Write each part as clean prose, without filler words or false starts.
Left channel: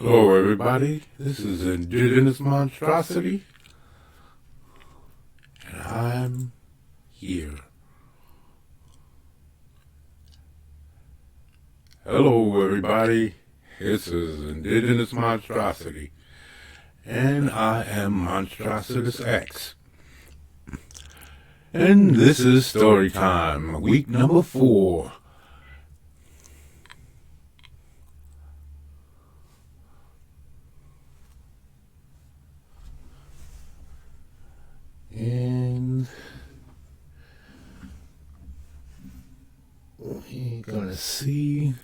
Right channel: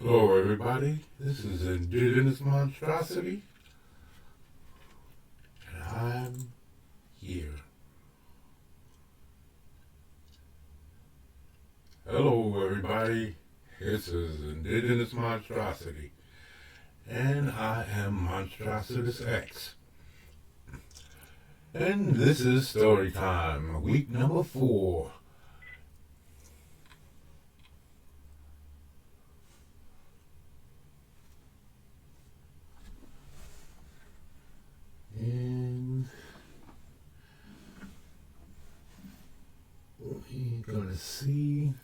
Hello, everybody. This is Indigenous Monstrosity, and I'm here. Hello, everybody. This is Indigenous Monstrosity, and I am Monstrositus X. And this is story time, week number 4. And we're gonna see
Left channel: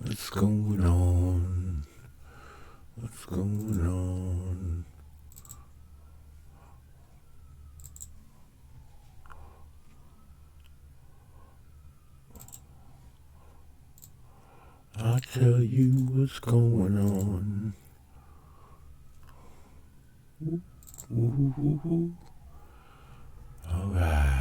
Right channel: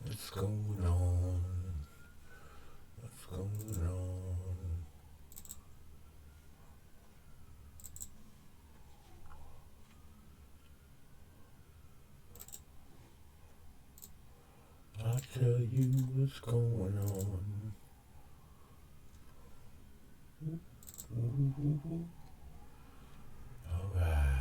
what's going on. What's going on? I'll tell you what's going on. Ooh, ooh, ooh, ooh. All right.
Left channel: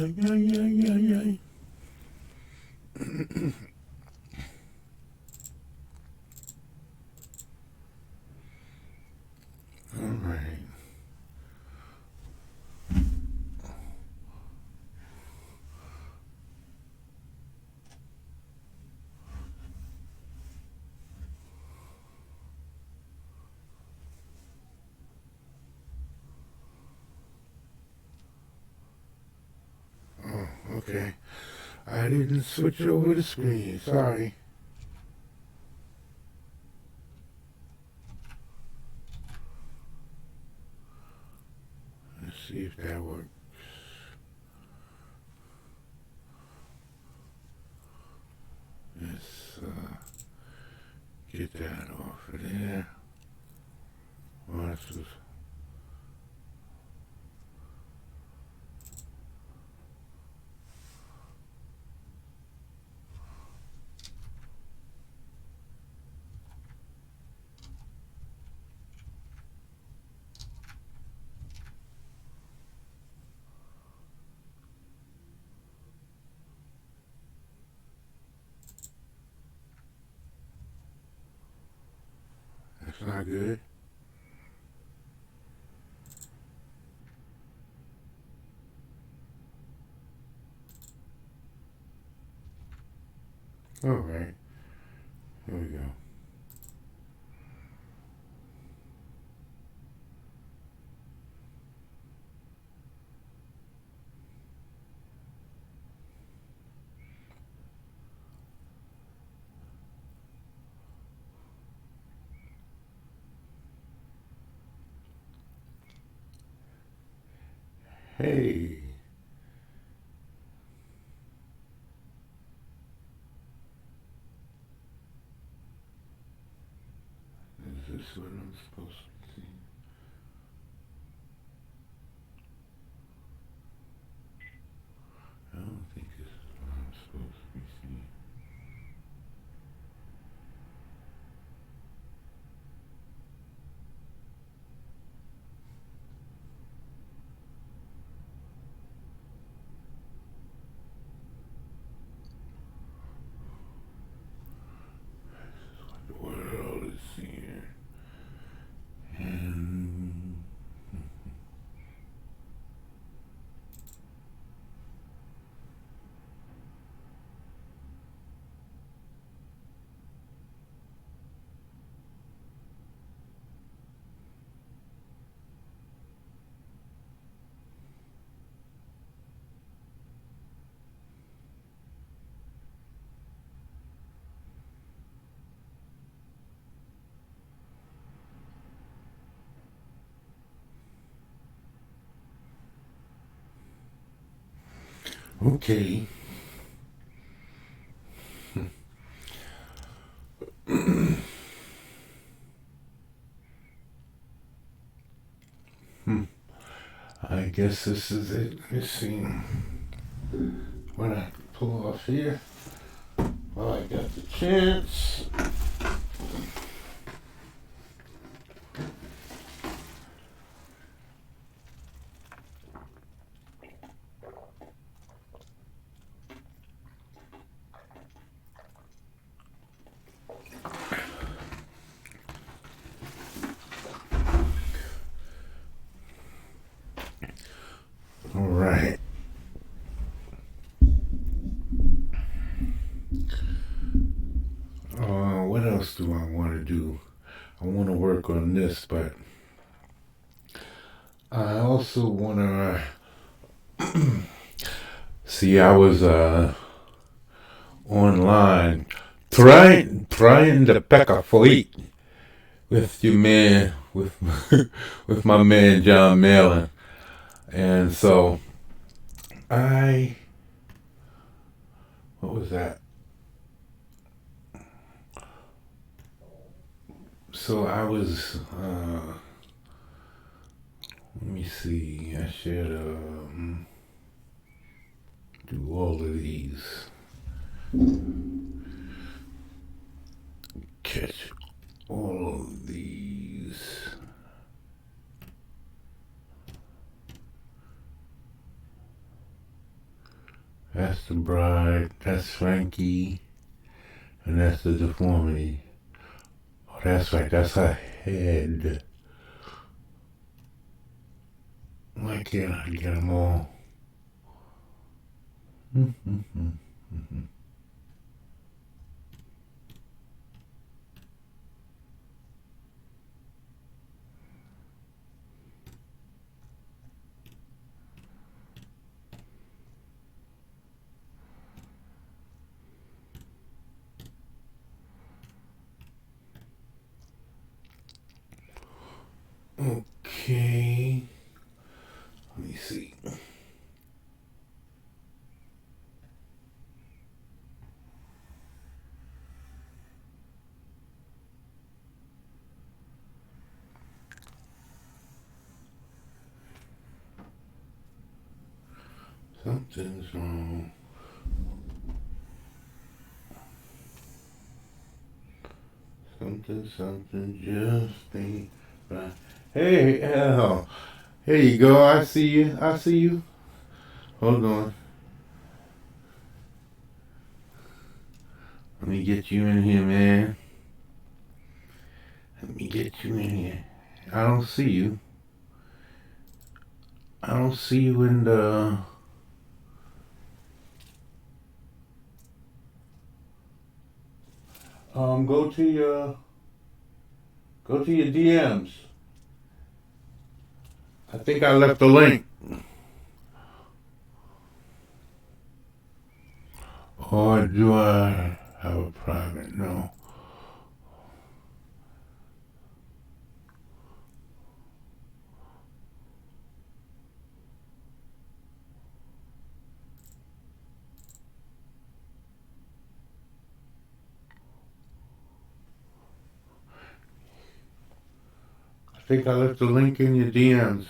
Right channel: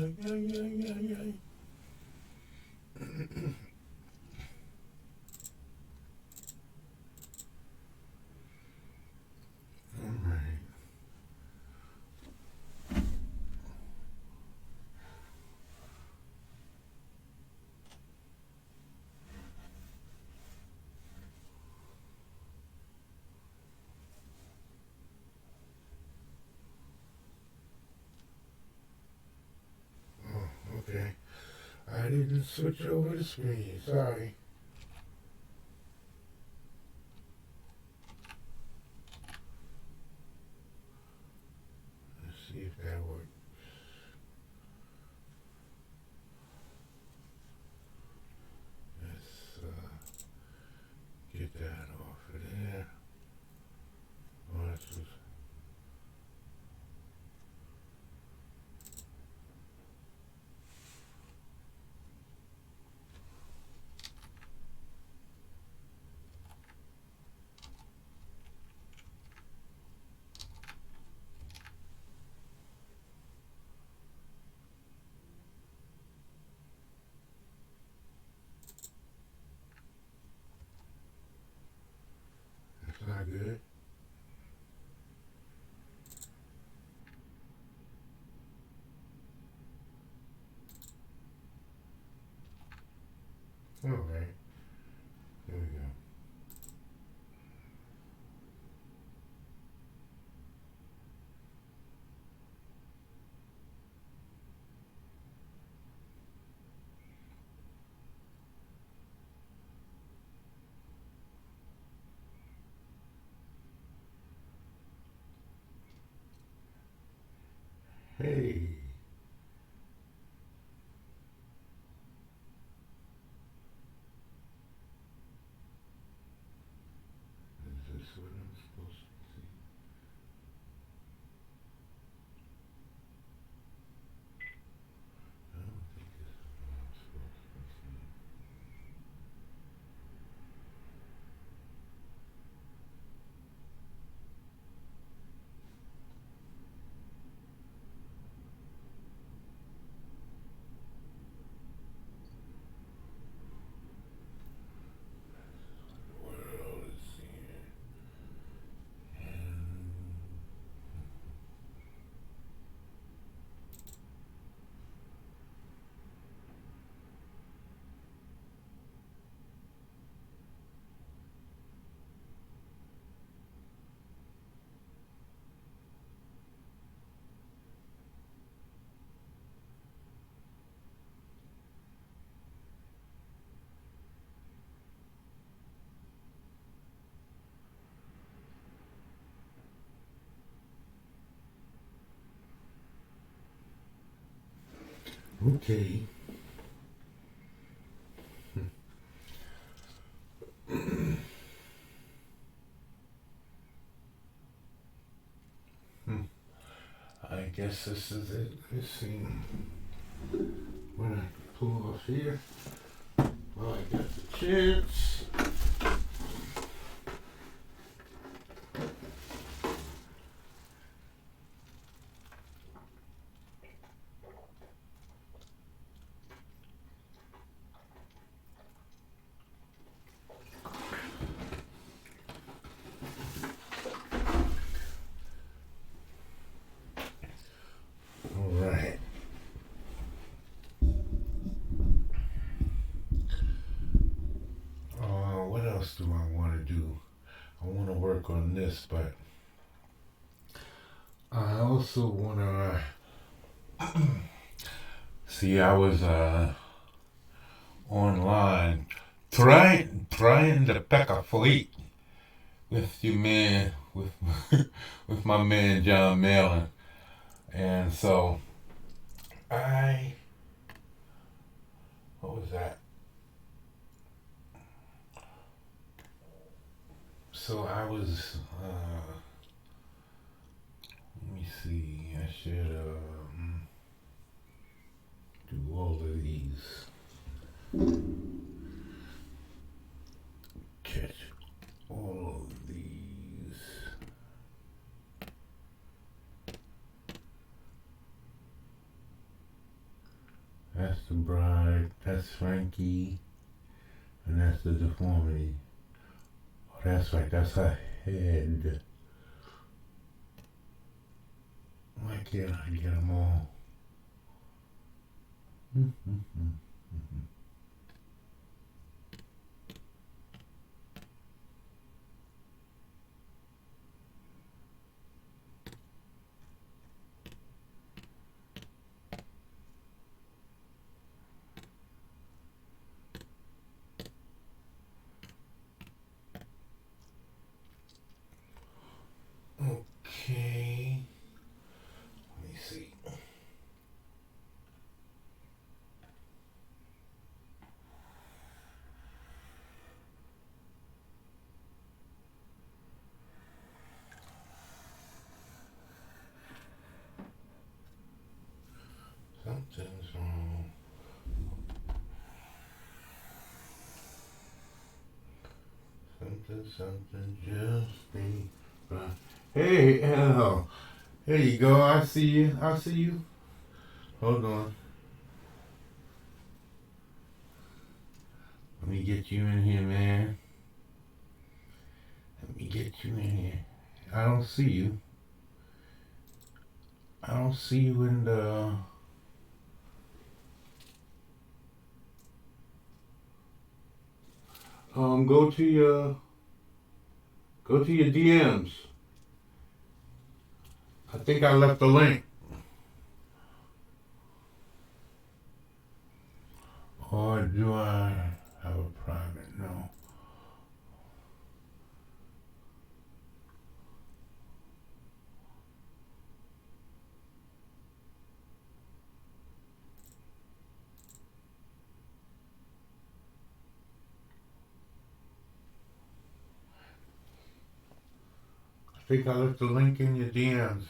Yeah. All right. Okay. I didn't switch over the screen. Sorry. Let's see if that works. Let's get that off of there. Well, that's not good. All right. Here we go. Hey, is this what I'm supposed to see? I don't think this is what I'm supposed to be seeing. The world is seeing. And okay. Hmm. I guess this is it. Let's see what I can pull off here. Well, I got the chance. All right. What else do I want to do? I want to work on this, but I also want to see. I was online trying to pack a fleet with your man with with my man John Malin, and so I what was that? So I was let me see. I should do all of these. Catch all of these. That's the bride. That's Frankie, and that's the deformity. Oh, that's right. That's her head. Why can't I get them all? Okay. Let me see. Something's wrong. Something just ain't right. Hey, Al. Here you go. I see you. I see you. Hold on. Let me get you in here, man. Let me get you in here. I don't see you. I don't see you in the. Go to your DMs. I think I left a link. Or do I have a private? No. think I left the link in your DMs.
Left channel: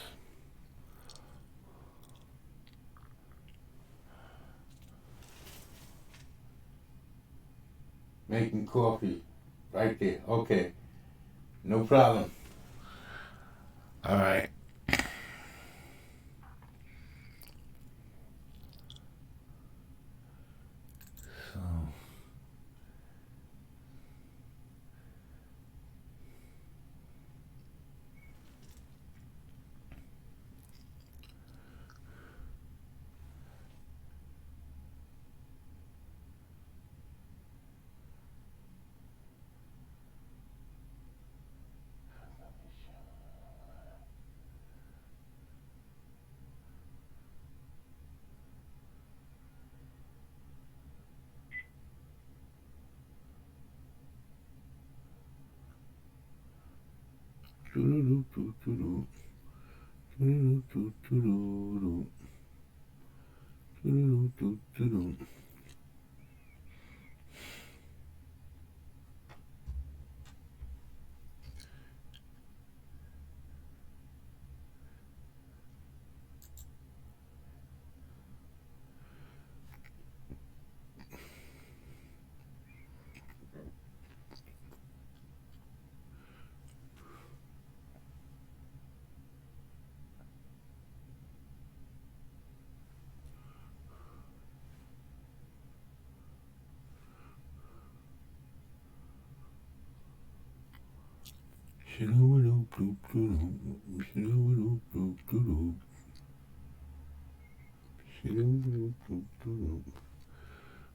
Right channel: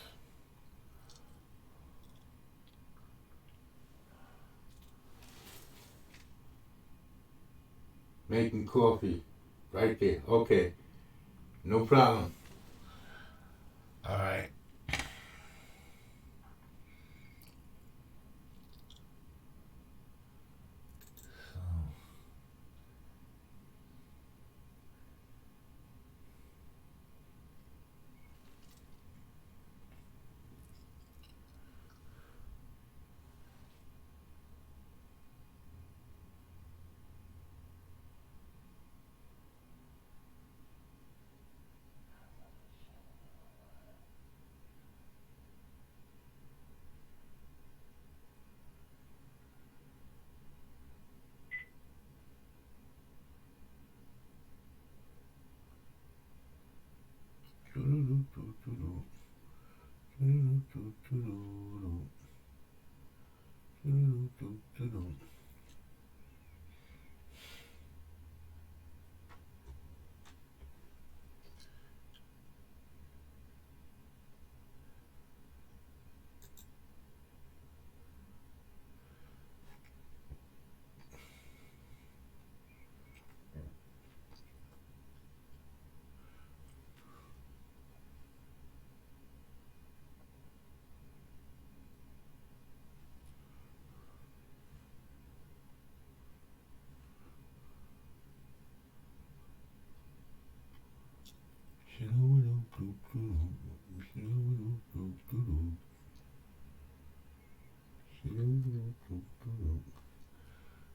Making coffee. Right there. Okay. No problem. Alright. So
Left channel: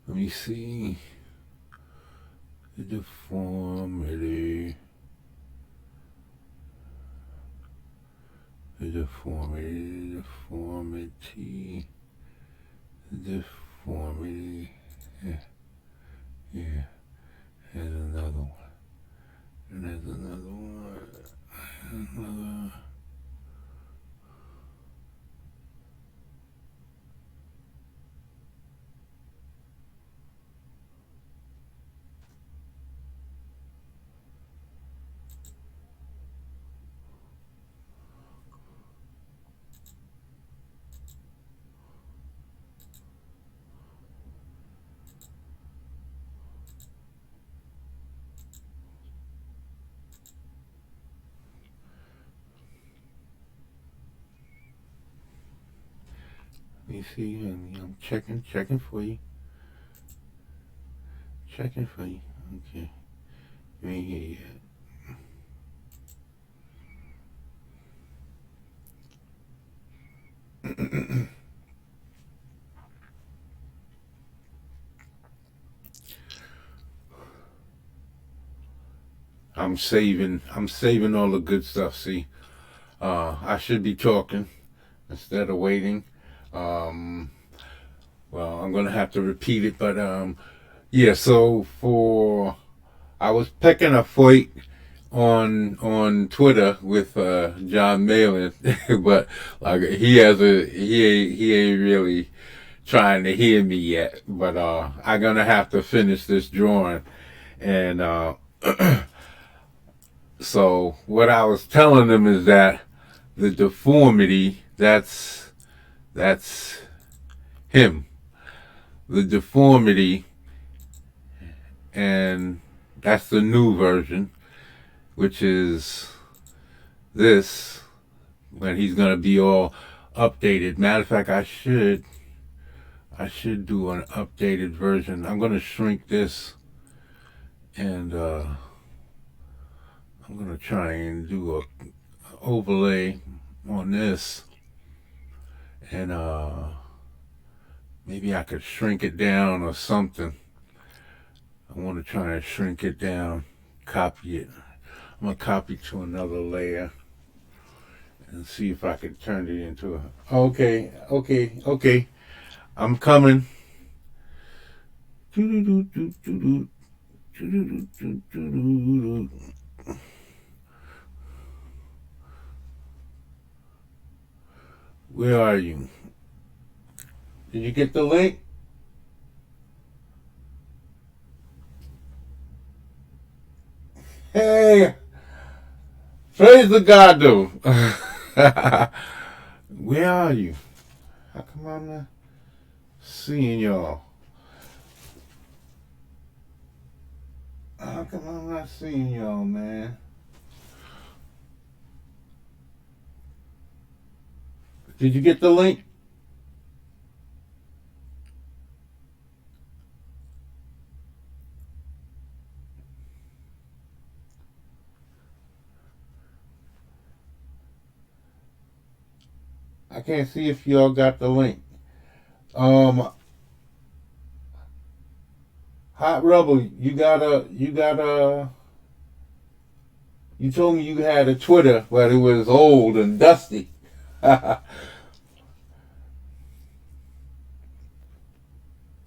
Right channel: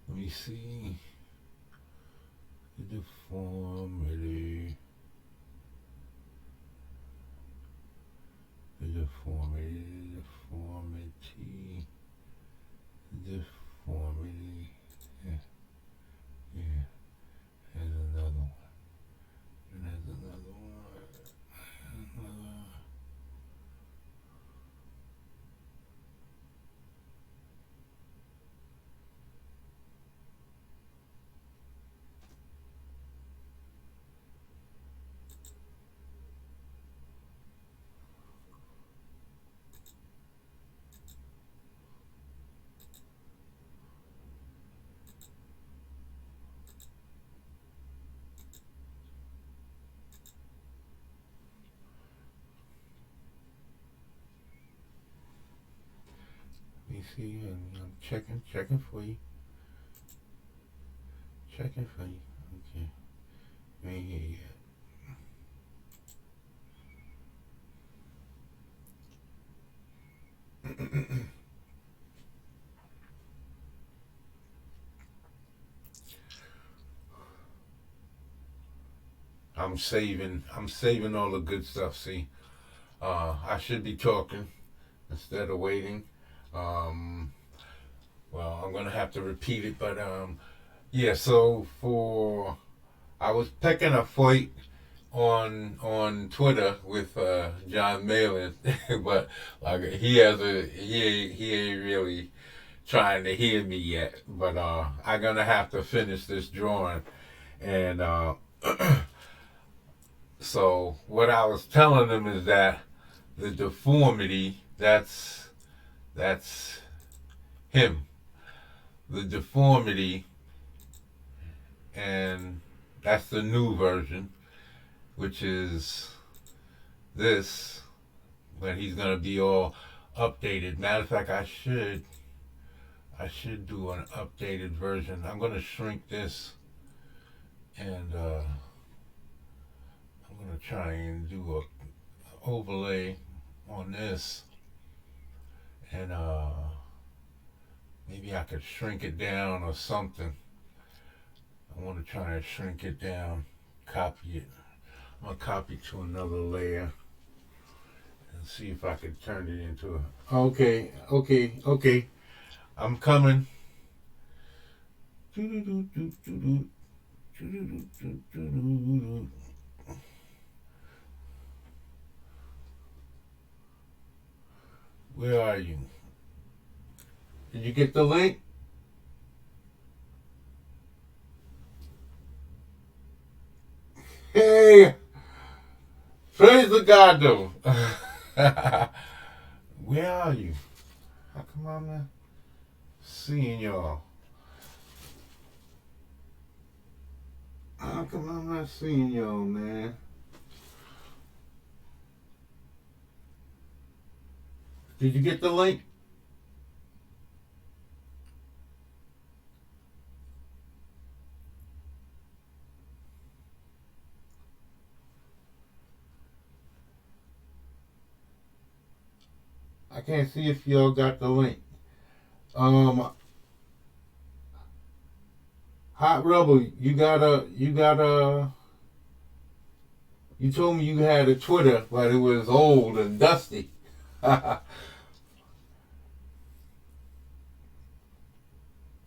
let me see the deformity. The deformity. Yeah, yeah. There's another one. And there's another one. Another. You see, and I'm checking for you. Checking for you. Okay. You ain't here yet. I'm saving all the good stuff. See, I should be talking instead of waiting. Um, well, I'm gonna have to repeat it, but yeah. So for I was picking a fight on Twitter with John Malin, but like he ain't really trying to hear me yet. But I'm gonna have to finish this drawing, and so what I was telling them is that the deformity that's him. The deformity, and that's the new version, which is this when he's gonna be all updated. Matter of fact, I should do an updated version. I'm gonna shrink this, and I'm gonna try and do a overlay on this, and maybe I could shrink it down or something. I want to try and shrink it down, copy it. I'm gonna copy to another layer and see if I can turn it into a. Okay. I'm coming. Where are you? Did you get the link? Hey, Praise the God, though. Where are you? How come I'm not seeing y'all? How come I'm not seeing y'all, man? Did you get the link? I can't see if y'all got the link. Um, Hot Rebel, you told me you had a Twitter, but it was old and dusty.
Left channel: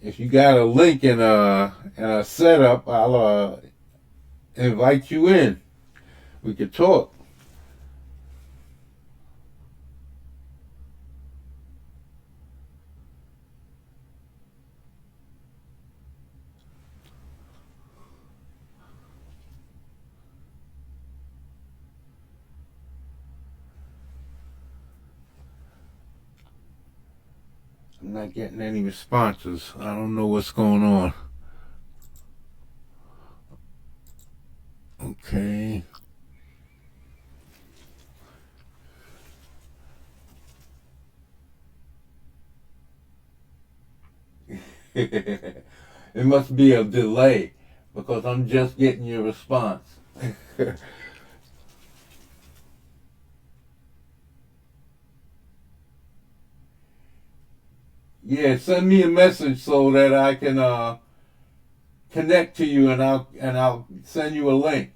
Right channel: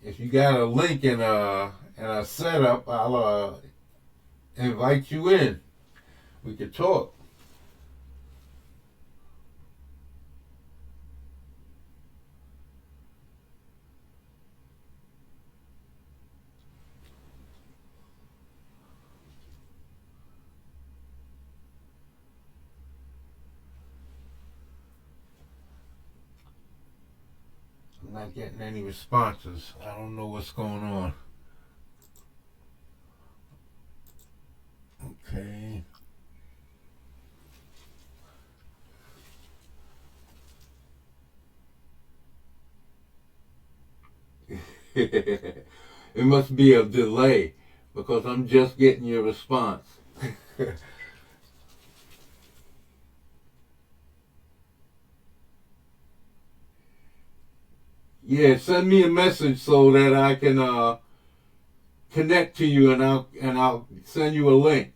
If you got a link and a setup, I'll invite you in. We could talk. I'm not getting any responses. I don't know what's going on. Okay. It must be a delay because I'm just getting your response. Yeah, send me a message so that I can connect to you, and I'll send you a link.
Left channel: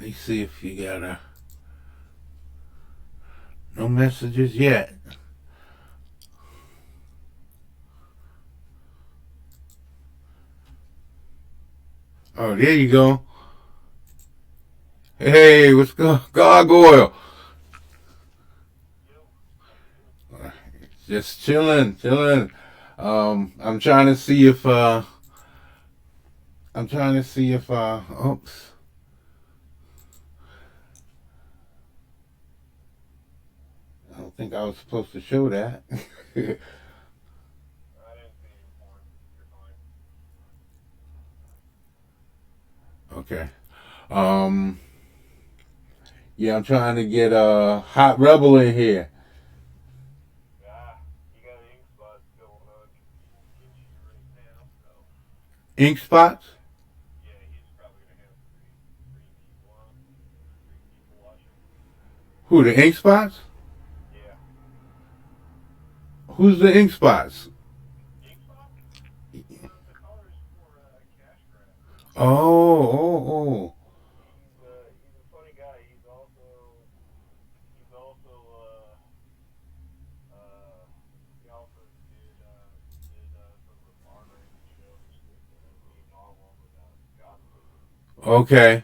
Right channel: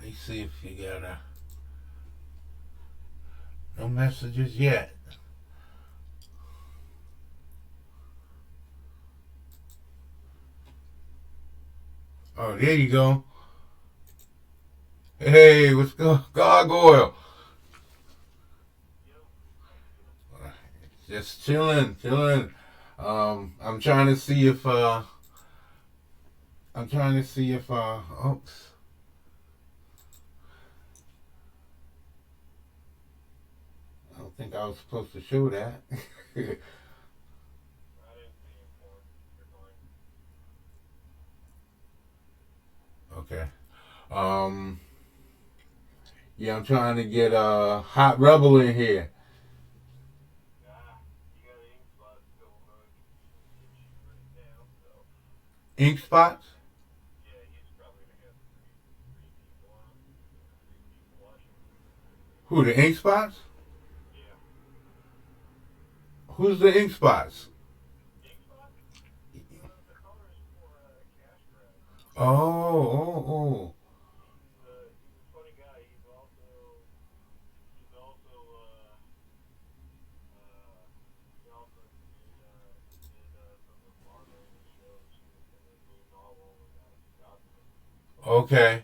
Let me see if you got no messages yet. Oh, there you go. Hey, what's going? Gargoyle. Just chilling, chilling. I'm trying to see if oops. I don't think I was supposed to show that. Okay. Um, yeah, I'm trying to get Hot Rebel in here. Ink spots? Who, the ink spots? Who's the ink spots? Oh. Okay.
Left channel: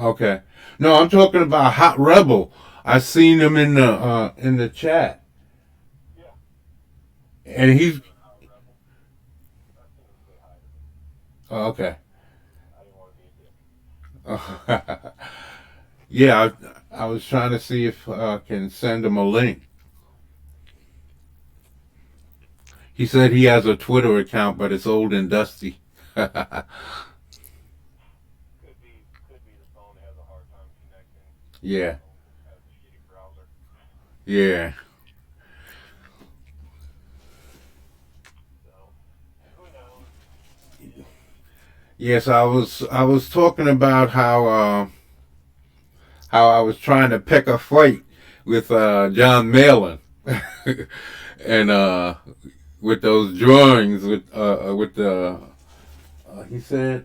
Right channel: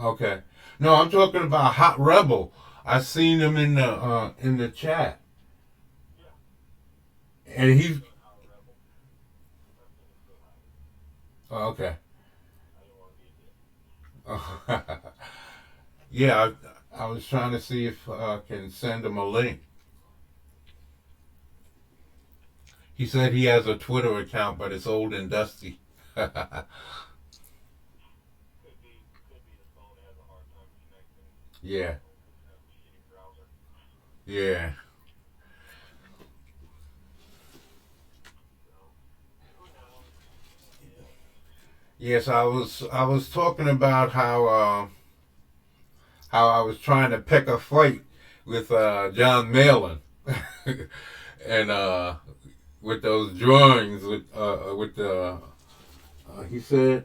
Okay. No, I'm talking about Hot Rebel. I seen him in the chat, and he's oh, okay. Yeah, I was trying to see if I can send him a link. He said he has a Twitter account, but it's old and dusty. Yeah, yeah. Yes, I was talking about how I was trying to pick a fight with John Malin, and with those drawings with the he said,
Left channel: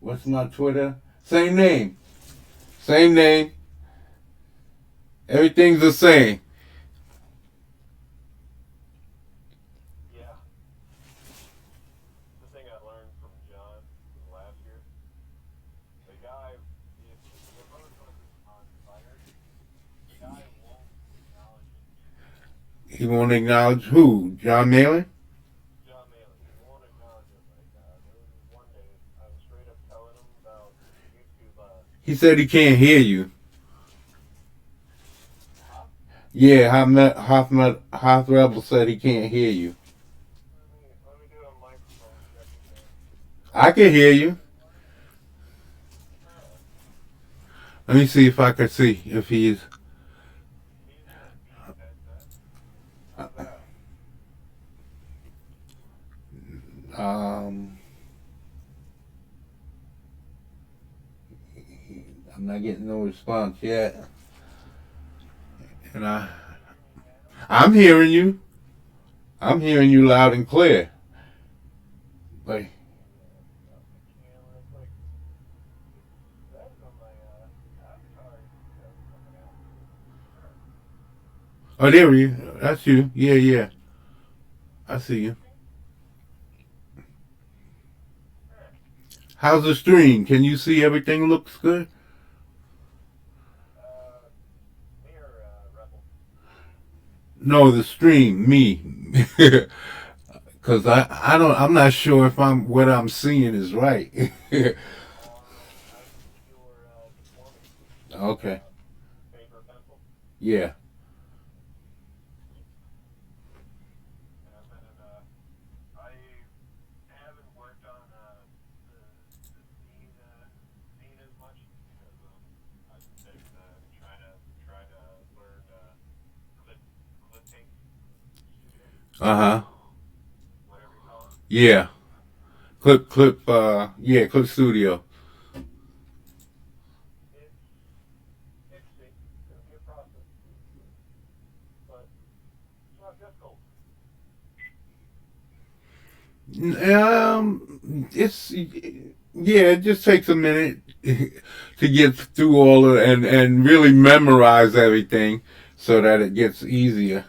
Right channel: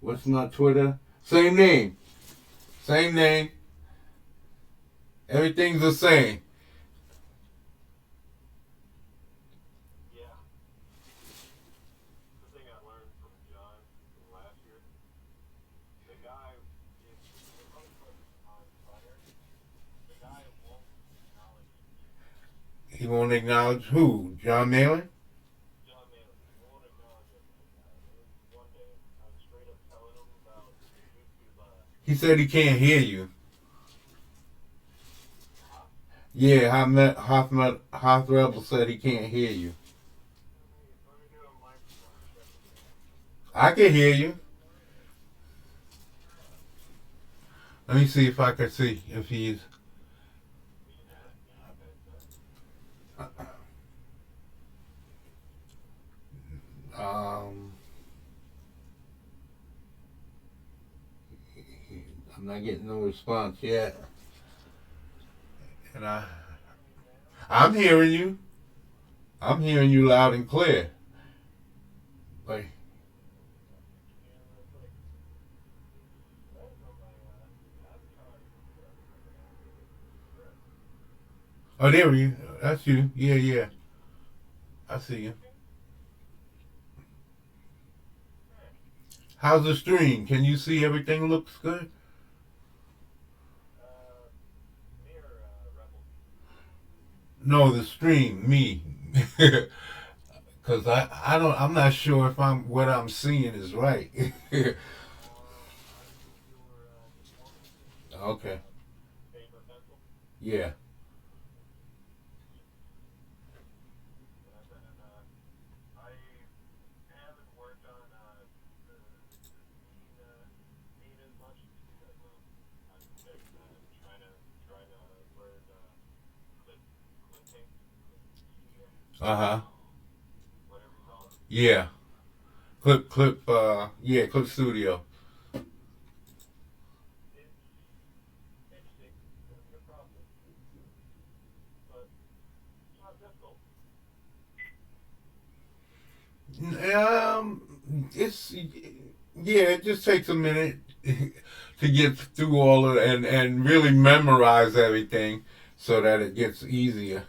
what's my Twitter? Same name, same name. Everything's the same. Yeah, the thing I learned from John last year, the guy, your brother put on fire, the guy won't acknowledge it. He won't acknowledge who? John Malin? John Malin, he won't acknowledge it. And there was this one day, I was straight up telling him about YouTube. He said he can't hear you. Huh? Yeah, Hoth Rebel said he can't hear you. Let me do a microphone check here. I can hear you. Alright. Let me see if I can see if he's. I'm using a Beats headset. How's that? Um, I'm not getting no response yet, and Can you hear me now? I'm hearing you. I'm hearing you loud and clear. Like, I'll switch you in real quick. That is on my avatar. That's coming out. Alright. oh, there you. That's you. Yeah, yeah. I see you. Working? Alright. How's the stream? Can you see everything looks good? Me or Rebel? No, the stream, me. Cause I'm not sure if what I'm seeing is right. I used your this morning. Okay. Paper pencil. Yeah. And I've been in I haven't worked on the scene as much because I've been trying to learn clip clipping studio, Uh huh. whatever you call it. Yeah. Yeah, Clip Studio. It's interesting. It's gonna be a process, but it's not difficult. It's yeah. It just takes a minute to get through all of and really memorize everything so that it gets easier.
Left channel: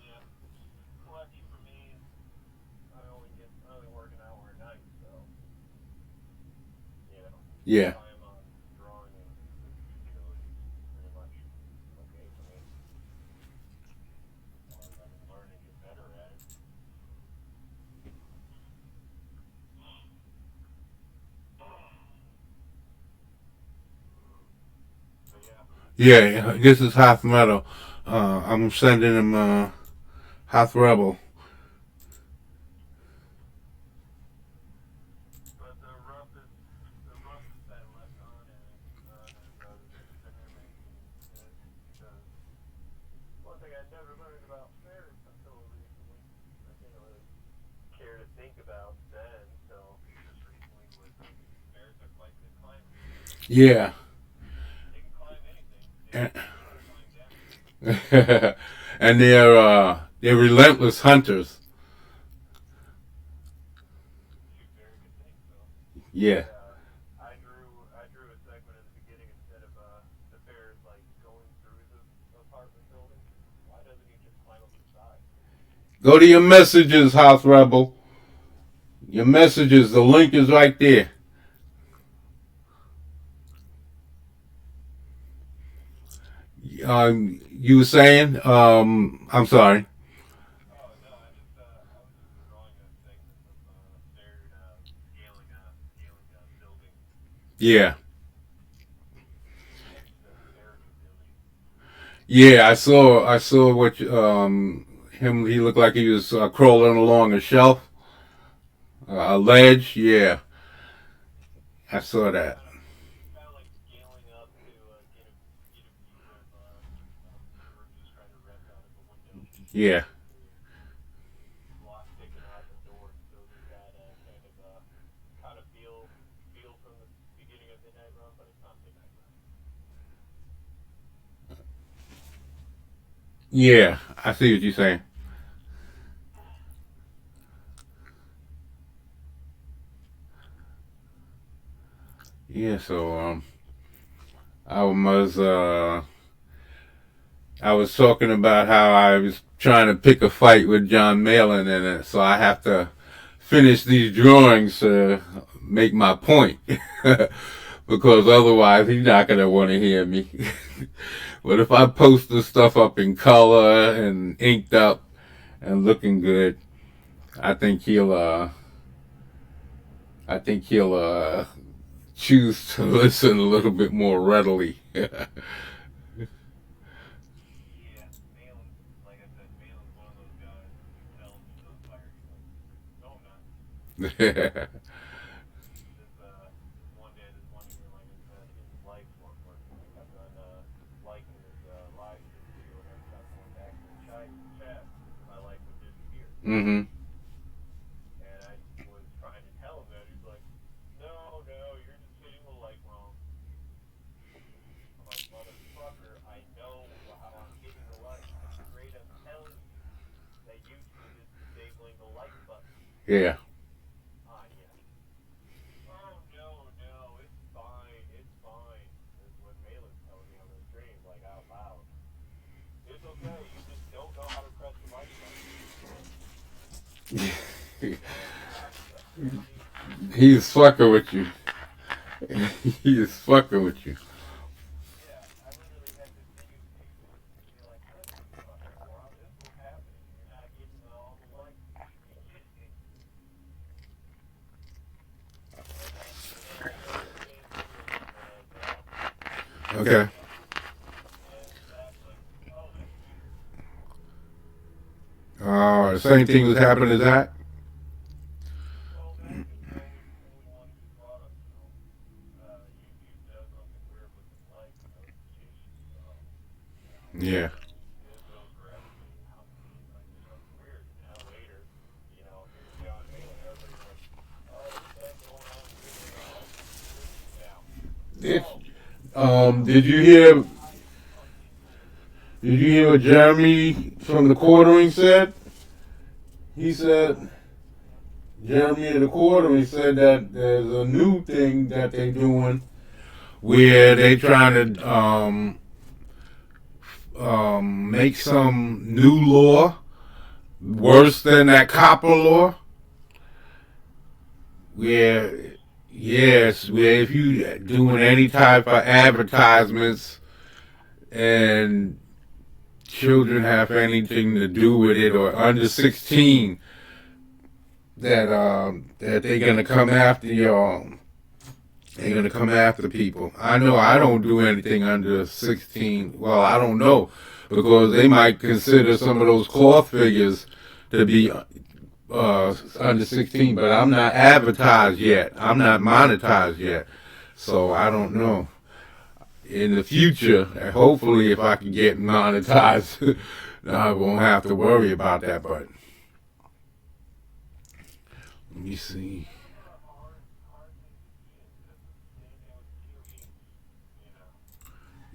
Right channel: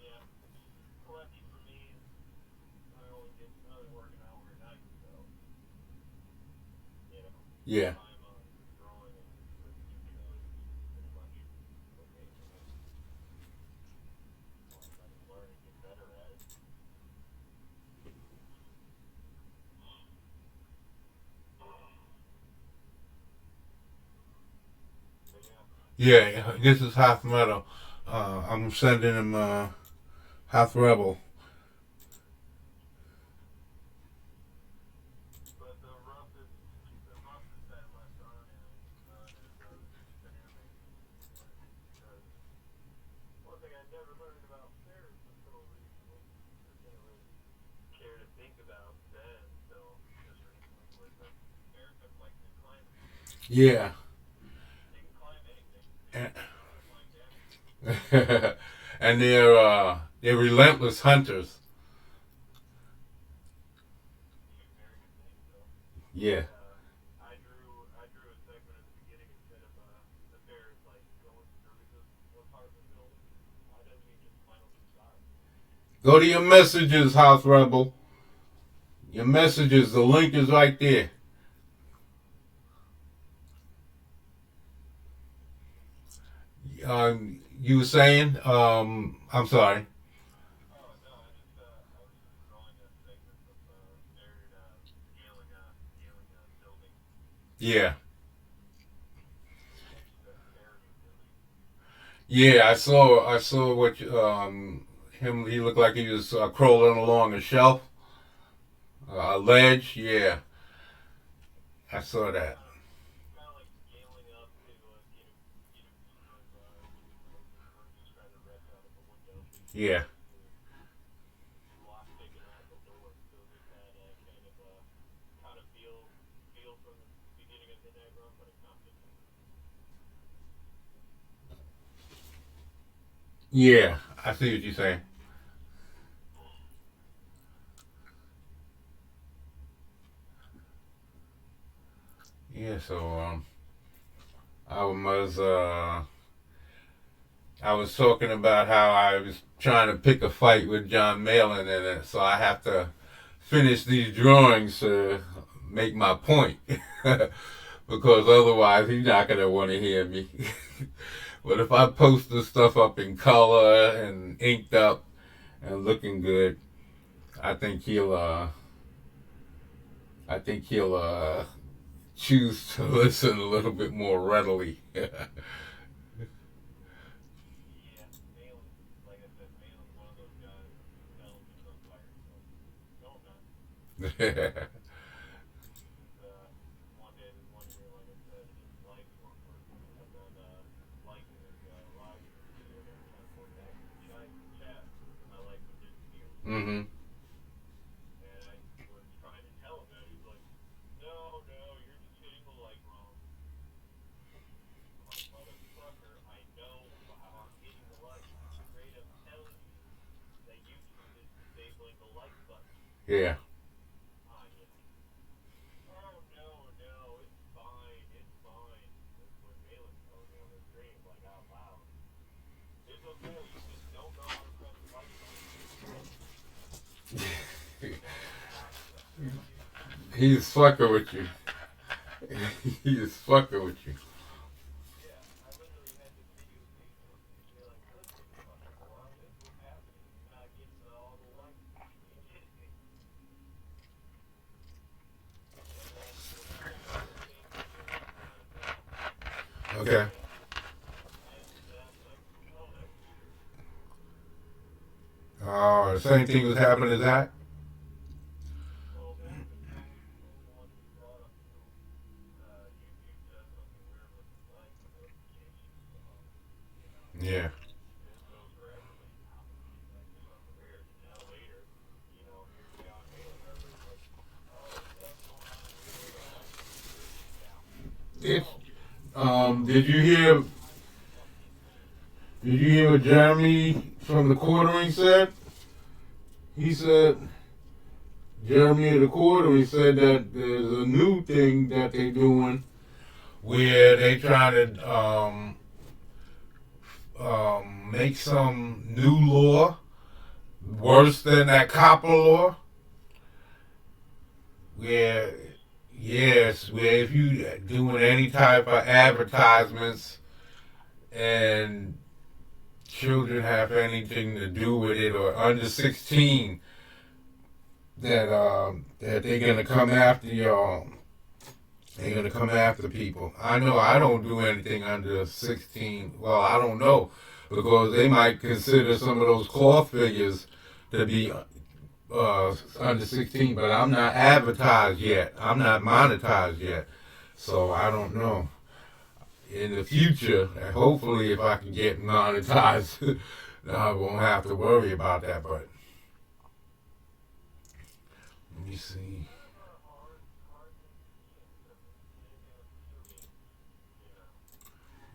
Yeah. Lucky for me, I only work an hour a night, so you know, Yeah. I am drawing with utilities pretty much occasionally while I'm learning to get better at it. But yeah, Yeah. This is Half Metal. I'm sending him Half Rebel. but the roughest I left on his decision making is because one thing I never learned about fairs until recently, I didn't really care to think about then until just recently was bears look like to climb. Yeah. They can climb anything. They And, just don't know how to climb down. and they're relentless hunters. Two very good things though. Yeah. I drew a segment in the beginning instead of the bears like going through the apartment building. Why doesn't he just climb up inside? Go to your messages, House Rebel. Your messages. The link is right there. You were saying? I'm sorry. Oh no, I was just drawing a segment of bear scaling building. Yeah. The parody building. Yeah, I saw what him. He looked like he was crawling along a shelf, a ledge. Yeah, I saw that. Kind of like scaling up to get a view of the room, just trying to rent out of a window. Yeah, There's block sticking out the door, so just that kind of kind of feel from the beginning of Midnight Run, but it's not Midnight Run. Yeah, I see what you're saying. Yeah, so I was uh, I was talking about how I was trying to pick a fight with John Malin in it, so I have to finish these drawings to make my point, because otherwise he's not gonna want to hear me. But if I post the stuff up in color and inked up and looking good, I think he'll I think he'll choose to listen a little bit more readily. Yeah, Malin, like I said, Malin's one of those guys who sells you on fire. He goes, no, I'm not. This one day, this one year, like I said, his likes weren't kept on liking his live stream. People were trying to going back in the chat. My likes would disappear. Mm-hmm. And I was trying to tell him that. He's like, no, no, you're just hitting the like wrong. I'm like, motherfucker, I know how I'm hitting the like. I'm straight up telling you that YouTube is disabling the like button. Yeah. Ah, yeah. Oh, no, no, it's fine. It's fine. That's what Malin's telling me on the stream, like out loud. It's okay. You just don't know how to press the like button. He's fucking with you. He is fucking with you. Yeah, I literally had to mute people and be like, listen, fucking moron, this is what's happening. You're not getting all the likes you should be getting. And then Zach came in, Zach, Okay. and Zach's like, oh, that's weird. Same thing was happening as that. Well, Zach is always the one who brought up to him. YouTube does something weird with the like notifications, so, you know. Yeah. And it goes for everybody now. He's like, there's something weird. And now later, you know, John Malin, everybody's like, oh, what the heck's going on here? The likes are disappearing now. Did Oh, did you I hear fucking did you hear what Jeremy from the quartering said? He said Jeremy in the quartering said that there's a new thing that they're doing where they trying to make some new law worse than that copper law. Where yes, where if you doing any type of advertisements and children have anything to do with it or under 16, that they're gonna come after y'all. They're gonna come after people. I know I don't do anything under 16. Well, I don't know because they might consider some of those cloth figures to be under 16, but I'm not advertised yet. I'm not monetized yet, so I don't know. In the future, hopefully, if I can get monetized, I won't have to worry about that. But let me see. that's not a hard thing to be into. Anything with computing, you know.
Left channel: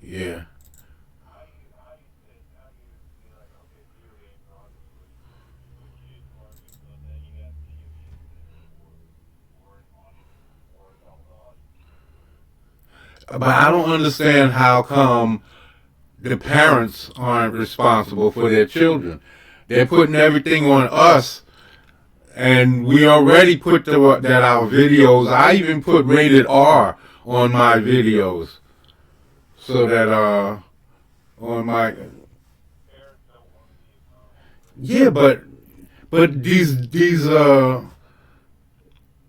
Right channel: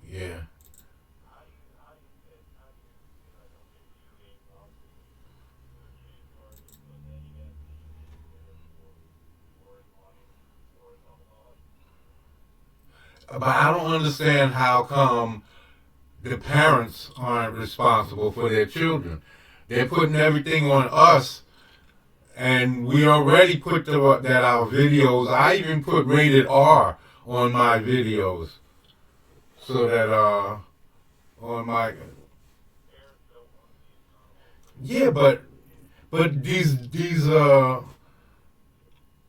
Yeah. How do you sit, how do you be like, okay, video games are obviously the kids market, but then you got video games that are for an audience, for all the audience. But I don't understand how come the parents aren't responsible for their children. They're putting everything on us, and we already put that our videos. I even put rated R on my videos, so that on my Parents don't want to be accountable. yeah, but these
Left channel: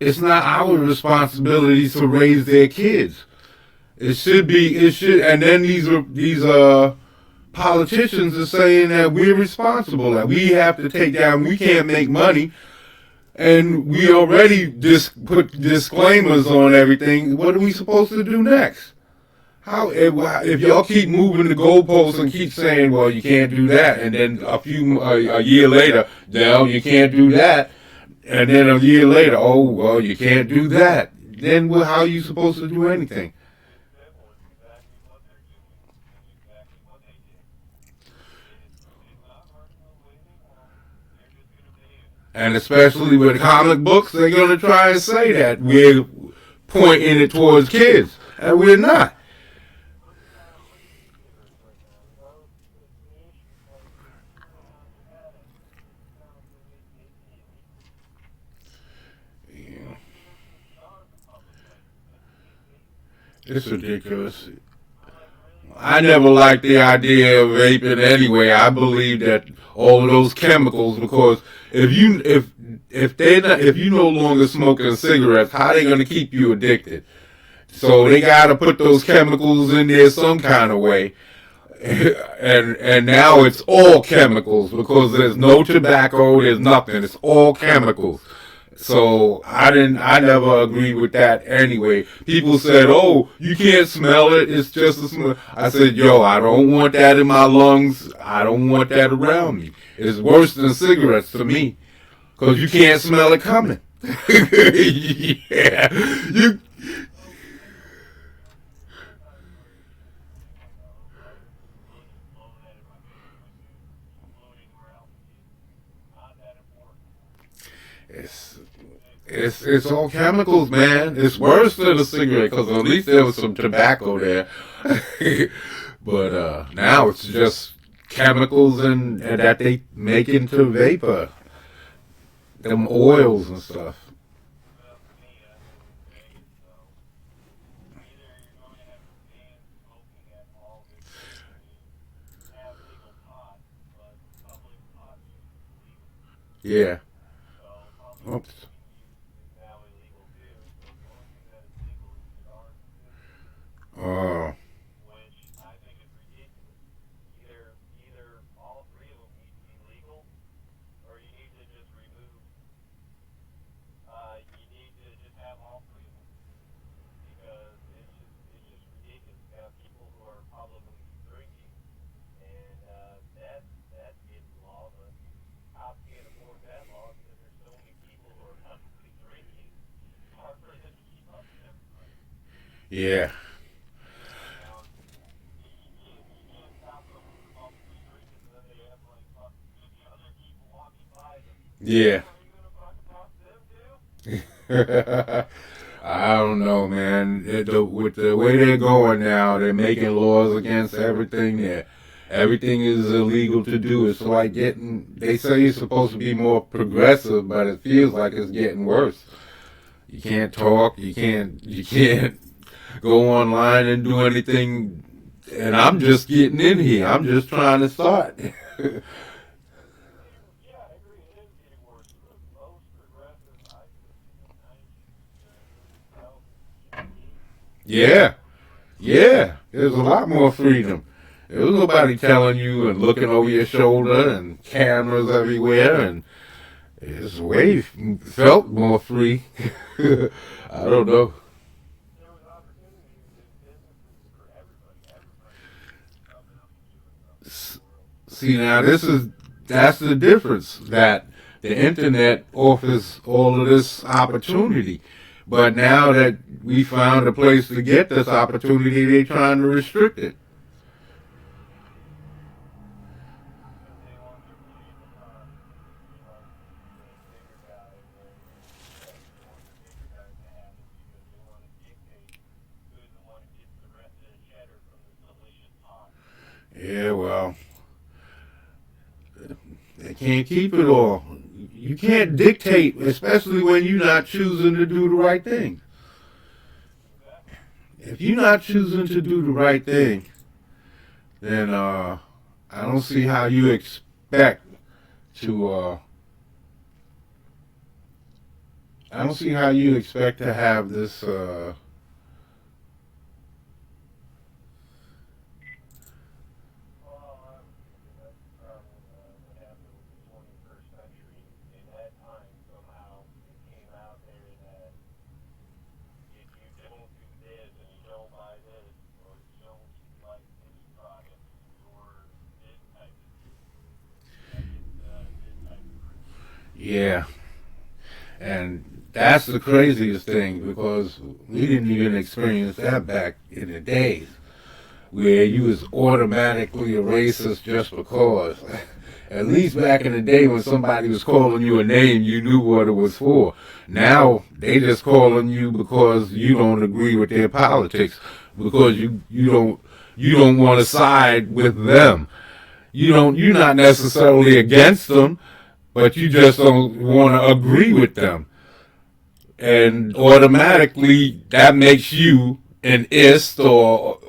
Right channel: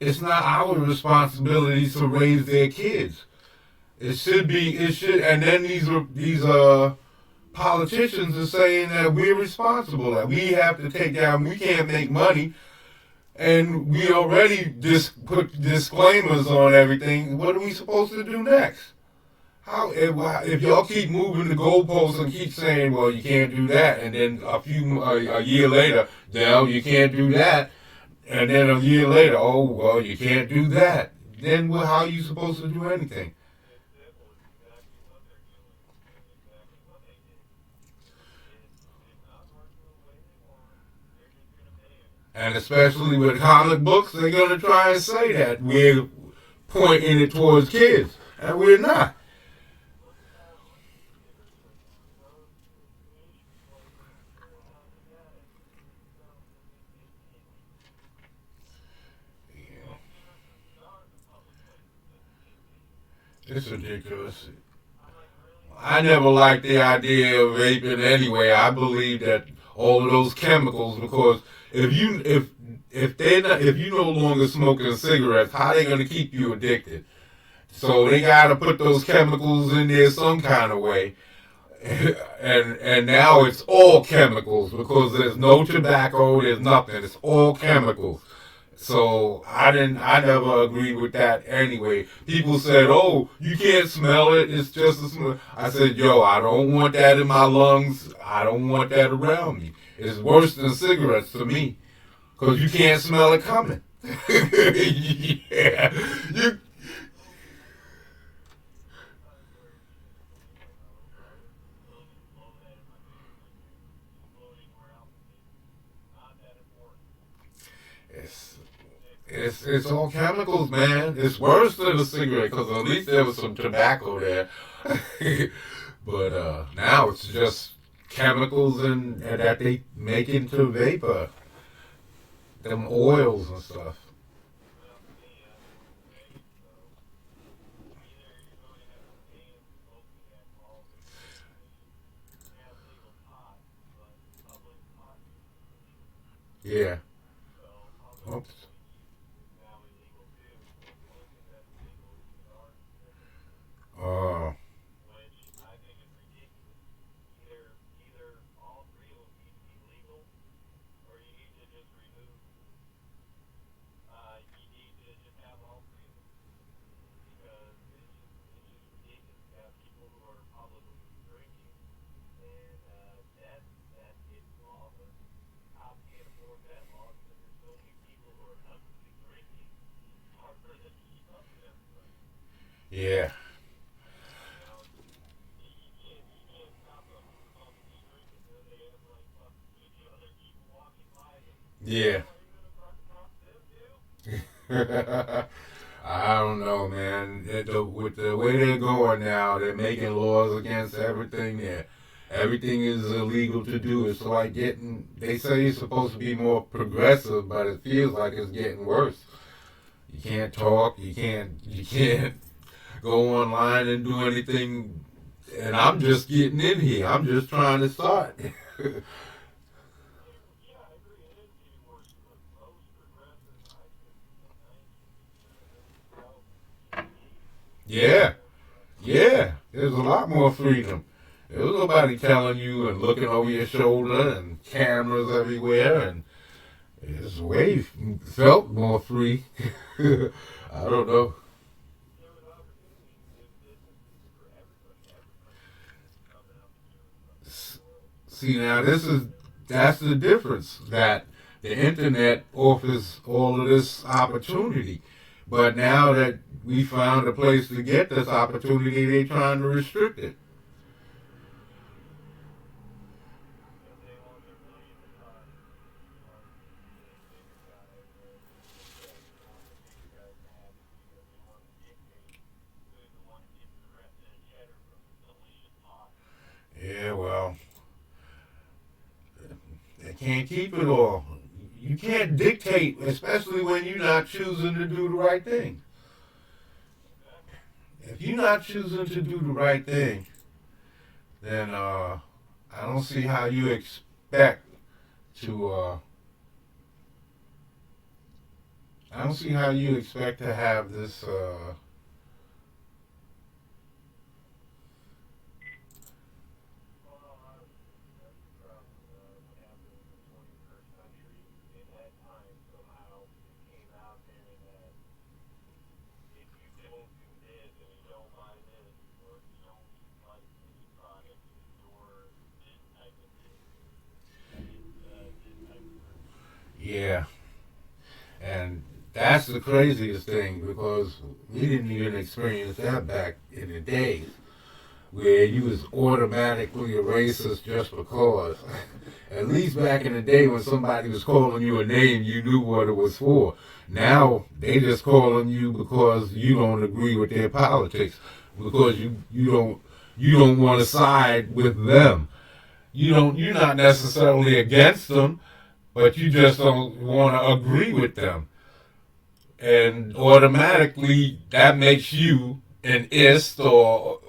it's not our responsibility to raise their kids. It should, and then these politicians are saying that we're responsible, that we have to take down, we can't make money, and we already put disclaimers on everything. What are we supposed to do next? How if y'all keep moving the goalposts and keep saying, well, you can't do that, and then a year later, no, you can't do that, and then a year later, oh, well, you can't do that. Then how are you supposed to do anything? It's simple. It's exactly what they're doing and exactly what they did. It's And especially with comic books, they're going to try and say that we're pointing it towards kids, and we're not. It's ridiculous. I never liked the idea of vaping anyway. I believe that all of those chemicals, because if you no longer smoking cigarettes, how they gonna keep you addicted? So they gotta put those chemicals in there some kind of way. And now it's all chemicals because there's no tobacco, there's nothing. It's all chemicals. So I never agreed with that anyway. People said, "Oh, you can't smell it. It's just a smell." I said, "Yo, I don't want that in my lungs. I don't want that around me. It's worse than cigarettes to me because you can't smell it coming." Yeah, you. It's it's all chemicals, man. It's worse than a cigarette because at least there was some tobacco there. But now it's just chemicals and that they make into vapor, them oils and stuff. Yeah. Oops. Oh. Yeah. Yeah. I don't know, man. With the way they're going now, they're making laws against everything. Everything is illegal to do. It's like getting. They say you're supposed to be more progressive, but it feels like it's getting worse. You can't talk. You can't go online and do anything. And I'm just getting in here. I'm just trying to start. Yeah. Yeah, there's a lot more freedom. There was nobody telling you and looking over your shoulder and cameras everywhere, and it's way felt more free. I don't know. See, now that's the difference that the internet offers all of this opportunity, but now that we found a place to get this opportunity, they're trying to restrict it. Yeah, well, they can't keep it all. You can't dictate, especially when you're not choosing to do the right thing. If you're not choosing to do the right thing, then I don't see how you expect to. I don't see how you expect to have this. Yeah, and that's the craziest thing because we didn't even experience that back in the days where you was automatically a racist just because. At least back in the day when somebody was calling you a name, you knew what it was for. Now they just calling you because you don't agree with their politics, because you don't want to side with them. You're not necessarily against them, but you just don't want to agree with them. And automatically that makes you an ist or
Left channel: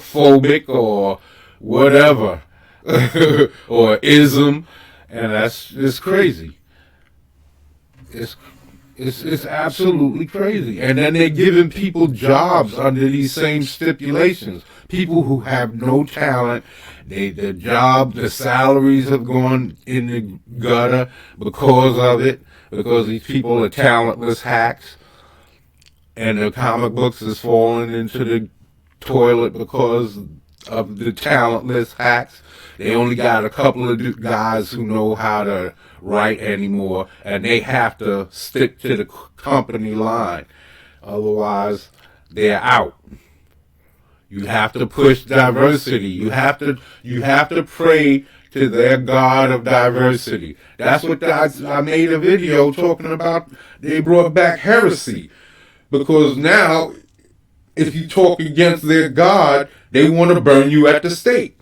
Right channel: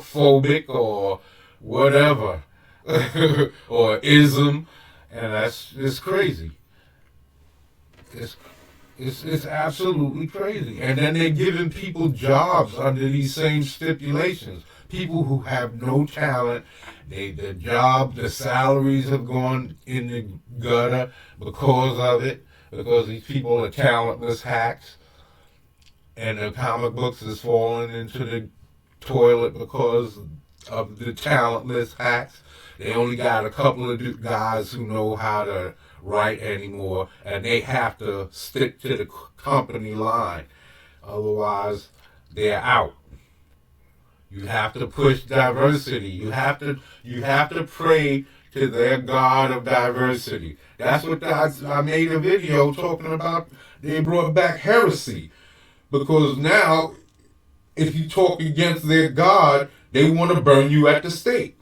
phobic or whatever or ism, and it's crazy. It's it's absolutely crazy. And then they're giving people jobs under these same stipulations. People who have no talent, the salaries have gone in the gutter because of it, because these people are talentless hacks, and the comic books is falling into the toilet because of the talentless hacks. They only got a couple of guys who know how to write anymore, and they have to stick to the company line. Otherwise, they're out. You have to push diversity. You have to pray to their God of diversity. That's what I made a video talking about. They brought back heresy because now, if you talk against their God, they want to burn you at the stake.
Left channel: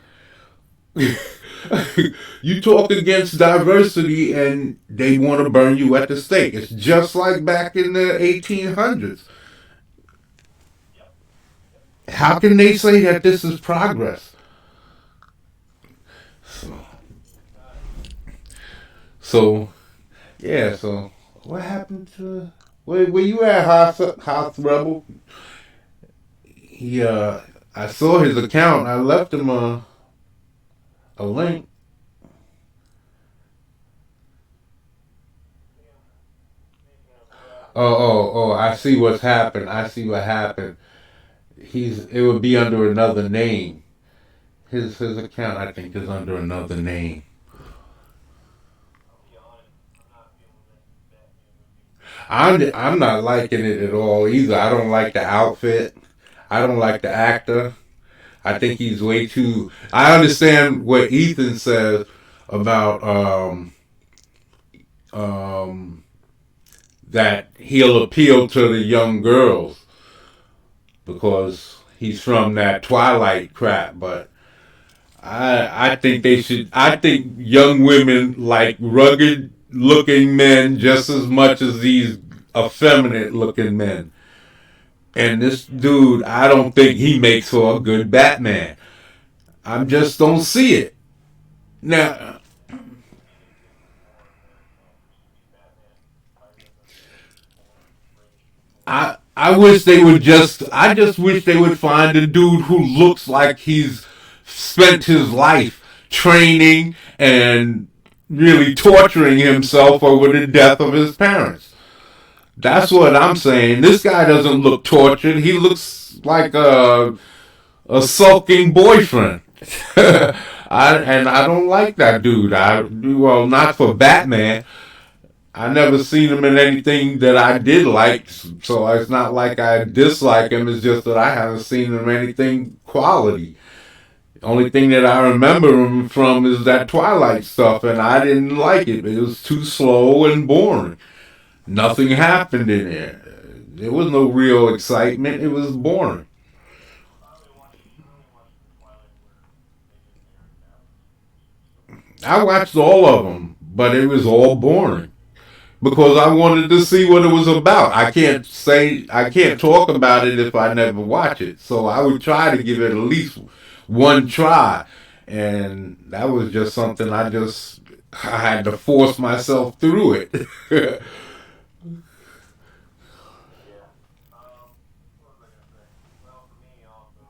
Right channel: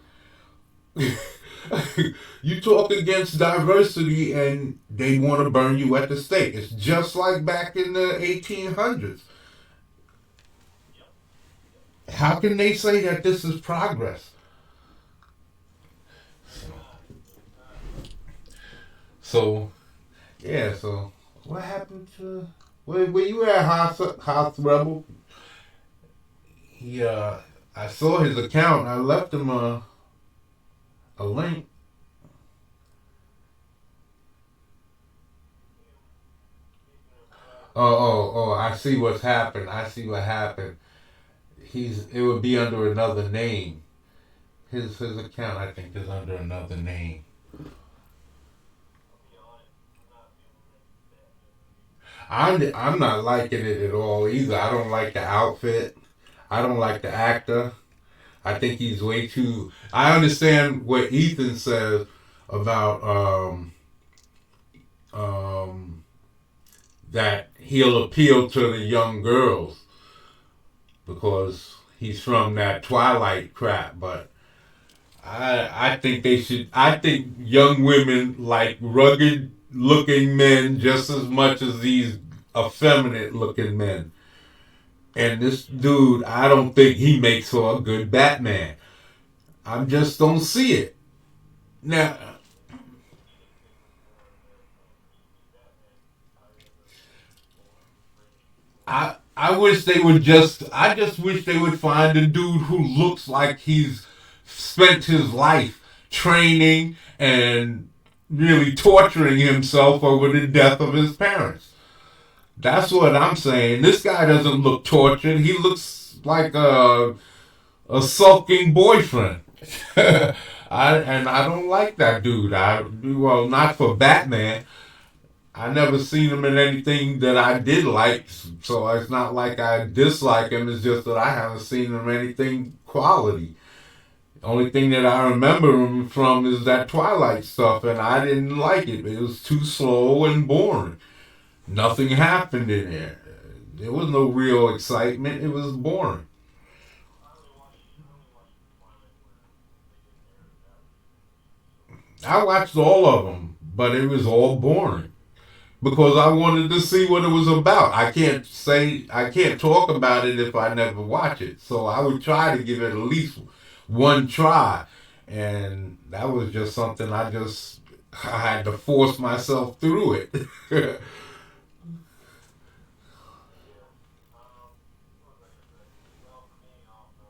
You talk against diversity and they want to burn you at the stake. It's just like back in the 1800s. How can they say that this is progress? So yeah, so what happened to where you at, House Rebel? He I saw his account. I left him a link. Oh, I see what's happened. I see what happened. It would be under another name. His account, I think, is under another name. I'm not liking it at all either. I don't like the outfit. I don't like the actor. I think he's way too. I understand what Ethan says about um, that he'll appeal to the young girls because he's from that Twilight crap, but I think they should. I think young women like rugged looking men just as much as these effeminate looking men. And this dude, I don't think he makes for a good Batman. I just don't see it. Now, I wish they would just. I just wish they would find a dude who looks like he's spent his life training and really torturing himself over the death of his parents. That's what I'm saying. This guy doesn't look tortured. He looks like a sulking boyfriend. I don't like that dude. Well, not for Batman. I never seen him in anything that I did like, so it's not like I dislike him. It's just that I haven't seen him in anything quality. Only thing that I remember him from is that Twilight stuff, and I didn't like it. It was too slow and boring. Nothing happened in there. There was no real excitement. It was boring. I watched all of them, but it was all boring because I wanted to see what it was about. I can't talk about it if I never watch it. So I would try to give it at least one try, and that was just something I had to force myself through it. What was I gonna say? Well, for me also,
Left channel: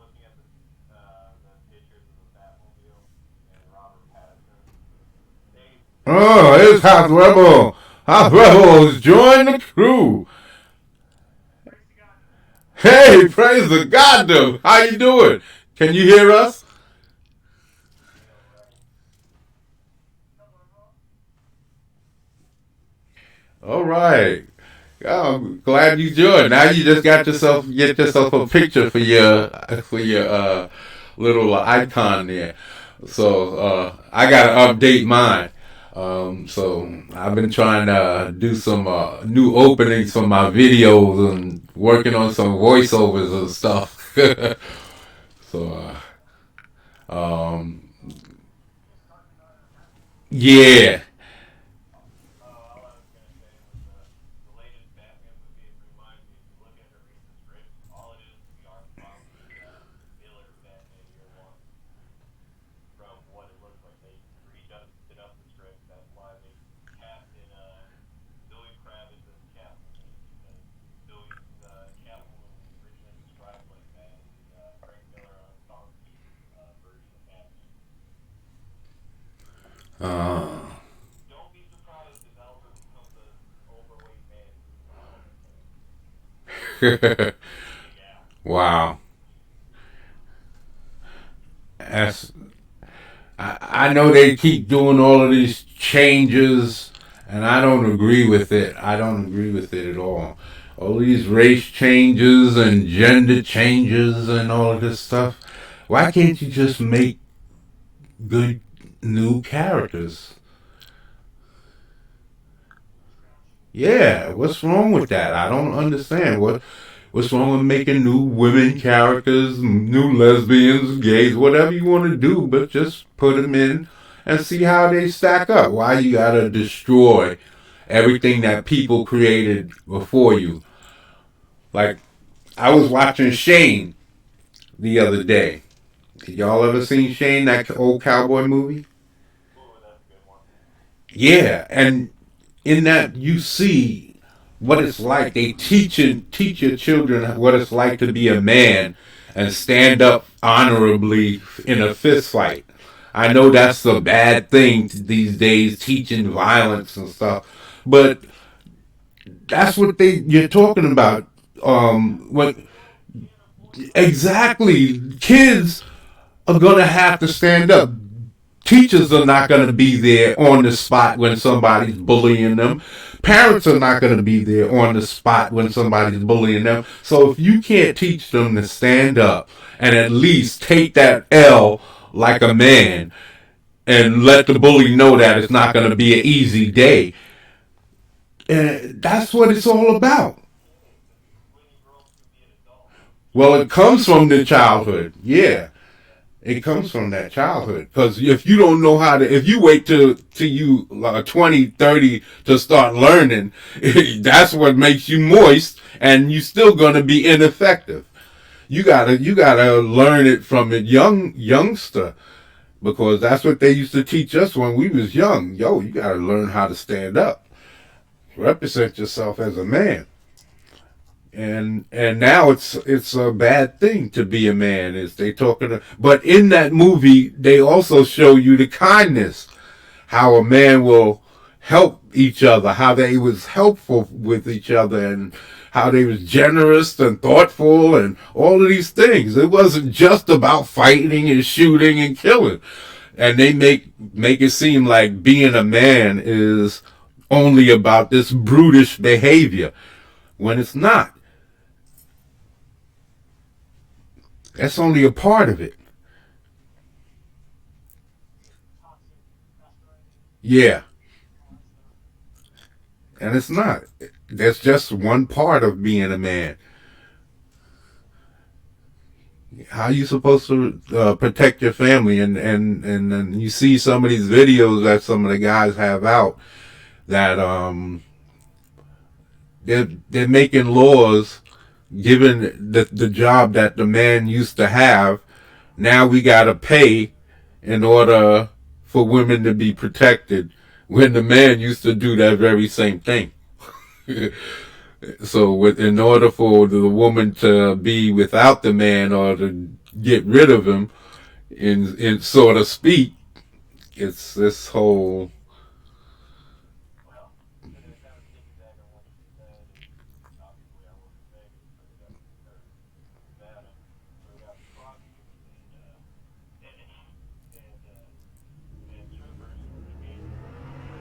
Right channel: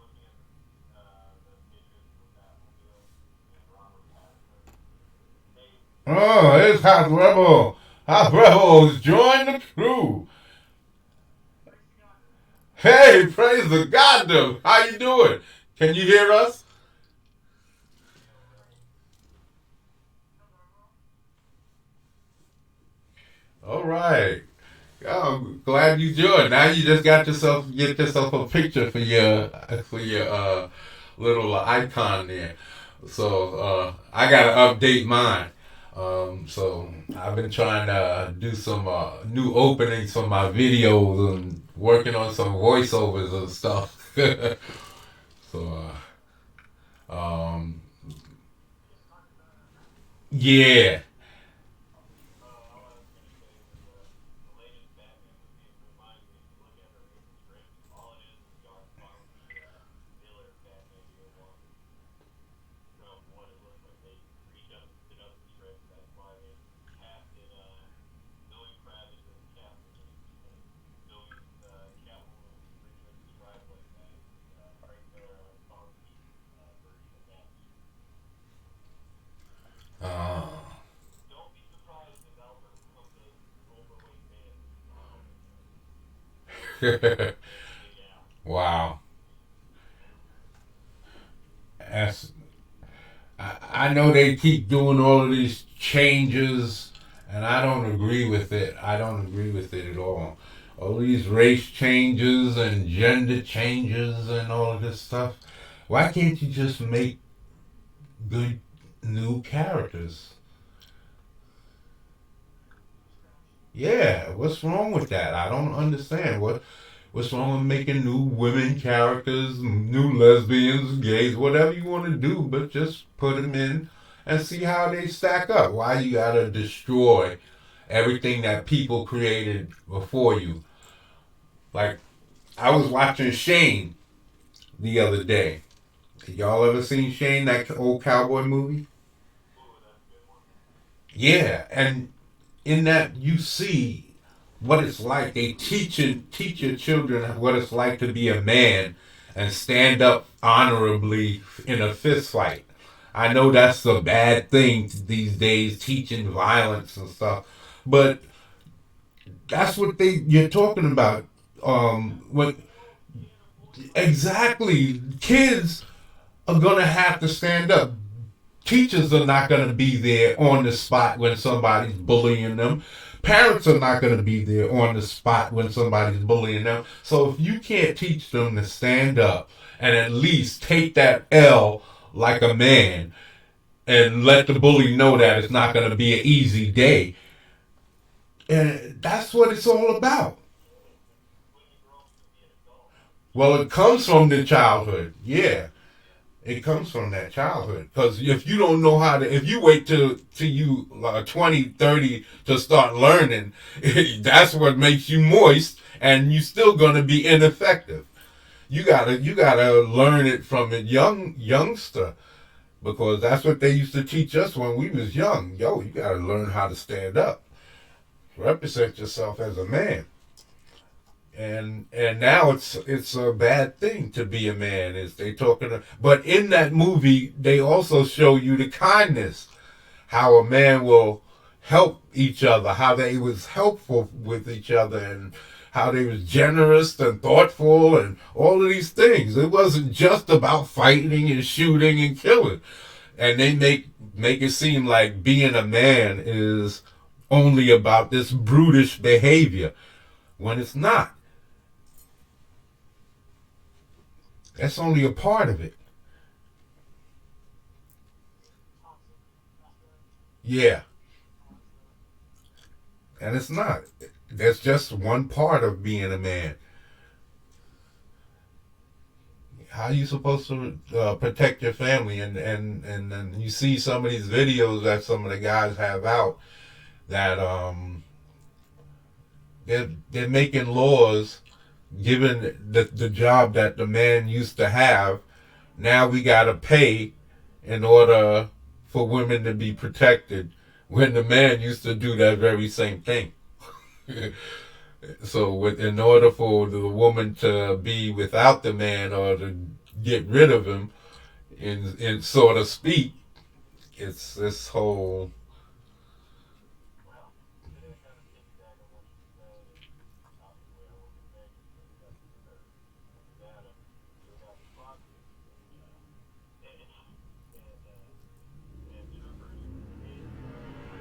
looking at the pictures of the Batmobile and Robert Pattinson, they Oh, it's Hot Rebel. Hot Rebels, join the crew. praise God to them. Hey, praise the God, how you doing? Can you hear us? All right. I'm glad you joined. Now you just get yourself a picture for your little icon there. So I gotta update mine. So I've been trying to do some new openings for my videos and working on some voiceovers and stuff. So um, yeah. All I was gonna say was the latest Batman movie. It reminds me, if you look at it, read the script. All it is the art from the Miller Batman Year One, from what it looks like. They redusted up the script. That's why they casted Zoe Kravitz as Catwoman, because Zoe's Catwoman was originally described as Frank Miller concrete version of Batman. Uh, Don't be surprised if Alfred becomes an overweight man who's a comic book character. Big Al. wow. That's, I know they keep doing all of these changes, and I don't agree with it. I don't agree with it at all. All these race changes and gender changes and all of this stuff. Why can't you just make good new characters? Yeah, what's wrong with that? I don't understand. What's wrong with making new women characters, new lesbians, gays, whatever you want to do, but just put them in and see how they stack up. Why you gotta destroy everything that people created before you? Like I was watching Shane the other day. Y'all ever seen Shane, that old cowboy movie? Ooh, that's a good one. Yeah, and in that you see what it's like. They teach your children what it's like to be a man and stand up honorably in a fist fight. I know that's a bad thing these days, teaching violence and stuff, but that's what you're talking about. What You can't afford to let your kid. exactly? Kids are gonna have to stand up. Teachers are not going to be there on the spot when somebody's bullying them. Parents are not going to be there on the spot when somebody's bullying them. So if you can't teach them to stand up and at least take that L like a man and let the bully know that it's not going to be an easy day, that's what it's all about. When you grow up to be an adult, Well, teach it them comes how from to the stand up. childhood. Yeah. Yeah. It comes from that childhood. Because if you don't know how to, if you wait till you 20, 30 to start learning, that's what makes you moist, and you still gonna be ineffective. You gotta learn it from a youngster, because that's what they used to teach us when we was young. Yo, you gotta learn how to stand up, represent yourself as a man. And now it's a bad thing to be a man. Is they talking? But in that movie, they also show you the kindness, how a man will help each other, how they was helpful with each other, and how they was generous and thoughtful, and all of these things. It wasn't just about fighting and shooting and killing. And they make it seem like being a man is only about this brutish behavior when it's not. That's only a part of it. Toxic masculinity. Yeah, All that stuff. and it's not. That's just one part of being a man. How are you supposed to protect your family? And you see some of these videos that some of the guys have out that they're making laws given the job that the man used to have. Now we gotta pay in order for women to be protected when the man used to do that very same thing. So, in order for the woman to be without the man or to get rid of him, in so to speak, it's this whole. Well, to kind of piggyback on what you said, and obviously I work in Vegas, so you got or Nevada, so we got prostitutes and strippers engaging in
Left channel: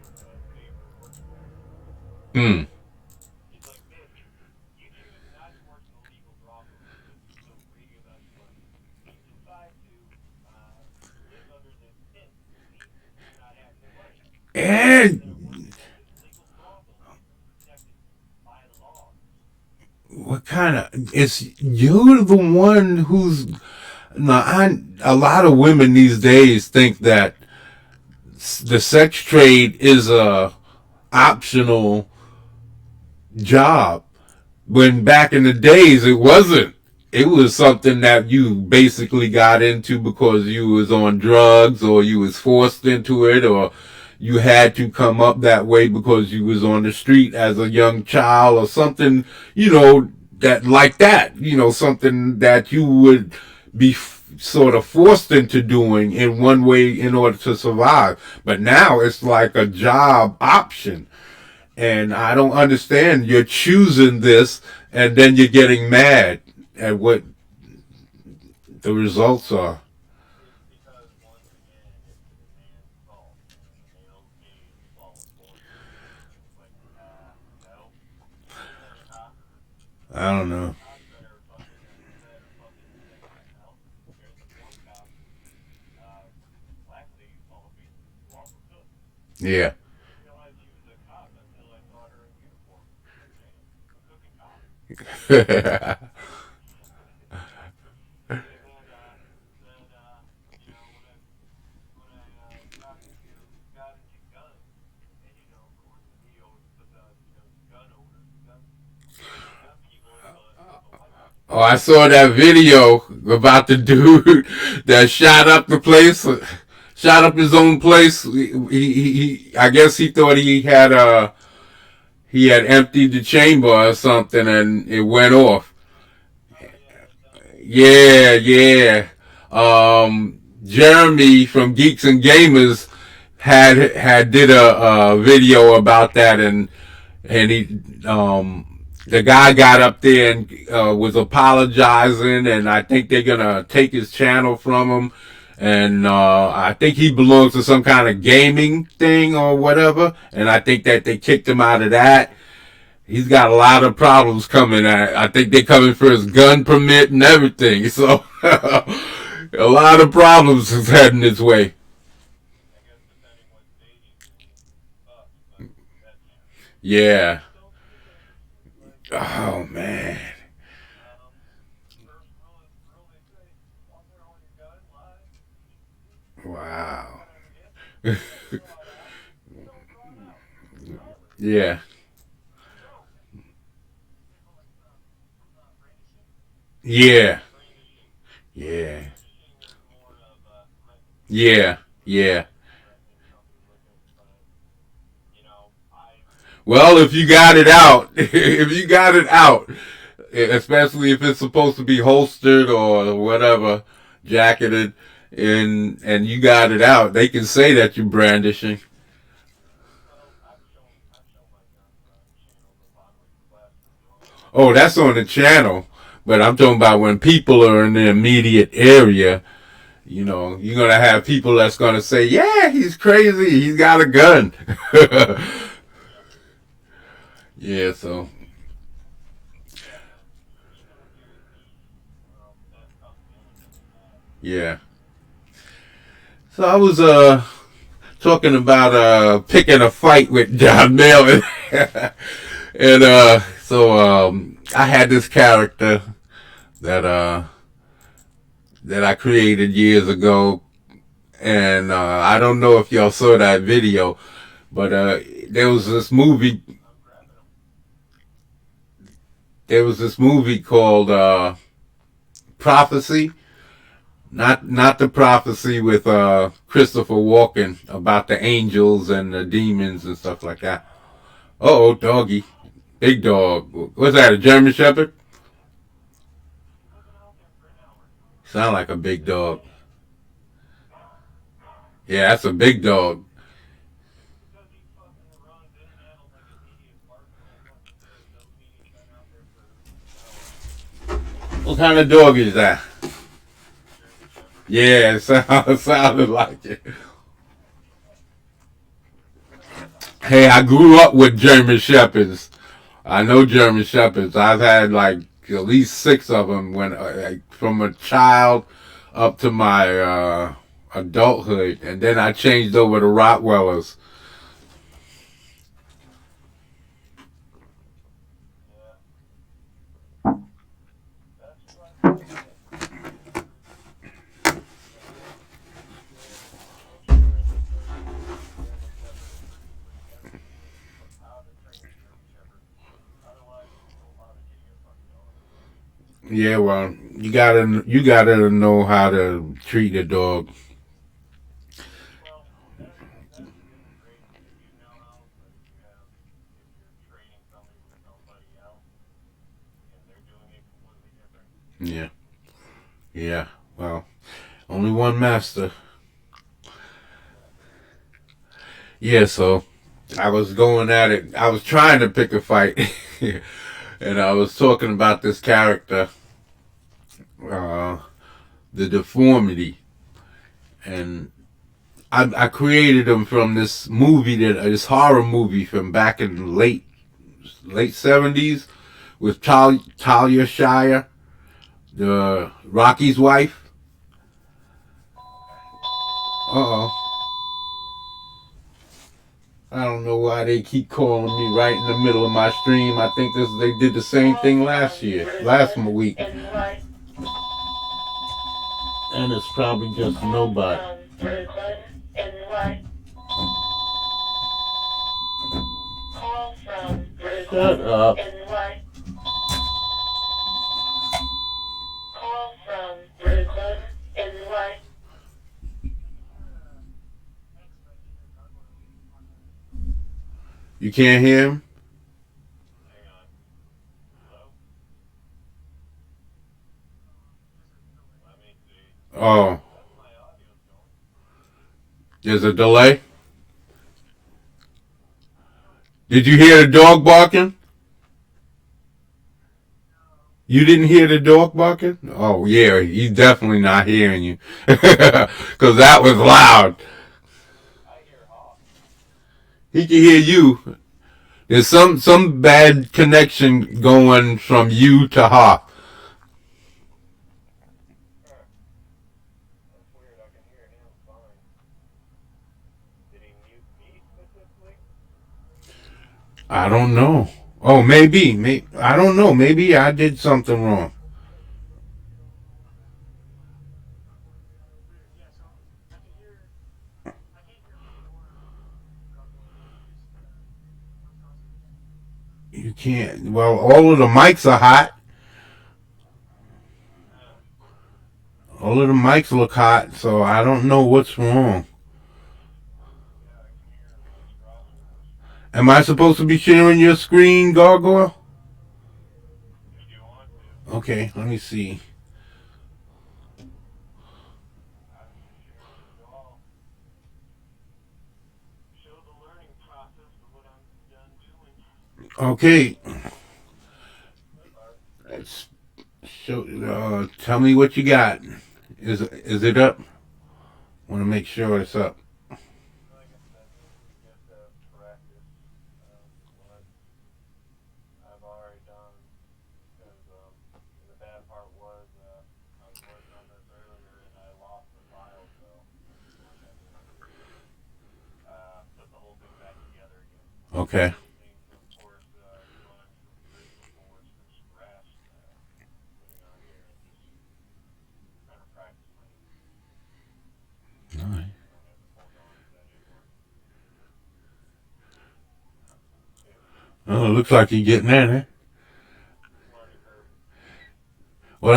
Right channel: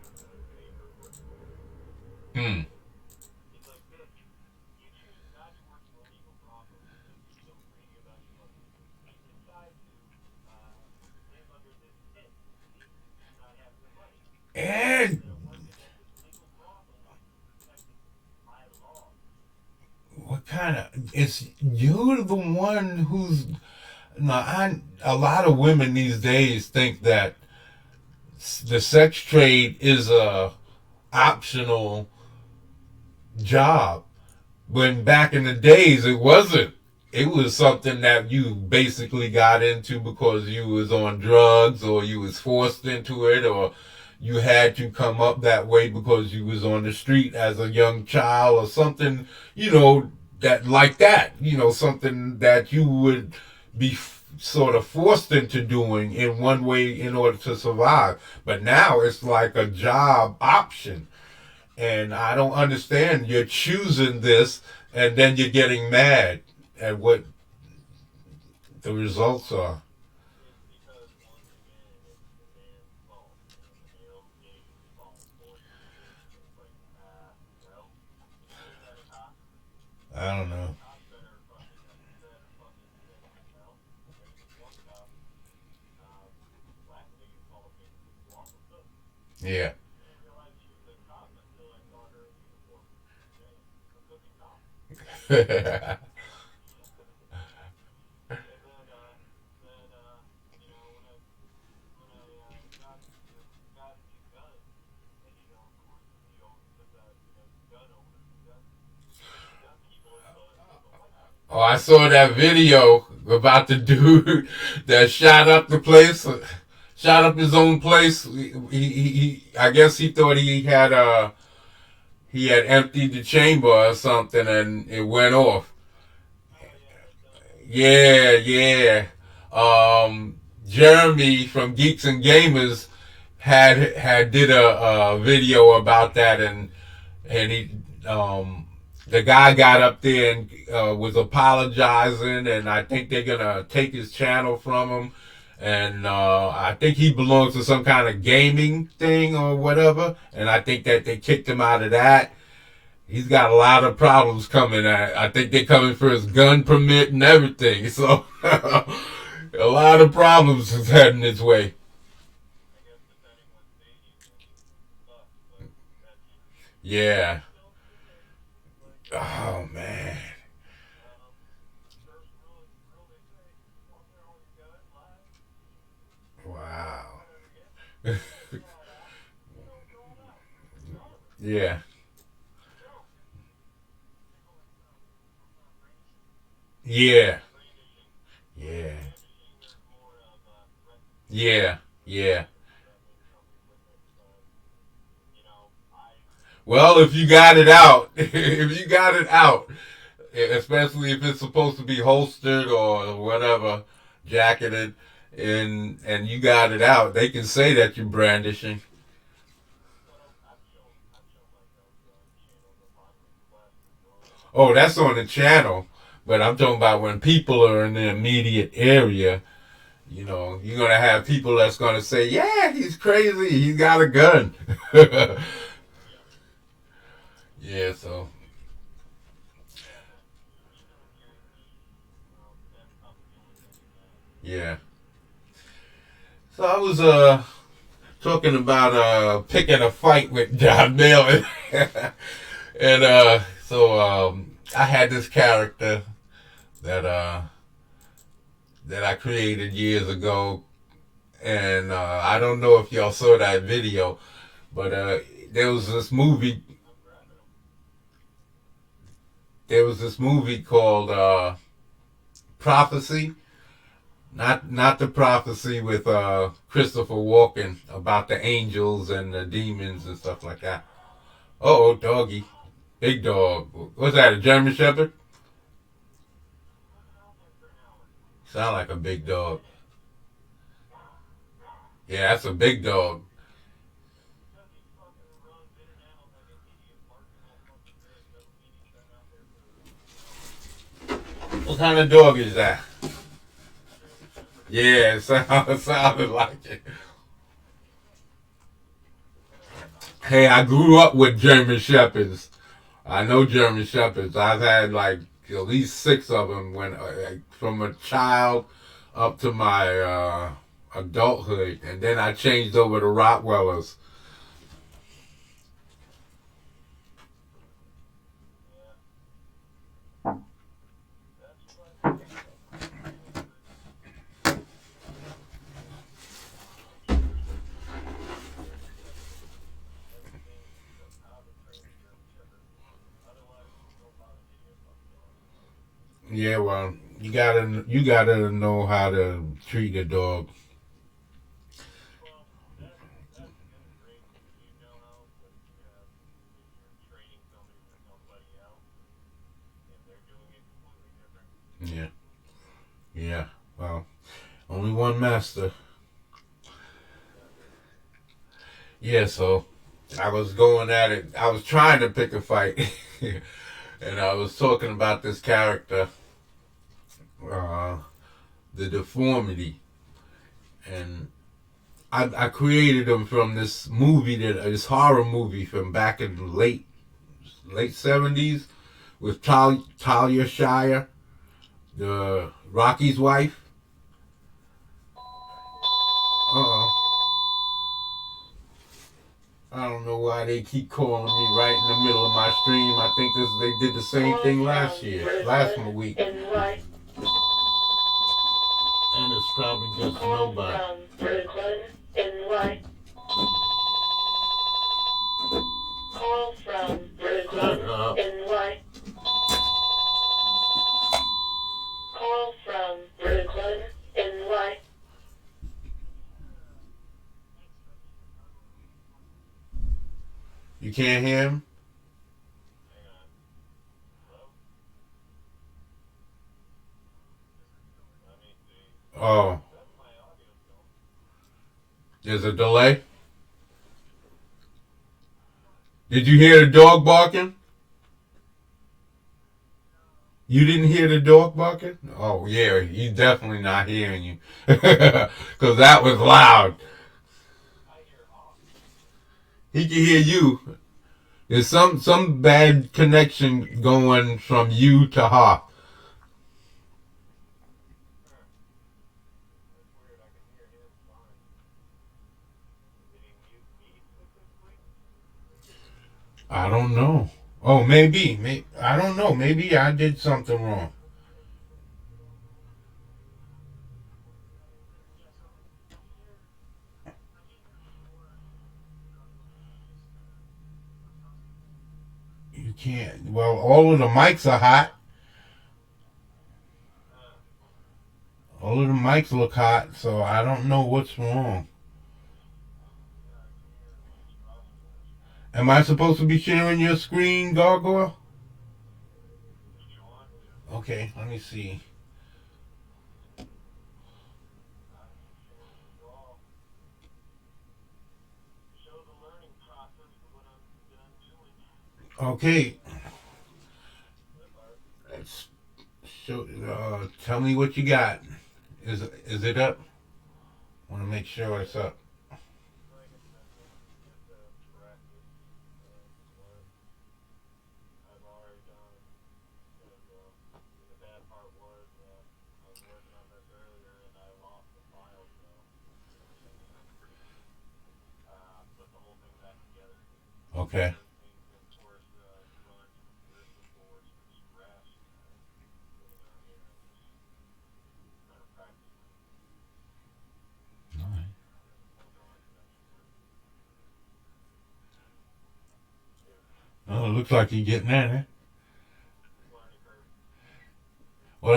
sexual favor working for them. Hmm. It's like this: you choose not to work in a legal brothel because you're so greedy about your money. You decide to what kind of? It's you're the one who's. No, a lot of women these days think that the sex trade is a optional job. When back in the days it wasn't. It was something that you basically got into because you was on drugs or you was forced into it or you had to come up that way because you was on the street as a young child or something, that like that, something that you would be sort of forced into doing in one way in order to survive. But now it's like a job option. And I don't understand. You're choosing this and then you're getting mad at what the results are. It's because once again, it's the man's fault. The male's gaze falls for you. It's like, no. Ain't that a cop? I don't know. Cops better fucking say that. No. There's this one cop, black lady followed me. You also took. Yeah. Didn't realize she was a cop until I saw her in uniform. Damn, a cooking cop. And then, when I got into guns, and of course, we always put gun owners, gun people in the white man. Oh, I saw that video about the dude that shot up the place, shot up his own place. I guess he thought he had emptied the chamber or something, and it went off. Oh yeah, he done it. Yeah, yeah. Jeremy from Geeks and Gamers had did a video about that, and he the guy got up there and was apologizing, and I think they're gonna take his channel from him, and I think he belongs to some kind of gaming thing or whatever, and I think that they kicked him out of that. He's got a lot of problems coming. I think they're coming for his gun permit and everything. So a lot of problems is heading his way. I guess depending what state he's in, he sucks, but that's Yeah. don't do that. Like, Oh man. um, first rule they say, once they're on your gun live, Wow. yep, don't draw it out. Don't draw it out. Don't. Yeah. Don't. They call it, brandishing. Yeah. Brandishing. Yeah. Brandishing is more of a threatening. Yeah. Yeah. Threatening somebody with it, but, I Well, if you got it out, if you got it out, especially if it's supposed to be holstered or whatever, jacketed, and you got it out, they can say that you're brandishing. Well, I've shown my guns on channels of Bombers Quest before. Oh, that's on the channel. But I'm talking about when people are in the immediate area, you're going to have people that's going to say, yeah, he's crazy. He's got a gun. Yeah, Yeah, so, yeah, but even when you're in need, that tough feeling that you have. yeah. So I was talking about picking a fight with John Melvin. And I had this character that that I created years ago, and I don't know if y'all saw that video, but there was this movie. I'm grabbing them. There was this movie called Prophecy. Not the prophecy with Christopher Walken about the angels and the demons and stuff like that. Oh, doggy, big dog. What's that? A German Shepherd? We've been out there for an hour. Sound like a big Just dog. saying. Yeah, that's a big dog. Because he fucking runs in and out like an idiot barking all fucking day doesn't mean he's been out there for an hour. What kind of dog is that? German Shepherd. Yeah, it sounded like it. Hey, I grew up with German Shepherds. I know German Shepherds. I've had like at least 6 of them when, from a child up to my adulthood, and then I changed over to Rottweilers. Yeah. Yeah, well, you gotta know how to treat a dog. Well, that's the other great thing. If you know how, but if you're trading somebody with somebody else, and they're doing it completely different. Yeah, yeah. Well, only one master. Exactly. Yeah, so I was going at it. I was trying to pick a fight, and I was talking about this character, uh, the deformity, and I created him from this movie this horror movie from back in the late 70s with Talia Shire, the Rocky's wife. Okay. Uh oh. I don't know why they keep calling me right in the middle of my stream. I think they did the same thing last week. And it's probably just nobody. Brooklyn, NY. Call from Shut Brooklyn, up. NY. Call from Brooklyn, NY. You can't hear him? Hang on. Hello? Let me see. Oh, That's my audio still. there's a delay? Did you hear the dog barking? You didn't hear the dog barking? Oh, yeah, he's definitely not hearing you. Because that was loud. I hear Hawk. He can hear you. There's some bad connection going from you to Hawk. Huh. That's weird. I can hear him fine. Did he mute me specifically? I don't know. Oh, maybe. I don't know. Maybe I did something wrong. Yeah, so I can hear. I can't hear more without going on just Clubhouse. You can't. Well, all of the mics are hot. Huh. All of the mics look hot, so I don't know what's wrong. Yeah, I can hear monstrosities. Am I supposed to be sharing your screen, Gargoyle? If you want to, Okay, let me see. I can share with you all. Show the learning process of what I'm done doing. Okay, Alright. let's show. Tell me what you got. Is it up? Want to make sure it's up. Like I said, you just have to practice what I've already done. Because the bad part was I was working on this earlier and I lost the file. So, like I said, put the whole thing back together again. Okay. Everything from course one from the original course from scratch. Putting on here and just trying to practice my English. All right. You know, have the foregone convention working. It, Oh, it looks like you're getting there. Eh? learning curve. Well,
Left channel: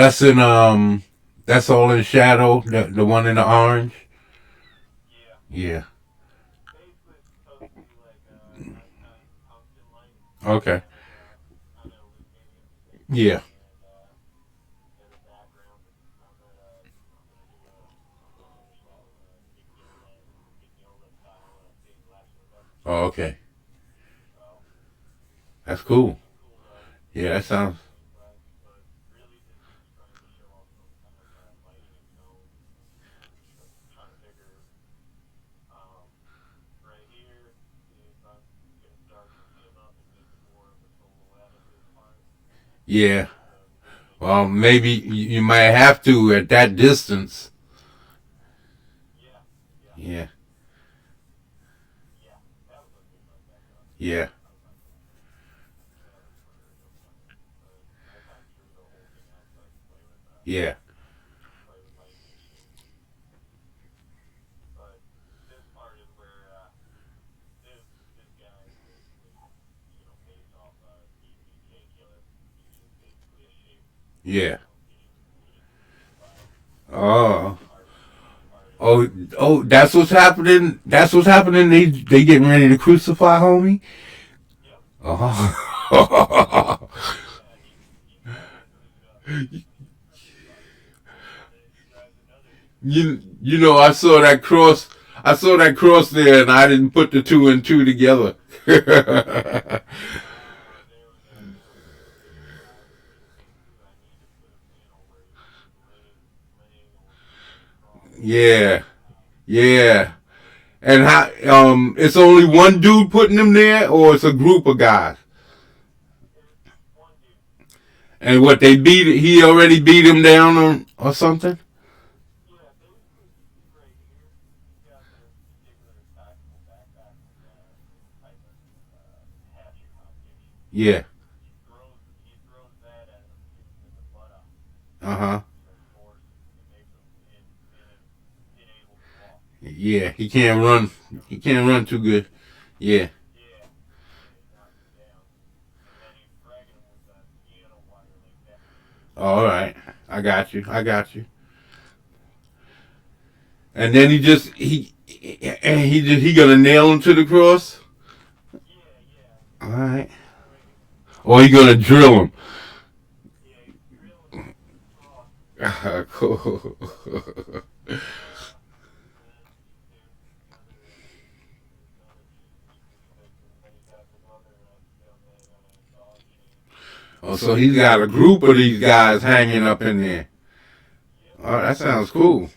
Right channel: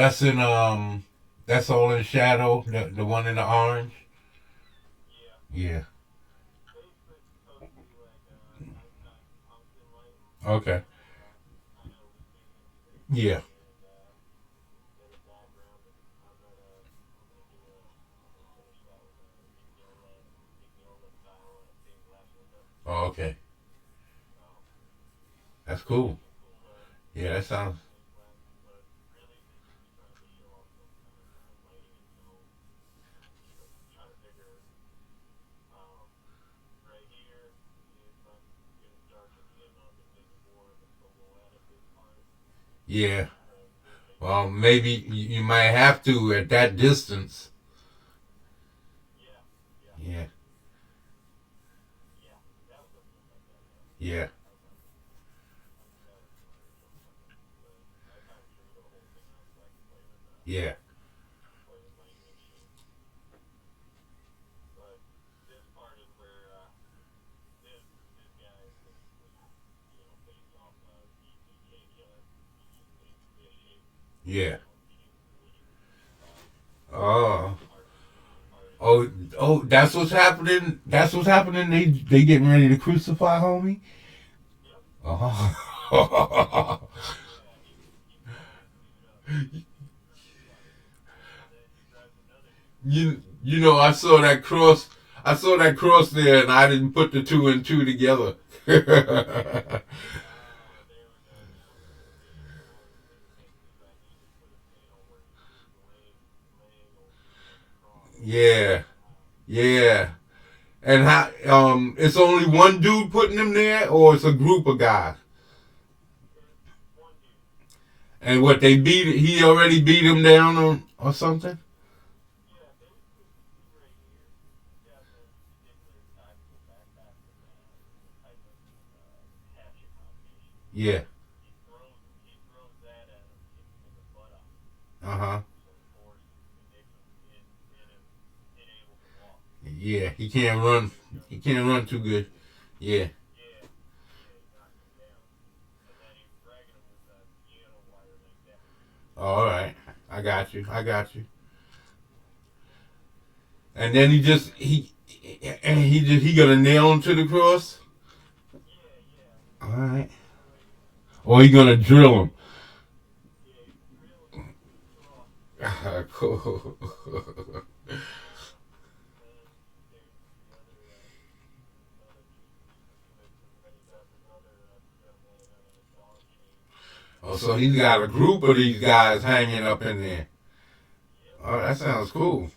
that's all in shadow. The one in the orange. Yeah. Yeah. Basically, it's supposed to be like nighttime tungsten light, Okay. kind of illuminating things, Yeah. and as a background. I'm gonna finish that Mignola style stained glass window. Oh, okay. So That's got cool. some cool Yeah, that cool sounds. stained glass, but really this is just trying to show off some kind of lighting zone. Trying to figure um, right here if I'm gonna start him up and make it more of a silhouette of his spine Yeah. to really make it Well, pop out. maybe you might have to at that distance. Yeah, yeah, Yeah. yeah. That was what I was like that. Yeah. Okay. I knew that from my original one. So I kind of drew the whole thing out so I could Yeah. play with my machine. But this part is where this guy is basically based off DPK killer. He's just basically a shape. Yeah. Oh. Oh, oh, that's what's happening. That's what's happening. They getting ready to crucify homie. Oh. you know I saw that cross. I saw that cross there, and I didn't put the two and two together. Yeah, yeah. And how? It's only one dude putting them there, or it's a group of guys. And what they beat? He already beat him down or something. Yeah. Uh huh. Yeah. He can't run. He can't run too good. Yeah. All right. I got you. I got you. And then he gonna nail him to the cross. All right. Or he gonna drill him. Cool. Oh, so he's got a group of these guys hanging up in there. Oh, that sounds cool.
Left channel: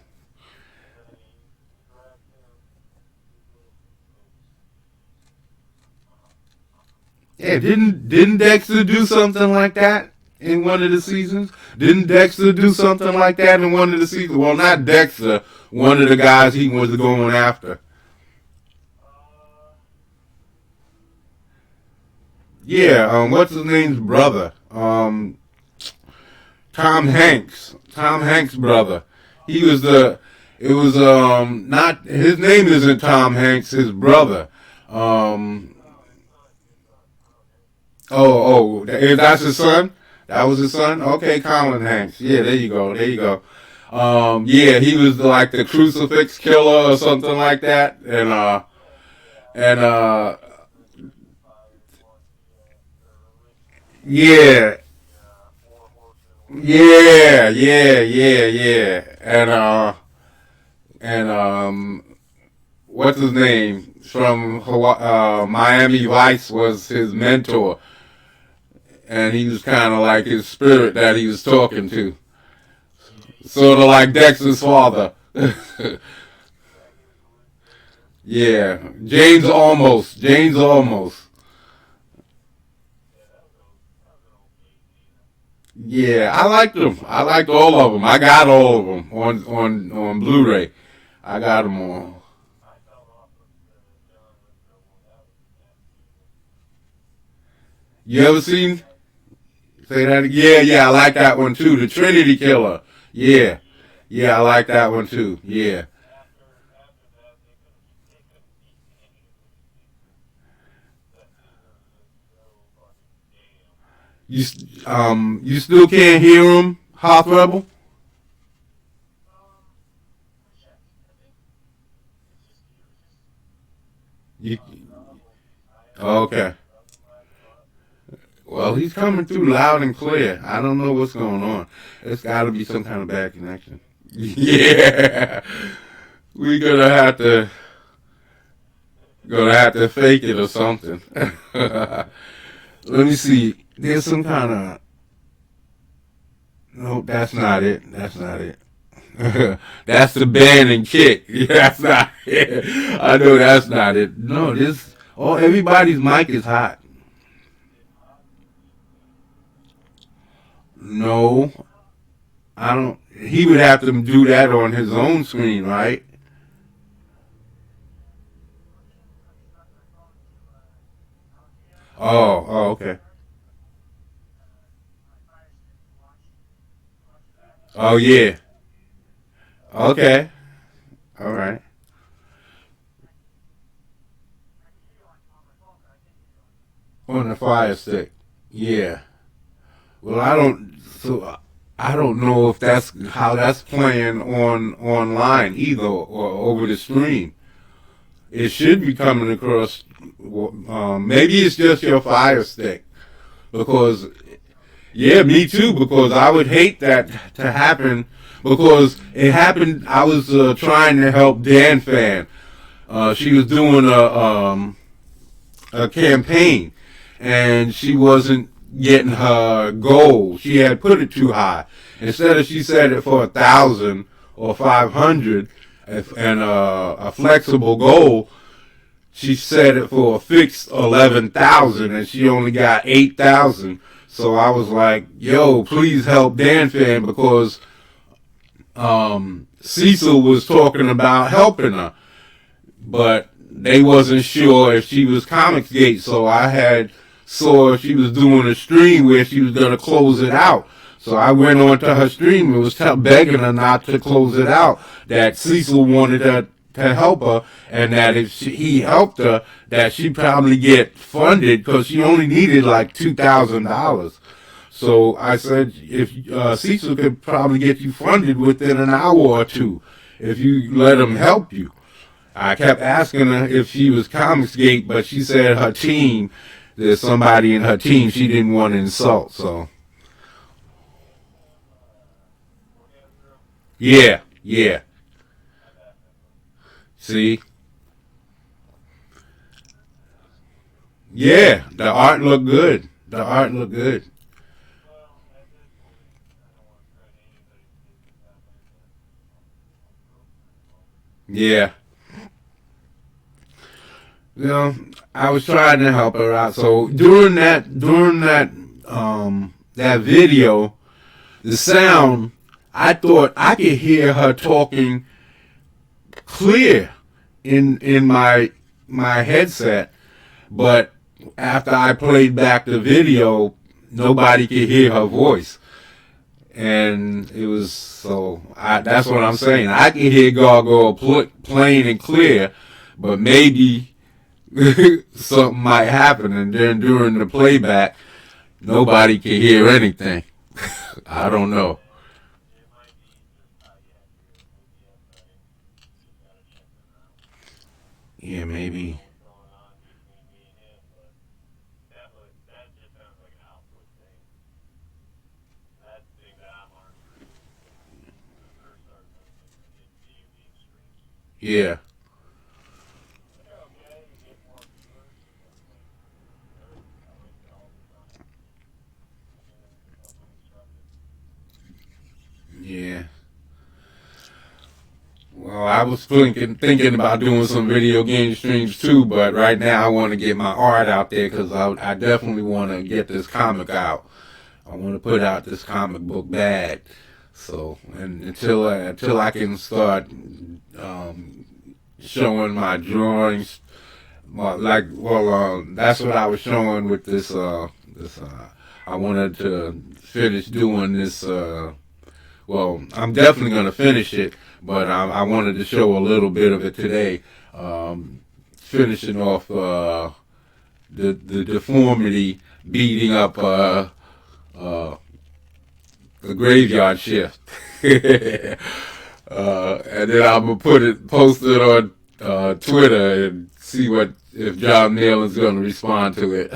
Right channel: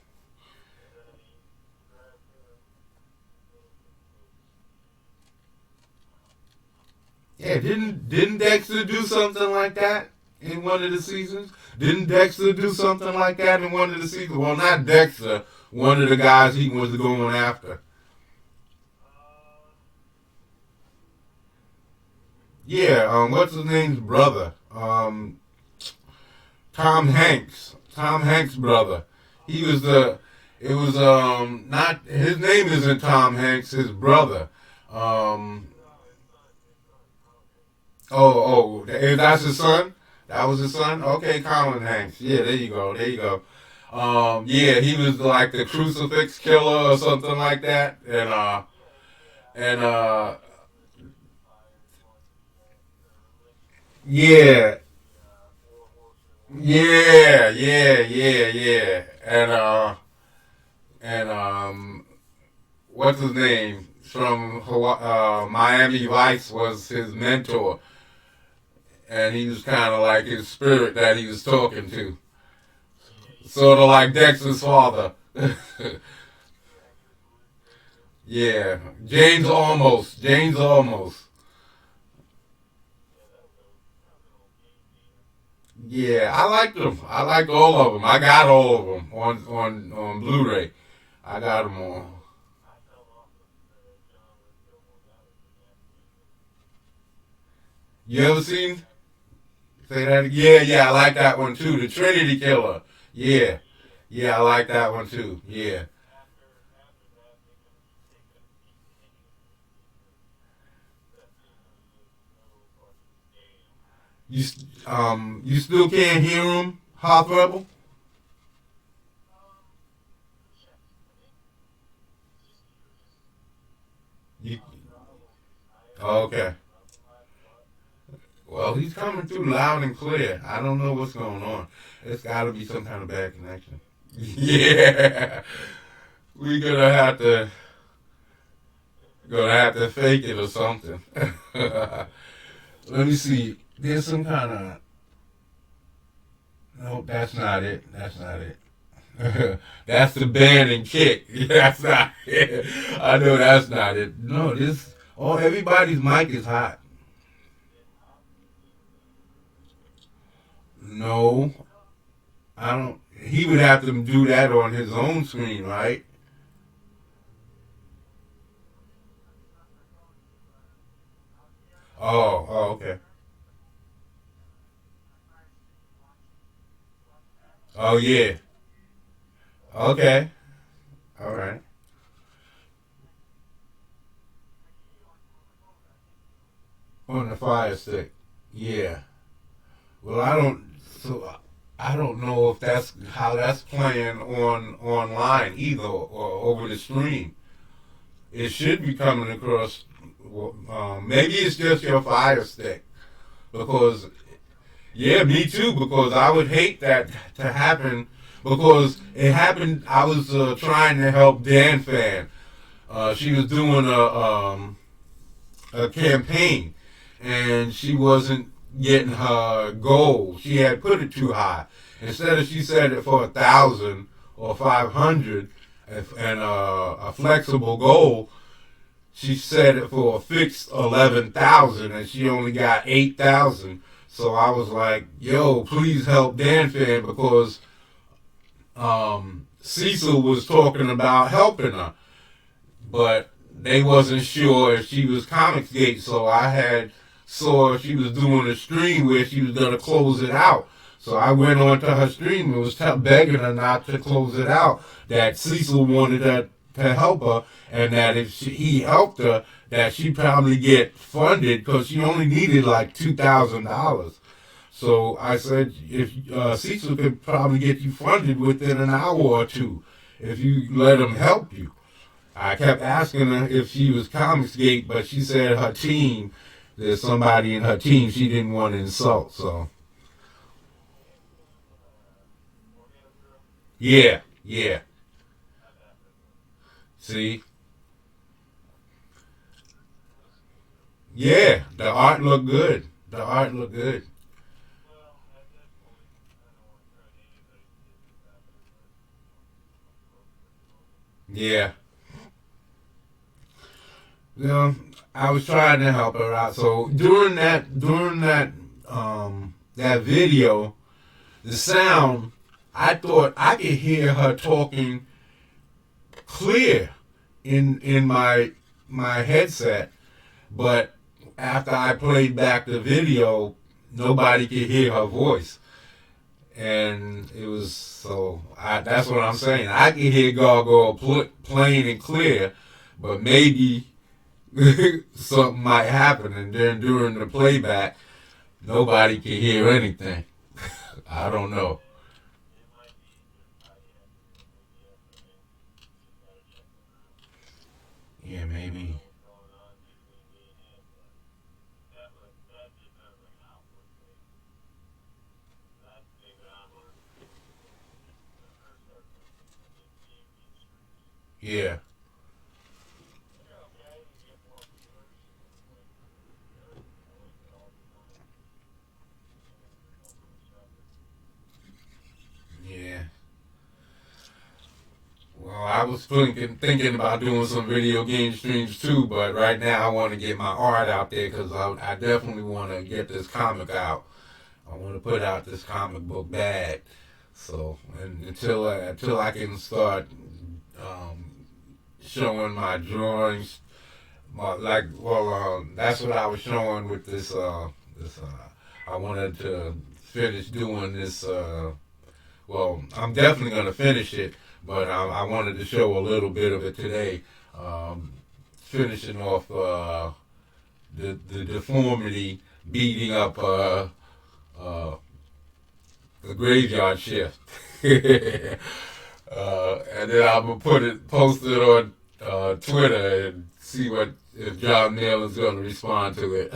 Yeah, didn't Dexter do something like that in one of the seasons? Didn't Dexter do something like that in one of the seasons? Well, not Dexter. One of the guys he was going after. Yeah. What's his name's brother? Tom Hanks. Tom Hanks' brother. He was the. It was not his name isn't Tom Hanks. His brother. Um. That's his son. That was his son. Okay, Colin Hanks. Yeah, there you go. There you go. Yeah, he was like the crucifix killer or something like that, and yeah, yeah, and what's his name from Miami Vice was his mentor, and he was kind of like his spirit that he was talking to, sort of like Dexter's father. Yeah, James almost. Yeah, I liked them. I liked all of them. I got all of them on Blu-ray. I got them all. You ever seen? Say that again. Yeah, yeah, I like that one too. The Trinity Killer. Yeah, yeah, I like that one too. Yeah. You still can't hear them, Hoth Rebel? You, okay. Well, he's coming through loud and clear. I don't know what's going on. It's got to be some kind of bad connection. Yeah, we gonna have to fake it or something. Let me see. There's some kind of. Nope, that's not it. That's not it. That's the band and kick. Yeah, that's not it. I know that's not it. No, this. Oh, everybody's mic is hot. No, I don't. He would have to do that on his own screen, right? Okay. Oh yeah. Okay. All right. On the fire stick. Yeah. Well, I don't. So I don't know if that's how that's playing on online either or over the stream. It should be coming across. Maybe it's just your Fire Stick because yeah, me too. Because I would hate that to happen because it happened. I was trying to help Dan Fan. She was doing a campaign and she wasn't getting her goal. She had put it too high. Instead of she set it for 1,000 or 500 and a flexible goal, she set it for a fixed 11,000 and she only got 8,000. So I was like, yo, please help Dan Fan because Cecil was talking about helping her, but they wasn't sure if she was Comicsgate. So I had saw she was doing a stream where she was gonna close it out. So I went on to her stream and was begging her not to close it out. That Cecil wanted her to help her, and that if he helped her, that she'd probably get funded because she only needed like $2,000. So I said, if Cecil could probably get you funded within an hour or two, if you let him help you. I kept asking her if she was Comicsgate, but she said her team, there's somebody in her team she didn't want to insult. So yeah, yeah. See, yeah, the art looked good. The art looked good. Yeah. You know, I was trying to help her out. So during that video, the sound, I thought I could hear her talking clear in my headset, but after I played back the video, nobody could hear her voice, and it was so. That's what I'm saying. I can hear Gargoyle plain and clear, but maybe something might happen, and then during the playback, nobody can hear anything. I don't know. Yeah, maybe. Yeah, yeah. Well, I was thinking about doing some video game streams too, but right now I want to get my art out there because I definitely want to get this comic out. I want to put out this comic book bag. So, and until I can start um, showing my drawings, that's what I was showing with this. I wanted to finish doing this. Well, I'm definitely gonna finish it, but I wanted to show a little bit of it today. Finishing off the deformity beating up the graveyard shift. And then I'm gonna post it on Twitter and see what if John Neal is gonna respond to it.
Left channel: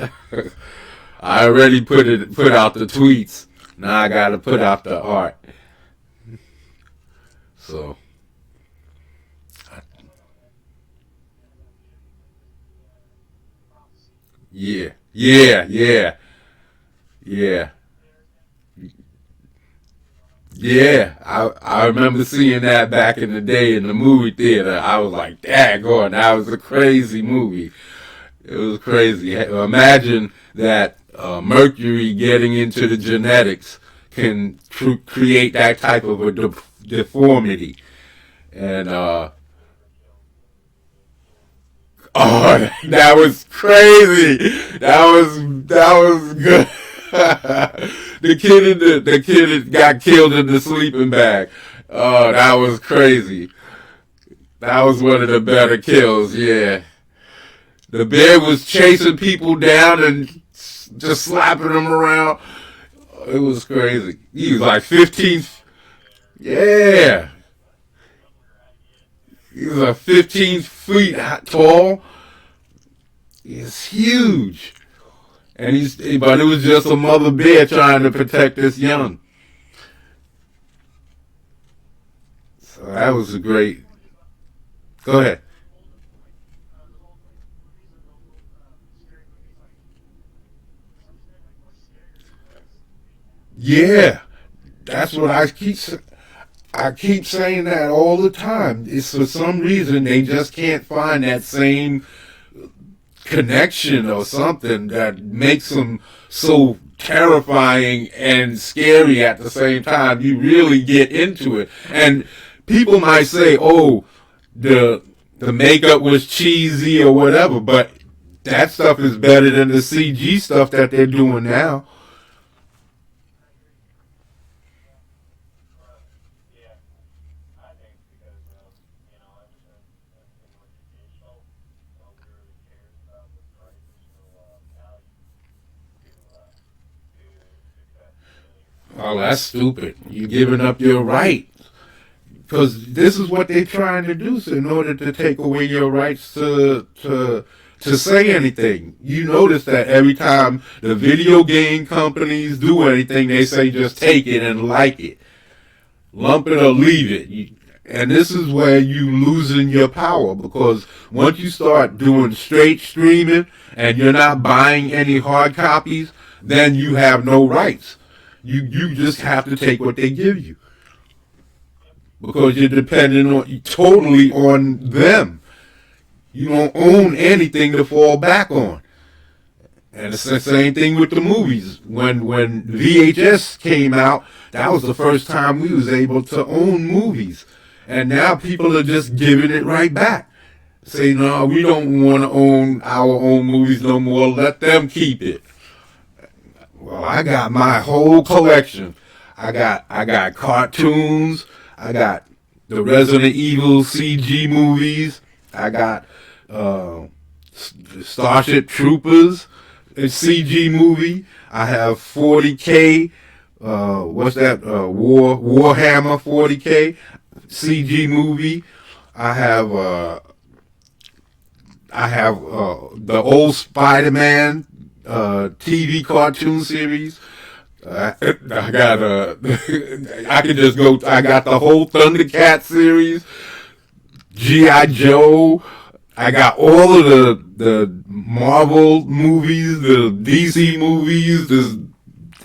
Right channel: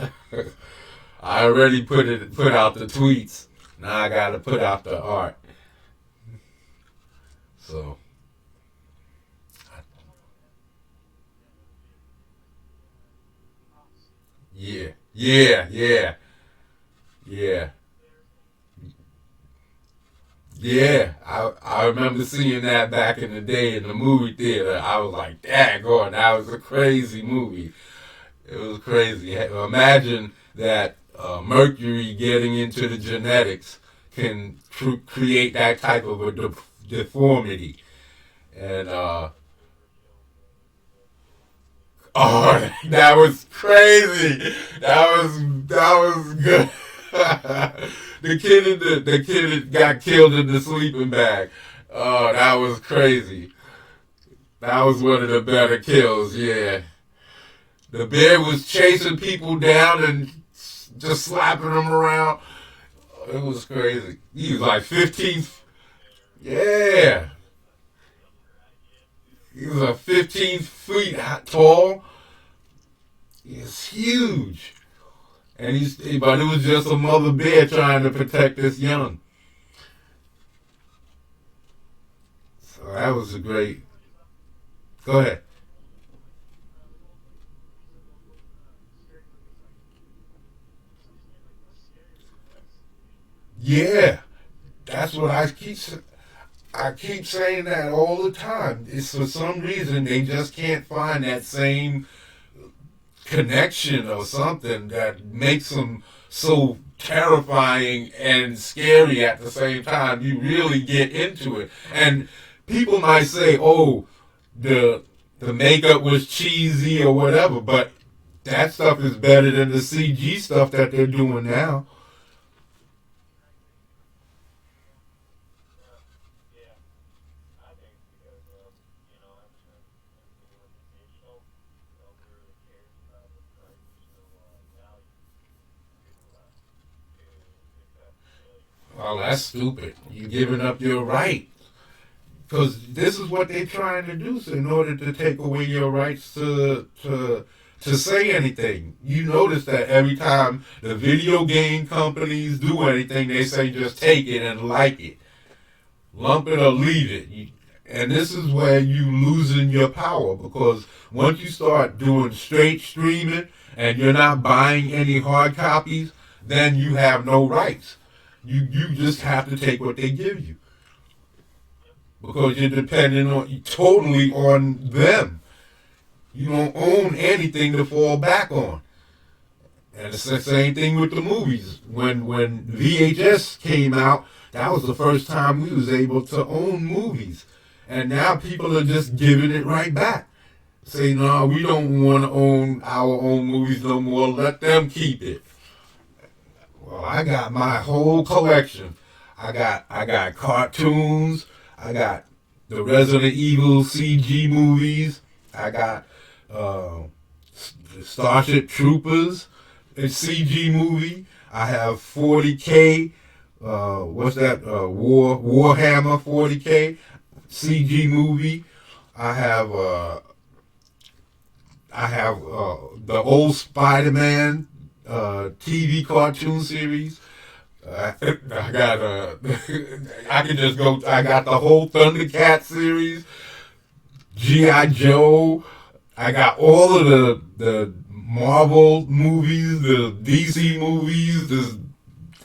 I already put out the tweets. Now I gotta put out the art. So yeah, yeah, yeah, yeah. Yeah, I remember seeing that back in the day in the movie theater. I was like, daggone, that was a crazy movie. It was crazy. Imagine that Mercury getting into the genetics can create that type of a deformity. And, oh, that was crazy. That was good. The kid that got killed in the sleeping bag. Oh, that was crazy. That was one of the better kills. Yeah, the bear was chasing people down and just slapping them around. It was crazy. He was like 15. Yeah. He was like 15 feet tall. He's huge. But it was just a mother bear trying to protect this young. So that was a great. Go ahead. Yeah, that's what I keep saying that all the time. It's for some reason they just can't find that same connection or something that makes them so terrifying and scary at the same time. You really get into it, and people might say, "Oh, the the makeup was cheesy or whatever," but that stuff is better than the CG stuff that they're doing now. Yeah, I think because ever since everything went to digital, nobody really cares about the traditional value to cut failure. Oh, that's stupid. You're giving up your right. Because this is what they're trying to do. So in order to take away your rights to say anything, you notice that every time the video game companies do anything, they say just take it and like it, lump it or leave it. And this is where you losing your power because once you start doing straight streaming and you're not buying any hard copies, then you have no rights. You just have to take what they give you because you're dependent on totally on them. You don't own anything to fall back on. And it's the same thing with the movies. When VHS came out, that was the first time we was able to own movies. And now people are just giving it right back. Say, no, we don't want to own our own movies no more. Let them keep it. Well, I got my whole collection. I got cartoons. I got the Resident Evil CG movies. I got uh, Starship Troopers, a CG movie. I have 40K. What's that? Warhammer 40K CG movie. I have uh, I have the old Spider-Man TV cartoon series. I got I could just go. I got the whole Thundercat series, GI Joe. I got all of the Marvel movies, the DC movies, the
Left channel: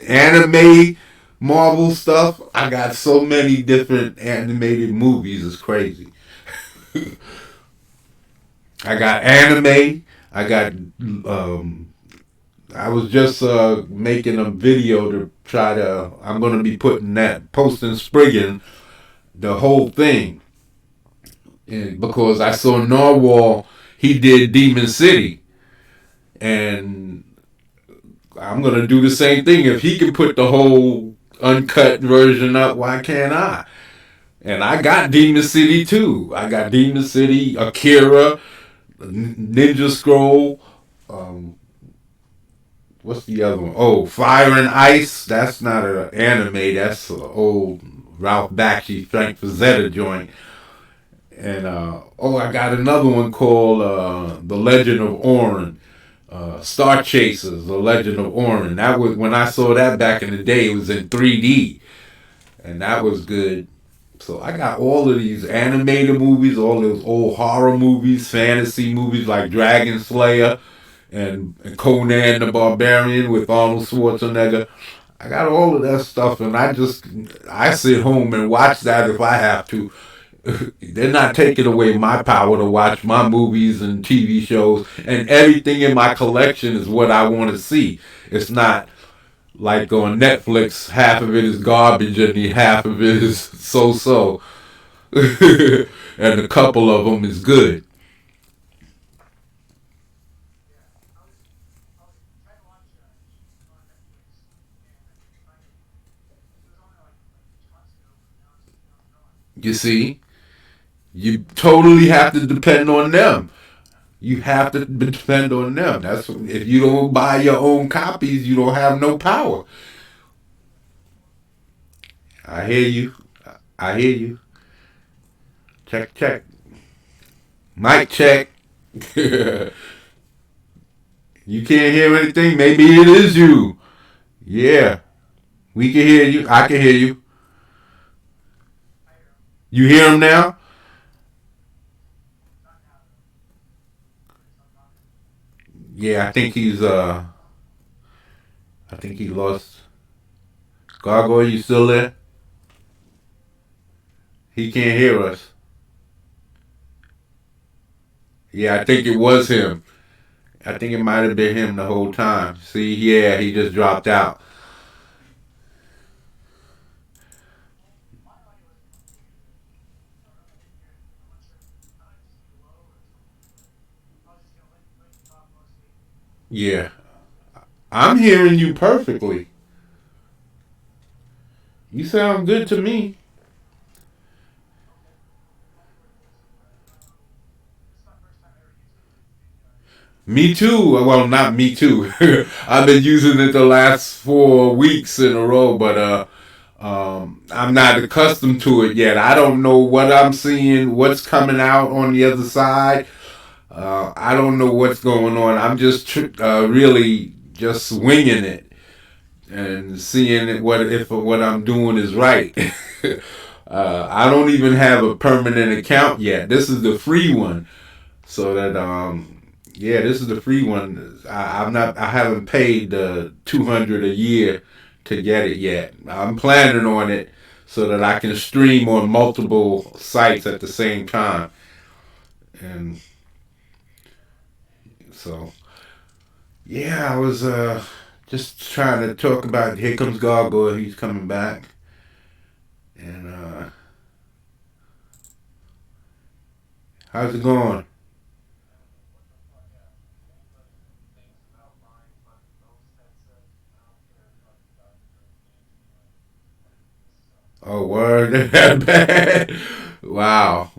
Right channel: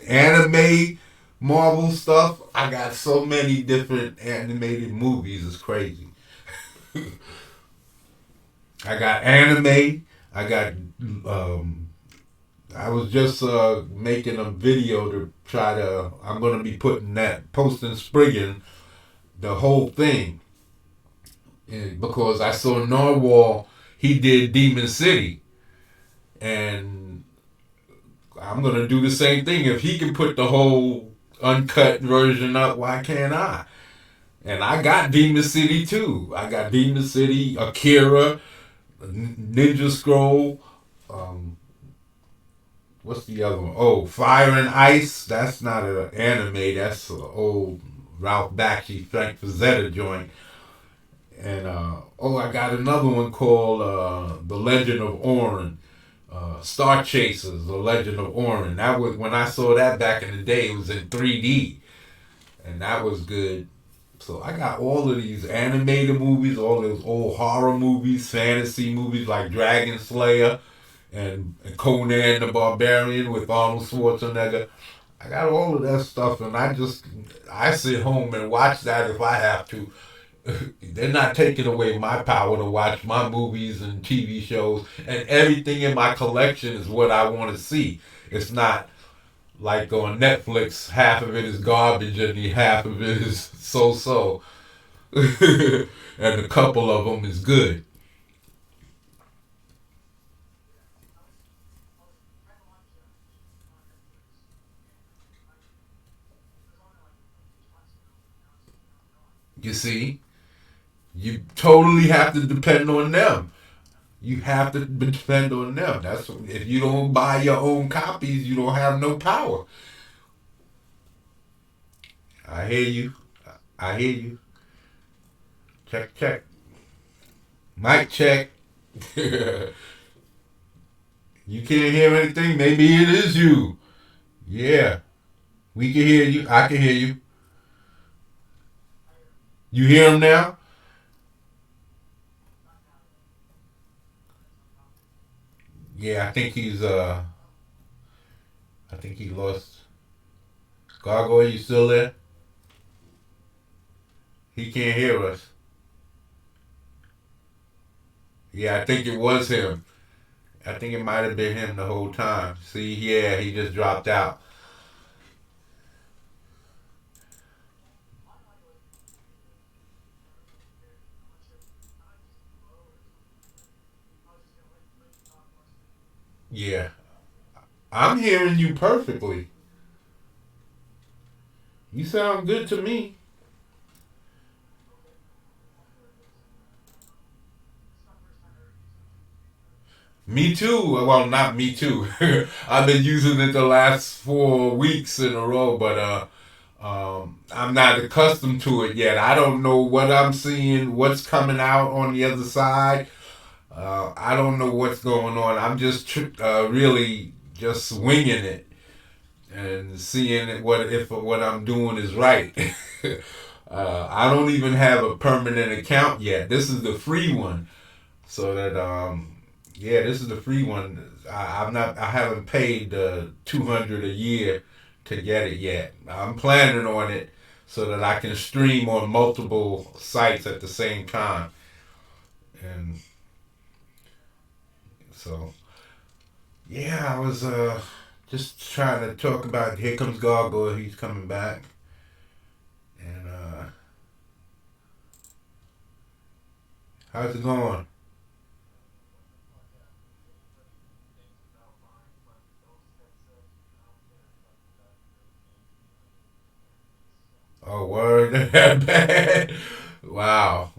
anime Marvel stuff. I got so many different animated movies. It's crazy. I got anime. I got. I was just making a video to try to. I'm going to be putting that posting Spriggan the whole thing, and because I saw Narwhal. He did Demon City, and I'm going to do the same thing. If he can put the whole uncut version up, why can't I? And I got Demon City too. I got Demon City, Akira, Ninja Scroll. Um, what's the other one? Oh, Fire and Ice. That's not an anime. That's an old Ralph Bakshi, Frank Frazetta joint. And I got another one called The Legend of Orin. Star Chasers, The Legend of Orin. That was when I saw that back in the day. It was in 3D, and that was good. So I got all of these animated movies, all those old horror movies, fantasy movies like Dragon Slayer and Conan the Barbarian with Arnold Schwarzenegger. I got all of that stuff, and I sit home and watch that if I have to. They're not taking away my power to watch my movies and TV shows, and everything in my collection is what I want to see. It's not like on Netflix, half of it is garbage and the half of it is so-so, and a couple of them is good. You see, you totally have to depend on them. You have to depend on them. That's if you don't buy your own copies, you don't have no power. I hear you. I hear you. Check, check. Mic check. You can't hear anything? Maybe it is you. Yeah. We can hear you. I can hear you. You hear him now? Yeah, I think he lost. Gargoyle, you still there? He can't hear us. Yeah, I think it was him. I think it might have been him the whole time. See, yeah, he just dropped out. Yeah, I'm hearing you perfectly. You sound good to me. Me too. Well, not me too. I've been using it the last 4 weeks in a row, but I'm not accustomed to it yet. I don't know what I'm seeing, what's coming out on the other side. I don't know what's going on. I'm just really just winging it and seeing what if what I'm doing is right. I don't even have a permanent account yet. This is the free one, so that yeah, this is the free one. I'm not. I haven't paid 200 a year to get it yet. I'm planning on it so that I can stream on multiple sites at the same time, and so yeah, I was just trying to talk about. Here comes Gargoyle. He's coming back, and how's it going? Oh, word. That bad. Wow.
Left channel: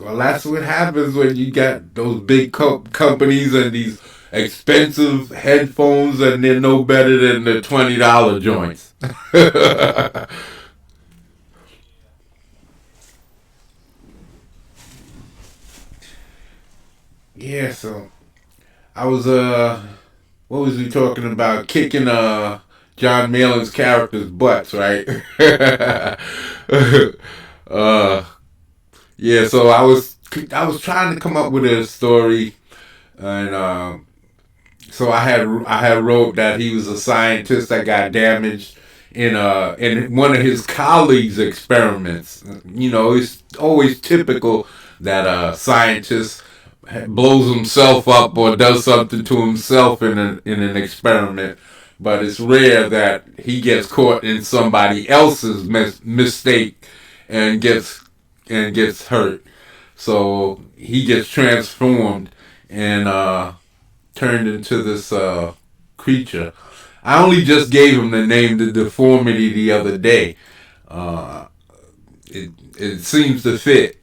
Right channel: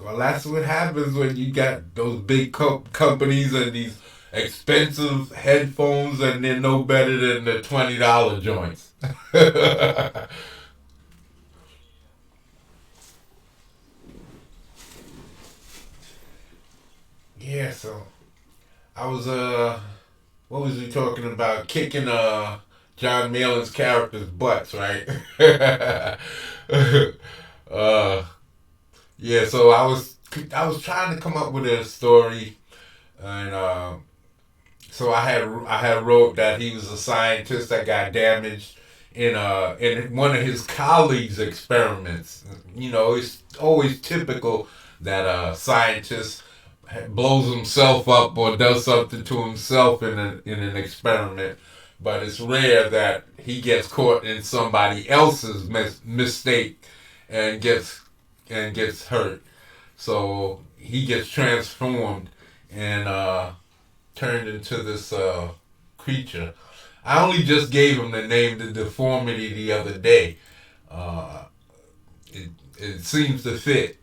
Well, that's what happens when you got those big companies and these expensive headphones, and they're no better than the $20 joints. Yeah. So I was what was we talking about? Kicking John Malin's character's butts, right? uh, yeah. So I was trying to come up with a story, and so I had wrote that he was a scientist that got damaged in one of his colleagues' experiments. You know, it's always typical that a scientist blows himself up or does something to himself in an experiment, but it's rare that he gets caught in somebody else's mistake and gets hurt. So he gets transformed and turned into this creature. I only just gave him the name the deformity the other day. Uh, it seems to fit.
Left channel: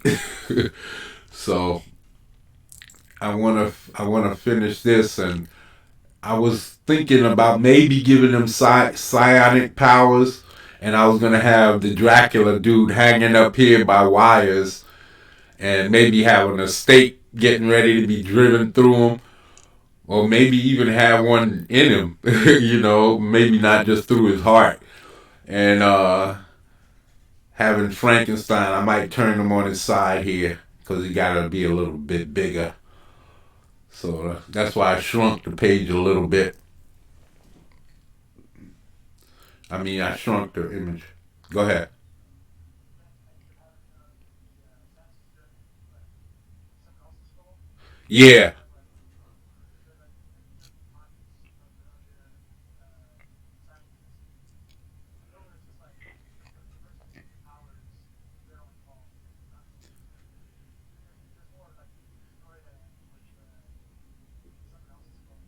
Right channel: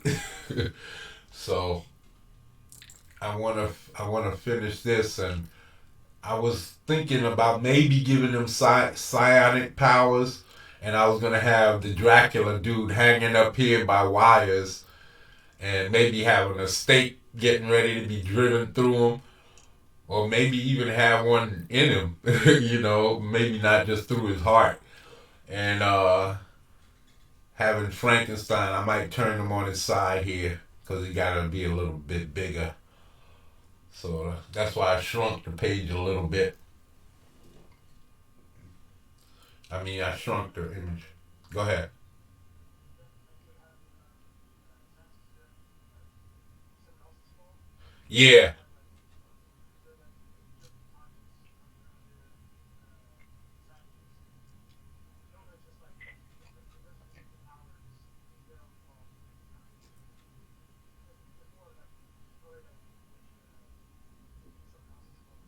So I wanna finish this, and I was thinking about maybe giving him psionic powers, and I was gonna have the Dracula dude hanging up here by wires, and maybe having a stake getting ready to be driven through him, or maybe even have one in him. You know, maybe not just through his heart, and having Frankenstein, I might turn him on his side here because he got to be a little bit bigger. So that's why I shrunk the page a little bit. I mean, I shrunk the image. Go ahead. Yeah,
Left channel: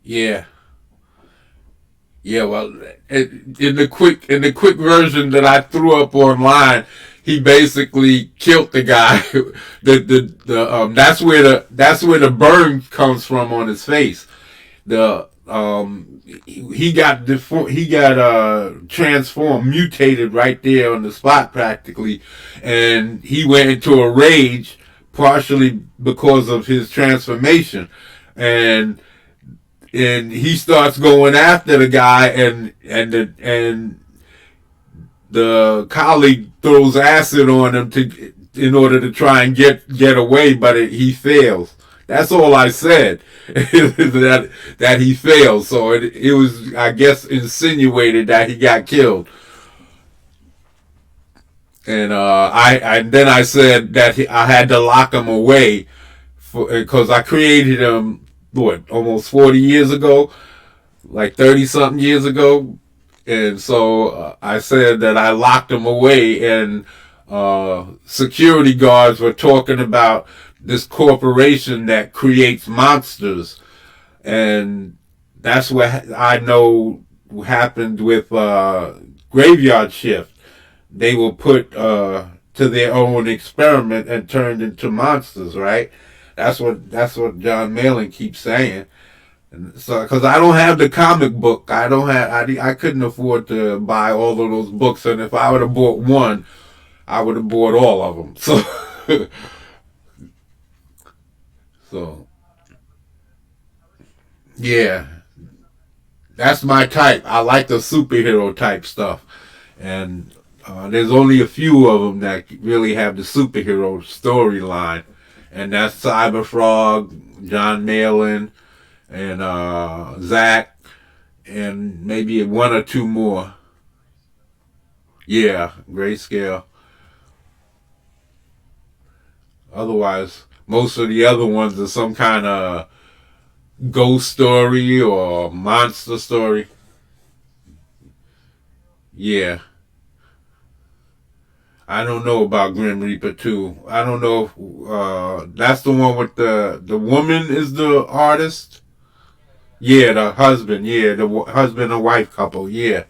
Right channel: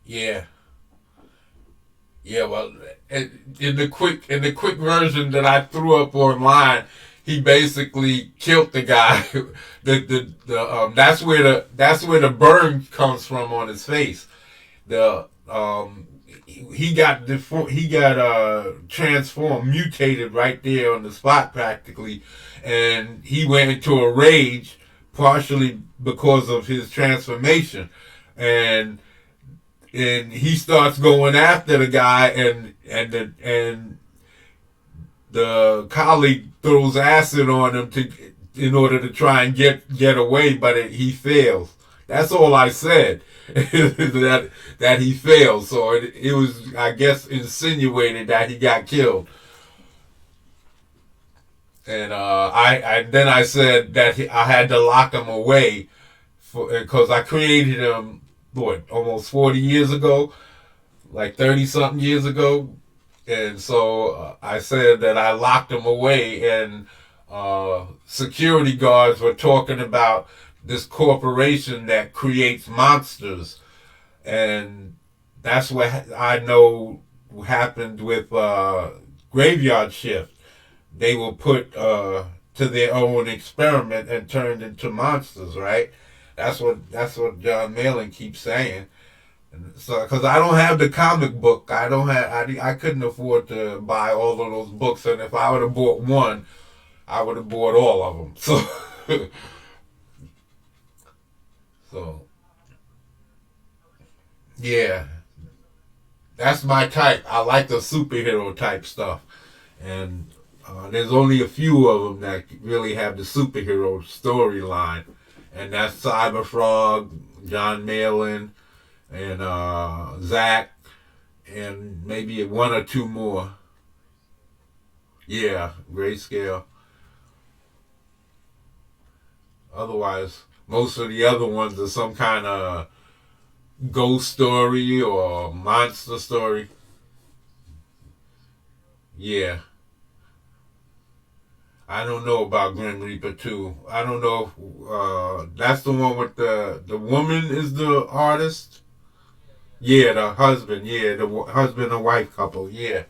yeah, yeah. Well, in the quick version that I threw up online, he basically killed the guy. That's where the burn comes from on his face. The he got transformed, mutated right there on the spot practically, and he went into a rage partially because of his transformation, and he starts going after the guy, and the colleague throws acid on him in order to try and get away, but he fails. That's all I said. that he failed. So it was, I guess, insinuated that he got killed. And then I said that I had to lock him away because I created him almost 40 years ago, like 30 something years ago, and so I said that I locked him away, and security guards were talking about this corporation that creates monsters, and that's what I know happened with Graveyard Shift. They were put to their own experiment and turned into monsters, right? That's what John Malin keeps saying. So, because I don't have the comic book, I couldn't afford to buy all of those books, and if I would have bought one, I would have bought all of them. So, so yeah, that's my type. I like the superhero type stuff, and there's only a few of them that really have the superhero storyline, and that's Cyberfrog, John Malin, and Zach, and maybe one or two more. Yeah, Grayscale. Otherwise, most of the other ones are some kind of ghost story or monster story. Yeah, I don't know about Grim Reaper 2. I don't know if that's the one with the woman is the artist. Yeah, the husband. Yeah, the husband and wife couple. Yeah,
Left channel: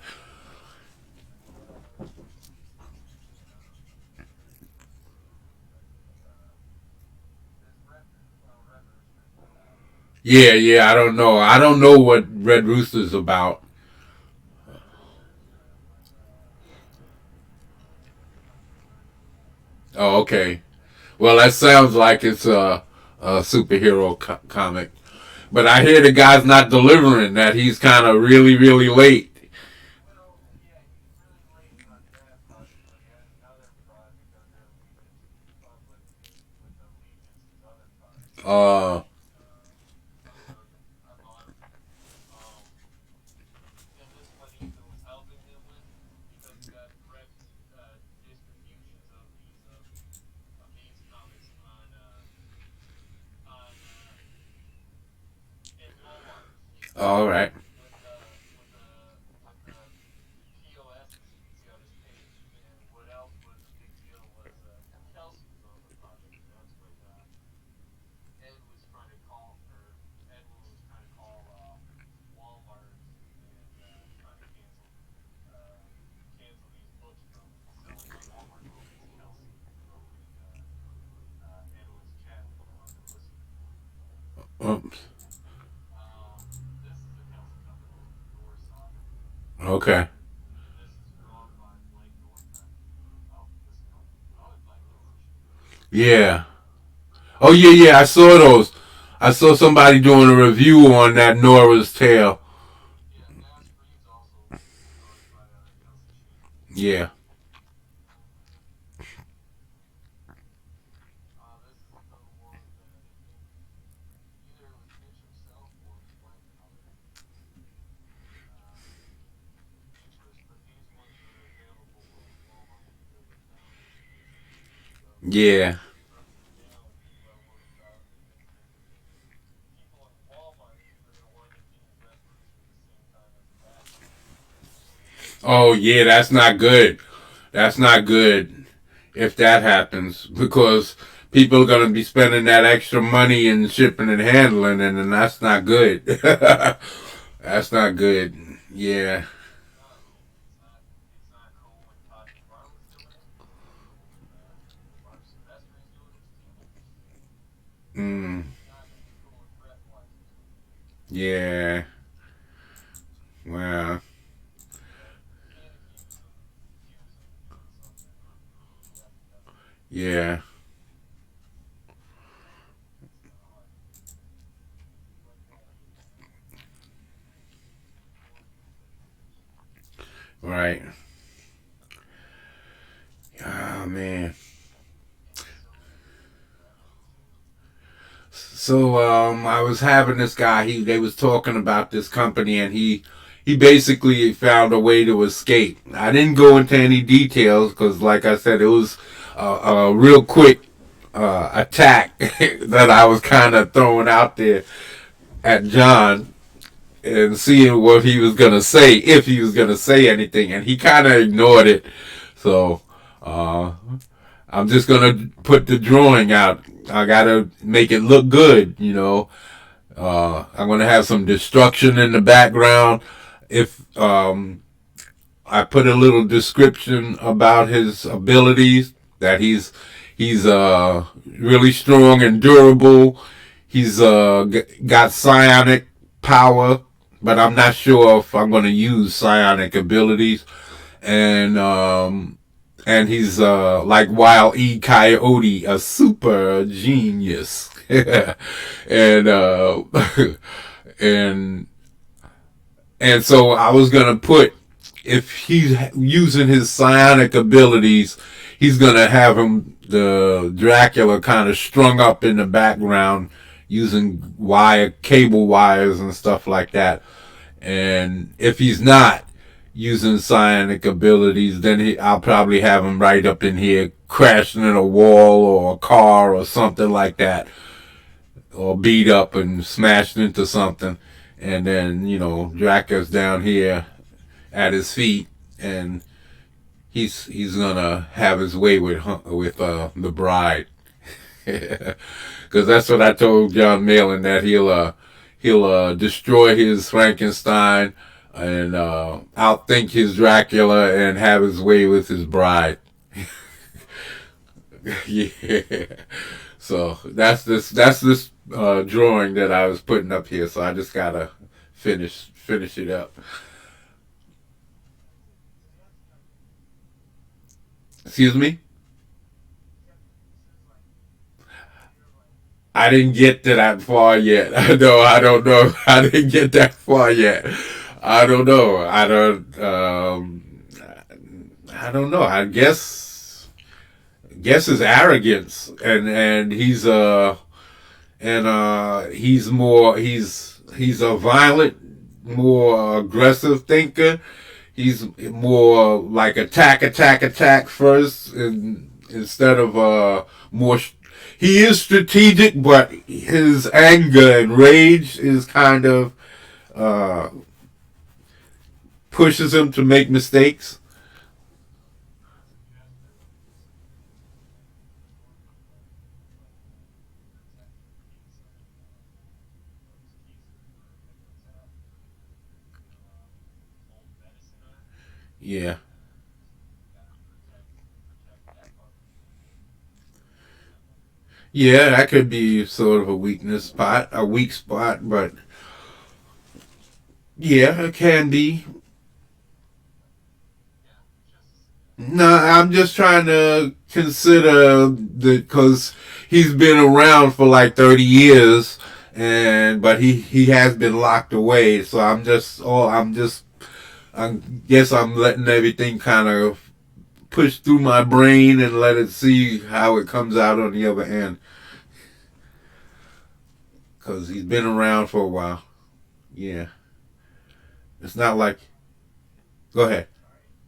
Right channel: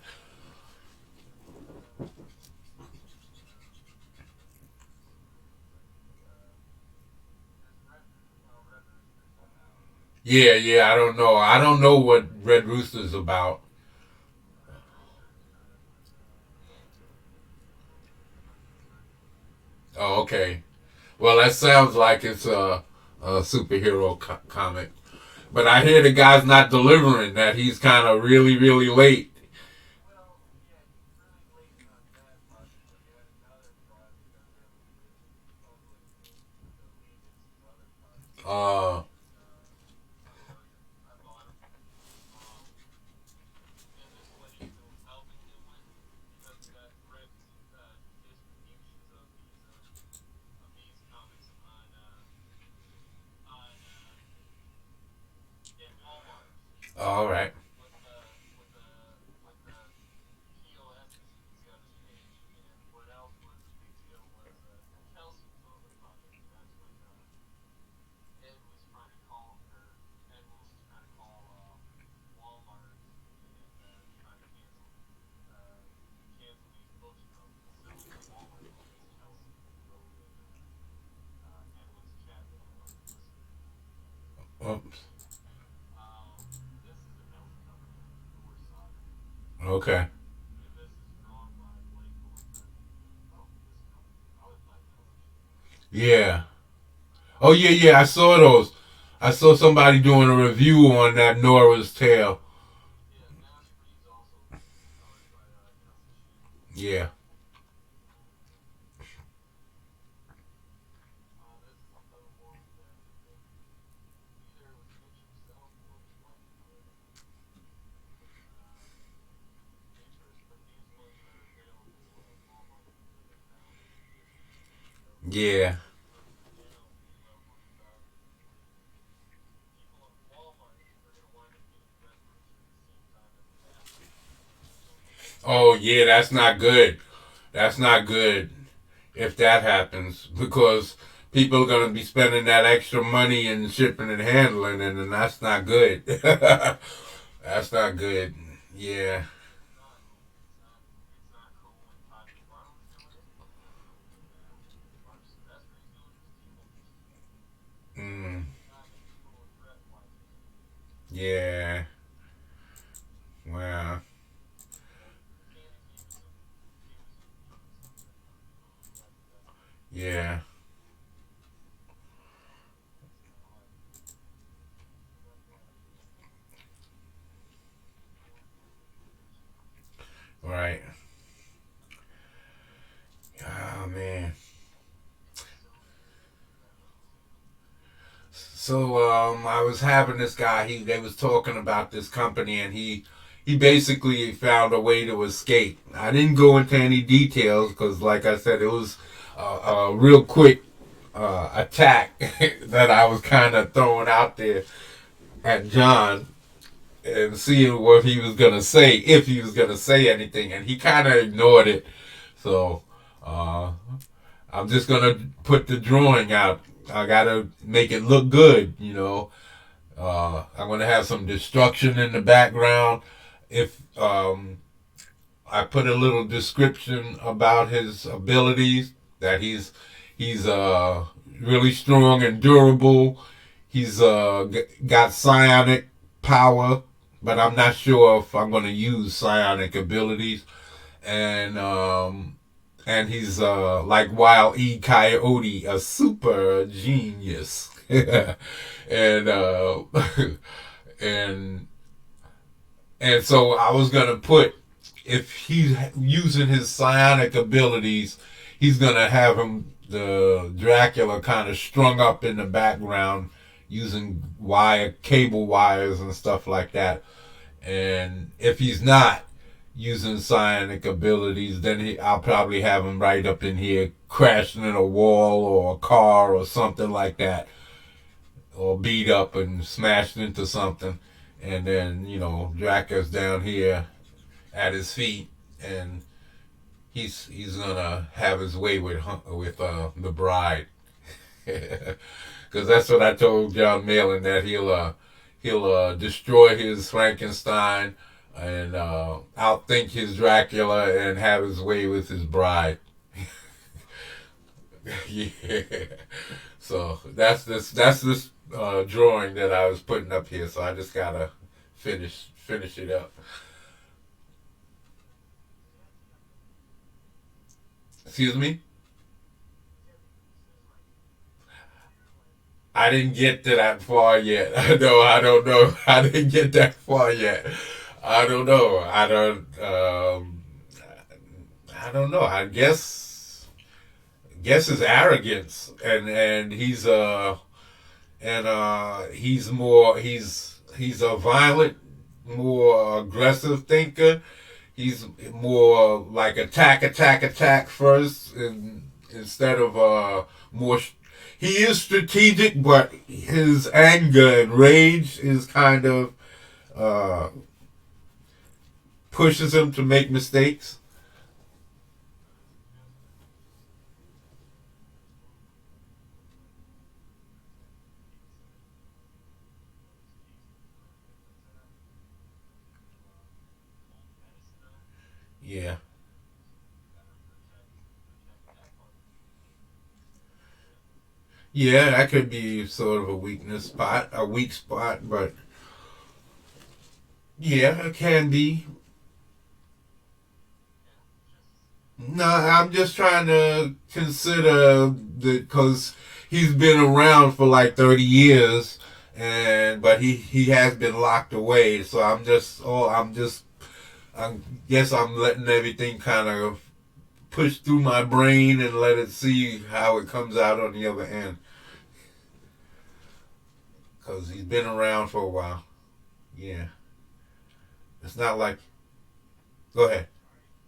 yeah, yeah. I don't know. I don't know what Red Rooster's about. Oh, okay. Well, that sounds like it's a superhero comic. But I hear the guy's not delivering. That he's kind of really, really late. Well, yeah, he's really late on that, possibly. And another project under public with Allegiance, his other project. Uh, I bought him. Um, and this one Ethan was helping him with because he got direct distributions of these comics on in Walmart all right. with POSs you can see on his page. And what else was a big deal was Kelsey was on the project. And that's when Ed was trying to call for Ed Wilson was trying to call Walmart and trying to cancel these books from selling on Walmart. Well, it's Kelsey wrote and Ed was chatting with him on the listen. Oops. This is a Kelsey cover, Thor Saga, Okay. and this is drawn by Blake Northman. Oh, this no, oh, it's by Kelsey. Yeah. Oh yeah, yeah. I saw those. I saw somebody doing a review on that Nora's Tale. Yeah, Nash Breed's also art by Kelsey Sheet. Yeah. This is another one that I think either it was Mitch himself or his wife colored interest, but these ones are available at Walmart if you go to Founders Edition. So Yeah. now you got to worry about people at Walmart are going to wind up getting Red Rooster at the same time as the Batman. Oh yeah, that's not good. That's not good if that happens because people are gonna be spending that extra money in shipping and handling, and then that's not good. That's not good. Yeah. It's not cool when Todd McFarlane's coming in and Mark Silvestri's doing his demons. Mm. Not going to be cool when Brett White. Yeah. Yeah. Right. Oh man. So I was having this guy. They was talking about this company, and he basically found a way to escape. I didn't go into any details because, like I said, it was a real quick attack that I was kind of throwing out there at John and seeing what he was gonna say, if he was gonna say anything, and he kind of ignored it. So uh, I'm just gonna put the drawing out. I gotta make it look good, you know. I'm gonna have some destruction in the background. If I put a little description about his abilities, that he's really strong and durable. He's got psionic power, but I'm not sure if I'm gonna use psionic abilities. And he's like Wild E. Coyote, a super genius, and and and so I was gonna put, if he's using his psionic abilities, he's gonna have him, the Dracula, kind of strung up in the background using cable wires and stuff like that. And if he's not using psionic abilities, then I'll probably have him right up in here crashing in a wall or a car or something like that, or beat up and smashed into something. And then, Dracula's down here at his feet, and he's gonna have his way with the bride, because that's what I told John Malin, that he'll destroy his Frankenstein and outthink his Dracula and have his way with his bride. Yeah. So that's this drawing that I was putting up here. So I just gotta finish it up. Excuse me. I didn't get to that far yet. No, I don't know. I didn't get that far yet. I don't know. I don't know. I guess his arrogance, and he's more he's a violent, more aggressive thinker. He's more like attack first, instead of more. He is strategic, but his anger and rage is kind of uh, pushes him to make mistakes. Yeah, yeah, that could be sort of a weak spot, but yeah, it can be. No, I'm just trying to consider because he's been around for like 30 years, and but he has been locked away. So I guess I'm letting everything kind of push through my brain and let it see how it comes out on the other end, because he's been around for a while. Yeah, it's not like. Go ahead.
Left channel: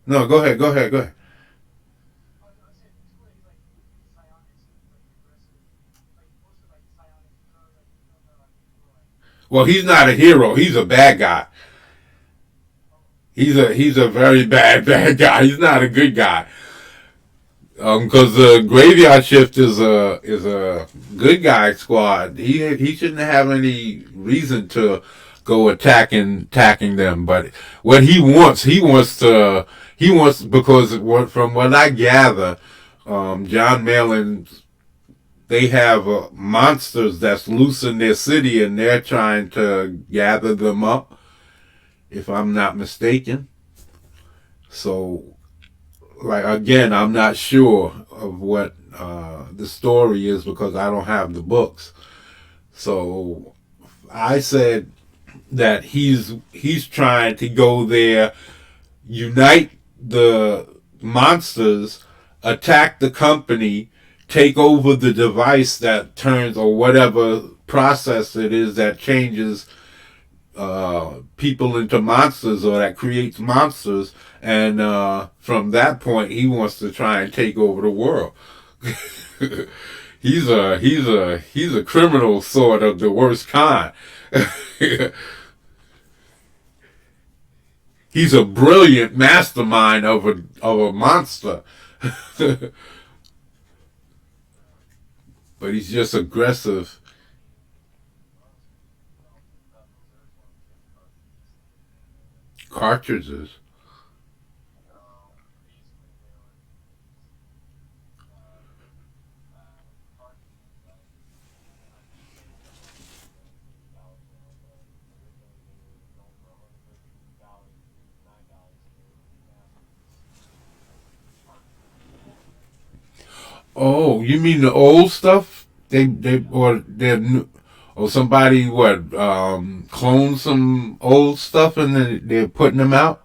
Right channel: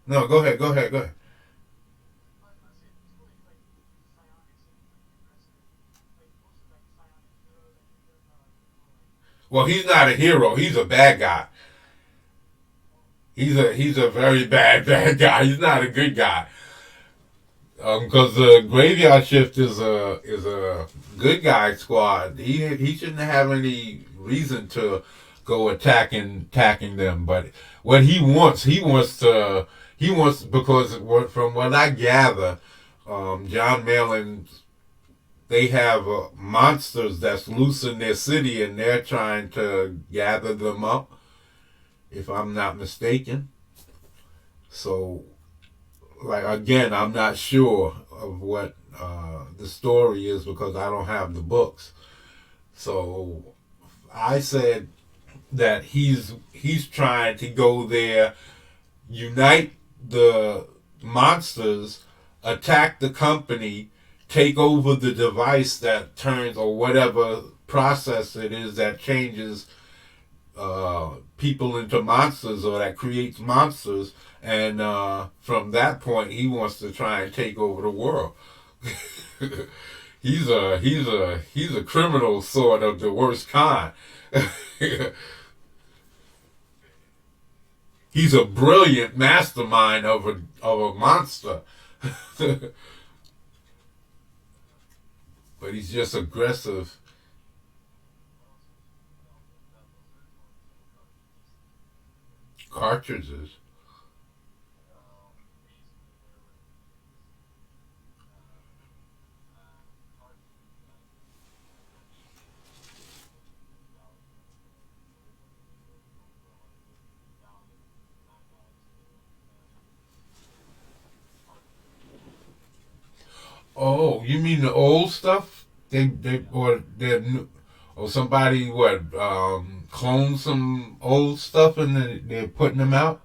No, go ahead. Go ahead. Go ahead. Well, he's not a hero. He's a bad guy. He's a very bad guy. He's not a good guy. Because the graveyard shift is a good guy squad. He shouldn't have any reason to go attacking them. But what he wants, because from what I gather, John Malin, they have monsters that's loose in their city, and they're trying to gather them up, if I'm not mistaken. So, like, again, I'm not sure of what the story is because I don't have the books. So I said that he's trying to go there, unite the monsters, attack the company, take over the device that turns or whatever process it is that changes people into monsters or that creates monsters, and from that point he wants to try and take over the world. He's a criminal sort of the worst kind. He's a brilliant mastermind of a monster. But he's just aggressive. Cartridges. Oh, you mean the old stuff? They or they're new, or somebody what cloned some old stuff and then they're putting them out.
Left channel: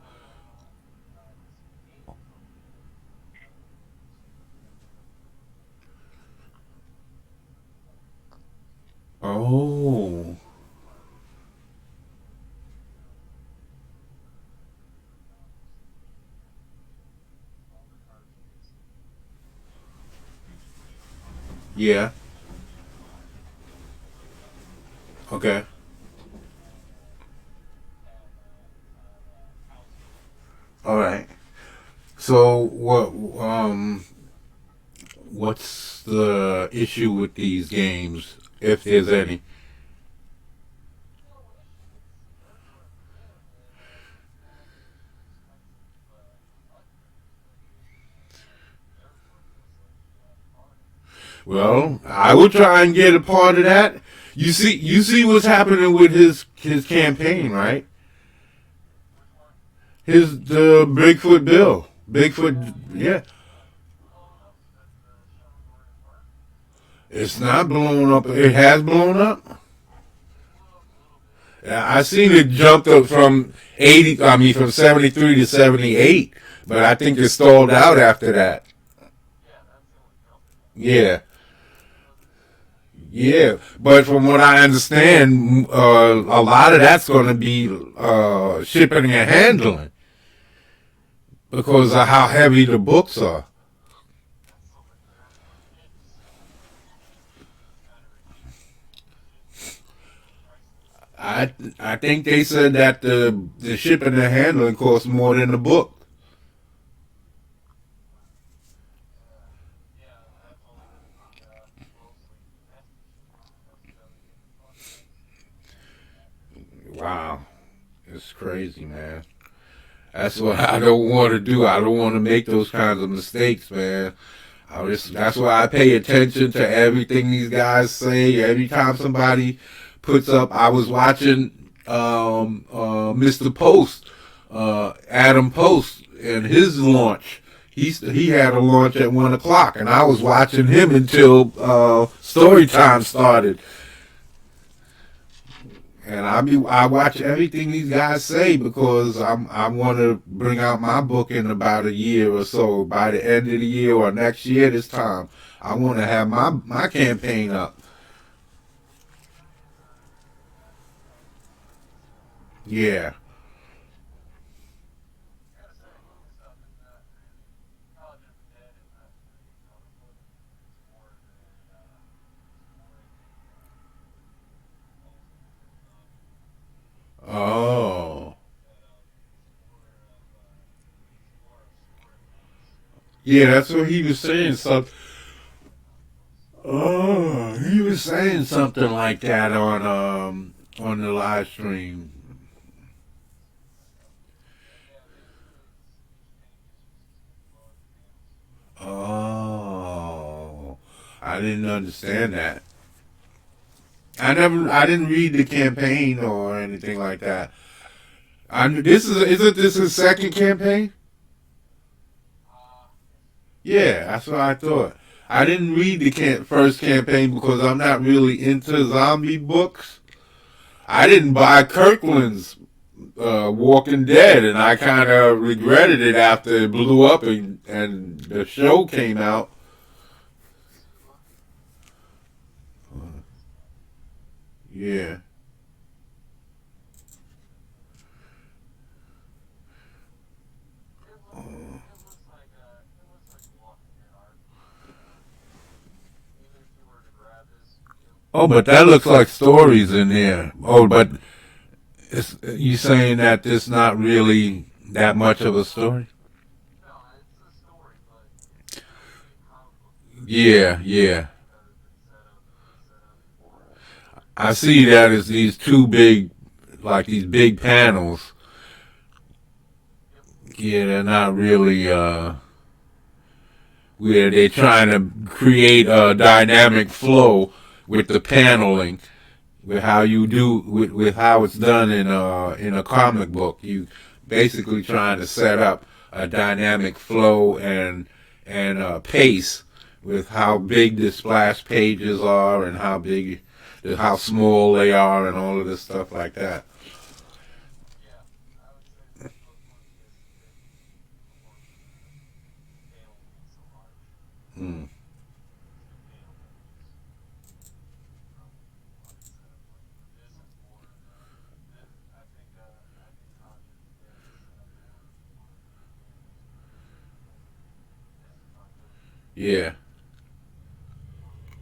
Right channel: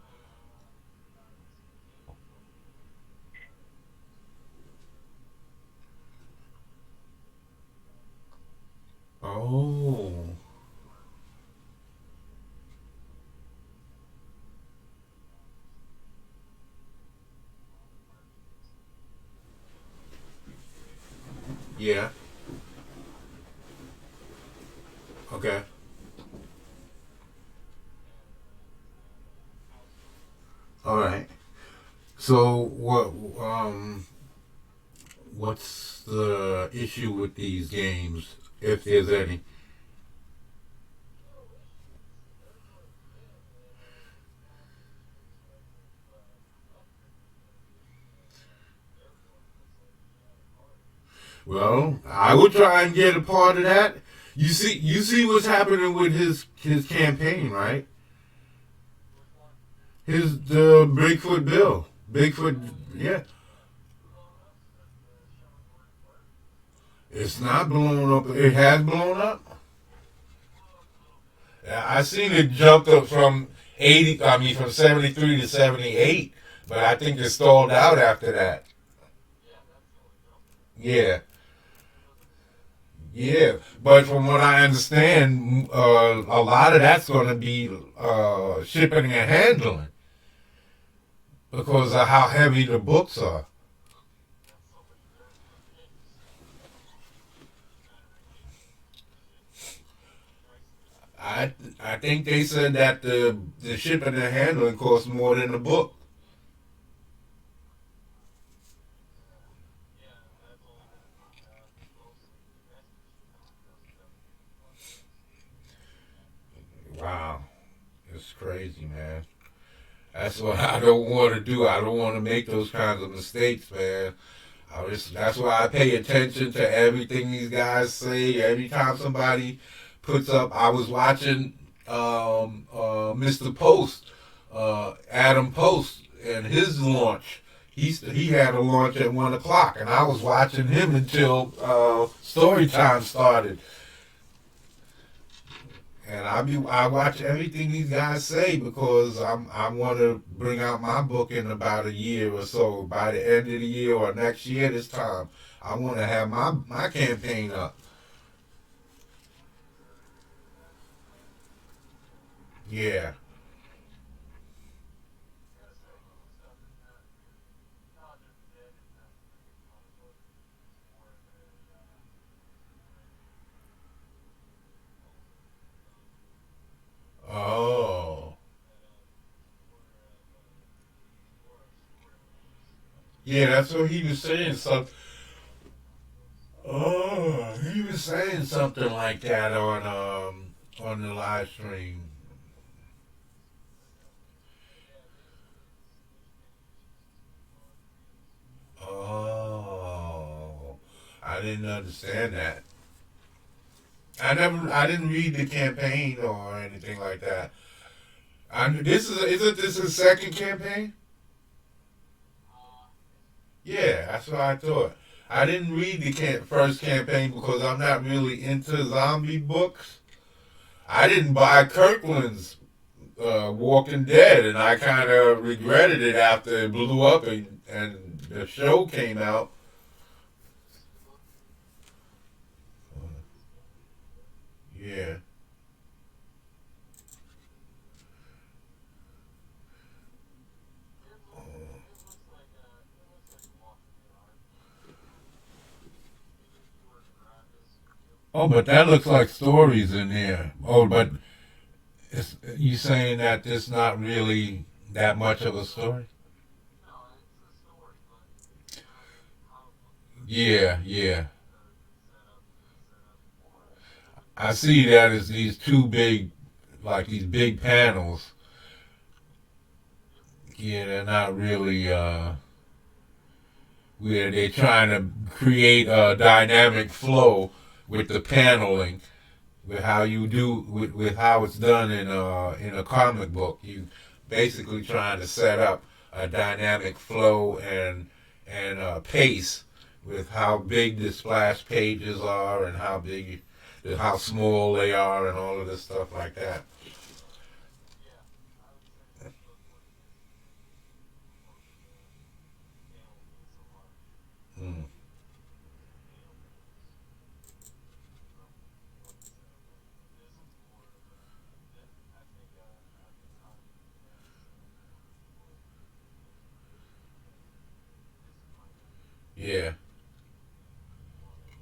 Oh, yeah. Okay. All right. So what's the issue with these games, if there's any? Well, I would try and get a part of that. You see what's happening with his campaign, right? His the Bigfoot bill, Bigfoot, yeah. It's not blown up. It has blown up. Yeah, I seen it jumped up from 80. I mean, from 73 to 78, but I think it stalled out after that. Yeah, yeah. But from what I understand, a lot of that's going to be shipping and handling because of how heavy the books are. I think they said that the shipping and handling costs more than the book. Wow, it's crazy, man. That's what I don't want to do. I don't want to make those kinds of mistakes, man. That's why I pay attention to everything these guys say. Every time somebody puts up, I was watching Mr. Post, Adam Post, and his launch. He had a launch at 1 o'clock, and I was watching him until story time started. And I watch everything these guys say because I want to bring out my book in about a year or so. By the end of the year or next year, this time, I want to have my campaign up. Yeah. Oh. Yeah, that's what he was saying. Oh, he was saying something like that on the live stream. Oh, I didn't understand that. I didn't read the campaign or anything like that. This isn't this his second campaign? Yeah, that's what I thought. I didn't read the first campaign because I'm not really into zombie books. I didn't buy Kirkland's Walking Dead, and I kind of regretted it after it blew up and the show came out. Yeah. It looks like Walking Dead art. Even if you were to grab this, Oh, but that looks like stories in there. Oh, but you saying that there's not really that much of a story? no, it's a story, but not like a comic book story. Yeah, yeah. Because it's set up for I see that as these two big, like these big panels. yep, Yeah, they're not really where they're trying to create a dynamic flow with the paneling, with how you do with how it's done in a comic book. You basically trying to set up a dynamic flow and pace with how big the splash pages are and how small they are and all of this stuff like that. yeah. I would say this book wouldn't be as thick before with the panel being so large. Mm. Because the paneling what it's set up like. This is more of a. This, I think Project Dead is set up more of a this is my movie. Yeah. More like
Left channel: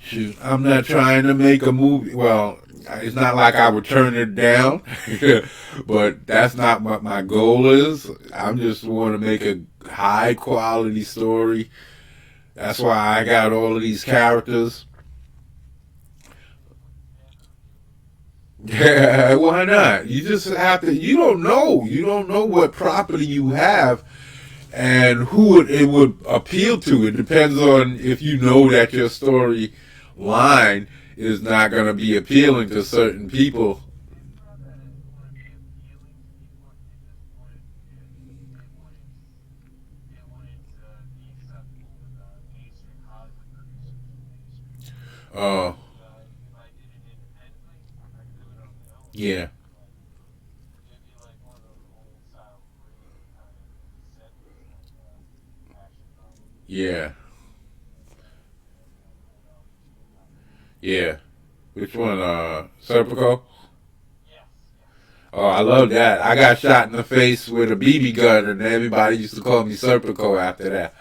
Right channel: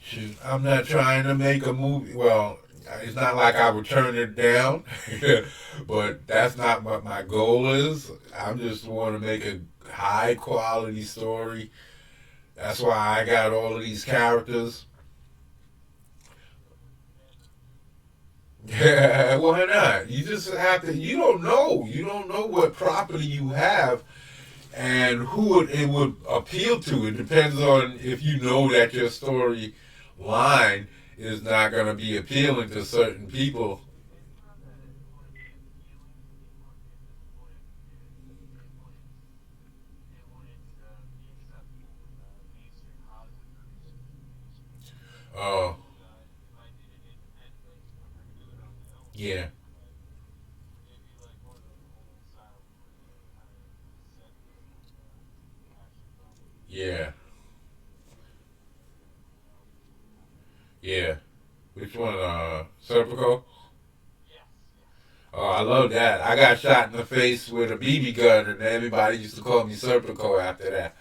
Shoot, I'm not trying to make a movie. Well, it's not like I would turn it down, but that's not what my goal is. I just want to make a high quality story. That's why I got all of these characters. Yeah, why not? You just have to. You don't know. You don't know what property you have and it would appeal to. It depends on if you know that your story line is not going to be appealing to certain people. it's not that it wouldn't be appealing to people. It just wouldn't. Be acceptable with mainstream Hollywood producers and mainstream movies. Oh, If I did it independently, I could do it on my own. yeah, Like it'd be like one of those old style movies that kind of set with like action comedy. yeah, And pulled out kind of. yeah. Which one? Serpico? Yes, yes. Oh, I love that. I got shot in the face with a BB gun, and everybody used to call me Serpico after that.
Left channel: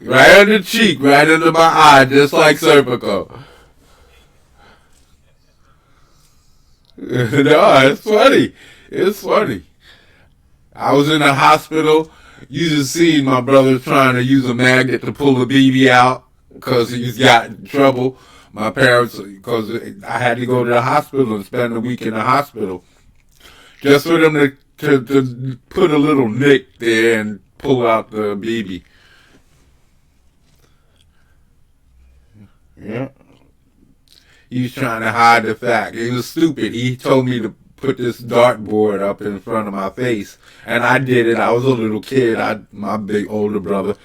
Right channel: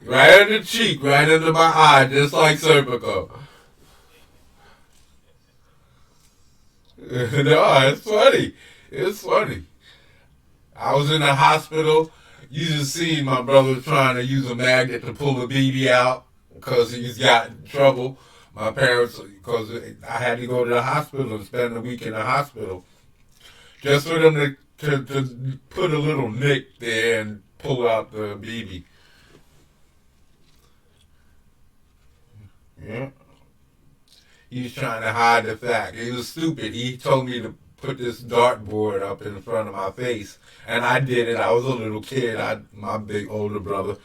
Right under the cheek, right under my eye, just like Serpico. No, it's funny. It's funny. I was in the hospital. You just seen my brother trying to use a magnet to pull the BB out because he's got in trouble. My parents, because I had to go to the hospital and spend a week in the hospital just for them to put a little nick there and pull out the BB. Yeah. He was trying to hide the fact. He was stupid. He told me to put this dartboard up in front of my face, and I did it. I was a little kid. My big older brother.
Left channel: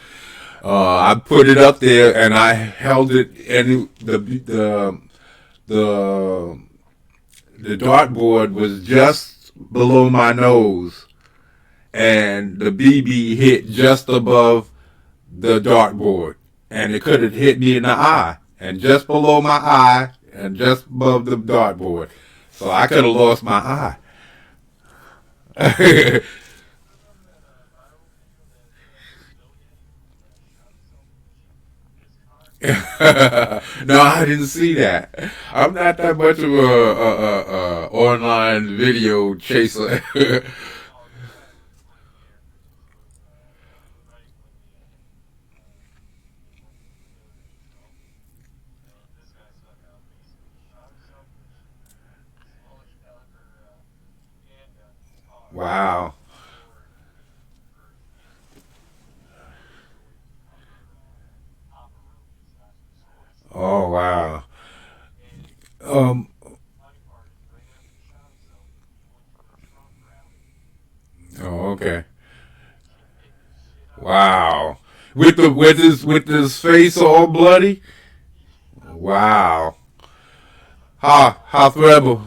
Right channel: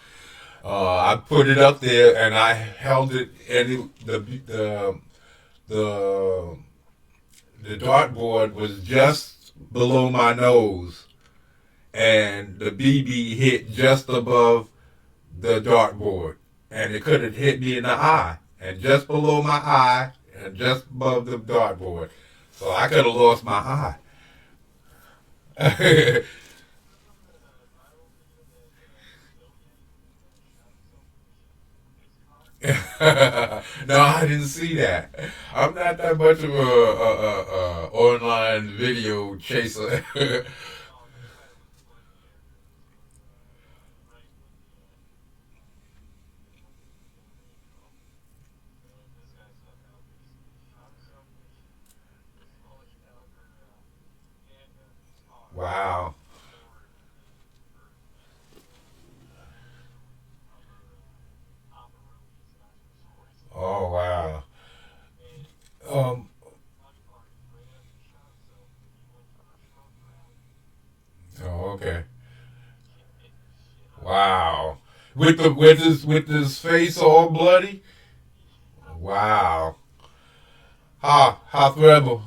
I put it up there, and I held it, and the the dartboard was just below my nose, and the BB hit just above the dartboard, and it could have hit me in the eye, and just below my eye, and just above the dartboard. So I could have lost my eye. Remember that viral video that civilian shot himself with his car? No, I didn't see that. I'm not that much of a online video chaser. Oh, this guy was like, yeah, this was right when the movie was doing its growth, and this guy stuck out basically shot himself with a smallish caliber handgun in his car Wow. so it could cover operabilities, not just suicide. Oh wow. And Um. funny part is, right after he shot himself, he went for a trunk rally. with his face all bloody. Wow. Hoth Rebel.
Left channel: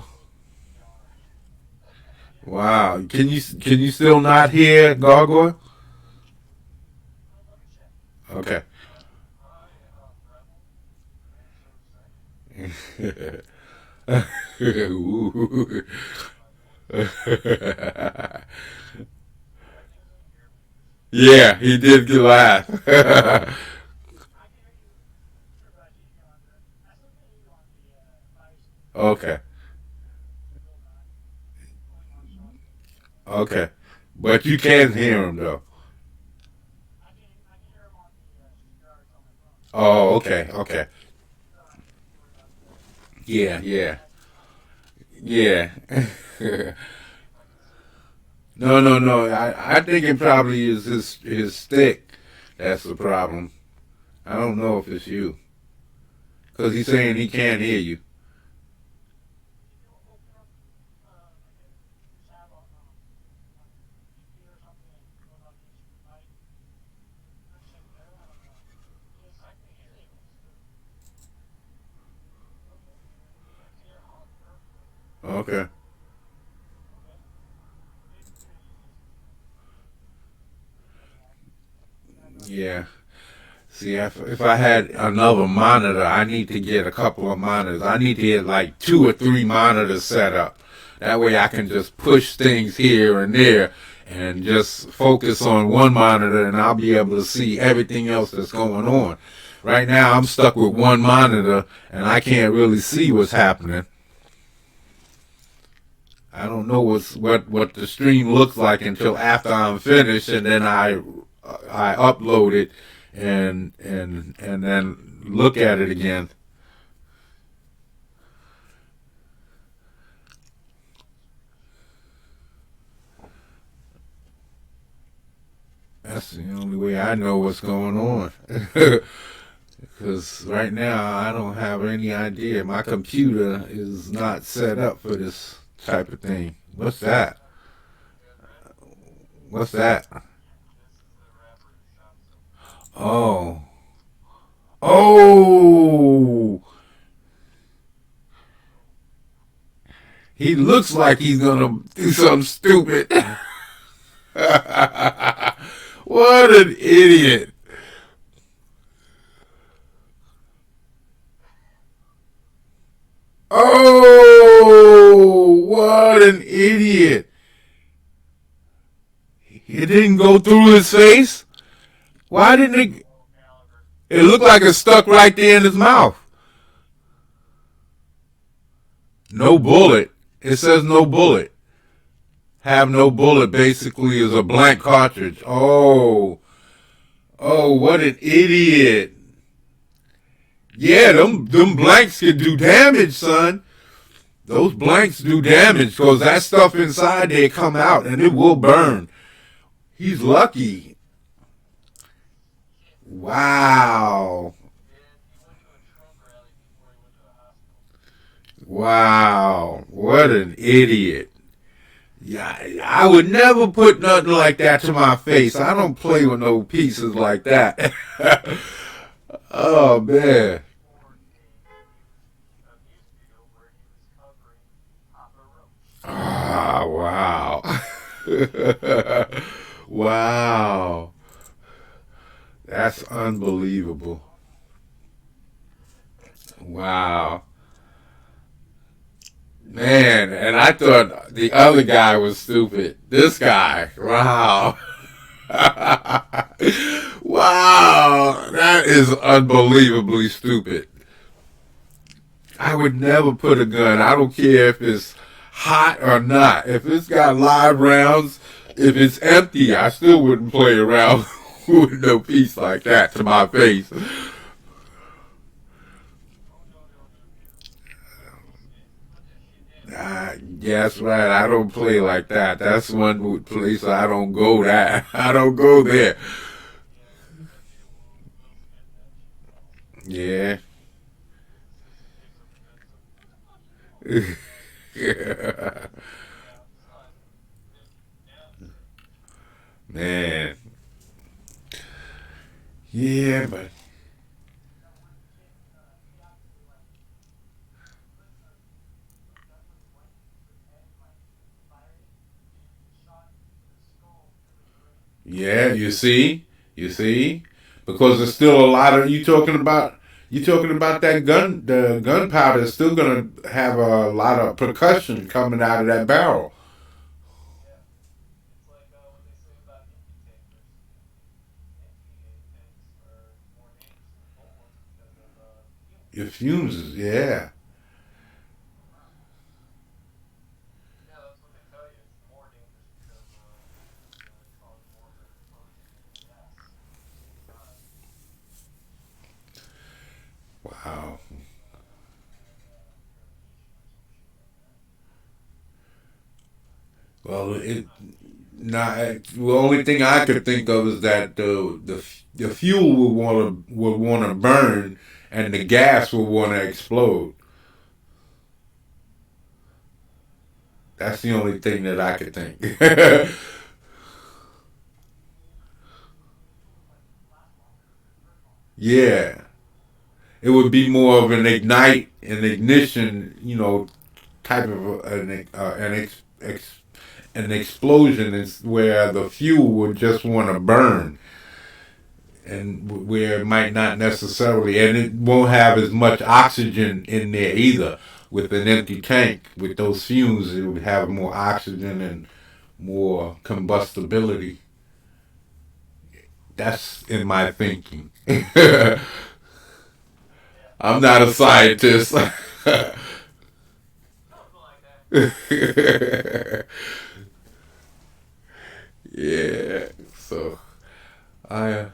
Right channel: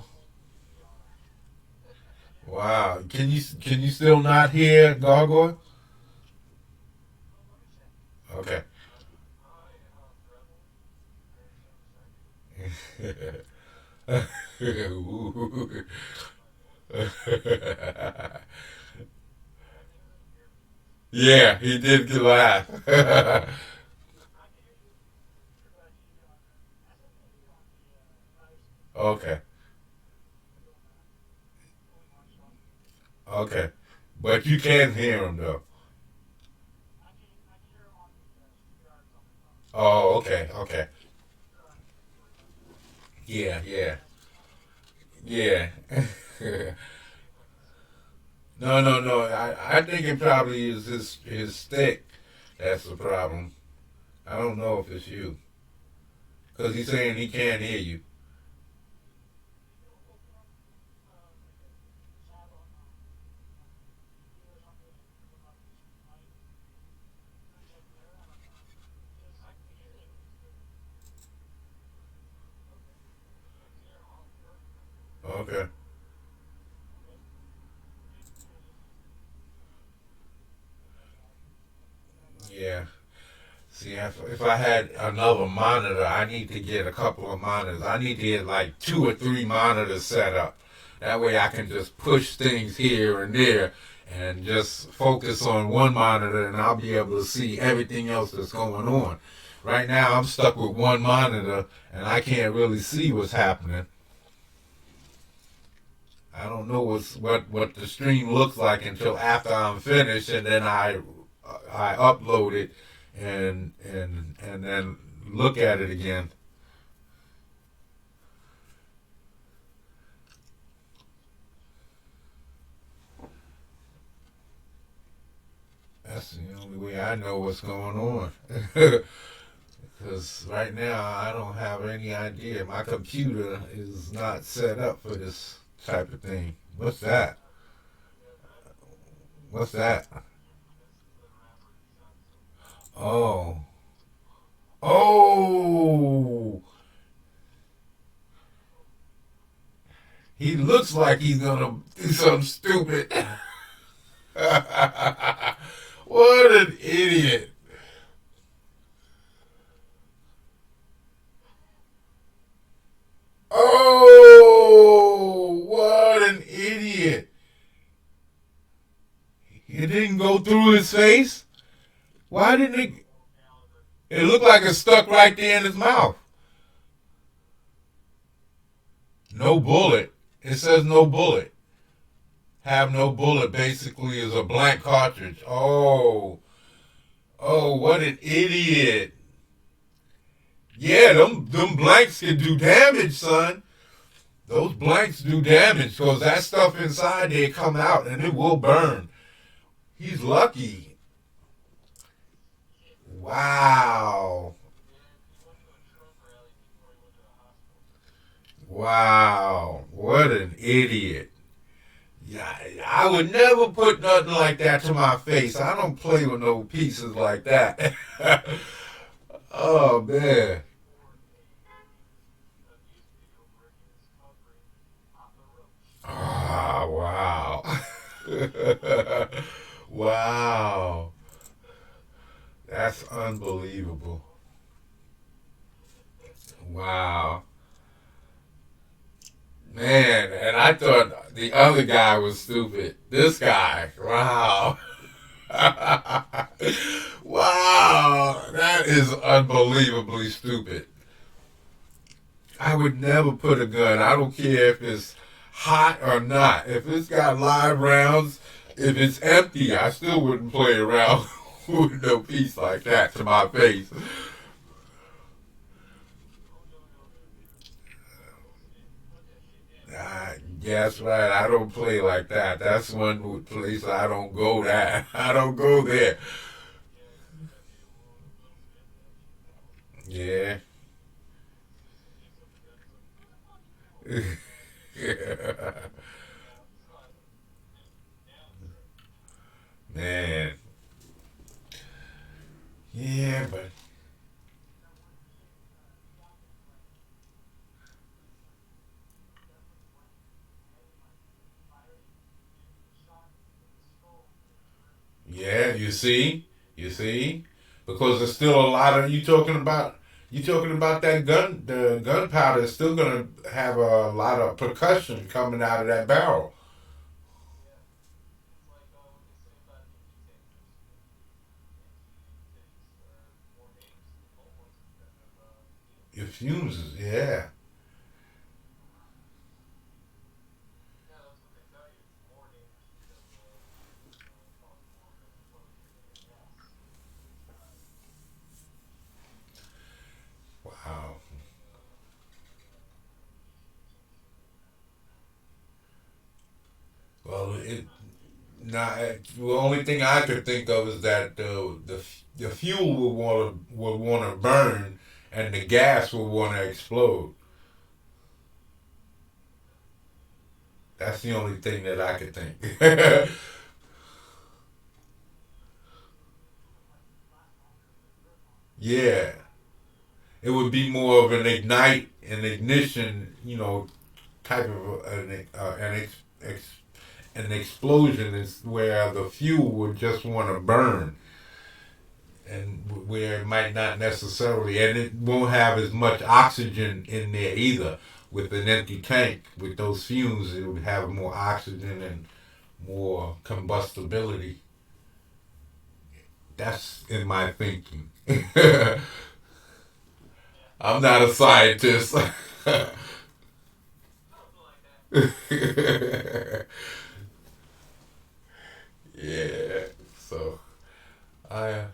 Wow. Can you still not hear Gargoyle? Okay. Ooh. Yeah, he did get laugh. Okay. Okay. But you can hear him though. Oh, okay, okay. Yeah, yeah, yeah. No, no, no. I think it probably is his stick. That's the problem. I don't know if it's you because he's saying he can't hear you. Okay. Yeah. See, if I had another monitor, I need to get a couple of monitors. I need to get like 2 or 3 monitors set up. That way I can just push things here and there and just focus on one monitor and I'll be able to see everything else that's going on. Right now I'm stuck with one monitor and I can't really see what's happening. I don't know what the stream looks like until after I'm finished and then I upload it and then look at it again. That's the only way I know what's going on. Because right now I don't have any idea. My computer is not set up for this type of thing. What's that? What's that? Oh. Oh. He looks like he's gonna do something stupid. What an idiot. Oh, what an idiot. It didn't go through his face. Why didn't it? It looked like it stuck right there in his mouth. No bullet. It says no bullet. Have no bullet basically is a blank cartridge. Oh, oh, what an idiot. Yeah, them blanks can do damage, son. Those blanks do damage because that stuff inside there come out and it will burn. He's lucky. Wow. Wow. What an idiot. Yeah, I would never put nothing like that to my face. I don't play with no pieces like that. Oh man. Ah, wow. Wow. That's unbelievable. Wow. Man, and I thought the other guy was stupid. This guy. Wow. Wow. That is unbelievably stupid. I would never put a gun. I don't care if it's hot or not. If it's got live rounds, if it's empty, I still wouldn't play around with no piece like that to my face. Yeah, that's right. I don't play like that. That's one place I don't go. That I don't go there. Yeah. Man. Yeah, you see, because there's still a lot of you talking about that the gunpowder is still gonna have a lot of percussion coming out of that barrel. Yeah, it's like what they say about empty tankers. Empty tanks are more dangerous than full ones because of fumes. Your fuses, yeah. Yeah, that's what they tell you. It's more dangerous because it causes more of an explosion than gas inside. Wow. And ammunition or some shit like that. Well, It's it not cheap. not the only thing I could think of is that the fuel would want to burn, and the gas would want to explode. That's the only thing that I could think. Yeah, it would be more of an ignition, type of an explosion is where the fuel would just want to burn, and where it might not necessarily, and it won't have as much oxygen in there either. With an empty tank, with those fumes, it would have more oxygen and more combustibility. That's in my thinking. I'm not a scientist. Something like that. Yeah. So I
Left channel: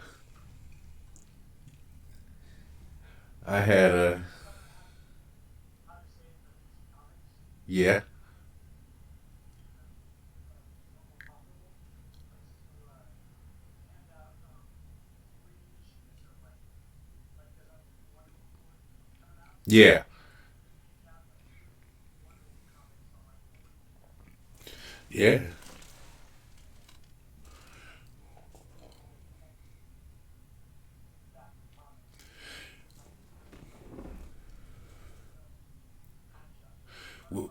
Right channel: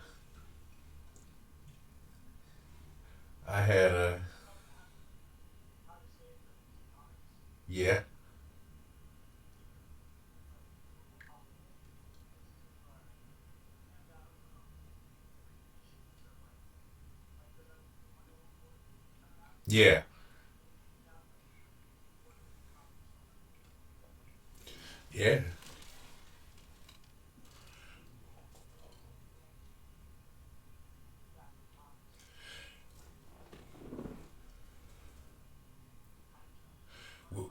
I had a How to save the DC Comics. yeah. Normal copy is to hand out free issues of like the Wonder Woman 40 coming out. Yeah. Hand out like free Wonder Woman comics on like Wonder Woman 40. Yeah. Back of comics behind the scenes. Kind of chuck. Well,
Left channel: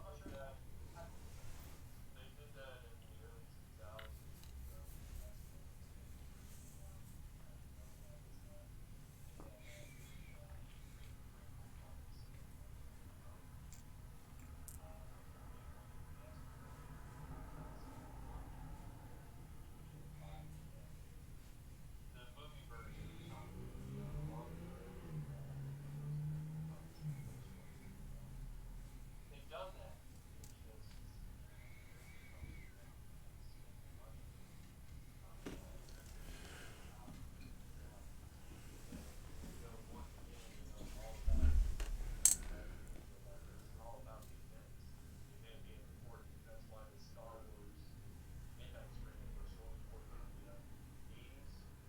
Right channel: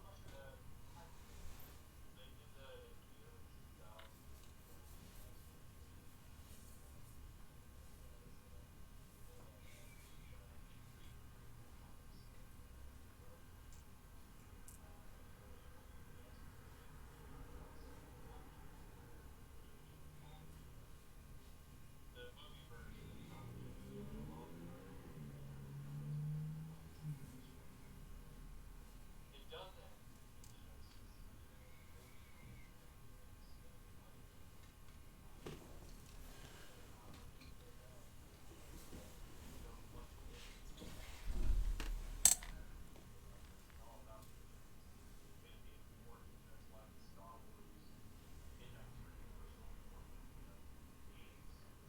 And they did that in the early 2000s. That's when they had free comics in the room. One of the best comics back in the movie version of the comic was longer, and it was like 2 years worth. They've done that. It's just spending money not really worked out. If you go once again, all about it's all about the events and being important. That's why the Star Wars index ratings were so important in the 80s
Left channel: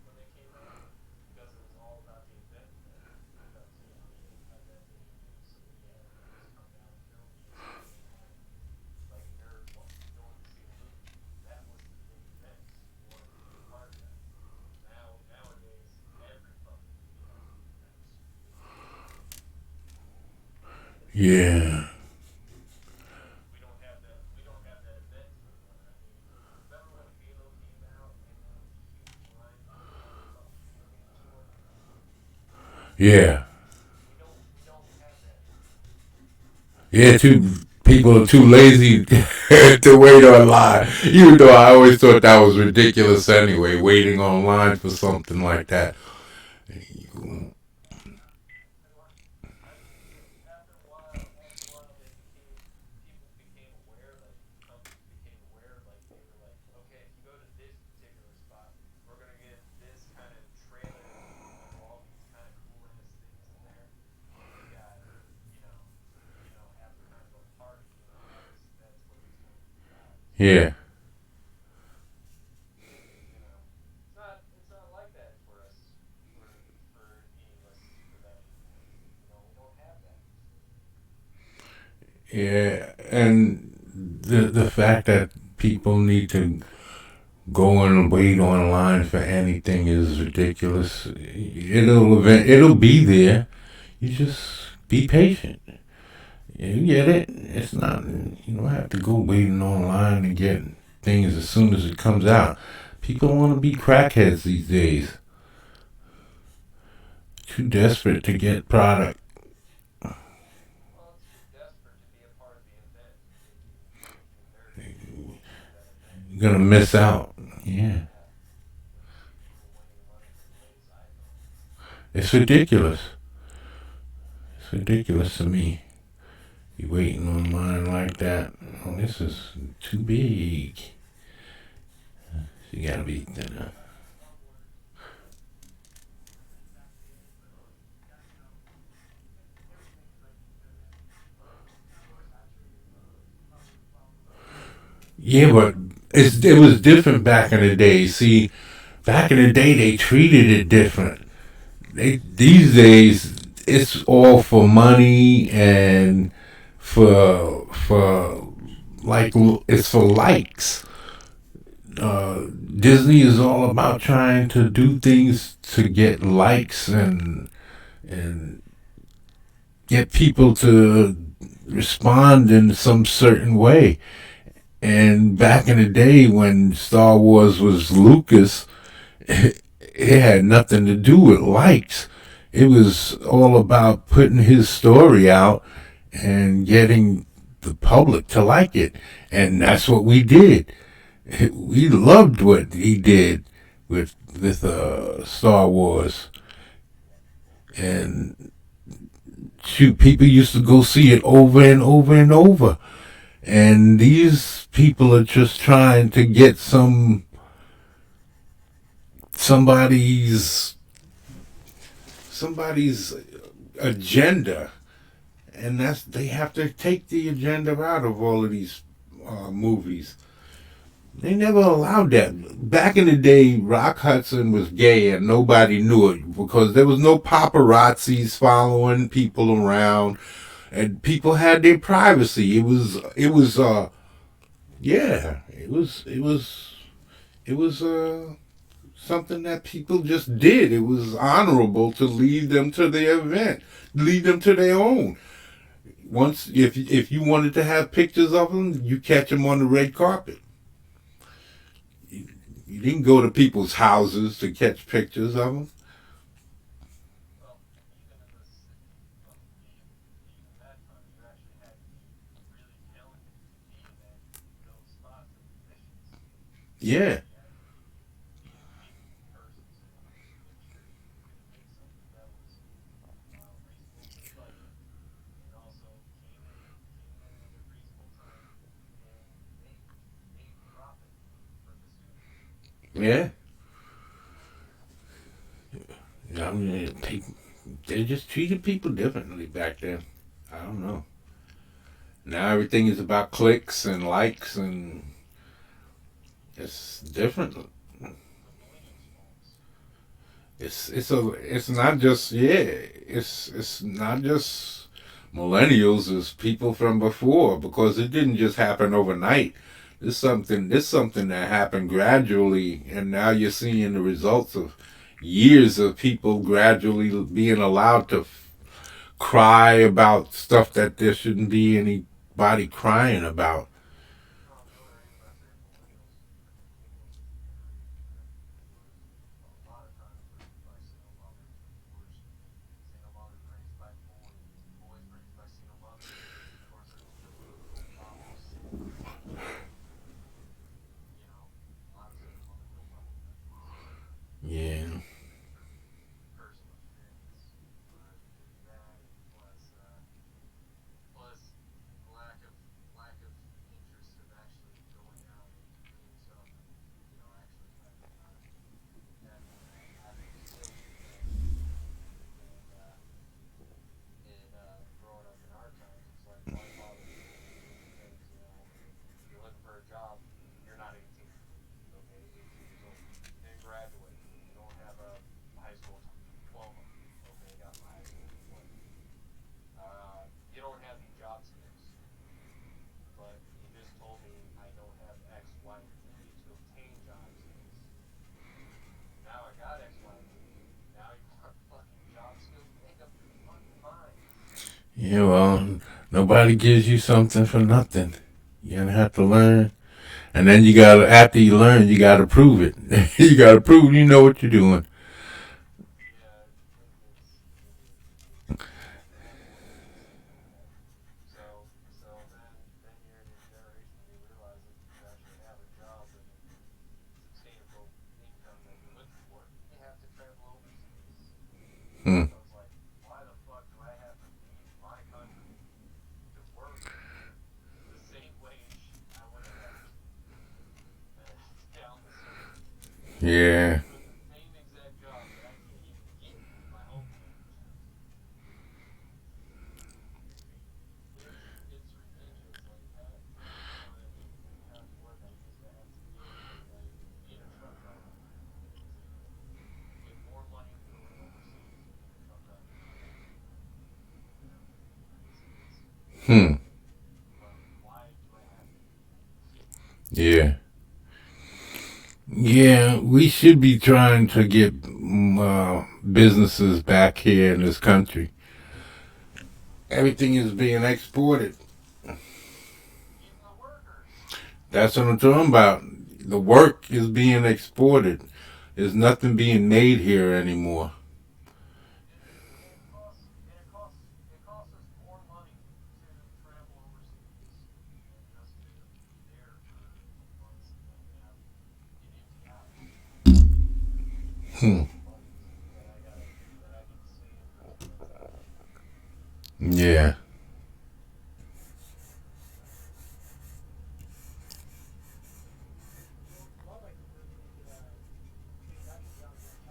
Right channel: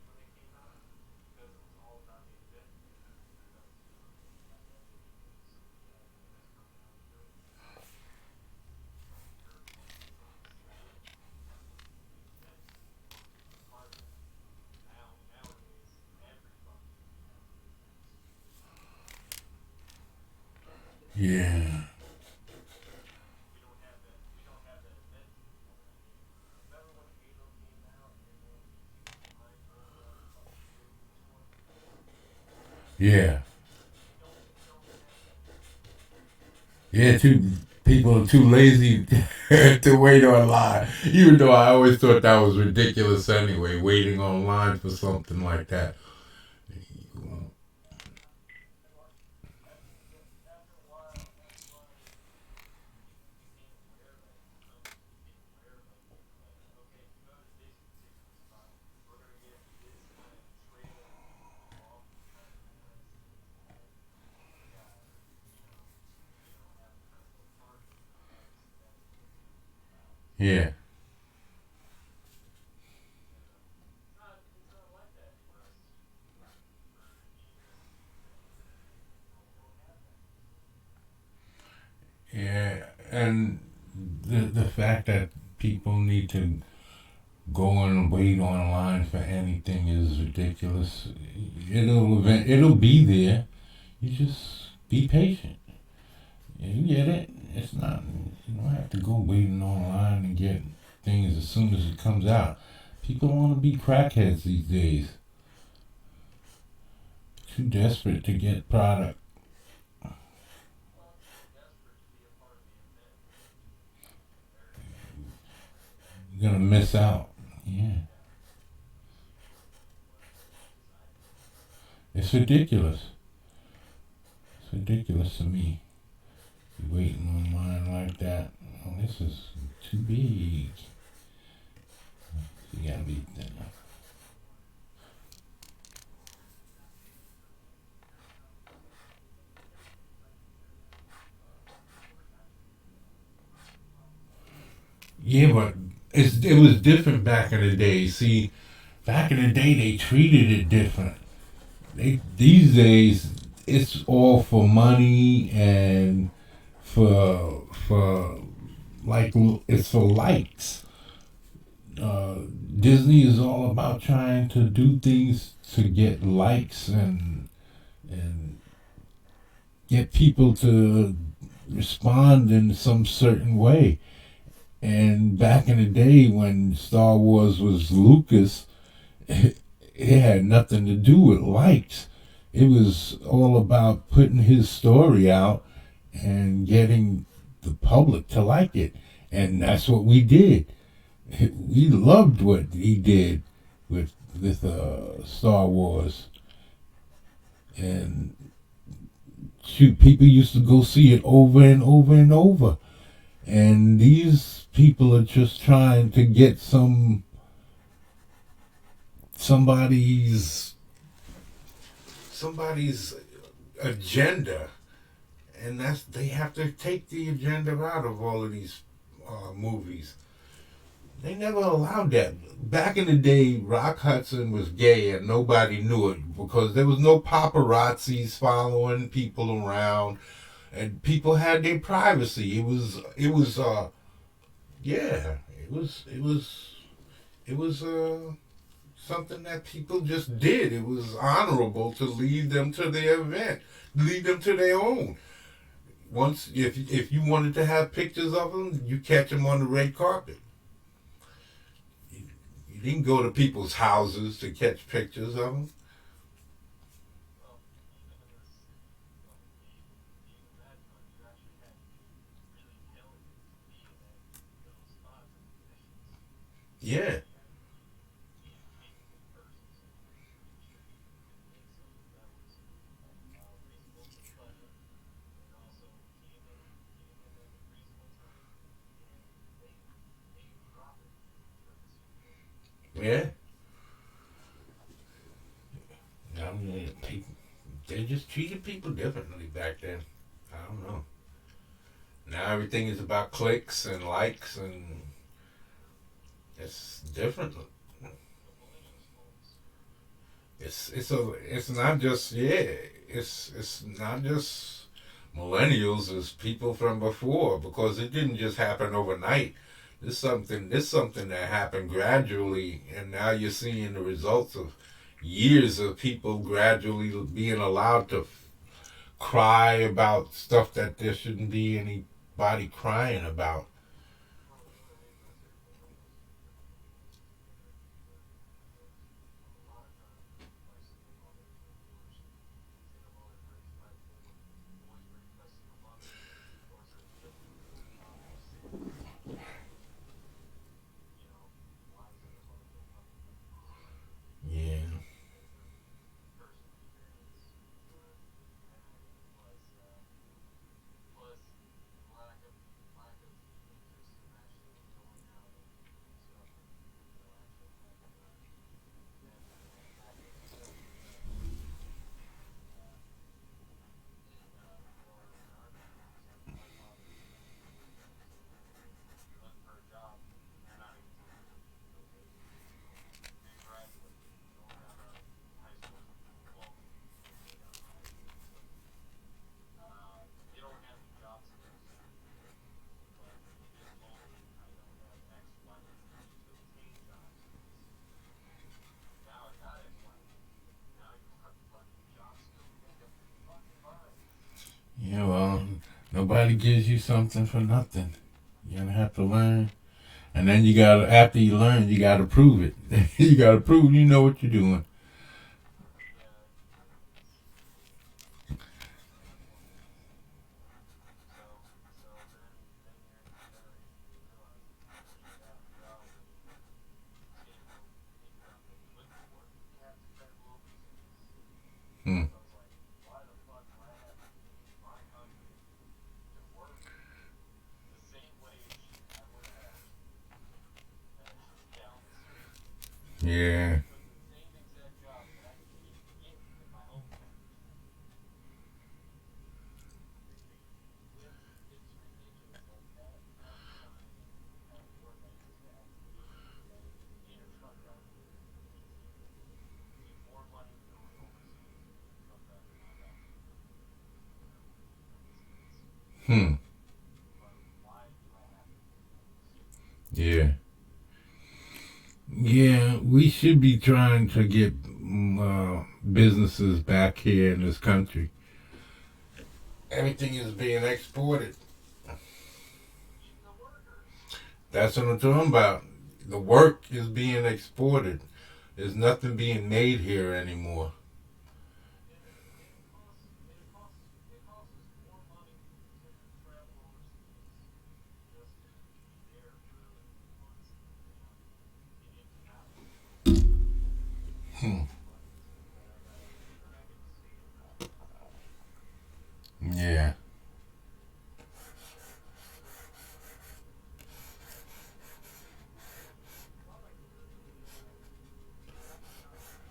when they came out because it was all about the event that turned out to be an event anyway. So we had movies coming out early in the season, like nerd ones early in the season. That was the big event. You wanted to be a part of that. Nowadays, every fucking movie has an event. yeah. We don't have that. We don't have that event anymore. I mean, remember when Halo came out and there was huge lines waiting at the fucking video game store? Yeah. We don't have that anymore. Yeah, people are too lazy to wait online. Even though I always thought that was ridiculous anyway, waiting online for something like that. And like after a while, they became people became aware, like companies became aware, like they were like, okay, if you go to this particular spot, we're gonna get this kind of trailer of all these kind of cool ass things in there. You got, have kind of a party, that's what it's gonna be about. Yeah, It's not like that for us, for any of us, for them. We don't have that. yeah, and the fact that people need to go and wait online for anything is ridiculous. It'll be there. You just be patient. You get it. It's not. You don't have to go waiting online to get things as soon as it comes out. People want to be crackheads these days. Too desperate to get product. Well, it's desperate to be a part of the event. They're that You're gonna miss out. Yeah, yeah, people wanting money from both sides. it's ridiculous. It's ridiculous to me. You waiting on line like that? Oh, this is too big. You gotta be. Yeah, but it was different back in the day. See, back in the day they treated it different. These days it's all for money and for like it's for likes. Disney is all about trying to do things to get likes and get people to respond in some certain way. And back in the day when Star Wars was Lucas, it had nothing to do with likes. It was all about putting his story out and getting the public to like it. And that's what we did. We loved what he did with Star Wars. And shoot, people used to go see it over and over and over. And these people are just trying to get somebody's somebody's agenda, and that's they have to take the agenda out of all of these movies. They never allowed that. Back in the day, Rock Hudson was gay and nobody knew it because there was no paparazzis following people around, and people had their privacy. It was yeah, it was something that people just did. It was honorable to lead them to their event, lead them to their own. Once, if you wanted to have pictures of them, you catch them on the red carpet. You didn't go to people's houses to catch pictures of them. Well, even in this, even that time, you actually had to be really killing it to be in those spots and positions. Yeah, You had to be meeting in person, so you wanted to make sure you could make something that was reasonable to the budget, and also came in at a reasonable time, and made profit for the studio. yeah. I mean, they just treated people differently back then. I don't know. Now everything is about clicks and likes, and it's different. The millennials' phones. It's not just yeah. It's not just millennials. It's people from before because it didn't just happen overnight. This something that happened gradually, and now you're seeing the results of years of people gradually being allowed to cry about stuff that there shouldn't be anybody crying about. Well, the only reason I say millennials is because I'm close generations to them. Because a lot of times my single mothers are divorced. Single mothers raised by boys. Boys raised by single mothers. Of course, there's now siblings. And, a lot of single mothers don't talk about their kids. Yeah, That's from personal experience. But yeah, plus lack of interest of actually going out and doing stuff and actually having skills to that. And growing up in our times, it's like why bother doing anything because if you're looking for a job, you're not 18. Okay, so you didn't graduate. You don't have a high school diploma. Okay, I got my high school diploma. You don't have any job skills, but you just told me I don't have X, Y, or Z to obtain job skills. Now I got X, Y, and Z. Now you want fucking job skills? Make up your fucking mind. yeah. Well, nobody gives you something for nothing. You're gonna have to learn. And then you gotta, after you learn, you gotta prove it. You gotta prove you know what you're doing. yeah, it's one of those things. So then you're in this generation where you realize that you actually have a job and sustainable income that you live for, you have to travel overseas. Hmm. So it's like, why the fuck do I have to leave my country to work the same wage I would have had down the street Yeah. with the same exact job that I can't even get in my home country? It's ridiculous. Like half the time, half the work I used to have to do being a truck driver is more money than going overseas and being a truck driver on that same wage. It's Hmm. but why do I have to do that? Yeah. Yeah, we should be trying to get businesses back here in this country. Everything is being exported. Even the workers. That's what I'm talking about. The work is being exported. There's nothing being made here anymore. And it costs us more money to travel overseas and just to be there for months and then have an empty house than Hmm. the money that I get to save for the trips I take. Yeah. Well, like the I can be honest with you.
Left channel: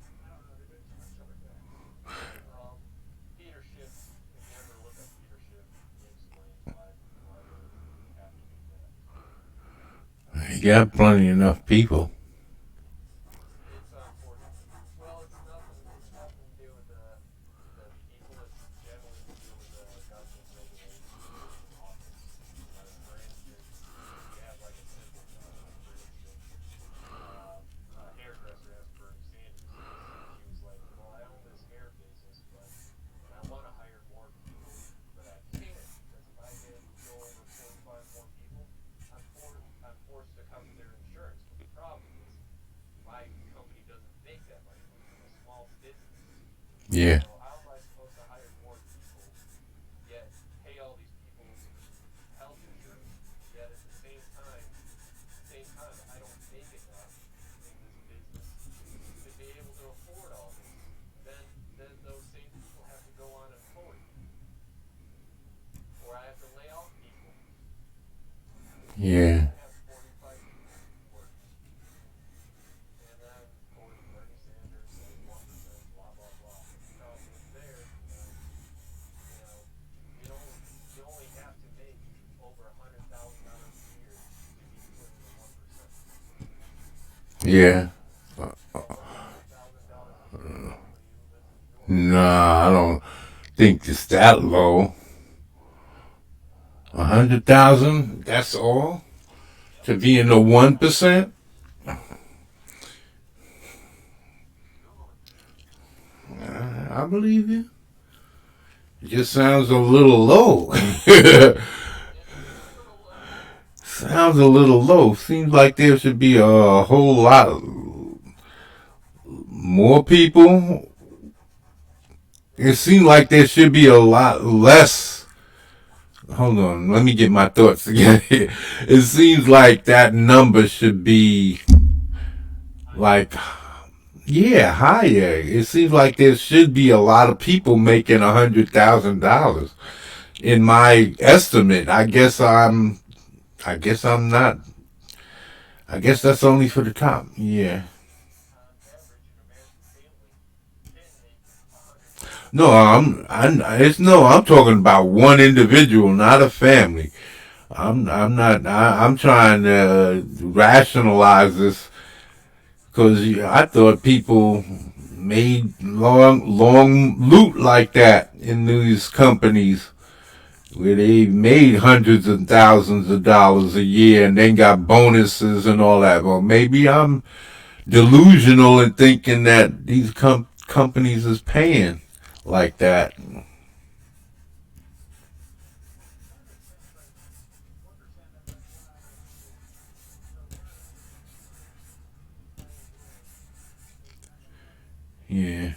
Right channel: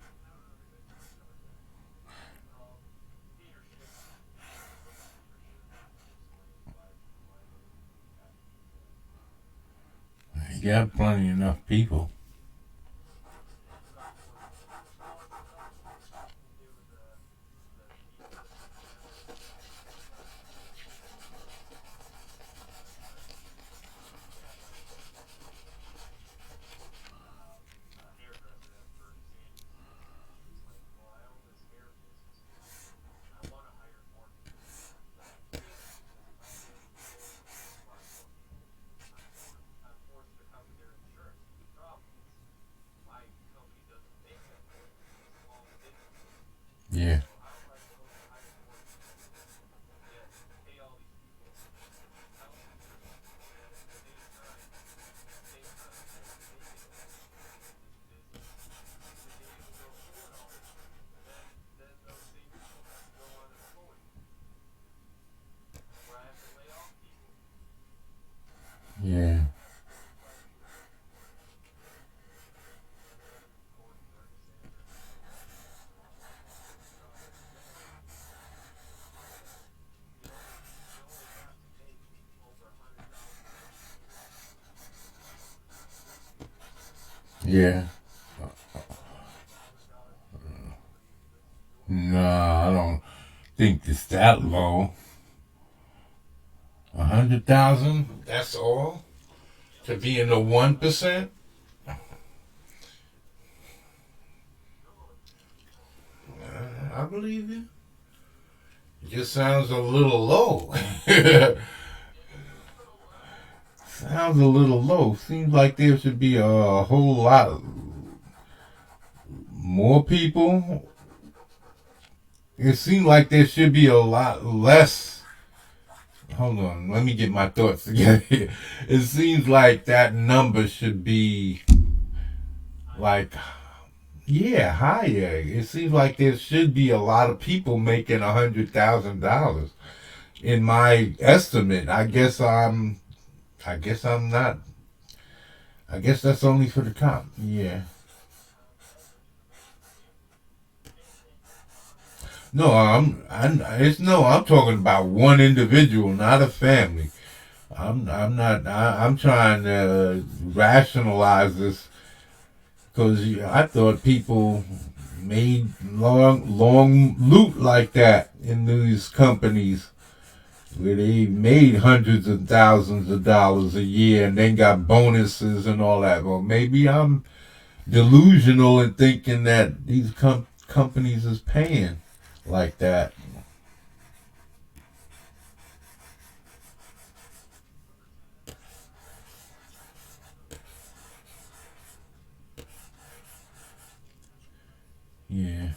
I don't know to go too much over that. Leadership. If you ever look at leadership and explain why you have to do that. You got plenty enough people. It's unfortunate. Well, it's nothing to do with the people in general. It's just nothing to do with the office training. We had like a situation recently. A hairdresser, as per Sandy's case, she was like, "Well, I own this hair business, but and I want to hire more people, but I can't because if I go over 4 or 5 more people, I'm forced to cover their insurance. But the problem is my company doesn't make that much money. It's a small business. Yeah. So how am I supposed to hire more people, yet pay all these people health insurance, yet at the same time, I don't make enough in this business to be able to afford all this. And then those same people have to go unemployed, or I have to lay off people because I Yeah. only have 4 or 5 people working. And then, according to Bernie Sanders, blah blah blah. So you only have to make over $100,000 a year to live in comfort. Yeah. So $100,000 a year is lower to even live in New York. Nah, I don't think it's that low. 100,000. That's all Yep, to be in the 1%. Google it. I believe you. It just sounds a little low. It is a little low. Sounds a little low. Seems like there should be a whole lot more people. It seems like there should be a lot less. Hold on, let me get my thoughts together. It seems like that number should be Higher. like, yeah, higher. It seems like there should be a lot of people making $100,000. In my estimate, I guess I'm not. I guess that's only for the top. Yeah. The average American family can make No, I'm talking about one individual, not a family. I'm not. I'm trying to rationalize this because I thought people made long loot like that in these companies where they made hundreds of thousands of dollars a year and then got bonuses and all that. Well, maybe I'm delusional in thinking that these companies is paying like that. Yeah.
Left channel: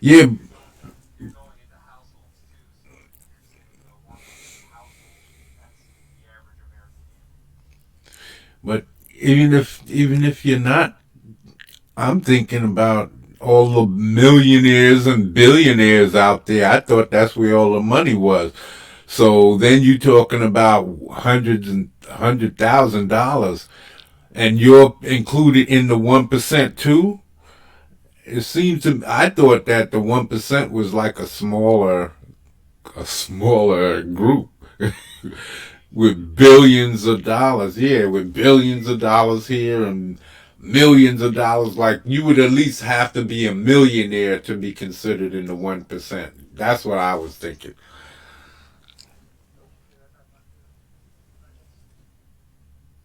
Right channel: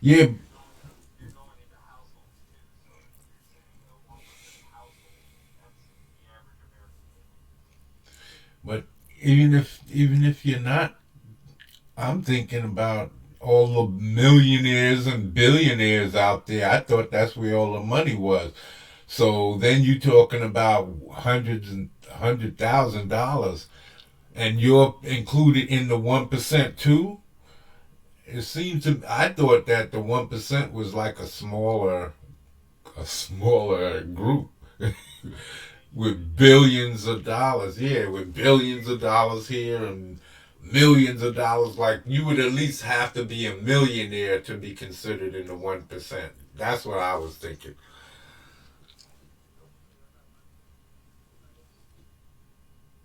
Yeah, you're going into households too. So say 1% of households, that's the average American family. but even if you're not, I'm thinking about all the millionaires and billionaires out there. I thought that's where all the money was. So then you're talking about hundreds and $100,000, and you're included in the 1% too. It seems to I thought that the 1% was like a smaller group with billions of dollars. Yeah, with billions of dollars here and millions of dollars. Like you would at least have to be a millionaire to be considered in the 1%. That's what I was thinking. So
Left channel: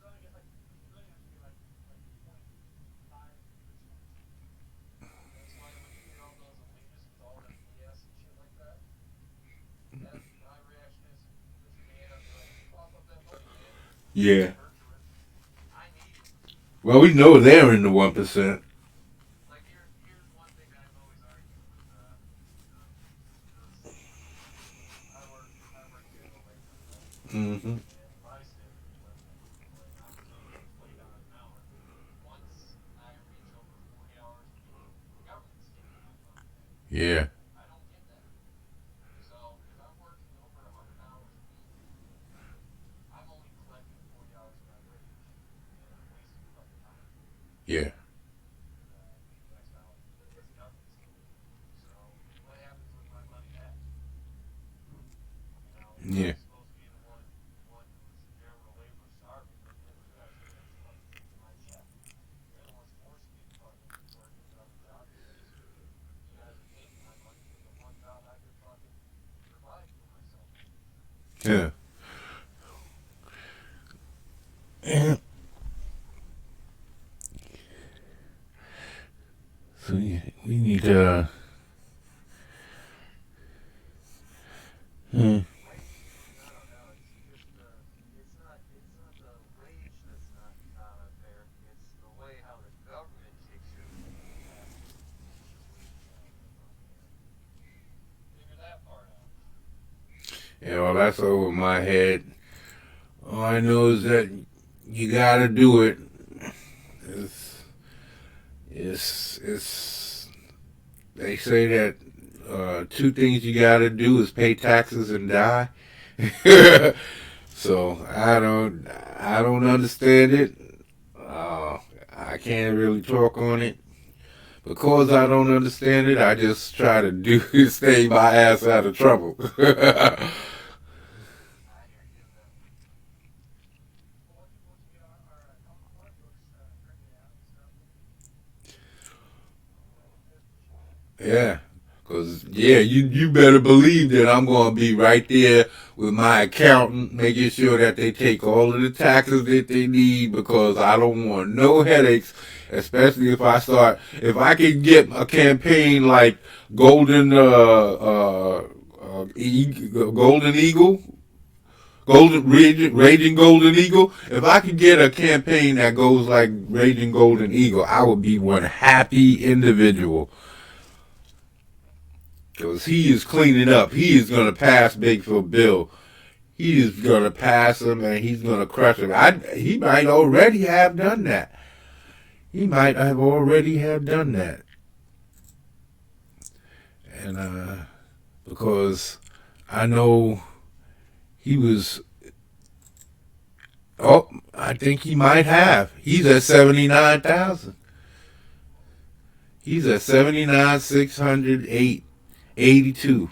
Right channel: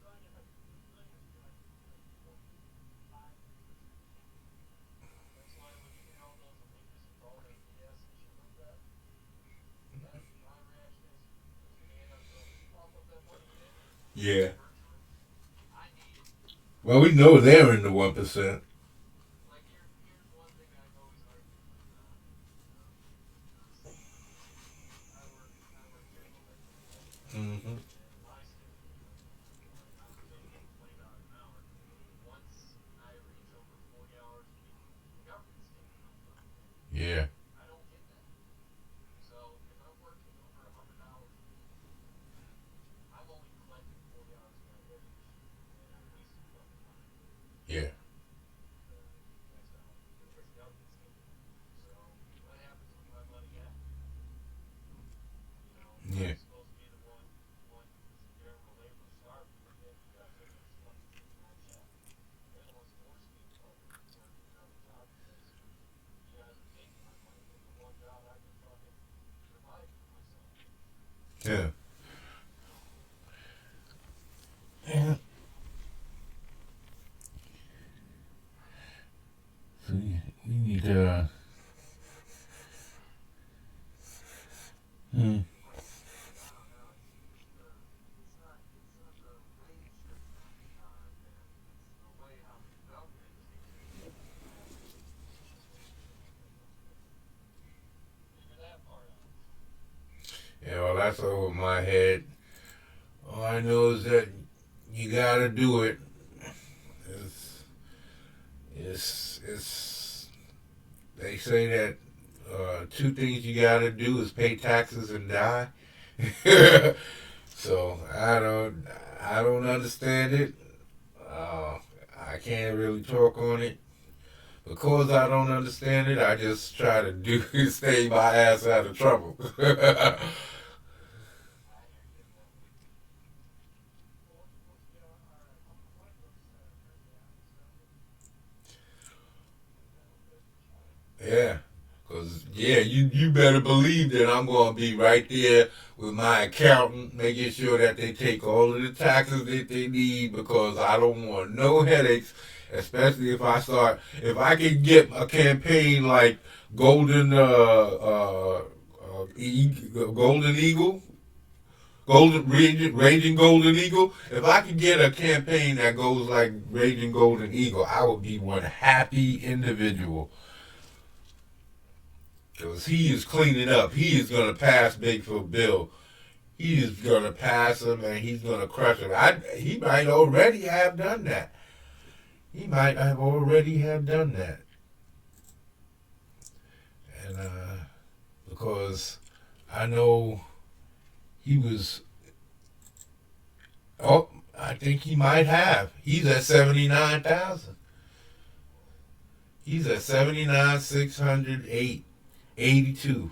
I get like millions would be like 0.53%. That's why when you hear all those elitists with all that BS and shit like that, that my reaction is, with your hand up, be like, cough up that money, man. Yeah. I need it. Well, we know they're in the 1%. Like here's one thing that I've always argued with, because I work general labor, right? Mm-hmm. And my standard of living, when I'm making $20 an hour, once I reach over 40 hours a week, the government's giving me my fucking pay. Yeah. I don't get that. So if I'm working over 100 hours a week, I'm only collecting 40 hours of my wage, and I'm wasting fucking time. Yeah. And that's how because the government's giving it. So what happens when my money ends? You know, I'm Yeah. supposed to be the one who's general labor starving, and you guys are the ones fucking kicking my check. They're the ones forcing me to fucking work another job because you guys are taking my money from the one job I could fucking provide for myself. Yeah. And so we need to. Hmm. I don't know. It's not the wage that's not unfair. It's the way how the government takes it that is way beyond figure that part out. Yeah, well, that's over my head. All I know is that you gotta do it. It's, it's they say that two things you gotta do is pay taxes and die. So I don't understand it. Uh, I can't really talk on it because I don't understand it. I just try to do stay my ass out of trouble. I hear you in that. Well, once we get our coin books printed out and stuff, we'll be good for sure. Yeah. Cause yeah, you better believe that I'm gonna be right there with my accountant, making sure that they take all of the taxes that they need because I don't want no headaches, especially if I can get a campaign like Golden Golden Eagle, Raging Golden Eagle. If I could get a campaign that goes like Raging Golden Eagle, I would be one happy individual. Because he is cleaning up. He is going to pass Bigfoot Bill. He is going to pass him and he's going to crush him. He might already have done that. He might have already have done that. And because I know he was, oh, I think he might have. He's at 79,000. He's at 79,682.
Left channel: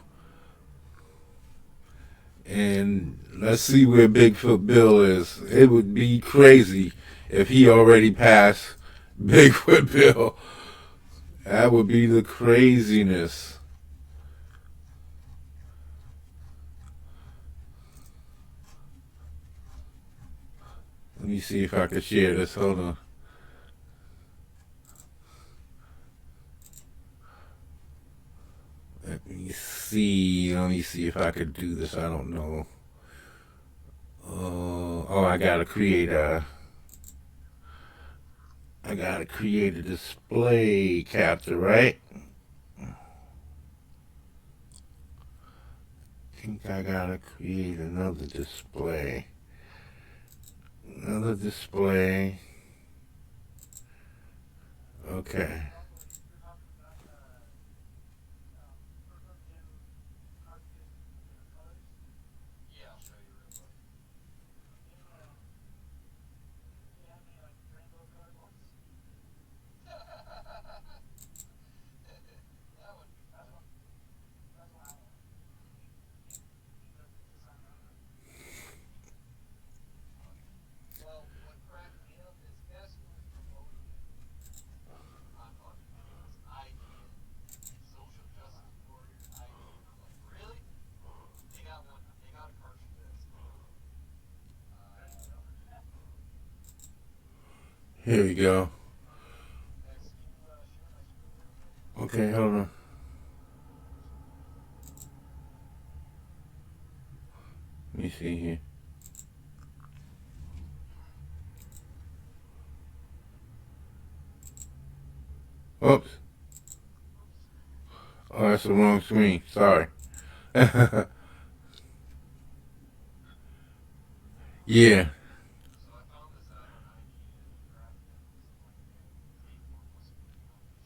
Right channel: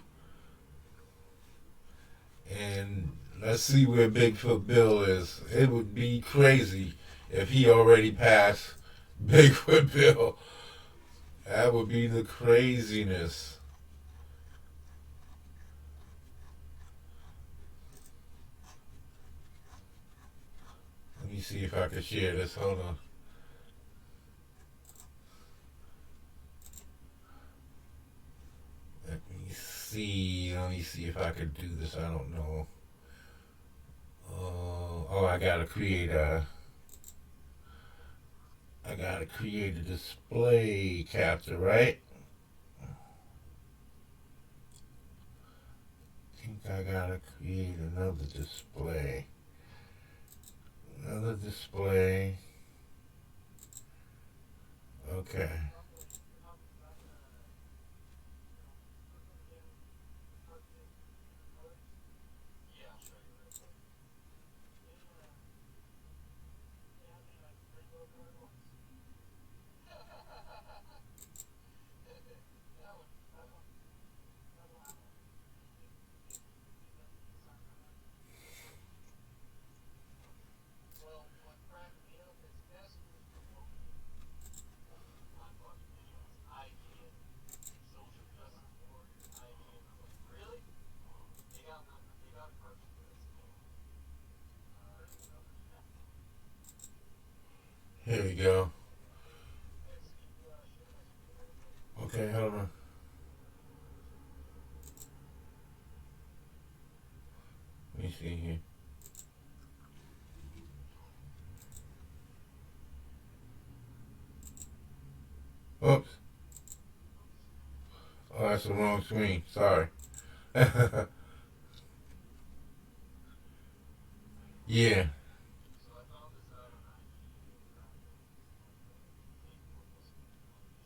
And let's see where Bigfoot Bill is. It would be crazy if he already passed Bigfoot Bill. That would be the craziness. me see if I can share this. Hold on. Let me see. Let me see if I could do this. I don't know. Oh, I gotta create a. I gotta create a display capture, right? I think I gotta create another display. Another display. Okay. Yeah, I'll show you real quick. Yeah, I mean, like rainbow card ones. That one, that's what I want. Well, what cracked me up is guess who was promoting my fucking videos? IGN, Social Justice Warrior, IGN. I'm like, really? They got one. They got a person that's Here we go. X. Can you share my screen real quick? Okay, hold on. Let me see here. Oops. Oh, that's the wrong screen. Sorry. Yeah. So I found this out on IGN graphics, like the take one was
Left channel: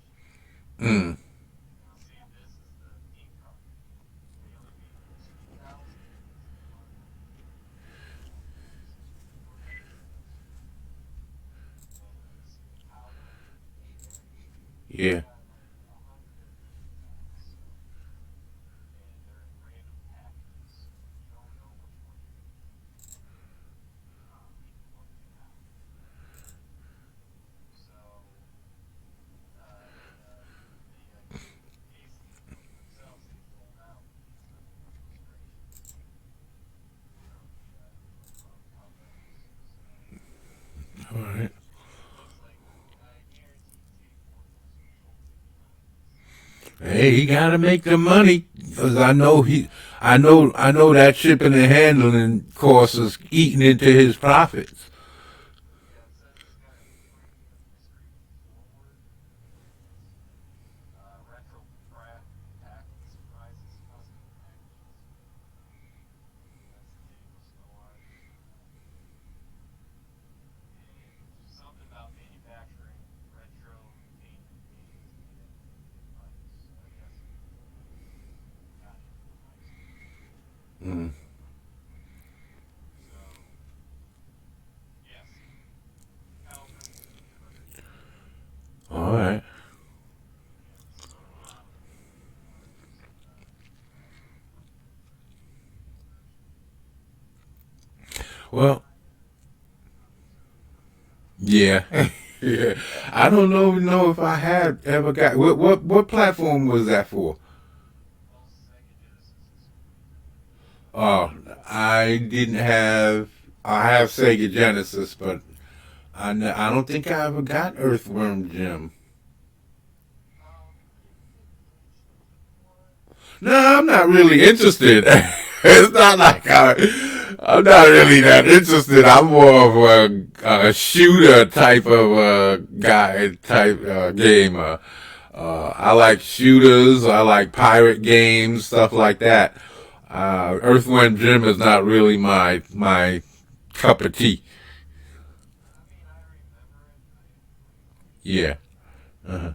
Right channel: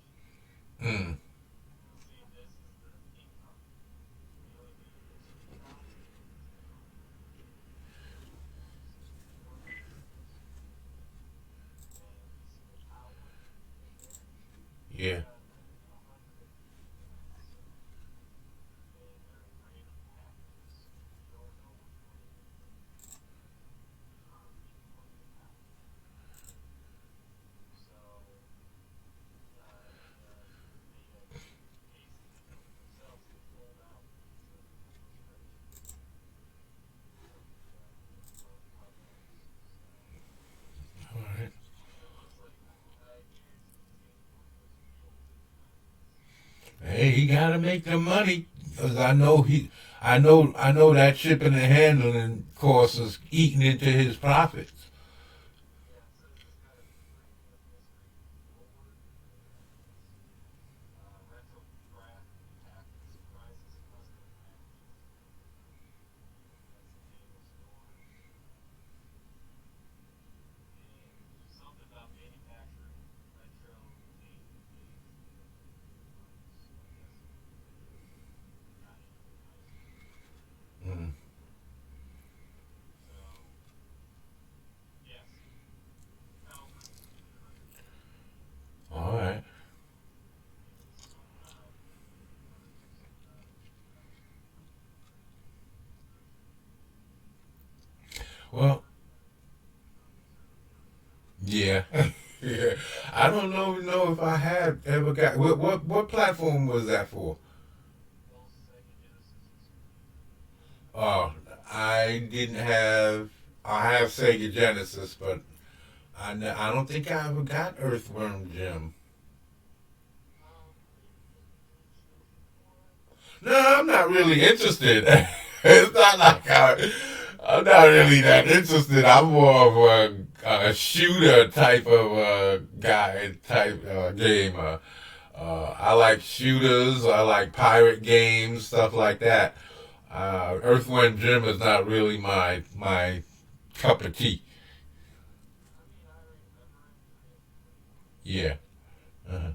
machine. Mm. You'll see this is the income. Daily views 2,000, today 496. And you see the power right there. They Yeah. got like 150 guys. So, and they're in random packages. You don't know which one you're gonna get. Even looking now. So Casey themselves, they pulled out because of the frustration. From the low thumbnails. So All right. it looks like I guarantee Take One was consulted behind this. Hey, he gotta make the money because I know that shipping and handling cost is eating into his profits. Yeah, it says it's got a premium mystery forward. Retro craft pack with surprises, custom packages. That's Daniel Snowart. And something about manufacturing retro gaming games and device. I guess got into it nicely. Mm. So, yes, Calvin will get another year. All right. And it's going live Well, September 7th. yeah. Yeah. I don't know if I have ever got what platform was that for? All Sega Genesis exclusive. Oh, I didn't have. I have Sega Genesis, but I don't think I ever got Earthworm Jim. You should keep in mind. No, I'm not really interested. It's not like I'm not really that interested. I'm more of a shooter type of guy type gamer. I like shooters. I like pirate games, stuff like that. Earthworm Jim is not really my cup of tea. I mean, I remember it. I didn't play it on it. Yeah. Uh-huh.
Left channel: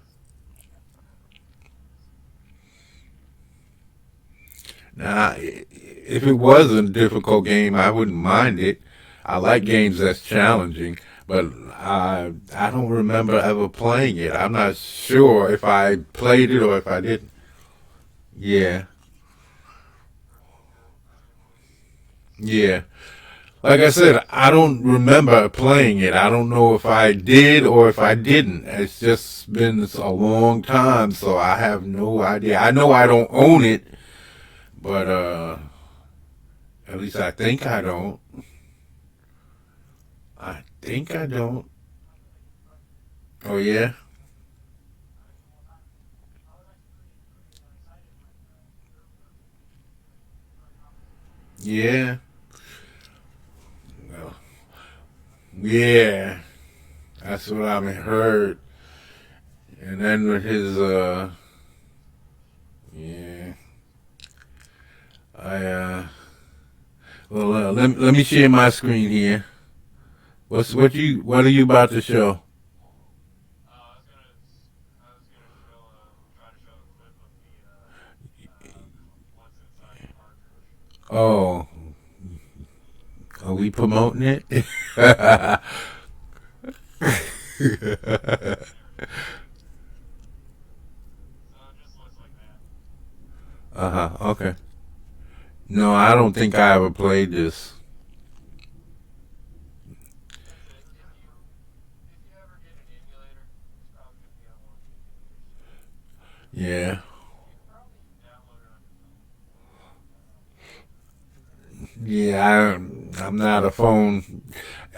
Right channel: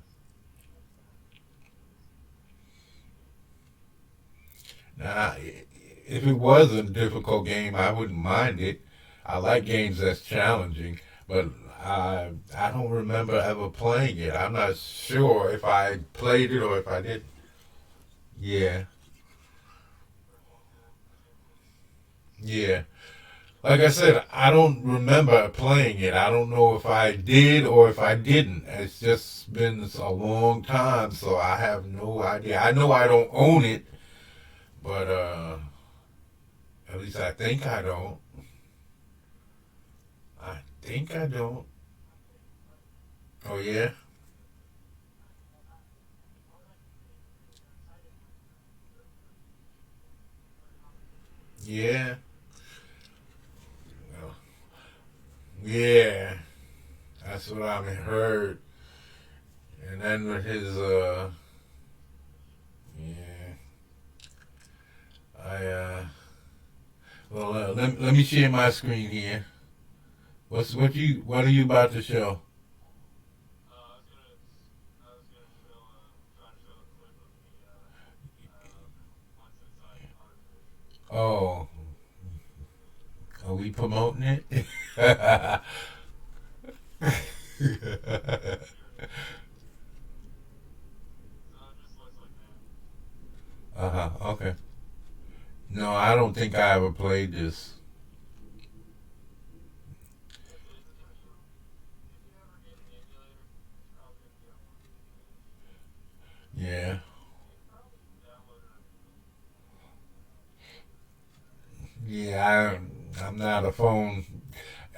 It's Now, if it was a difficult game, I wouldn't mind it. I like games that's challenging, but I don't remember ever playing it. I'm not sure if I played it or if I didn't. Yeah, Jim was yeah. Like I said, I don't remember playing it. I don't know if I did or if I didn't. It's just been a long time, so I have no idea. I know I don't own it, but at least I think I don't. I think think I don't. Oh yeah, yeah, well, yeah. That's what I've heard. And then with his yeah, I well, let me share my screen here. What are you about to show? I was gonna show, try to show a clip of me, what's inside the cartridge. Oh, are we promoting it? So it just looks like that. Uh-huh. Okay. No, I don't think I ever played this. That's it. If you ever get an emulator, it's probably gonna be on one of the emulators. Yeah. You can probably download it on your phone. Yeah, I'm not a phone.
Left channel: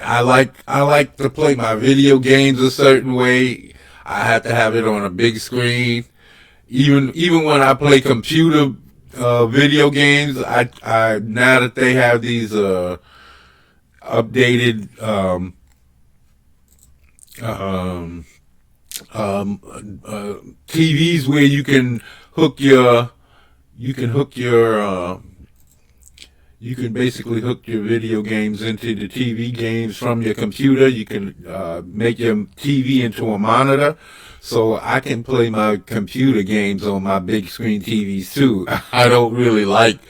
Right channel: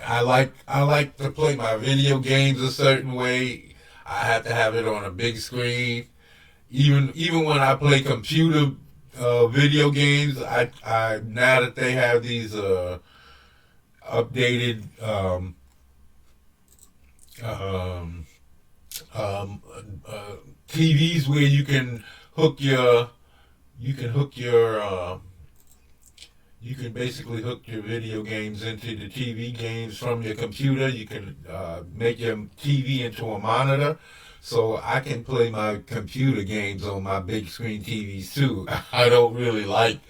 I like to play my video games a certain way. I have to have it on a big screen. Even when I play computer video games, I now that they have these updated um, um, uh, TVs where hook your you can hook your you can basically hook your video games into the TV games from your computer. You can make your TV into a monitor. So I can play my computer games on my big screen TVs too. I don't really like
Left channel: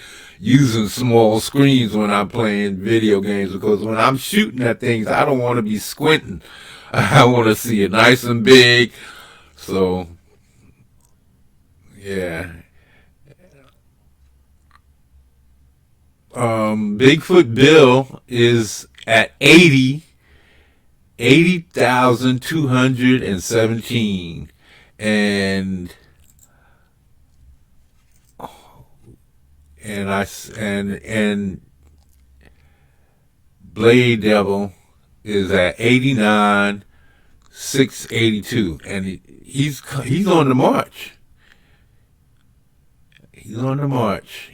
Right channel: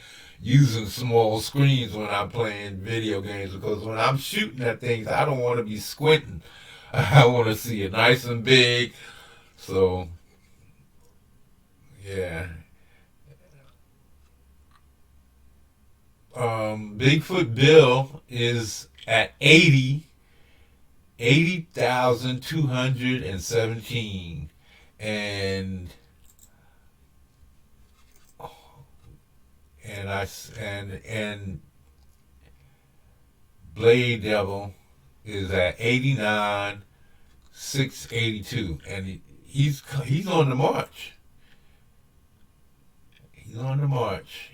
using small screens when I'm playing video games because when I'm shooting at things, I don't want to be squinting. I want to see it nice and big. So, yeah. Bigfoot Bill is at 80,217, and and Blade Devil is at 89,682, and he's on the march. He's on the march.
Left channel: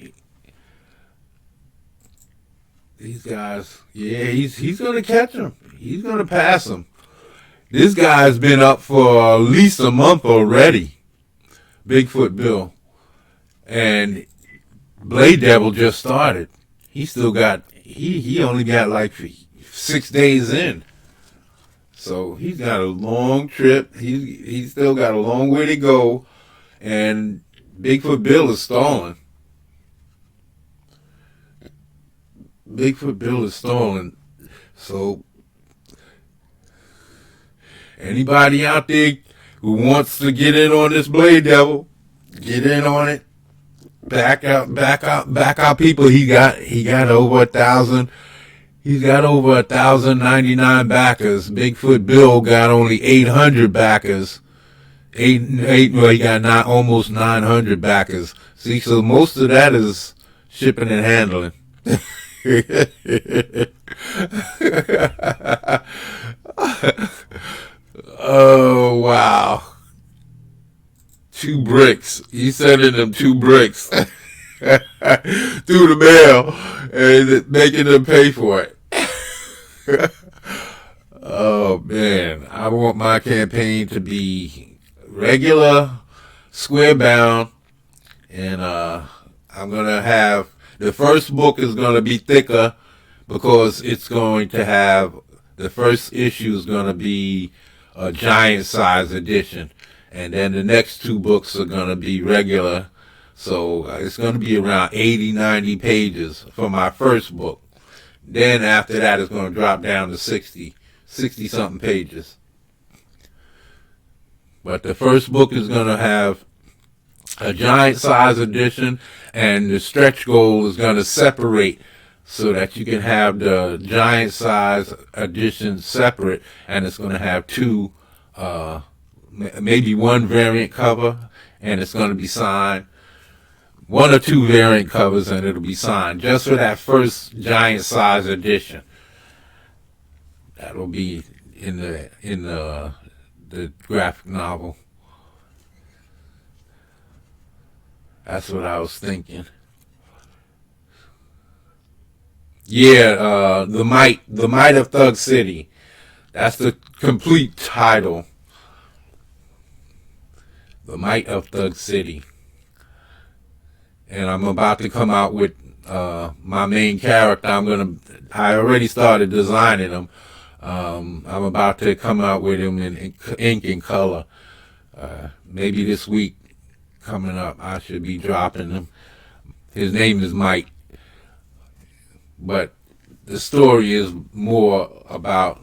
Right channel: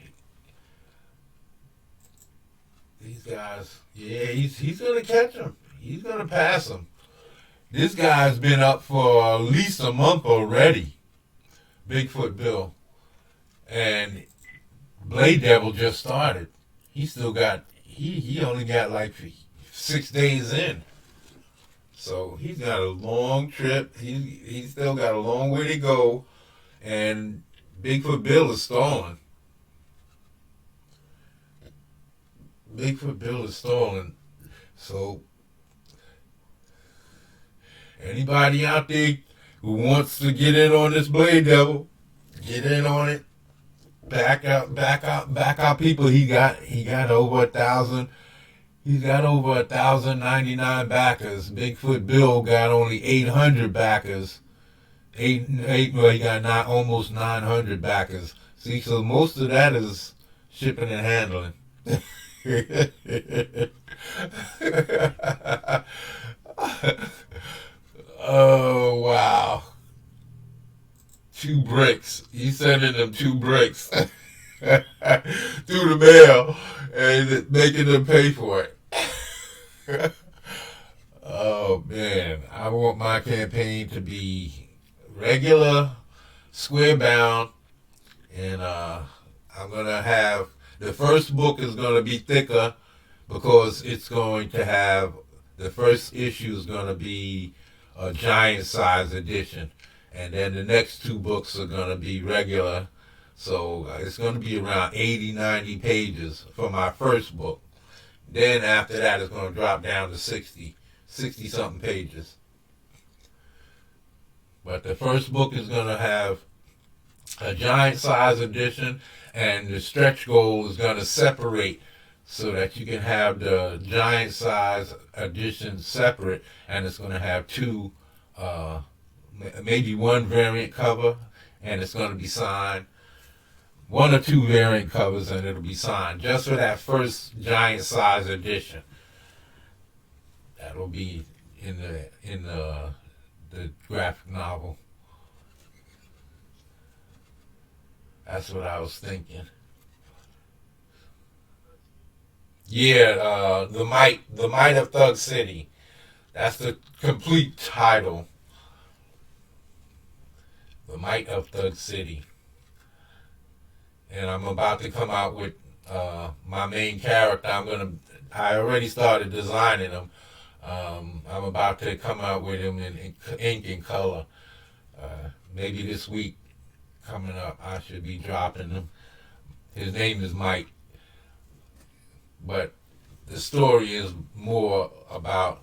These guys, yeah, he's gonna catch him. He's gonna pass him. This guy's been up for at least a month already. Bigfoot Bill and Blade Devil just started. He only got like 6 days in. So he's got a long trip. He's still got a long way to go, and Bigfoot Bill is stalling. Bigfoot Bill is stalling. So anybody out there who wants to get in on this Blade Devil, get in on it. Back out, people. He got over 1,000. He's got over 1,099 backers. Bigfoot Bill got only 800 backers. Well, he got not almost 900 backers. See, so most of that is shipping and handling. Oh wow. 2 bricks. He sending them 2 bricks through the mail and making them pay for it. Oh man, I want my campaign to be regular, square bound, and I'm gonna have the first book is gonna be thicker because it's going to have the first issue is gonna be a giant size edition, and then the next 2 books are gonna be regular. So it's gonna be around 80, 90 pages for my first book. Then after that, it's gonna drop down to 60 something pages. But the first book is gonna have a giant size edition, and the stretch goal is going to separate so that you can have the giant size edition separate, and it's going to have maybe one variant cover, and it's going to be signed. 1 or 2 variant covers, and it'll be signed just for that first giant size edition. That'll be in the graphic novel. That's what I was thinking. Yeah, the might of Thug City. That's the complete title. The Might of Thug City. And I'm about to come out with my main character. I already started designing him. I'm about to come out with him in ink and color. Maybe this week coming up, I should be dropping him. His name is Mike, but the story is more about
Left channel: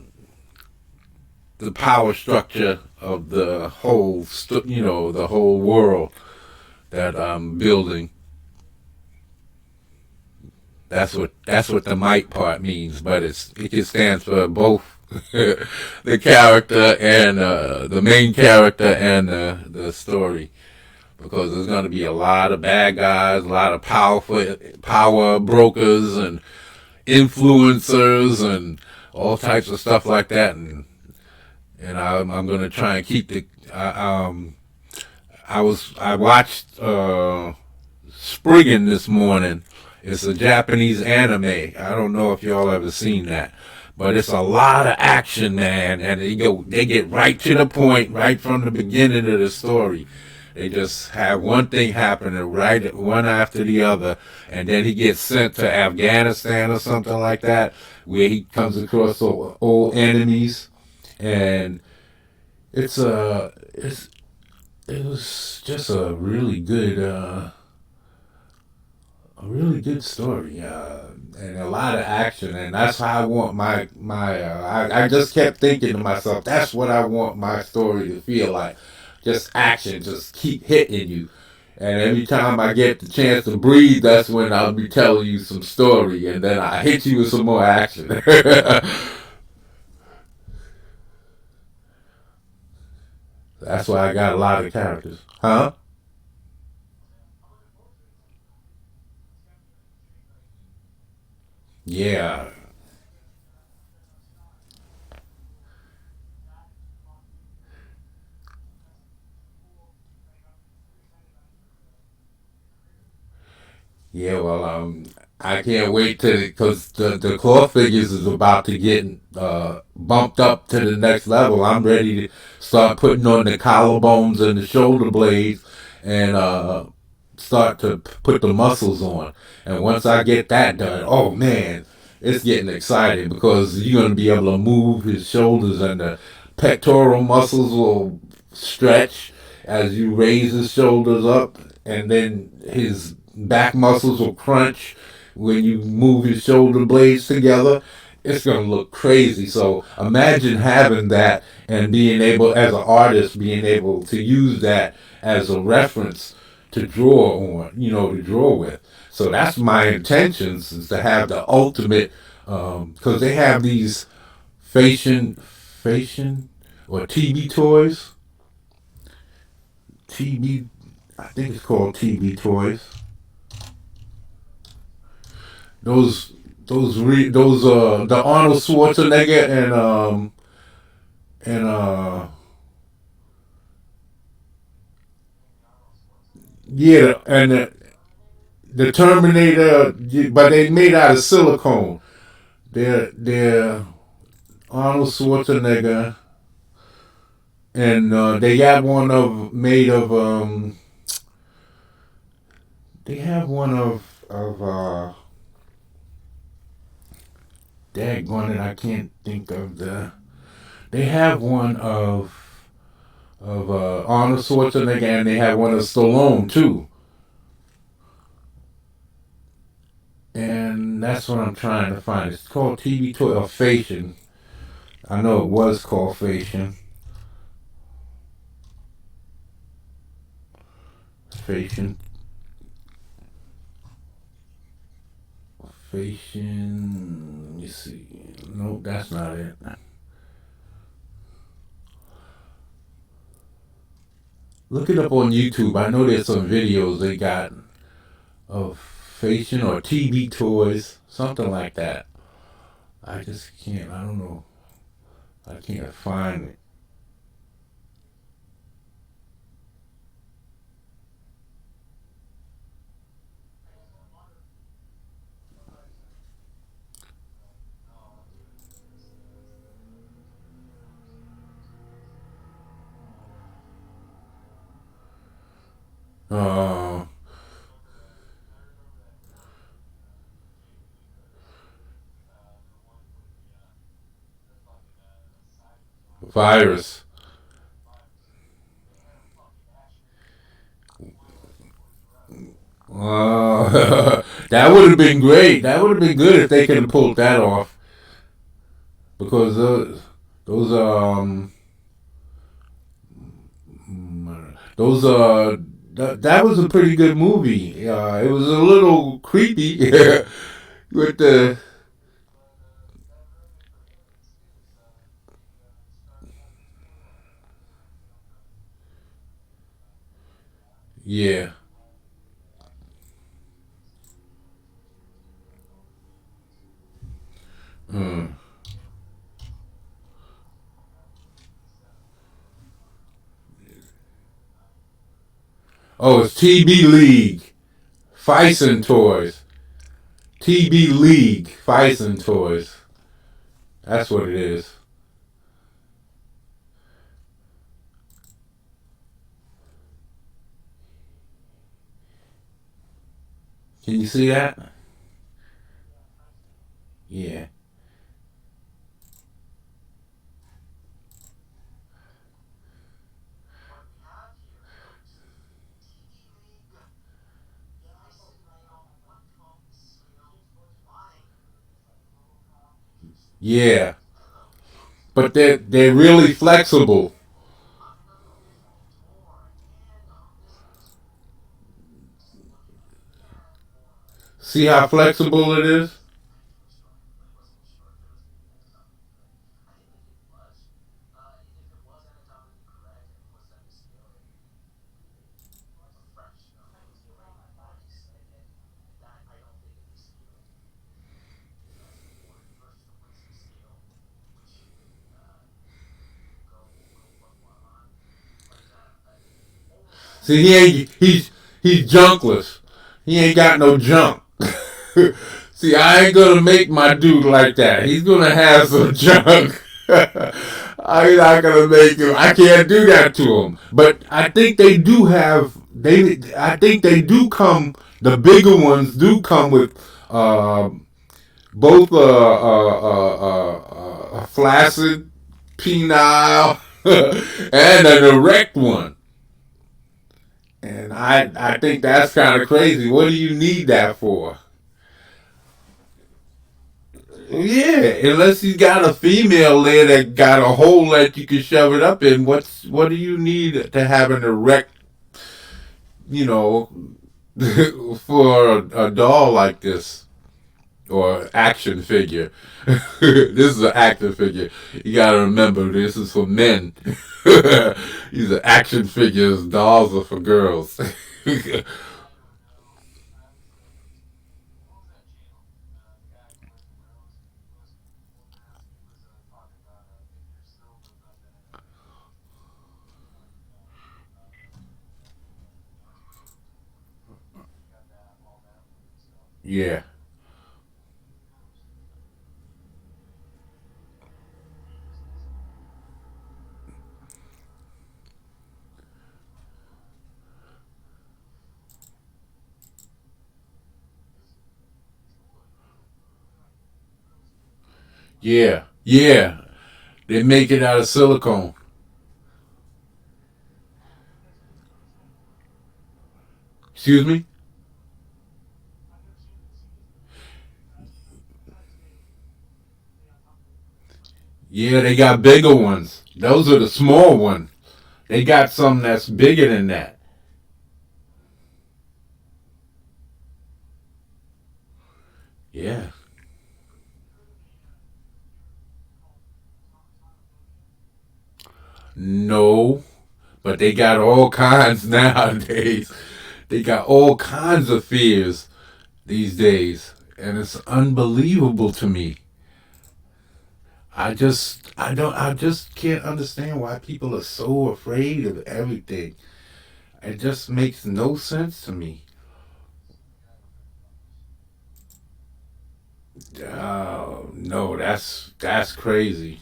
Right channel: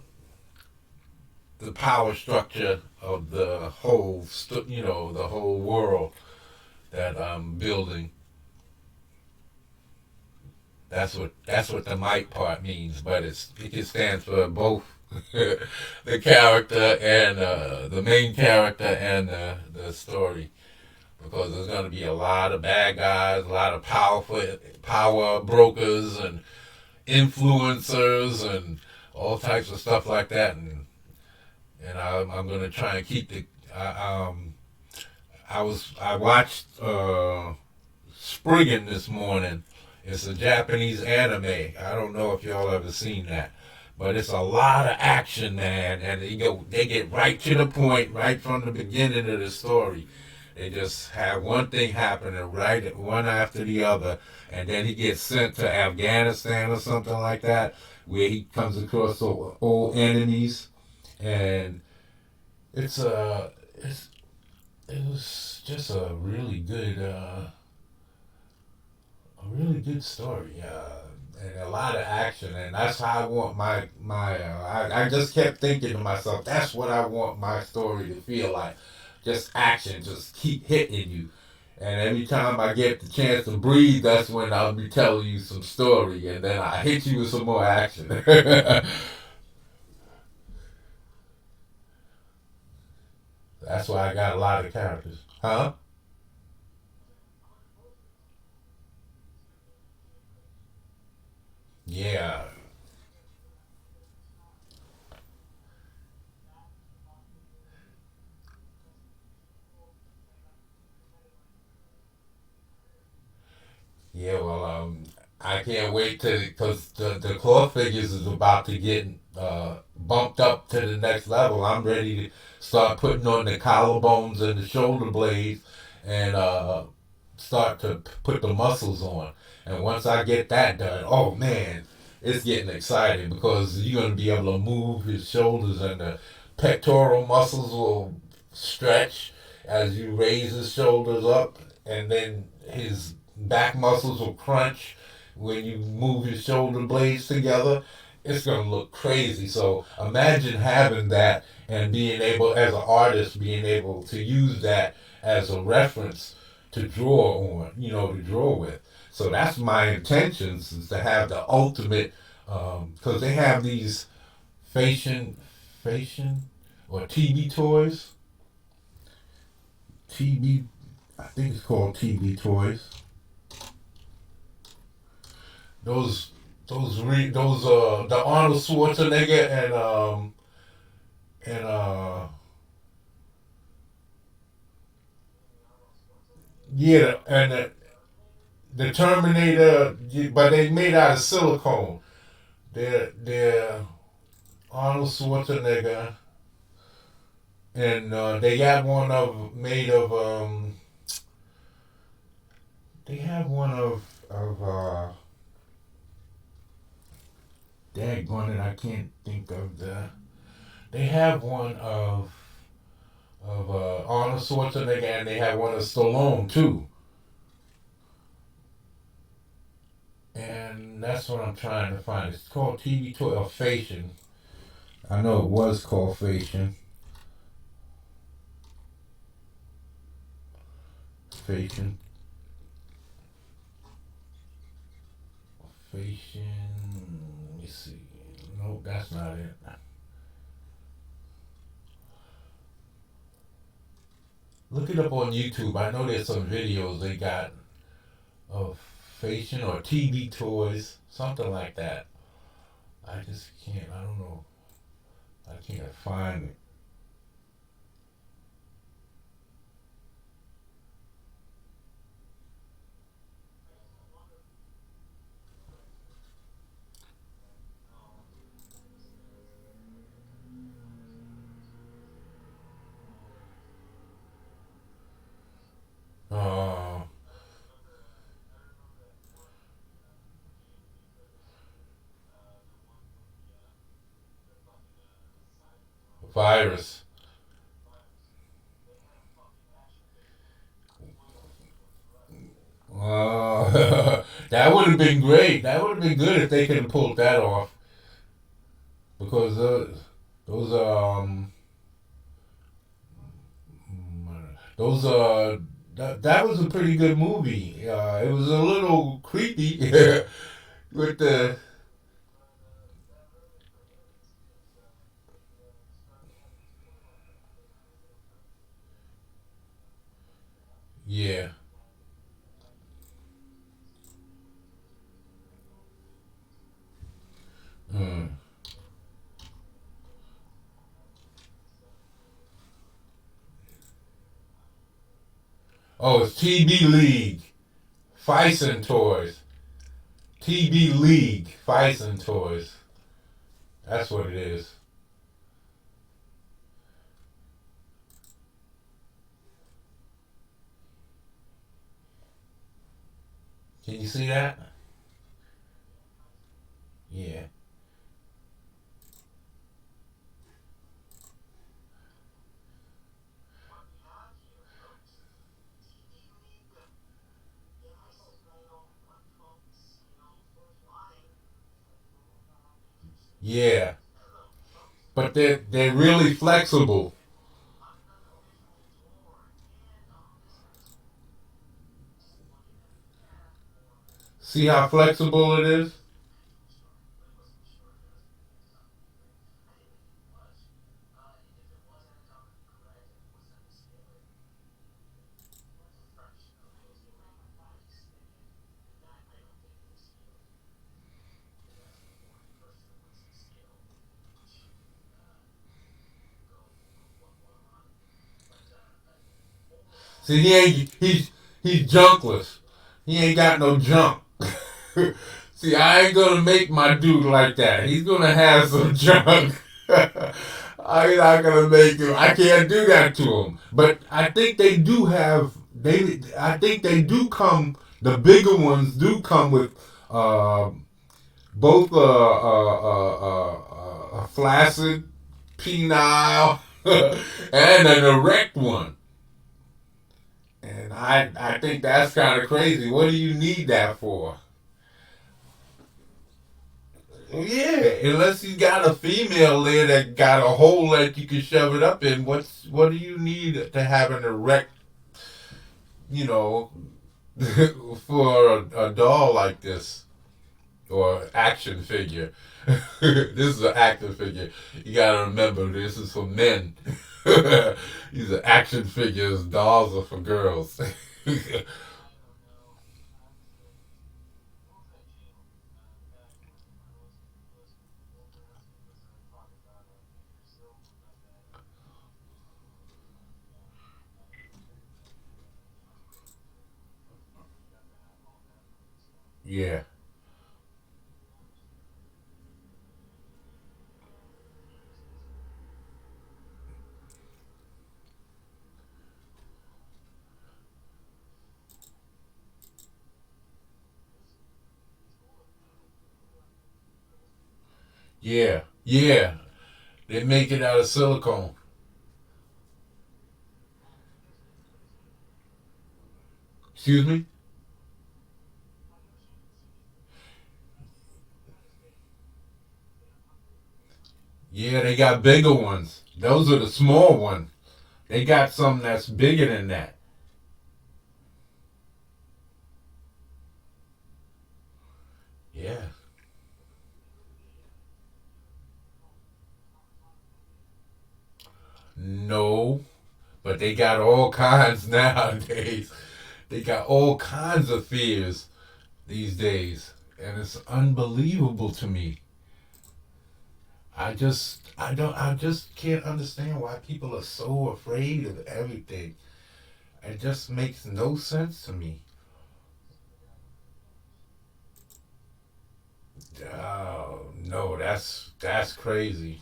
the power structure of the whole, the whole world that I'm building. That's what the might part means, but it stands for both the character and the main character and the story, because there's going to be a lot of bad guys, a lot of power brokers and influencers and all types of stuff like that, and I'm going to try and keep the. I watched Spriggan this morning. It's a Japanese anime. I don't know if y'all ever seen that, but it's a lot of action, man, and they get right to the point right from the beginning of the story. They just have one thing happening right one after the other, and then he gets sent to Afghanistan or something like that, where he comes across old enemies, and it's it was just a really good story, and a lot of action, and that's how I want my. I just kept thinking to myself, that's what I want my story to feel like, just action, just keep hitting you, and every time I get the chance to breathe, that's when I'll be telling you some story, and then I hit you with some more action. That's why I got a lot of characters, huh? Yeah. Yeah, well, I can't wait to because the core figures is about to get bumped up to the next level. I'm ready to start putting on the collarbones and the shoulder blades, and start to put the muscles on. And once I get that done, oh man, it's getting exciting because you're gonna be able to move his shoulders, and the pectoral muscles will stretch as you raise his shoulders up, and then his back muscles will crunch when you move his shoulder blades together. It's gonna look crazy. So imagine having that and being able, as an artist, being able to use that as a reference to draw on, to draw with. So that's my intentions, is to have the ultimate, because they have these fashion or TB toys. TB, I think it's called TB toys. Those those the Arnold Schwarzenegger and yeah, and the Terminator, but they made out of silicone. They're Arnold Schwarzenegger, and they got one of made of they have one of daggone it, I can't think of they have one of Arnold Schwarzenegger, and they have one of Stallone too. And that's what I'm trying to find. It's called TV Toy or Fashion. I know it was called Fashion. Fashion. Fashion. Let me see. Nope, that's not it. Look it up on YouTube. I know there's some videos they got of Fashion or TV toys, something like that. I just can't. I don't know. I can't find it. Uh, Virus. That would have been great. That would have been good if they could have pulled that off. Because those those that was a pretty good movie. It was a little creepy with the yeah. Mm. Oh, it's TB League, Fison Toys, TB League, Fison Toys. That's what it is. Can you see that? Yeah. Yeah. But they're really flexible. See how flexible it is? See, he's junkless. He ain't got no junk. See, I ain't gonna make my dude like that. He's gonna have some junk. I'm not gonna make him. I can't do that to him. But I think they do have. They. I think they do come. The bigger ones do come with uh, both a flaccid, penile, and an erect one. And I think that's kind of crazy. What do you need that for? Yeah, unless he's got a female there that got a hole that you can shove it up in. What do you need to have an erect, you know, for a doll like this or action figure? This is an action figure. You gotta remember, this is for men. These are action figures. Dolls are for girls. Yeah, yeah, yeah. They make it out of silicone. Excuse me? Yeah, they got bigger ones. Those are the small ones. They got some that's bigger than that. Yeah. No, but they got all kinds nowadays. They got all kinds of fears these days. And it's unbelievable to me. I just can't understand why people are so afraid of everything. It just makes no sense to me. No, that's crazy.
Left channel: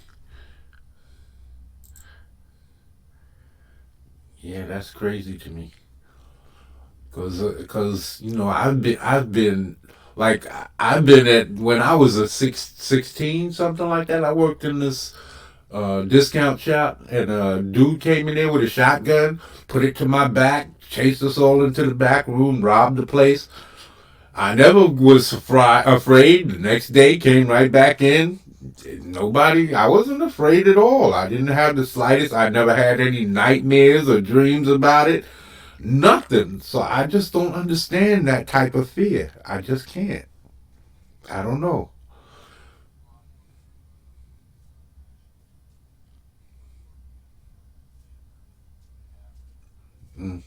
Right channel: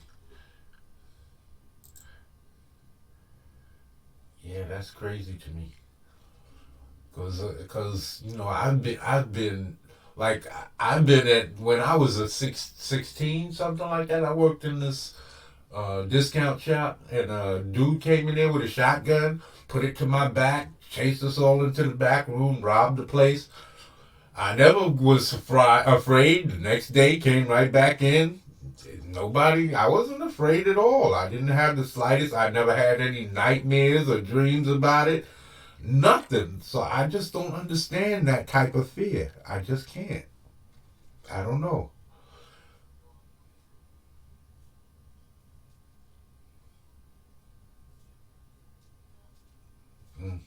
Yeah, that's crazy to me. Cause you know I've been like I've been at when I was a 16 something like that. I worked in this discount shop, and a dude came in there with a shotgun, put it to my back, chased us all into the back room, robbed the place. I never was afraid. The next day, came right back in. Nobody, I wasn't afraid at all. I didn't have the slightest. I never had any nightmares or dreams about it. Nothing. So I just don't understand that type of fear. I just can't. I don't know. Mm,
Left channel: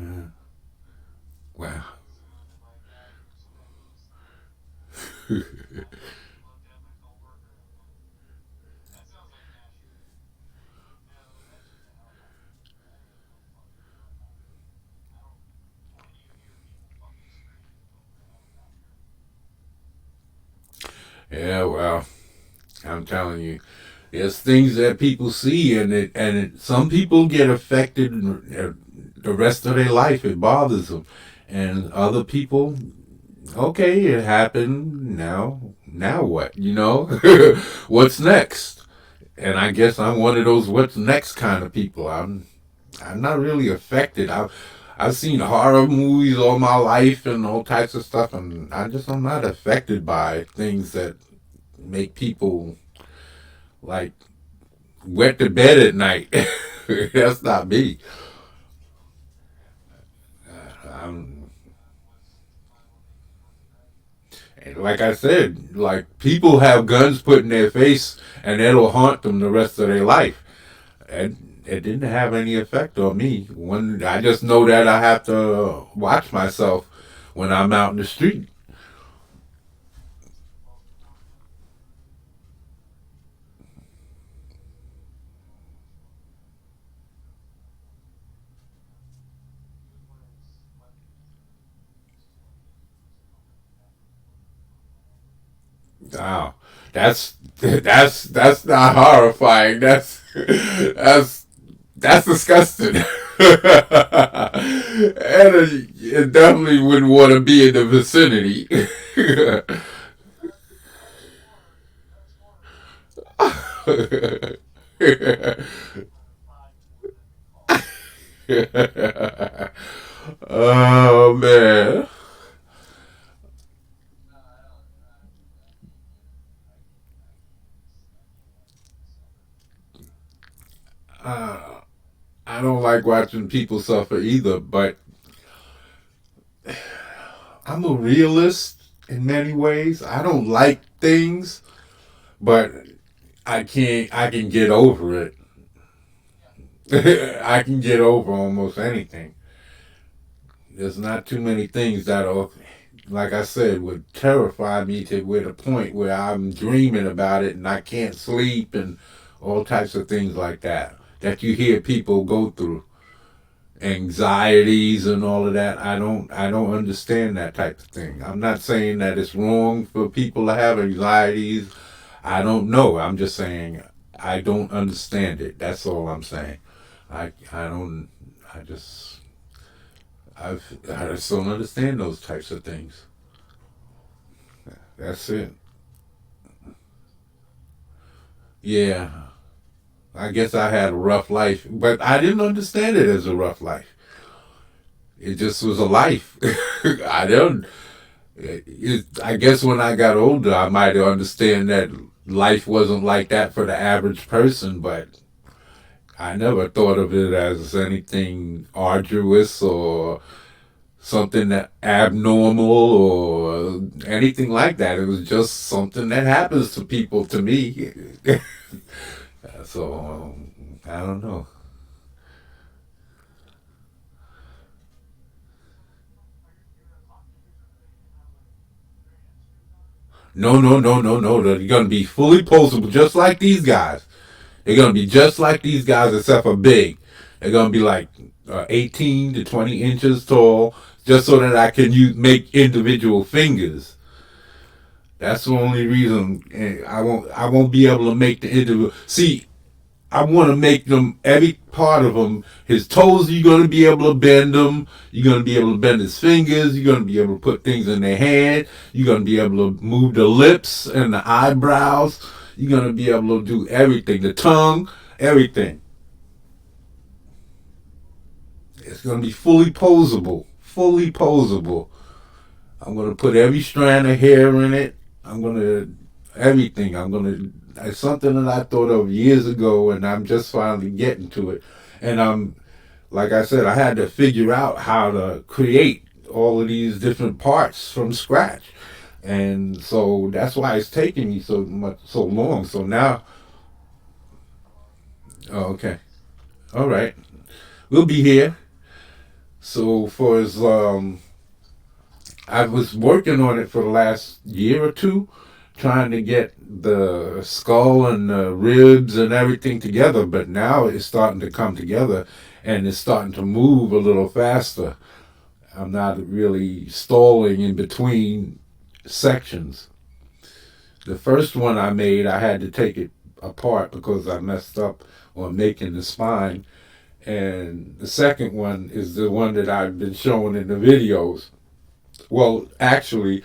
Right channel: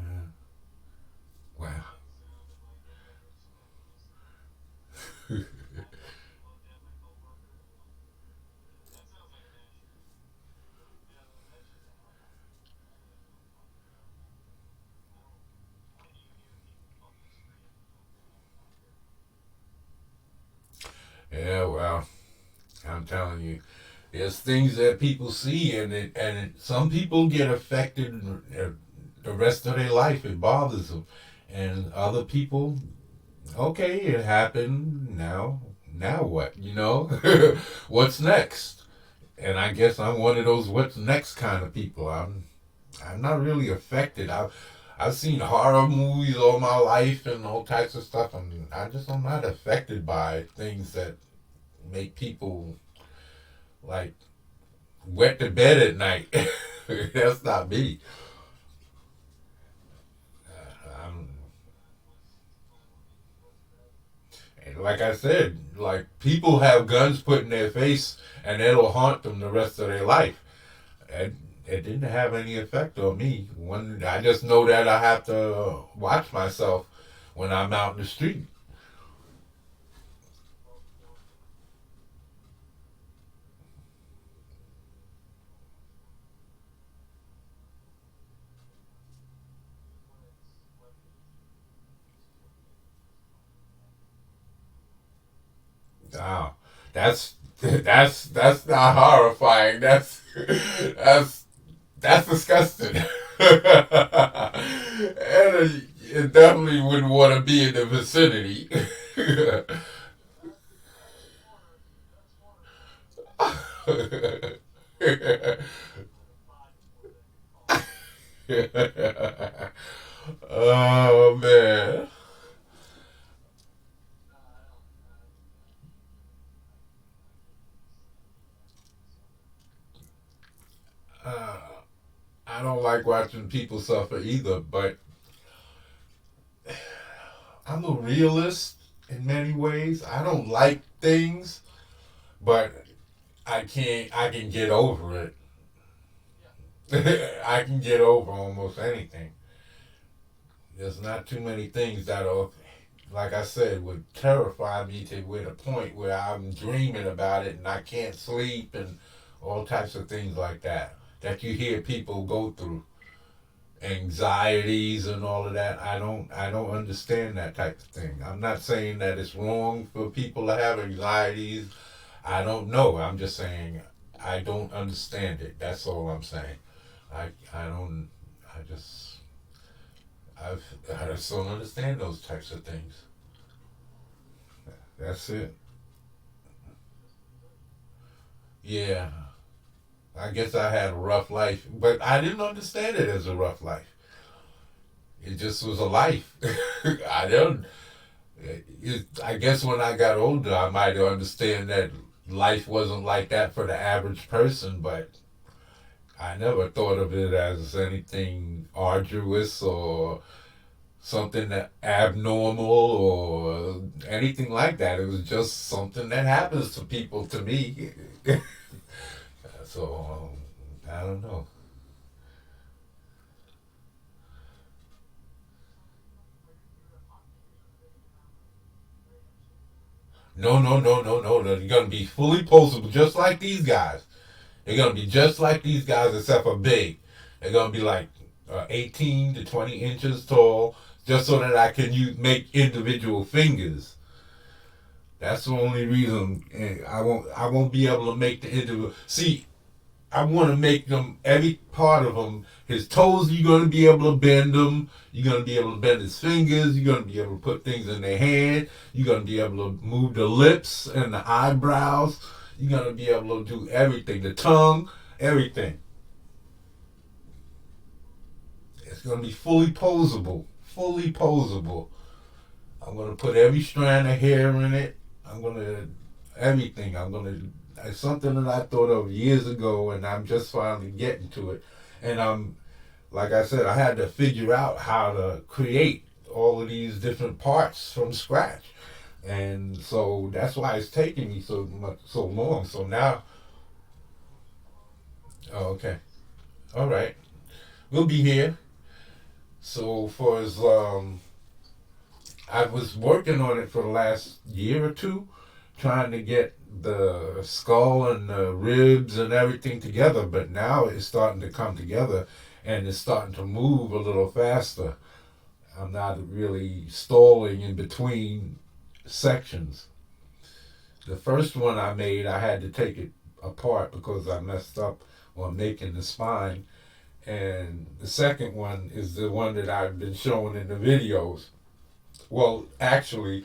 yeah. Wow. Yeah, well, I'm telling you, there's things that people see, some people get affected the rest of their life. It bothers them, and other people, okay, it happened. Now what? You know, what's next? And I guess I'm one of those what's next kind of people. I'm not really affected. I've seen horror movies all my life and all types of stuff, and I'm not affected by things that make people like wet the bed at night. That's not me. I'm, like I said, like people have guns put in their face and it'll haunt them the rest of their life. And it didn't have any effect on me. When I just know that I have to watch myself when I'm out in the street. Wow, that's not horrifying. That's that's disgusting. And it definitely wouldn't want to be in the vicinity. Oh man. Uh, I don't like watching people suffer either, but I'm a realist in many ways. I don't like things, but I can get over it. I can get over almost anything. There's not too many things that'll, like I said, would terrify me to with a point where I'm dreaming about it and I can't sleep and all types of things like that that you hear people go through, anxieties and all of that. I don't understand that type of thing. I'm not saying that it's wrong for people to have anxieties. I don't know. I'm just saying I don't understand it. That's all I'm saying. I don't I just I just don't understand those types of things. That's it. Yeah. I guess I had a rough life, but I didn't understand it as a rough life. It just was a life. I don't. I guess when I got older, I might understand that life wasn't like that for the average person, but I never thought of it as anything arduous or something that abnormal or anything like that. It was just something that happens to people to me. So I don't know. No, no, no, no, no. They're going to be fully posable, just like these guys. They're going to be just like these guys, except for big. They're going to be like 18 to 20 inches tall, just so that I can make individual fingers. That's the only reason I won't be able to make the individual. See, I want to make them every part of them. His toes, you're going to be able to bend them. You're going to be able to bend his fingers. You're going to be able to put things in their hand. You're going to be able to move the lips and the eyebrows. You're going to be able to do everything. The tongue, everything. It's going to be fully posable. Fully posable. I'm going to put every strand of hair in it. I'm going to everything. I'm going to. It's something that I thought of years ago, and I'm just finally getting to it. And like I said, I had to figure out how to create all of these different parts from scratch, and so that's why it's taking me so long. So now, oh, okay, all right, we'll be here. So for as I was working on it for the last year or two, trying to get the skull and the ribs and everything together, but now it's starting to come together and it's starting to move a little faster. I'm not really stalling in between sections. The first one I made, I had to take it apart because I messed up on making the spine. And the second one is the one that I've been showing in the videos. Well, actually,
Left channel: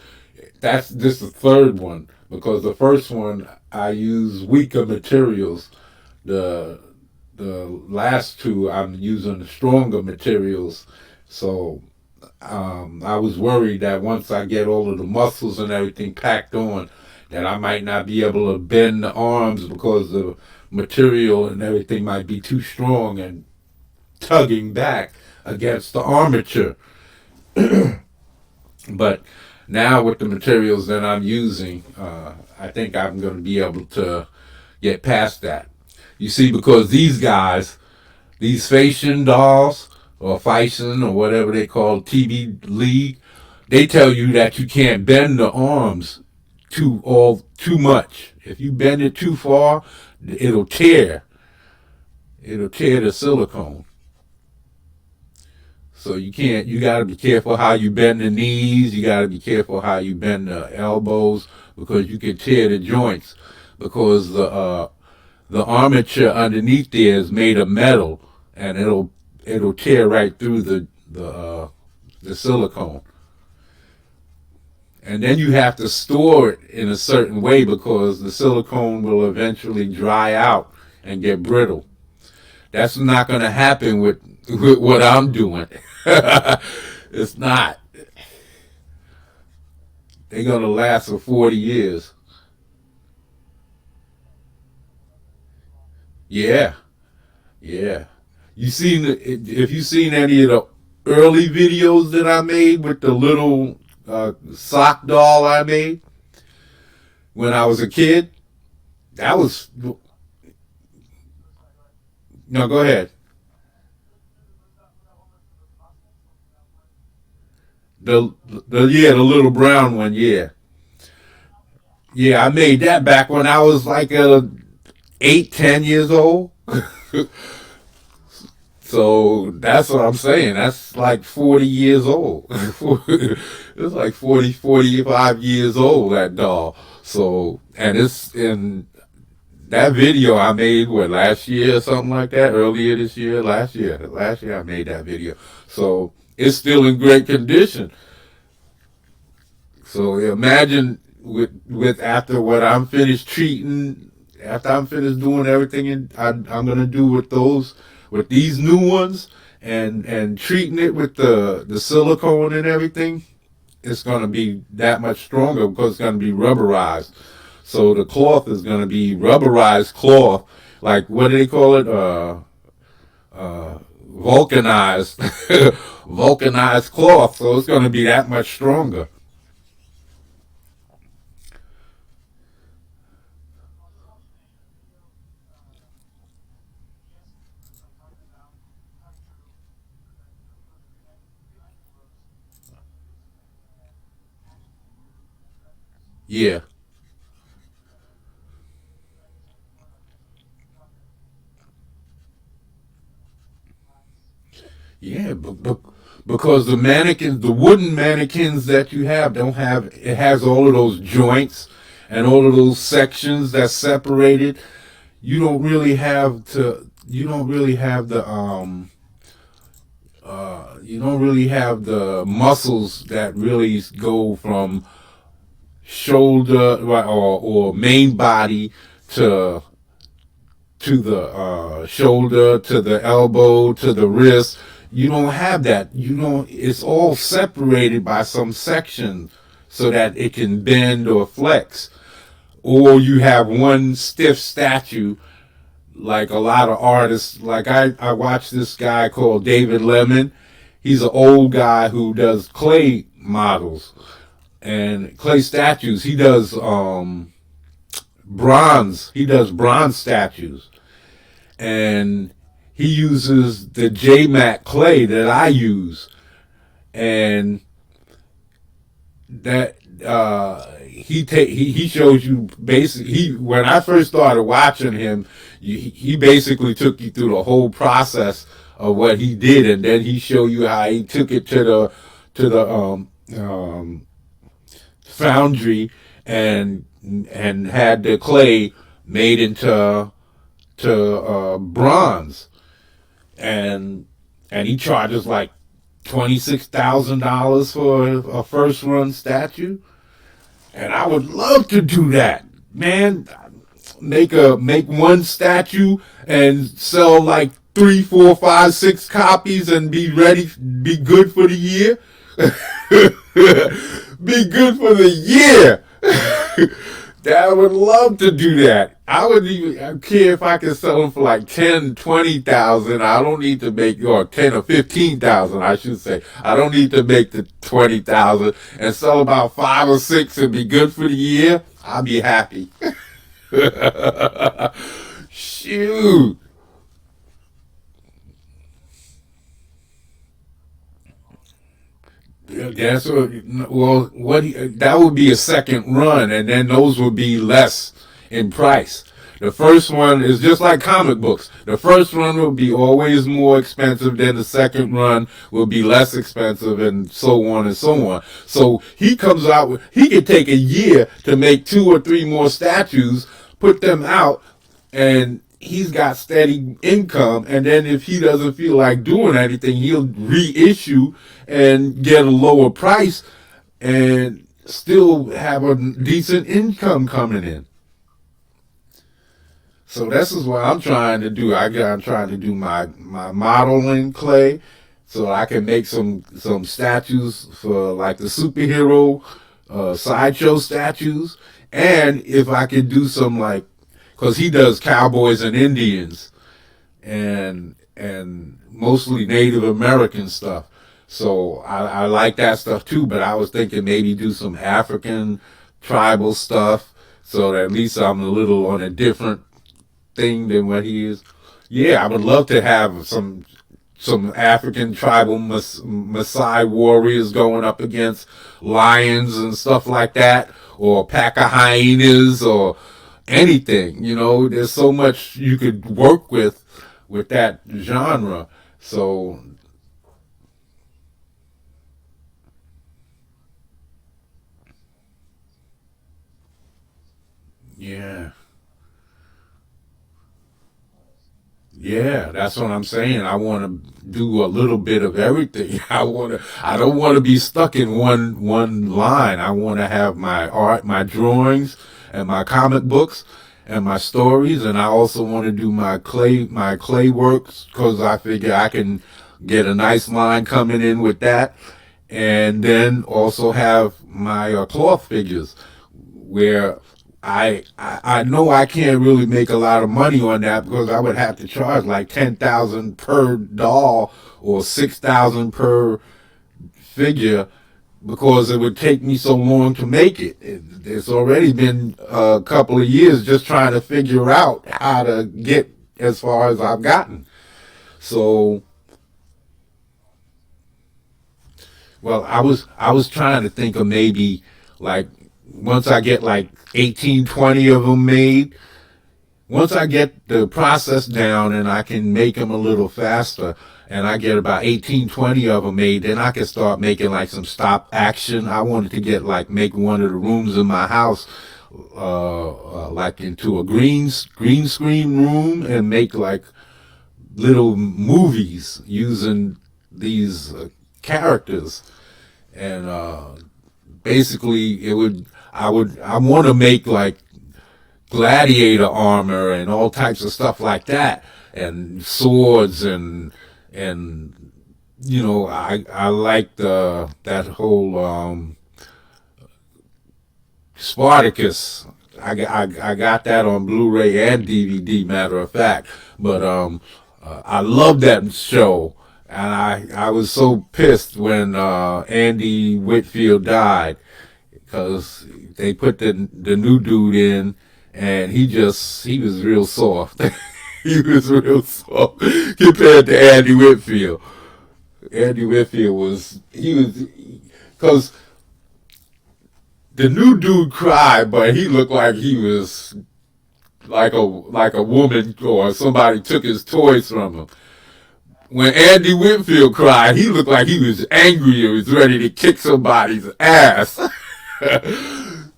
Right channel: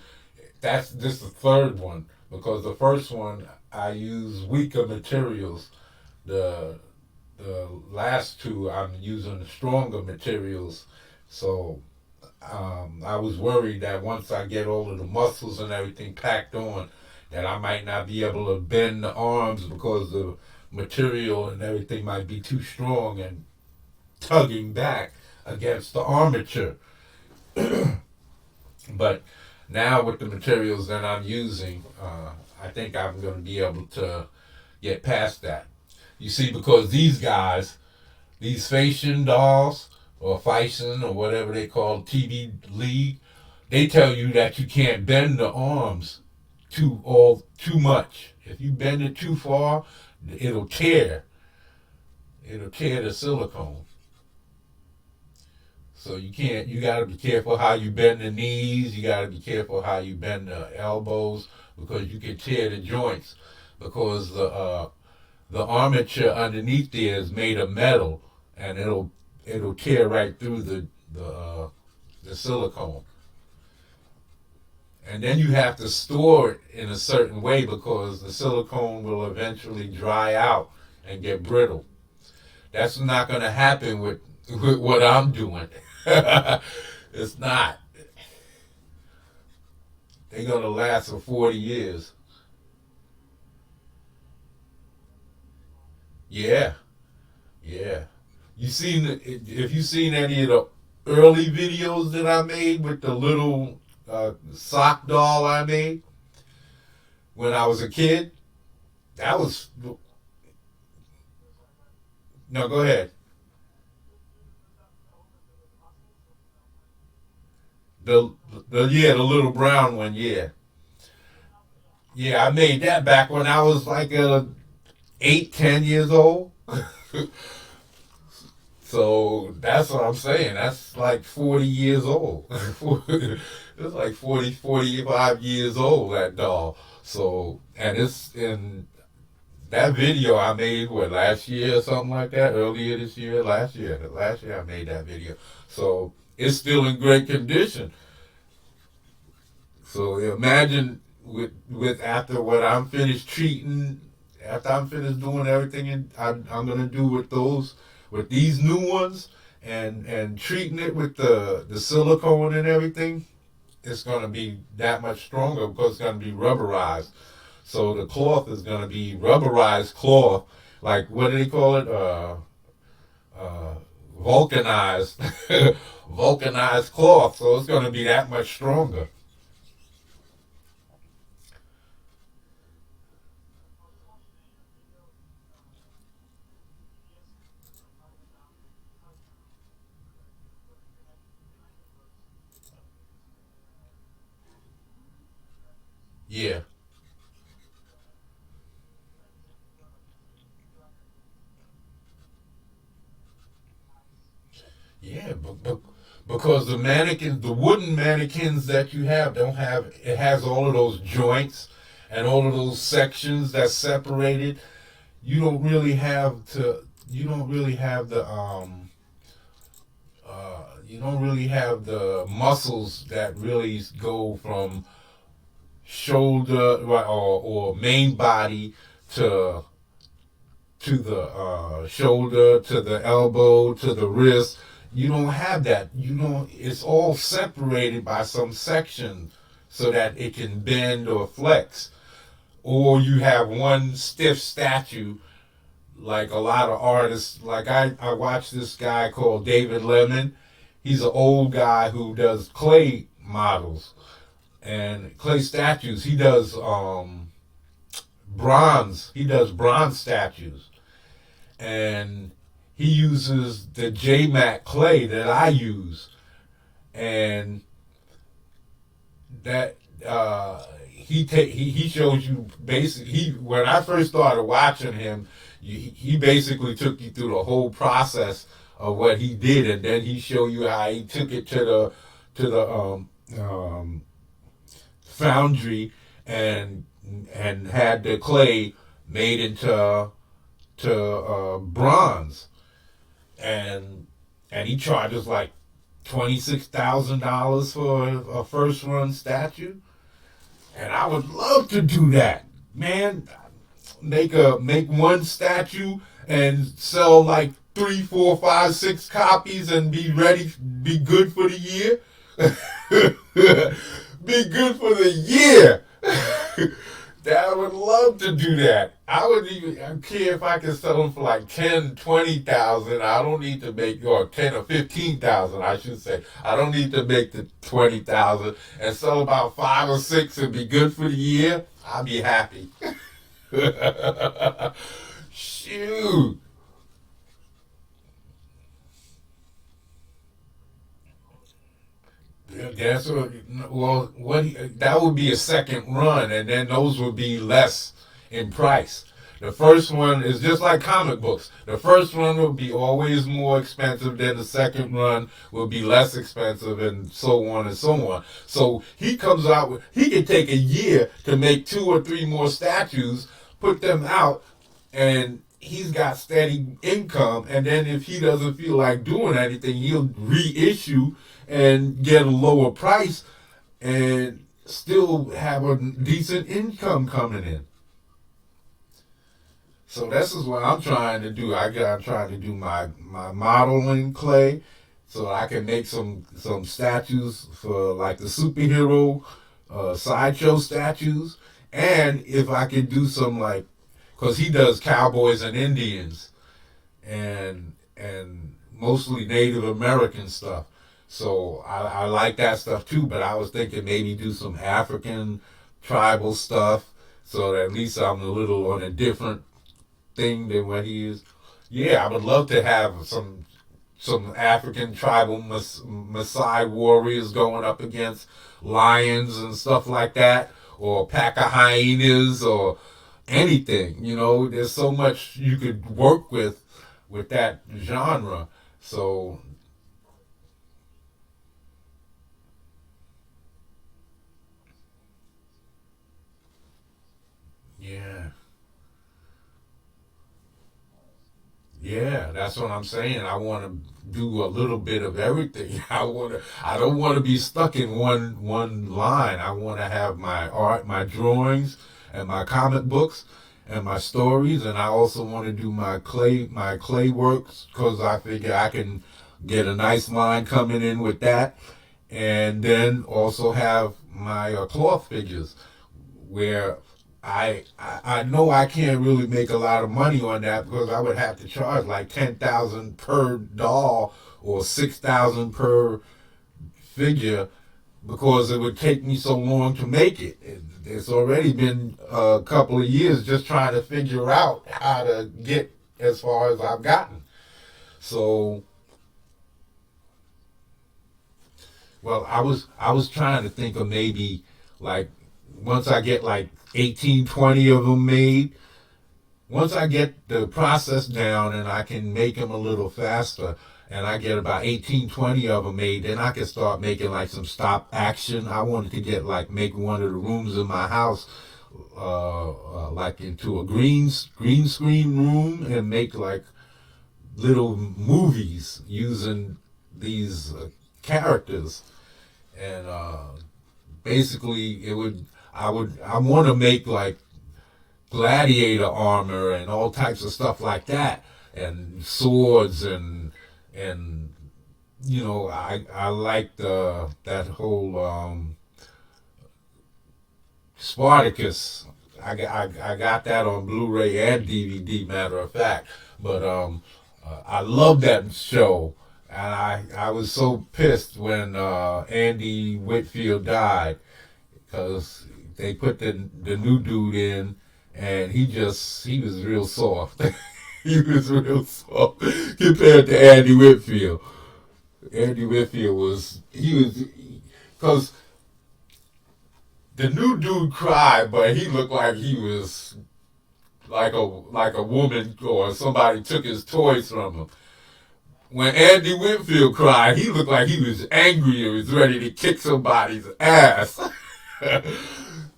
that's this the third one because the first one I use weaker materials. The the last two I'm using the stronger materials. So I was worried that once I get all of the muscles and everything packed on, that I might not be able to bend the arms because the material and everything might be too strong and tugging back against the armature. But now with the materials that I'm using, I think I'm going to be able to get past that. You see, because these guys, these Phasian dolls or Phison or whatever they call TV League, they tell you that you can't bend the arms too much. If you bend it too far, it'll tear. It'll tear the silicone. So you can't. You got to be careful how you bend the knees. You got to be careful how you bend the elbows because you can tear the joints because the armature underneath there is made of metal and it'll tear right through the silicone. And then you have to store it in a certain way because the silicone will eventually dry out and get brittle. That's not going to happen with what I'm doing. It's not. They're going to last for 40 years. Yeah, yeah. If you seen any of the early videos that I made with the little sock doll I made when I was a kid, that was no. Go ahead. The the little brown one. Yeah, yeah. I made that back when I was like 8, 10 years old. So that's what I'm saying. That's like 40 years old. It's like 40, 45 years old, that doll. So, and it's in that video I made, what, last year or something like that? Earlier this year? Last year. Last year I made that video. So, it's still in great condition. So, imagine with after what I'm finished treating, after I'm finished doing everything I'm going to do with these new ones and treating it with the silicone and everything, it's going to be that much stronger because it's going to be rubberized. So the cloth is going to be rubberized cloth, like what do they call it? Vulcanized, vulcanized cloth. So it's going to be that much stronger. Yeah, because the mannequins, the wooden mannequins that you have, don't have. It has all of those joints and all of those sections that's separated. You don't really have to. You don't really have the you don't really have the muscles that really go from shoulder or main body to the shoulder, to the elbow, to the wrist. You don't have that. You don't. It's all separated by some section so that it can bend or flex. Or you have one stiff statue, like a lot of artists. Like I watched this guy called David Lemon. He's an old guy who does clay models and clay statues. He does bronze. He does bronze statues, and he uses the JMac clay that I use, and that he shows you basically. When I first started watching him, he basically took you through the whole process of what he did, and then he showed you how he took it to the foundry and had the clay made into bronze, and he charges like $26,000 for a first run statue, and I would love to do that, man. Make one statue and sell like 3, 4, 5, 6 copies and be good for the year. Be good for the year. I would love to do that. I care if I can sell them for like 10, 20,000. I don't need to make, or 10 or 15,000, I should say. I don't need to make the 20,000 and sell about 5 or 6 and be good for the year. I'll be happy. Shoot. That's that would be a second run, and then those would be less in price. The first one is just like comic books. The first run will be always more expensive, then the second run will be less expensive, and so on and so on. So he comes out with, he could take a year to make 2 or 3 more statues, put them out, and he's got steady income. And then if he doesn't feel like doing anything, he'll reissue and get a lower price and still have a decent income coming in. So this is what I'm trying to do. I'm trying to do my modeling clay so I can make some statues for like the superhero sideshow statues. And if I could do some, like, because he does cowboys and Indians and mostly Native American stuff. So I like that stuff too, but I was thinking maybe do some African tribal stuff so that at least I'm a little on a different thing than what he is. Yeah, I would love to have some African tribal Maasai warriors going up against lions and stuff like that, or pack of hyenas or anything. You know, there's so much you could work with that genre. So yeah. Yeah, that's what I'm saying. I want to do a little bit of everything. I don't want to be stuck in one line. I want to have my art, my drawings, and my comic books and my stories, and I also want to do my clay works because I figure I can get a nice line coming in with that, and then also have my cloth figures where I know I can't really make a lot of money on that because I would have to charge like 10,000 per doll or 6,000 per figure because it would take me so long to make it. It's already been a couple of years just trying to figure out how to get as far as I've gotten. So, well, I was trying to think of maybe like once I get like 18, 20 of them made, once I get the process down and I can make them a little faster and I get about 18, 20 of them made, then I can start making like some stop action. I wanted to get like make one of the rooms in my house like into a green screen room and make like little movies using these characters. And basically, I want to make like gladiator armor and all types of stuff like that, and swords and I like that whole Spartacus. I got that on Blu-ray and DVD, matter of fact. But I love that show, and I was so pissed when Andy Whitfield died, because they put the new dude in, and he was real soft. He was real soft compared to Andy Whitfield. Andy Whitfield because the new dude cried, but he looked like he was like a woman, or somebody took his toys from him. When Andy Whitfield cried, he looked like he was angry and was ready to kick somebody's ass.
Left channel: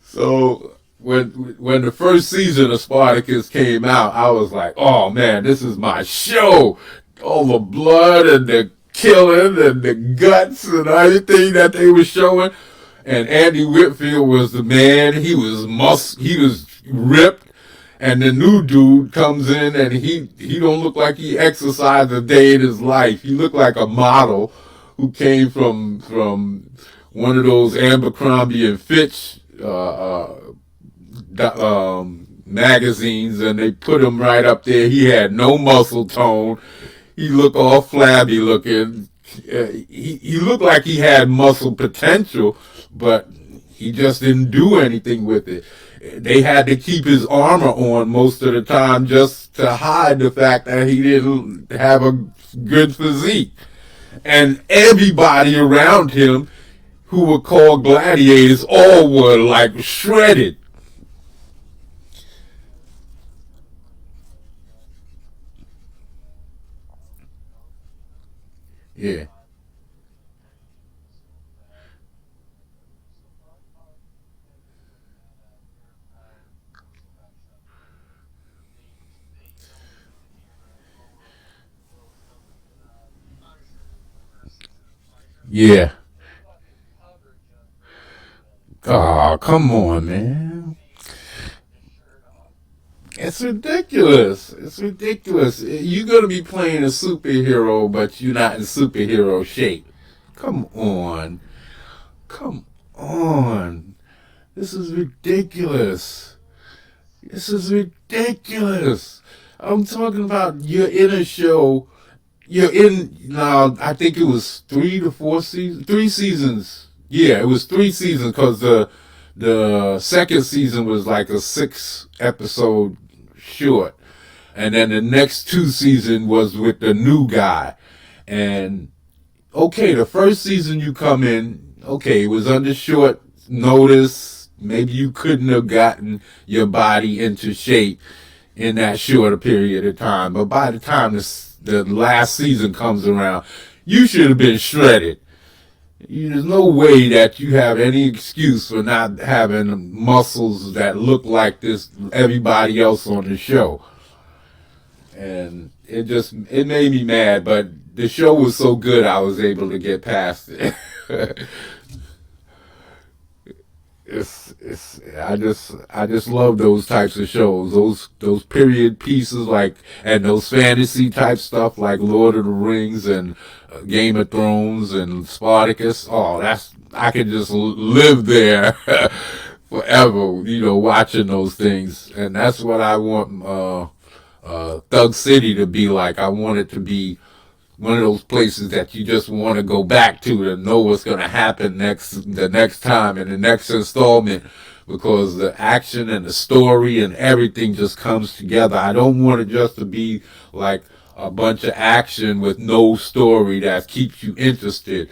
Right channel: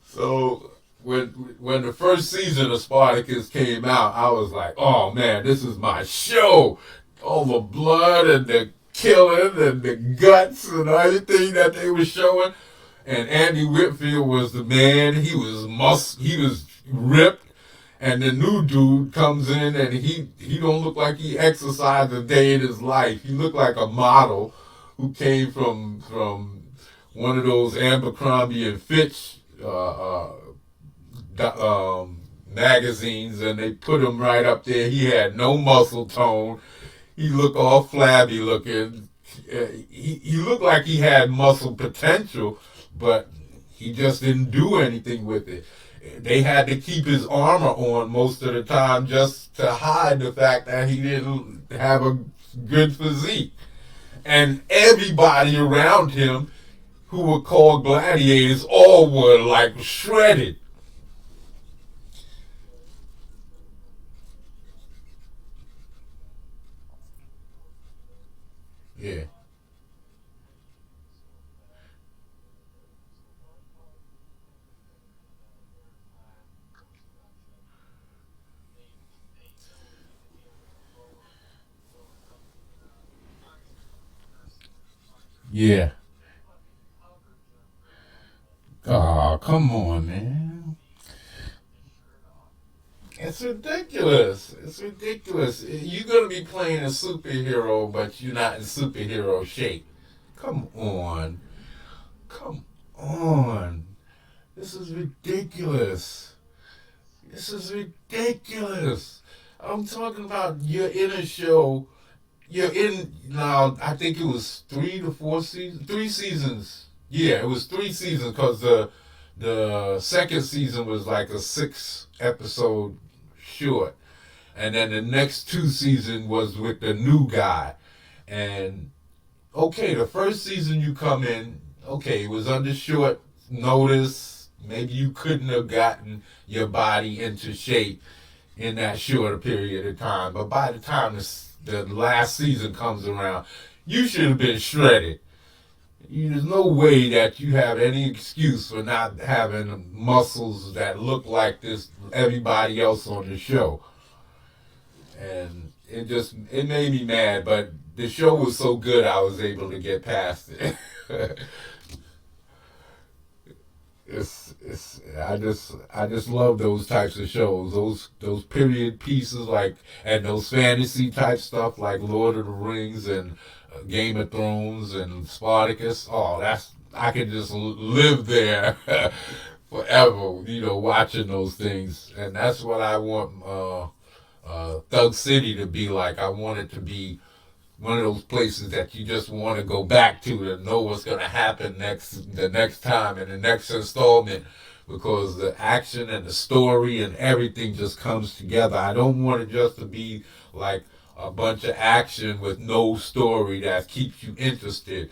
So when the first season of Spartacus came out, I was like, oh man, this is my show. All the blood and the killing and the guts and everything that they were showing. And Andy Whitfield was the man. He was ripped. And the new dude comes in, and he don't look like he exercised a day in his life. He looked like a model who came from one of those Abercrombie and Fitch magazines, and they put him right up there. He had no muscle tone. He looked all flabby looking. He looked like he had muscle potential, but he just didn't do anything with it. They had to keep his armor on most of the time just to hide the fact that he didn't have a good physique. And everybody around him who were called gladiators all were like shredded. Yeah. Yeah. Oh, come on, man. It's ridiculous. It's ridiculous. You're going to be playing a superhero, but you're not in superhero shape. Come on. Come on. This is ridiculous. This is ridiculous. I'm talking about you're in a show. You're in now. I think it was 3 to 4 seasons. 3 seasons. Yeah, it was 3 seasons, because the second season was like a 6 episode short, and then the next 2 seasons was with the new guy. And okay, the first season you come in, okay, it was under short notice. Maybe you couldn't have gotten your body into shape in that shorter period of time. But by the time the last season comes around, you should have been shredded. There's no way that you have any excuse for not having muscles that look like this everybody else on the show. And it made me mad, but the show was so good I was able to get past it. I just love those types of shows. Those period pieces, like, and those fantasy type stuff like Lord of the Rings and Game of Thrones and Spartacus. Oh, I could just live there forever, watching those things. And that's what I want Thug City to be like. I want it to be one of those places that you just want to go back to know what's going to happen the next time in the next installment, because the action and the story and everything just comes together. I don't want it just to be like a bunch of action with no story that keeps you interested.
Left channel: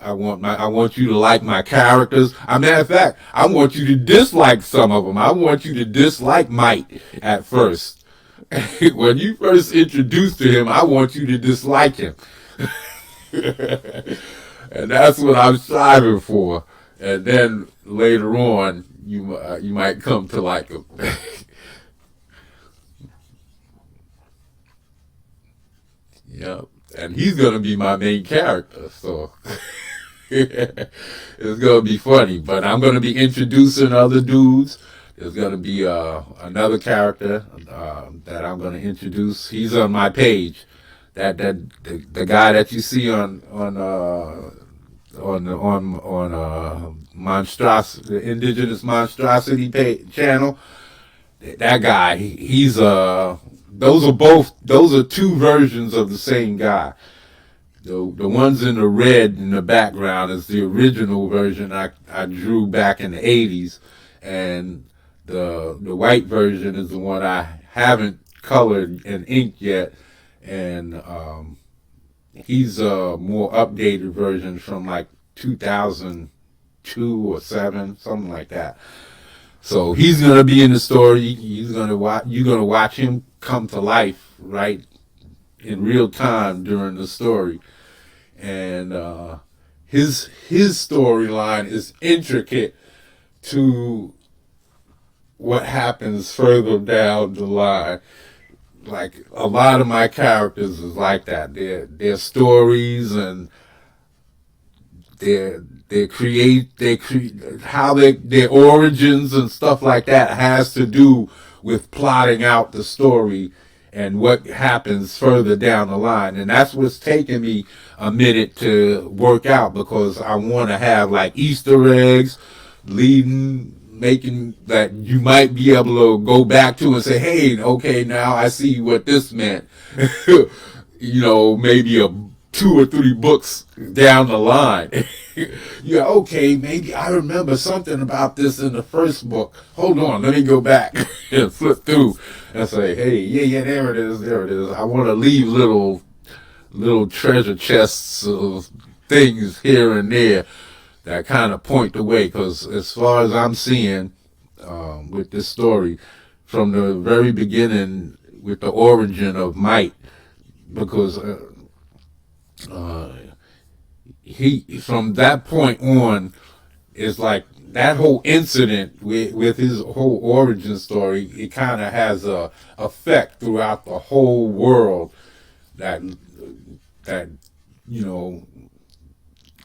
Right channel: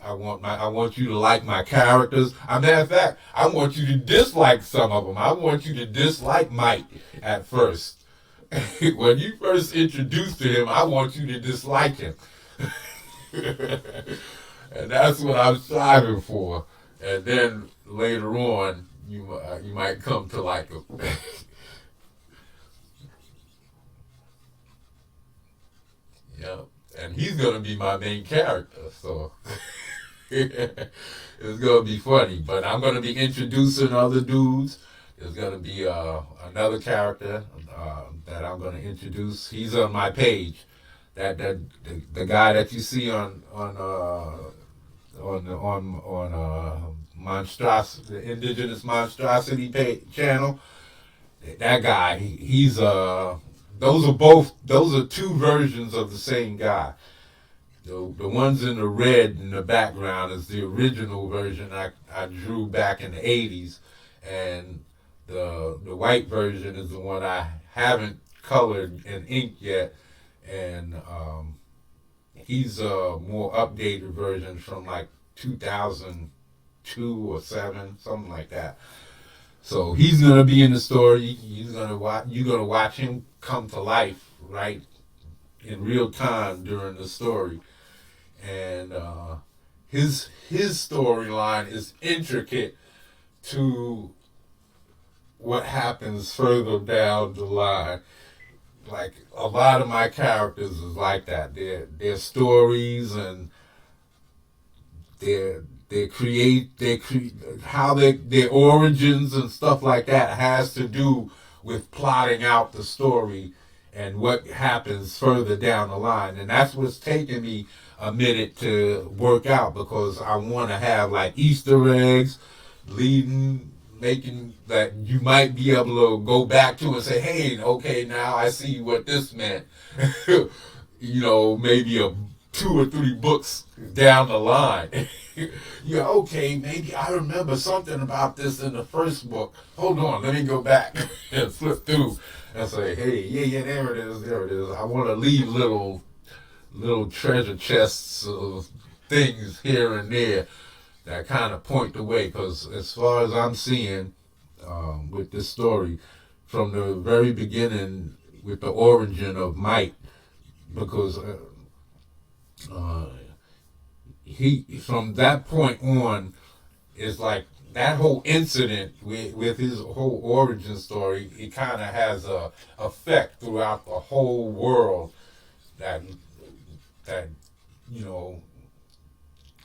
I want you to like my characters. As a matter of fact, I want you to dislike some of them. I want you to dislike Mike at first. when you first introduced to him, I want you to dislike him. And that's what I'm striving for. And then later on, you might come to like him. Yeah, and he's gonna be my main character, so it's gonna be funny. But I'm gonna be introducing other dudes. There's gonna be another character that I'm gonna introduce. He's on my page. The guy that you see on the Indigenous Monstrosity channel. That guy, those are two versions of the same guy. The ones in the red in the background is the original version I drew back in the 80s, and the white version is the one I haven't colored and inked yet, and he's a more updated version from like 2002 or 7, something like that. So he's gonna be in the story. He's gonna watch. You're gonna watch him come to life right in real time during the story, and his storyline is intricate to what happens further down the line. Like a lot of my characters is like that. Their stories and their how their origins and stuff like that has to do with plotting out the story and what happens further down the line. And that's what's taking me a minute to work out, because I want to have like Easter eggs leading, making that you might be able to go back to and say, hey, okay, now I see what this meant. Maybe 2 or 3 books down the line. Yeah, okay, maybe I remember something about this in the first book. Hold on, let me go back and flip through and say, hey, yeah, there it is, there it is. I want to leave little treasure chests of things here and there that kind of point the way. Because as far as I'm seeing with this story, from the very beginning with the origin of Mike, because uh, he from that point on is like that whole incident with his whole origin story. It kind of has a effect throughout the whole world that that you know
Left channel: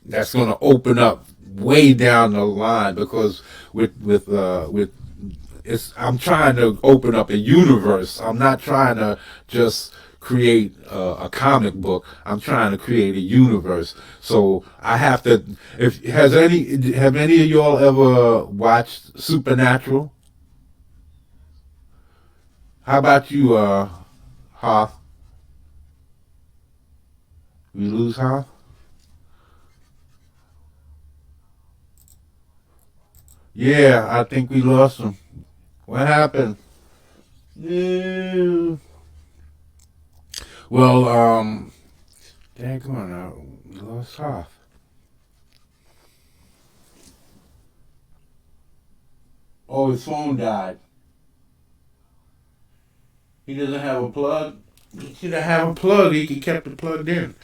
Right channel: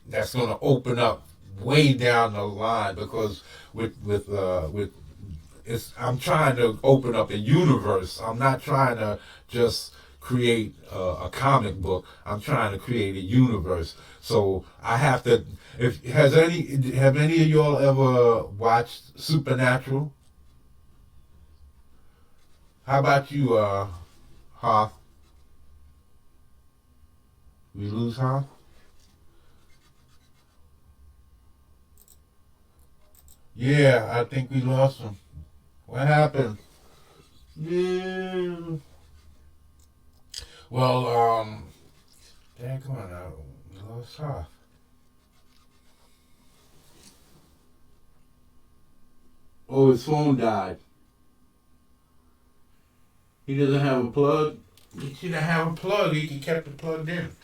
that's going to open up way down the line, because with it's I'm trying to open up a universe. I'm not trying to just create a comic book. I'm trying to create a universe. So I have to. If have any of y'all ever watched Supernatural? How about you, Hoth? We lose Hoth? Yeah, I think we lost him. What happened? Yeah. Well, dang, come on now. We lost Hoth. Oh, his phone died. He doesn't have a plug. He should have a plug. He could kept it plugged in.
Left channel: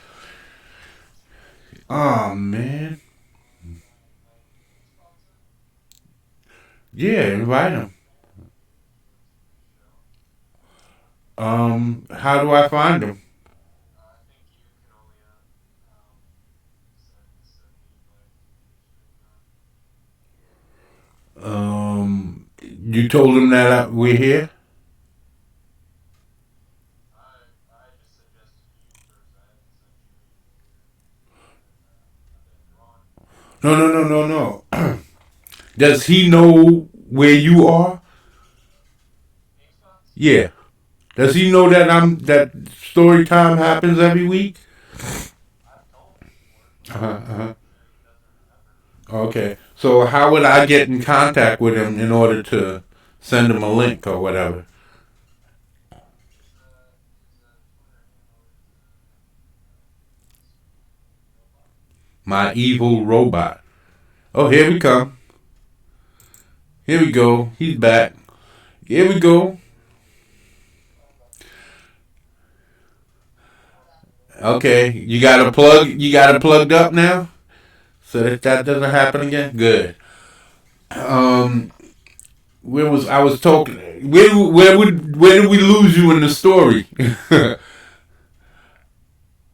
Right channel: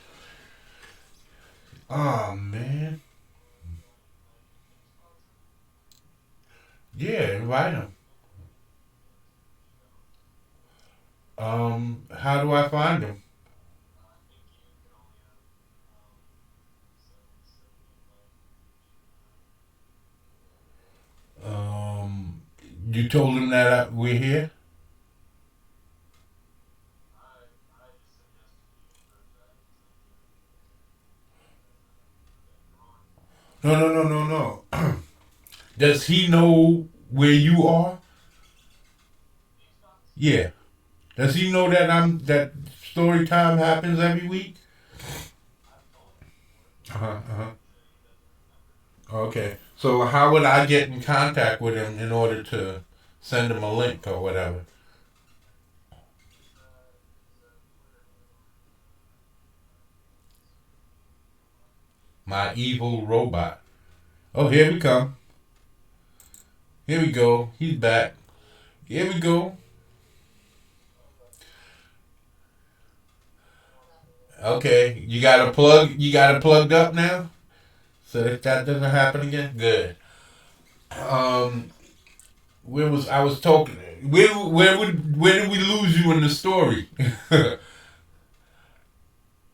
Oh man. Yeah, invite him. How do I find him? You told him that we're here. No, no, no, no, no. Does he know where you are? Yeah. Does he know that that story time happens every week? Uh-huh. Okay. So how would I get in contact with him in order to send him a link or whatever? My evil robot. Oh, here we come. Here we go. He's back. Here we go. Okay, you got a plug. You got it plugged up now, so that doesn't happen again. Good. Um, where was I was talking? Where did we lose you in the story?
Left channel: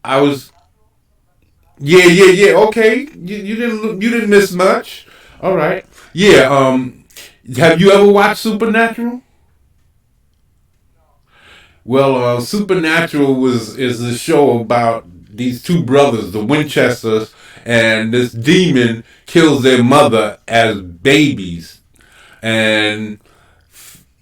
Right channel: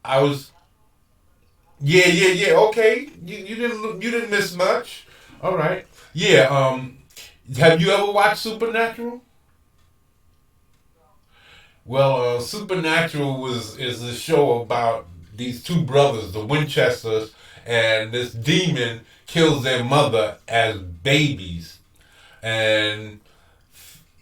I was yeah. Okay, you didn't miss much. All right. Yeah. Have you ever watched Supernatural? Well, Supernatural is a show about these two brothers, the Winchesters, and this demon kills their mother as babies, and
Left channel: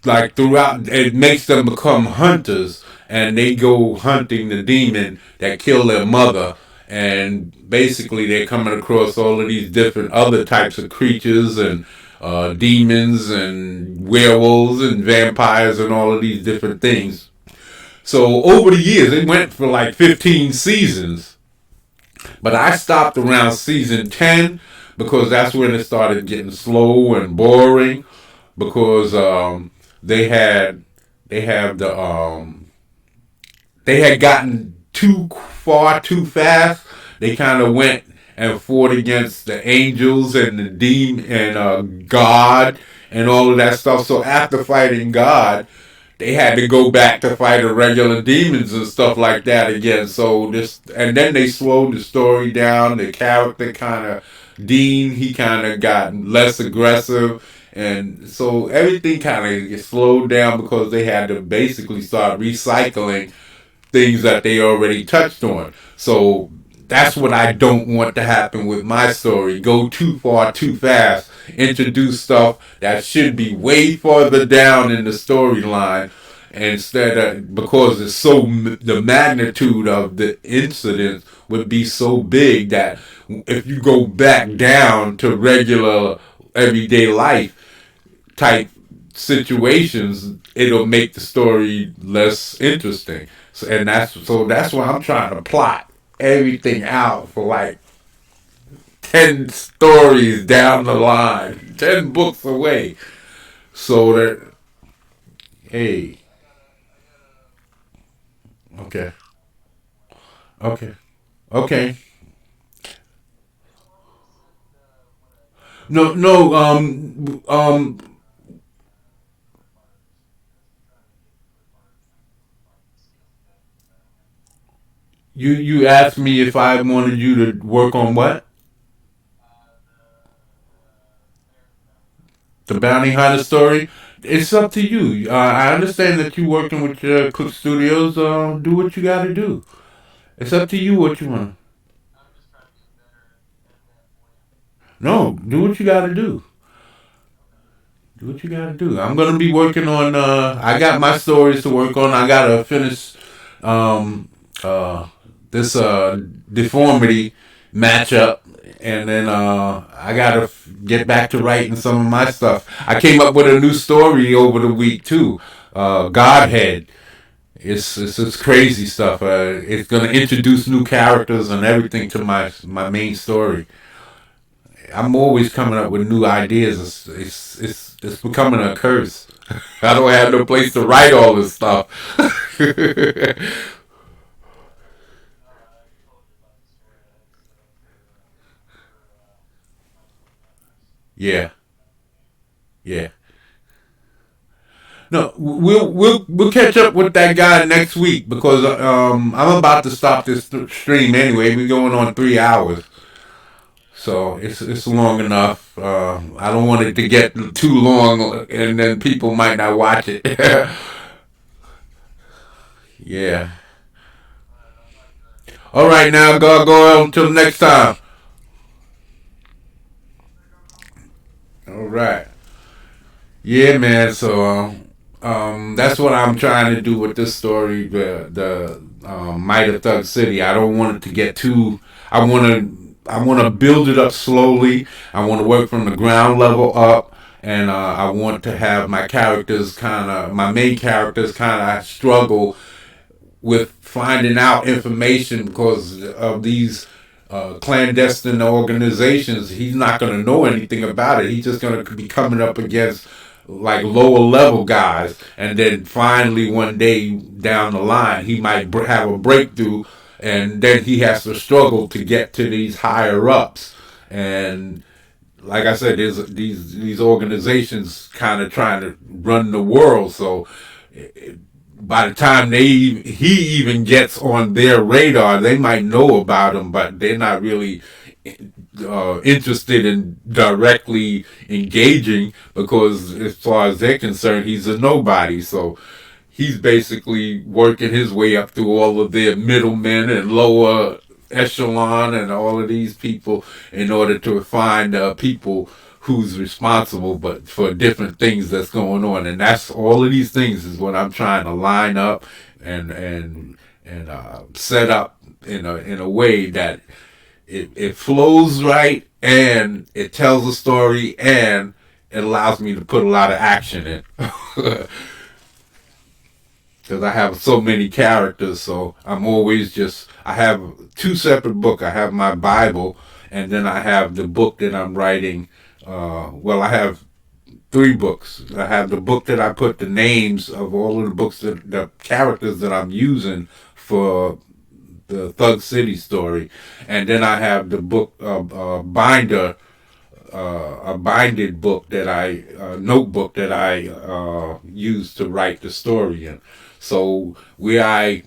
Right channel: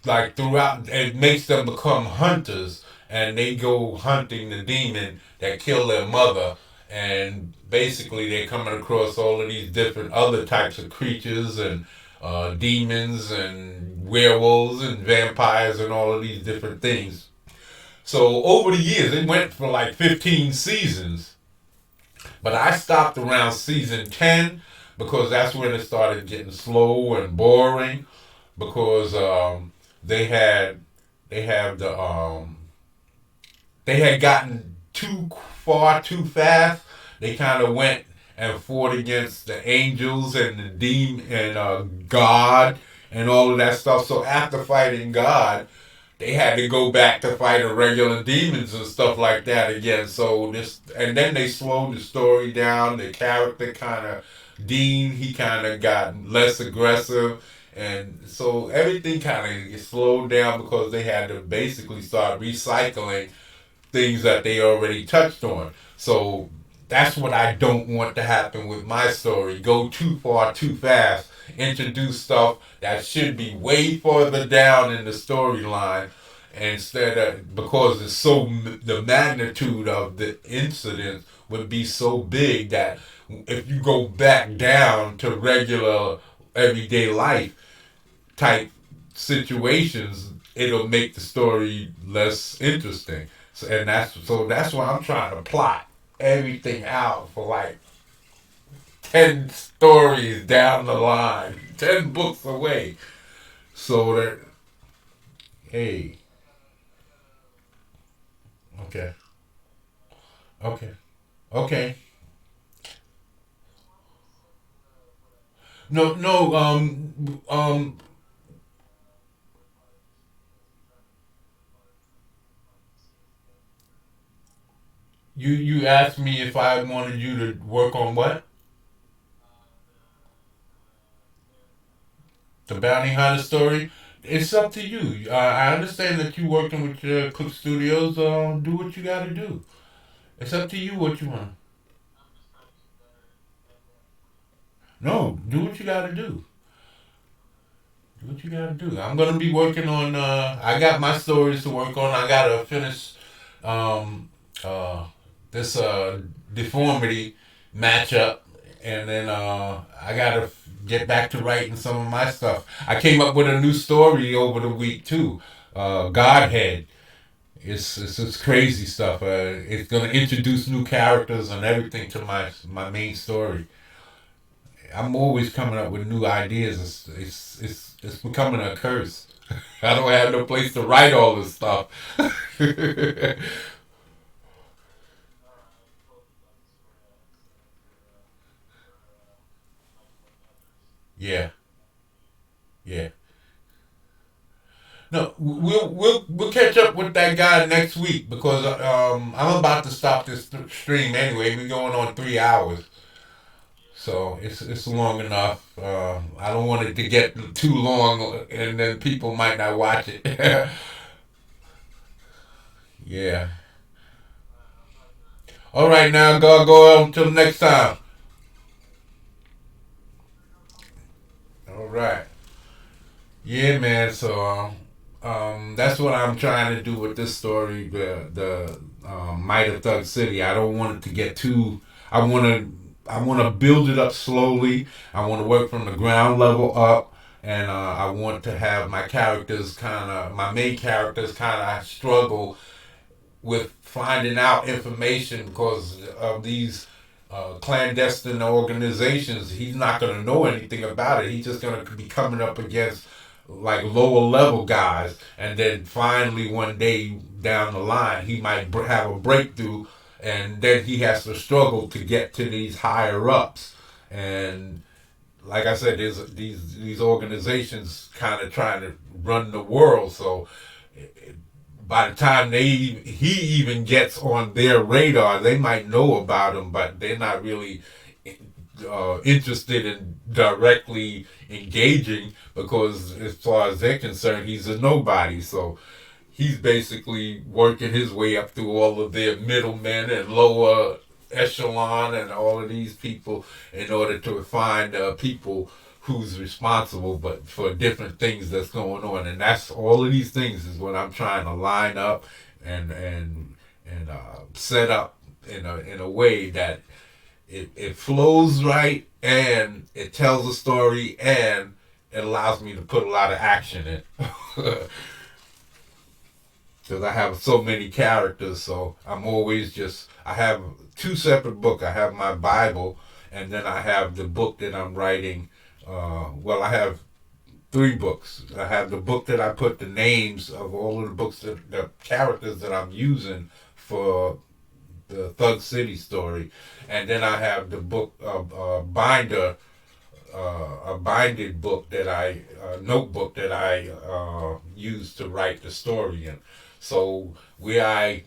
like throughout, it makes them become hunters, and they go hunting the demon that killed their mother, and basically they're coming across all of these different other types of creatures and demons and werewolves and vampires and all of these different things. So over the years, it went for like 15 seasons. But I stopped around season 10 because that's when it started getting slow and boring. Because they had they have the they had gotten too far too fast. They kind of went and fought against the angels and the demon and God and all of that stuff. So after fighting God, they had to go back to fight the regular demons and stuff like that again. So this, and then they slowed the story down. The character kind of Dean, he kind of got less aggressive, and so everything kind of slowed down because they had to basically start recycling things that they already touched on. So that's what I don't want to happen with my story. Go too far too fast. Introduce stuff that should be way farther down in the storyline instead of, because it's so, the magnitude of the incident would be so big that if you go back down to regular everyday life type situations, it'll make the story less interesting. So that's why I'm trying to plot everything out for like 10 stories down the line, 10 books away, so that hey, okay, okay, okay. No, no. You asked me if I wanted you to work on what? The bounty hunter story. It's up to you. I understand that you're working with Cook Studios. Do what you got to do. It's up to you what you want. No, do what you got to do. Do what you got to do. I'm gonna be working on. I got my stories to work on. I gotta finish um, uh, this deformity matchup, and then I gotta get back to writing some of my stuff. I came up with a new story over the week too. Godhead. It's crazy stuff. It's gonna introduce new characters and everything to my main story. I'm always coming up with new ideas. It's becoming a curse. I don't have no place to write all this stuff. Yeah, yeah. No, we'll catch up with that guy next week because I'm about to stop this stream anyway. We're going on 3 hours, so it's long enough. I don't want it to get too long, and then people might not watch it. Yeah. All right, now go until next time. All right. Yeah, man. So that's what I'm trying to do with this story. The Might of Thug City. I don't want it to get too. I want to. I want to build it up slowly. I want to work from the ground level up, and I want to have my characters kind of, my main characters kind of struggle with finding out information because of these clandestine organizations. He's not going to know anything about it. He's just going to be coming up against like lower level guys, and then finally one day down the line he might have a breakthrough and then he has to struggle to get to these higher ups. And like I said, there's these organizations kind of trying to run the world. So by the time he even gets on their radar, they might know about him, but they're not really interested in directly engaging because, as far as they're concerned, he's a nobody. So he's basically working his way up through all of their middlemen and lower echelon and all of these people in order to find people who's responsible but for different things that's going on. And that's all of these things is what I'm trying to line up and set up in a way that it flows right and it tells a story and it allows me to put a lot of action in. Because I have so many characters, so I'm always just. I have two separate books. I have my Bible, and then I have the book that I'm writing. Well, I have three books. I have the book that I put the names of all of the books that the characters that I'm using for the Thug City story, and then I have the book binder, a binded book that I notebook that I use to write the story in. So where I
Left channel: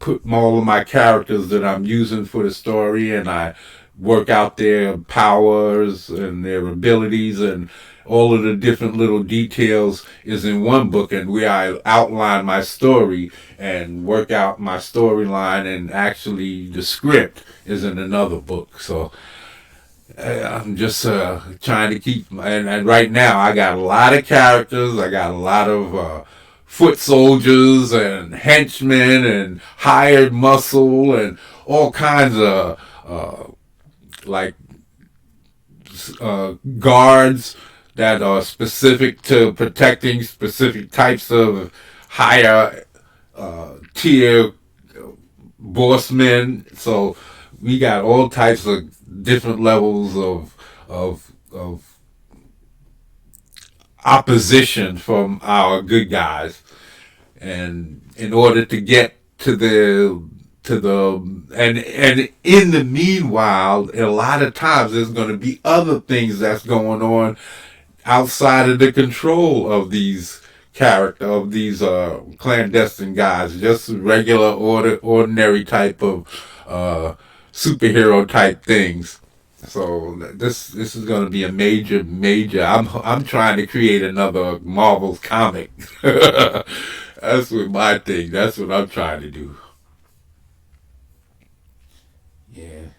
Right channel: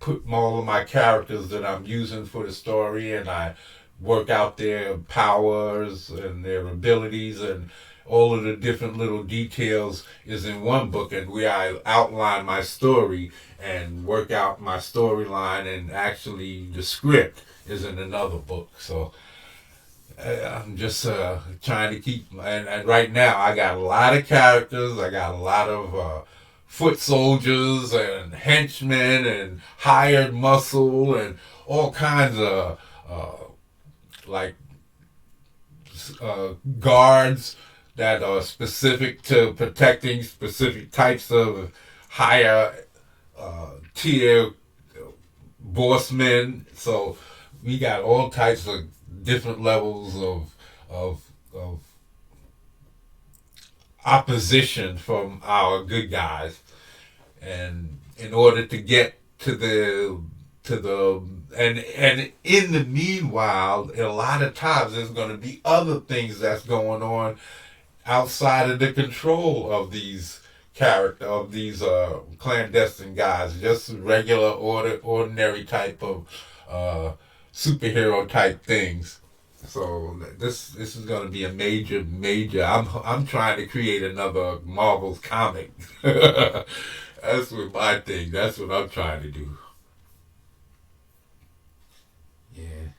put all of my characters that I'm using for the story, and I work out their powers and their abilities and all of the different little details is in one book, and where I outline my story and work out my storyline and actually the script is in another book. So I'm just trying to keep, and right now I got a lot of characters. I got a lot of foot soldiers and henchmen and hired muscle and all kinds of like guards that are specific to protecting specific types of higher tier bossmen. So we got all types of different levels of opposition from our good guys, and in order to get to the and in the meanwhile, a lot of times there's going to be other things that's going on outside of the control of these clandestine guys, just regular ordinary type of superhero type things. So this is going to be a major. I'm trying to create another Marvel comic. That's what my thing. That's what I'm trying to do. Yeah.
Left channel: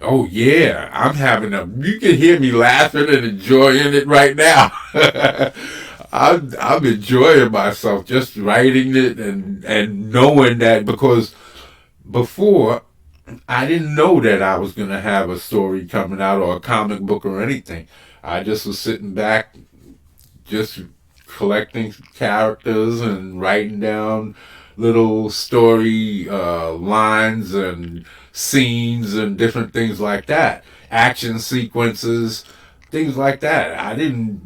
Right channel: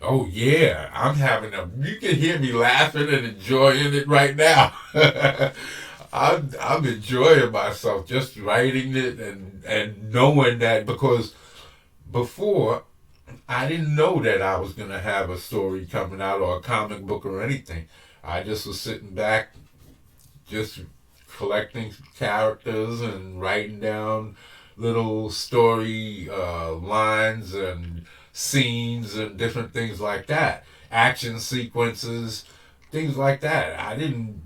Oh yeah, I'm having a. You can hear me laughing and enjoying it right now. I'm enjoying myself just writing it and knowing that because before I didn't know that I was gonna have a story coming out or a comic book or anything. I just was sitting back, just collecting characters and writing down little story lines and scenes and different things like that, action sequences, things like that. I didn't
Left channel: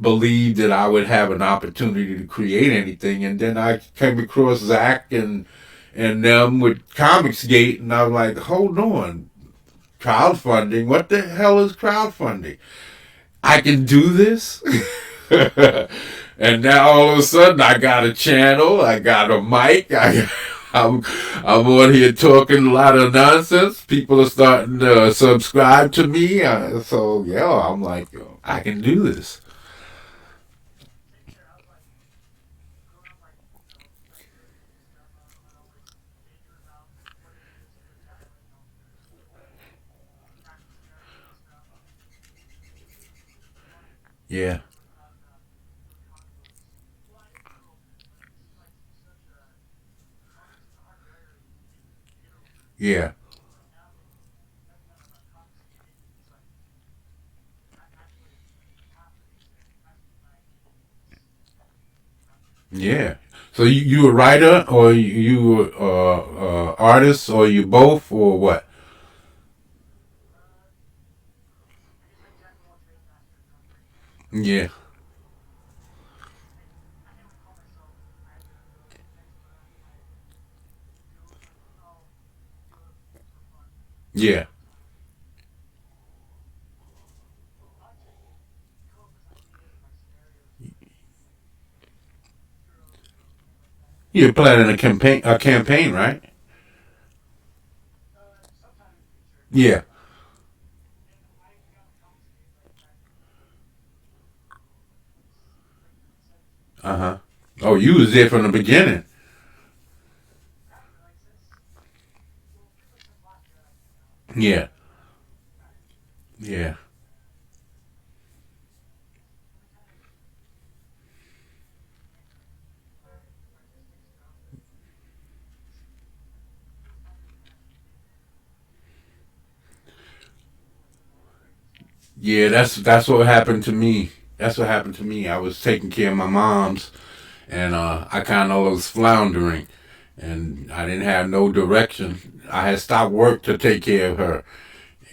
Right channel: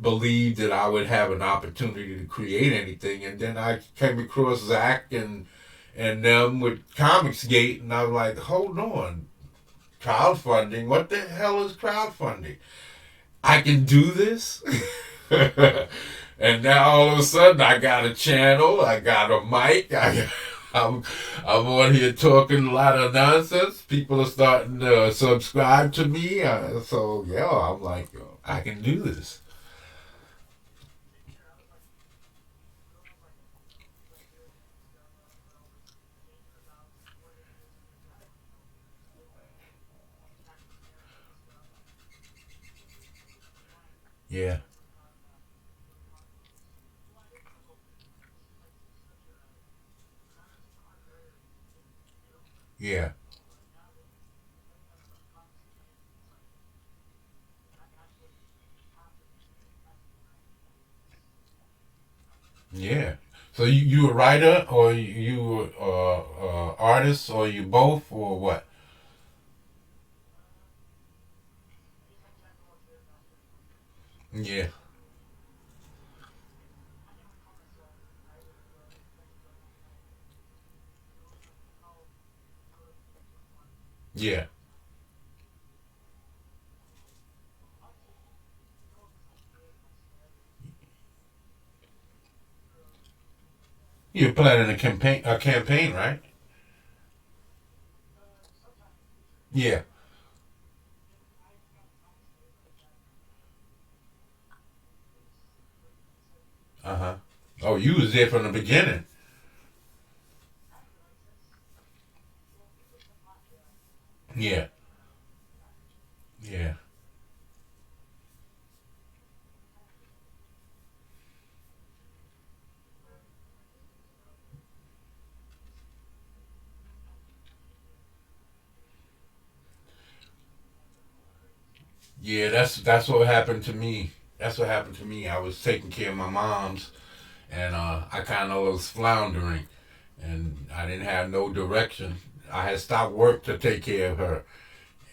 believe that I would have an opportunity to create anything, and then I came across Zach and them with Comicsgate, and I was like, hold on, crowdfunding? What the hell is crowdfunding? I can do this? And now all of a sudden I got a channel, I got a mic, I'm, I'm on here talking a lot of nonsense. People are starting to subscribe to me. So, yeah, I'm like, I can do this. Yeah, yeah, yeah. So you a writer or you artist or you both or what? Yeah, You're planning a campaign, right? sometime in the future. Yeah. And I got the comics paper back when it was written in the 70s. Uh huh. Oh, you was there from the beginning. Right, like well, people said Black Jack, Yeah. right. Yeah. And the kind of artistic stuff that just feels more international than Yeah, that's what happened to me. That's what happened to me. I was taking care of my mom's, and I kind of was floundering, and I didn't have no direction. I had stopped work to take care of her.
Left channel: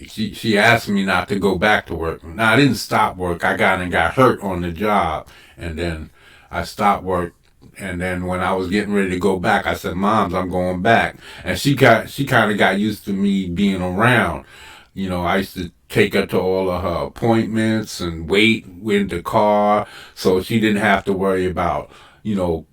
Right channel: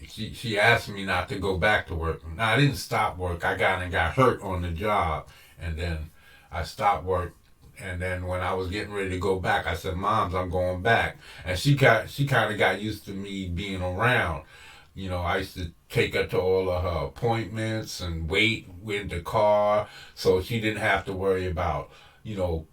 She asked me not to go back to work. Now I didn't stop work. I got hurt on the job, and then I stopped work. And then when I was getting ready to go back, I said, "Mom's, I'm going back." And she kind of got used to me being around. You know, I used to take her to all of her appointments and wait in the car, so she didn't have to worry about, you know,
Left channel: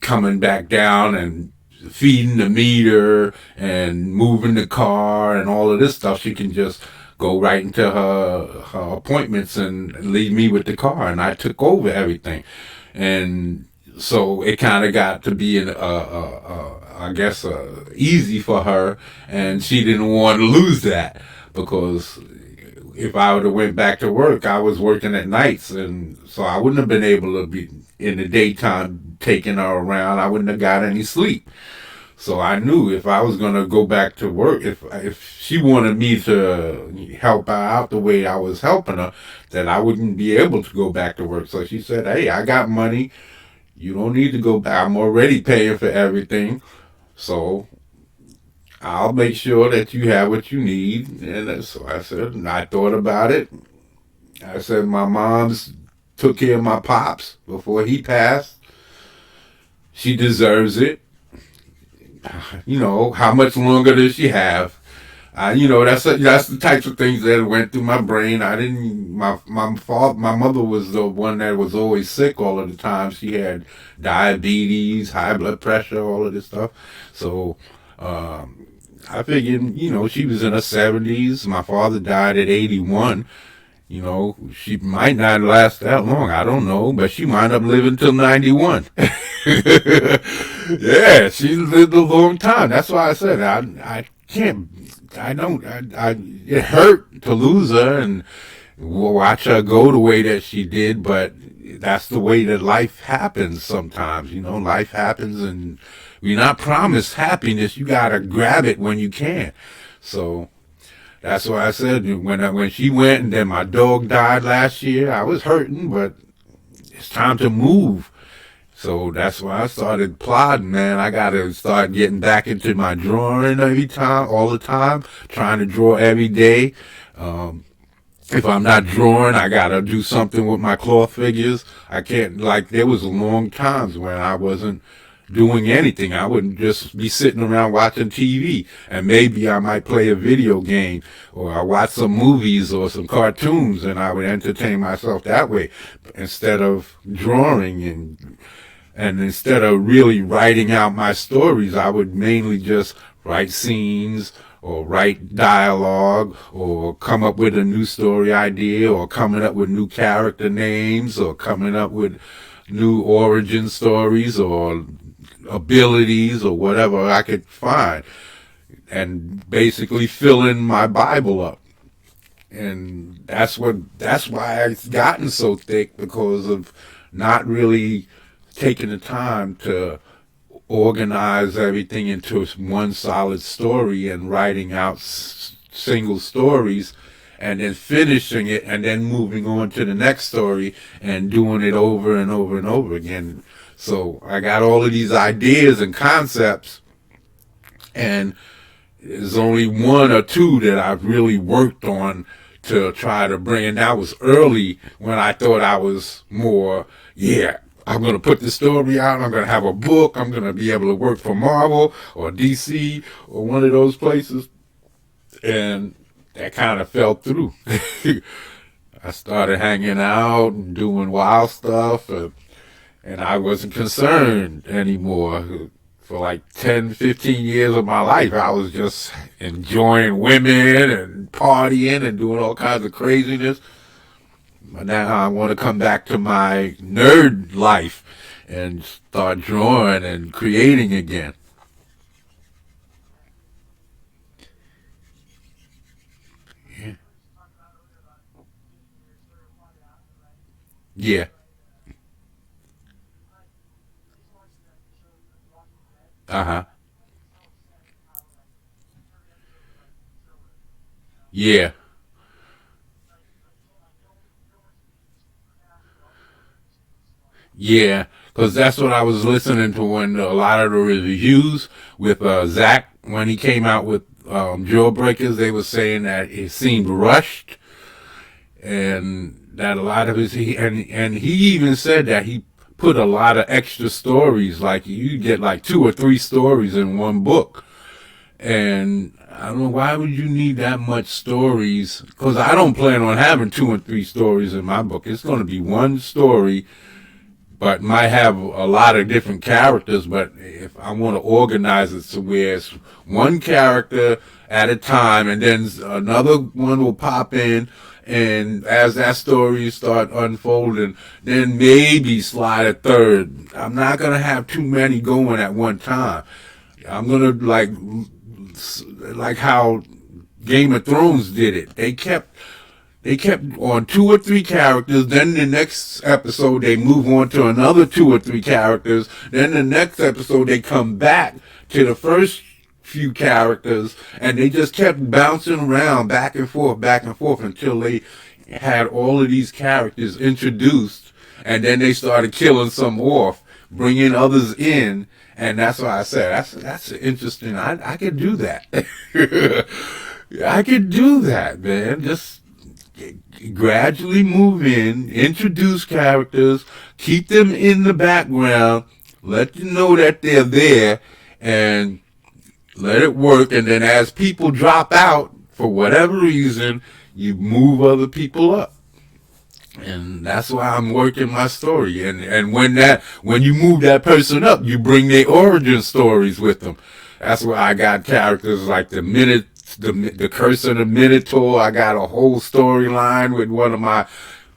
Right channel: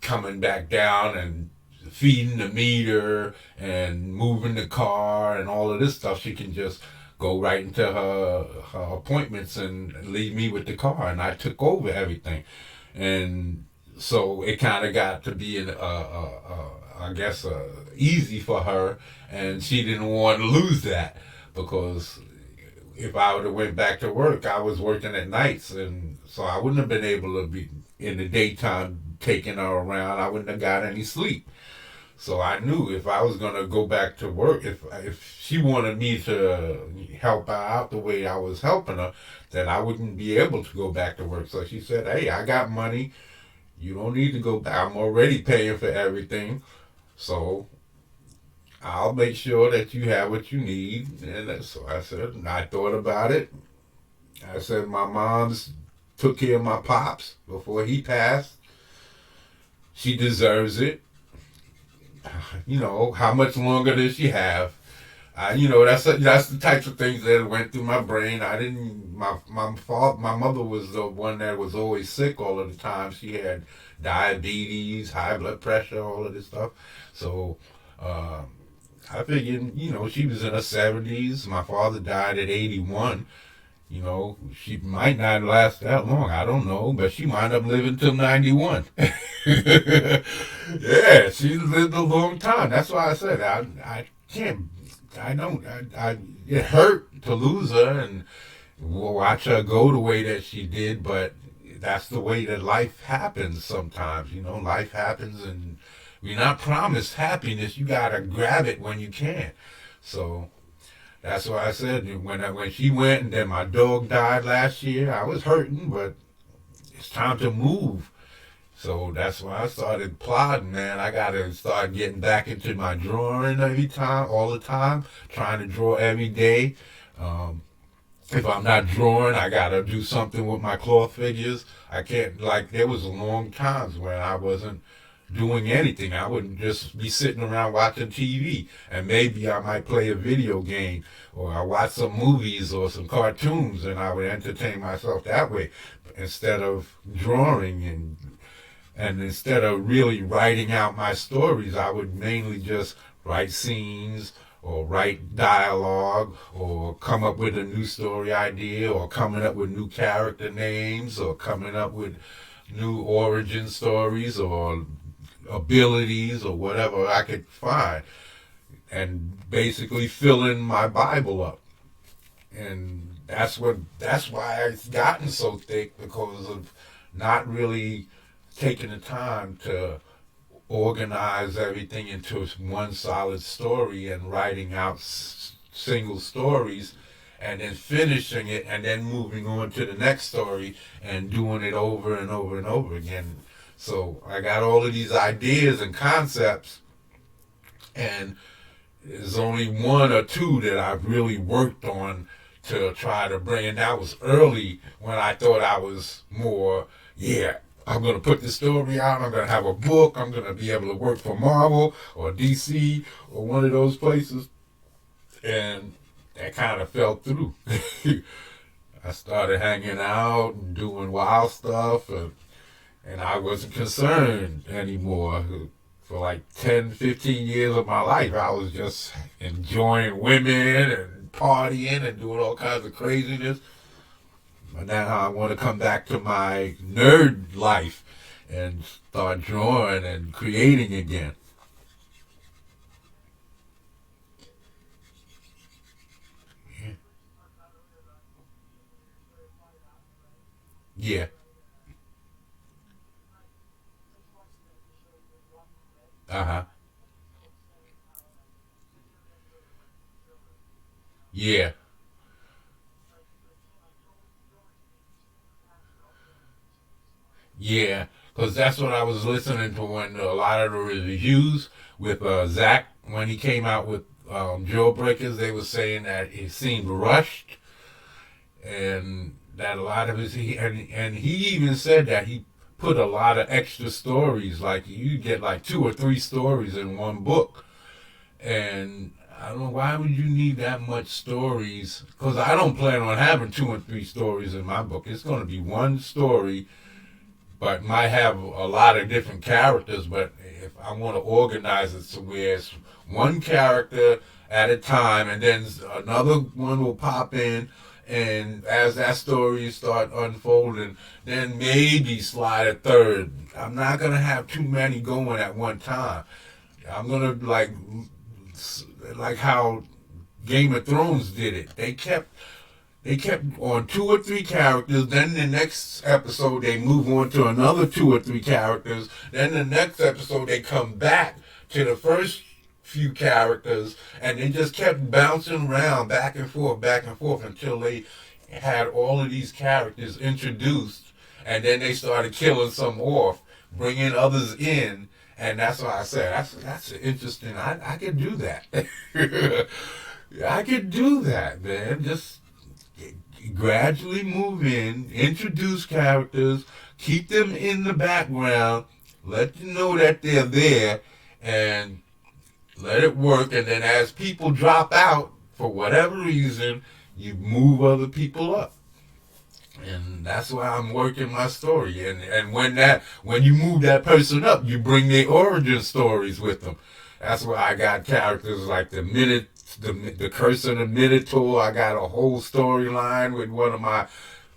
coming back down and feeding the meter and moving the car and all of this stuff. She can just go right into her appointments and leave me with the car, and I took over everything. And so it kind of got to be I guess easy for her, and she didn't want to lose that because if I would have went back to work, I was working at nights, and so I wouldn't have been able to be in the daytime taking her around. I wouldn't have got any sleep. So I knew if I was gonna go back to work, if she wanted me to help her out the way I was helping her, then I wouldn't be able to go back to work. So she said, "Hey, I got money. You don't need to go back. I'm already paying for everything. So I'll make sure that you have what you need." And so I said, and I thought about it. I said, my mom's took care of my pops before he passed. She deserves it. You know, how much longer does she have? You know, that's the types of things that went through my brain. I didn't. My mother was the one that was always sick all of the time. She had diabetes, high blood pressure, all of this stuff. So I figured, you know, she was in her 70s. My father died at 81. You know, she might not last that long. I don't know, but she might up living till 91. Yeah, she lived a long time. That's why I said I can't. I don't. It hurt to lose her and watch her go the way that she did, but that's the way that life happens sometimes. You know, life happens and you're not promised happiness. You gotta grab it when you can. So that's why I said when she went and then my dog died last year, I was hurting, but it's time to move. So that's why I started plotting, man. I gotta start getting back into my drawing every time, all the time, trying to draw every day. Um, if I'm not drawing, I gotta do something with my cloth figures. I can't, like, there was long times when I wasn't doing anything. I wouldn't just be sitting around watching TV, and maybe I might play a video game or I watch some movies or some cartoons, and I would entertain myself that way instead of drawing and instead of really writing out my stories, I would mainly just write scenes or write dialogue or come up with a new story idea or coming up with new character names or coming up with new origin stories or abilities or whatever I could find and basically fill in my Bible up. And that's why it's gotten so thick because of not really taking the time to organize everything into one solid story and writing out single stories and then finishing it and then moving on to the next story and doing it over and over and over again. So I got all of these ideas and concepts, and there's only one or two that I've really worked on to try to bring. And that was early when I thought I was more, yeah, I'm going to put the story out. I'm going to have a book. I'm going to be able to work for Marvel or DC or one of those places. And that kind of fell through. I started hanging out and doing wild stuff. And and I wasn't concerned anymore. For like 10, 15 years of my life, I was just enjoying women and partying and doing all kinds of craziness. But now I want to come back to my nerd life and start drawing and creating again. Yeah. Uh huh. Yeah. Yeah. Because that's what I was listening to when a lot of the reviews with Zach when he came out with Drill Breakers. They were saying that it seemed rushed and that a lot of his and he even said that he put a lot of extra stories. Like you get like 2 or 3 stories in one book, and I don't know why would you need that much stories? Because I don't plan on having 2 and 3 stories in my book. It's going to be one story, but might have a lot of different characters. But if I want to organize it to where it's one character at a time, and then another one will pop in, and as that story start unfolding, then maybe slide a third. I'm not gonna have too many going at one time. I'm gonna like how Game of Thrones did it. They kept on 2 or 3 characters. Then the next episode they move on to another 2 or 3 characters. Then the next episode they come back to the first few characters, and they just kept bouncing around back and forth until they had all of these characters introduced, and then they started killing some off, bringing others in, and that's why I said that's interesting. I could do that. I could do that, man. Just gradually move in, introduce characters, keep them in the background, let you know that they're there, and let it work. And then as people drop out for whatever reason, you move other people up. And that's why I'm working my story. And when you move that person up, you bring their origin stories with them. That's why I got characters like the Curse of the Minotaur. I got a whole storyline with one of my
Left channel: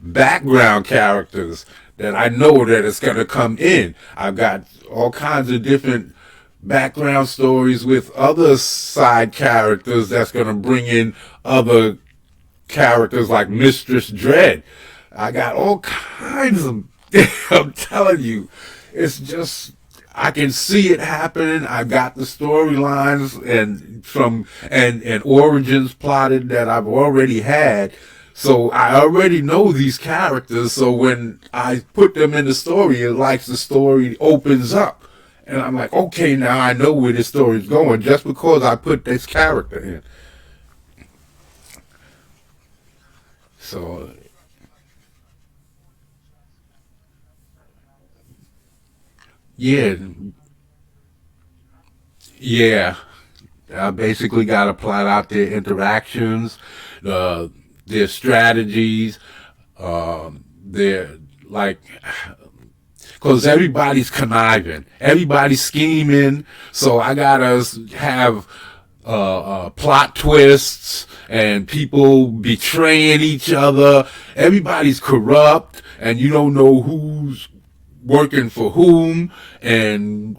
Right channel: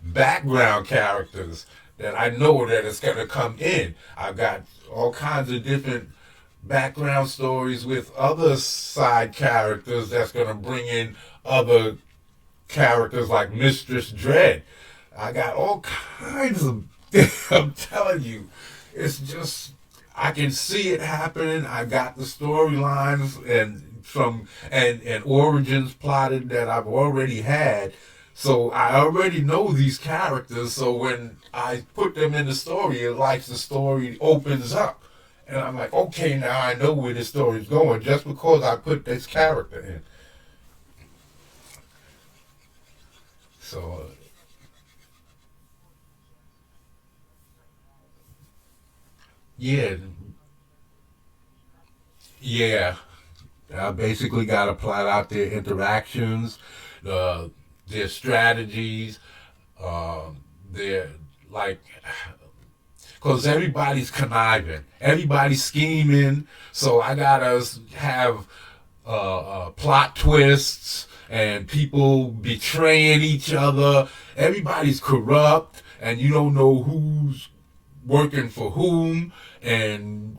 background characters that I know that it's gonna come in. I've got all kinds of different background stories with other side characters that's gonna bring in other characters like Mistress Dread. I got all kinds of. I'm telling you, it's just I can see it happening. I got the storylines and origins plotted that I've already had. So I already know these characters. So when I put them in the story, it likes the story opens up. And I'm like, okay, now I know where this story's going just because I put this character in. So yeah, yeah. I basically got to plot out their interactions, uh, their strategies, their like, because everybody's conniving, everybody's scheming. So I gotta have plot twists and people betraying each other. Everybody's corrupt, and you don't know who's working for whom and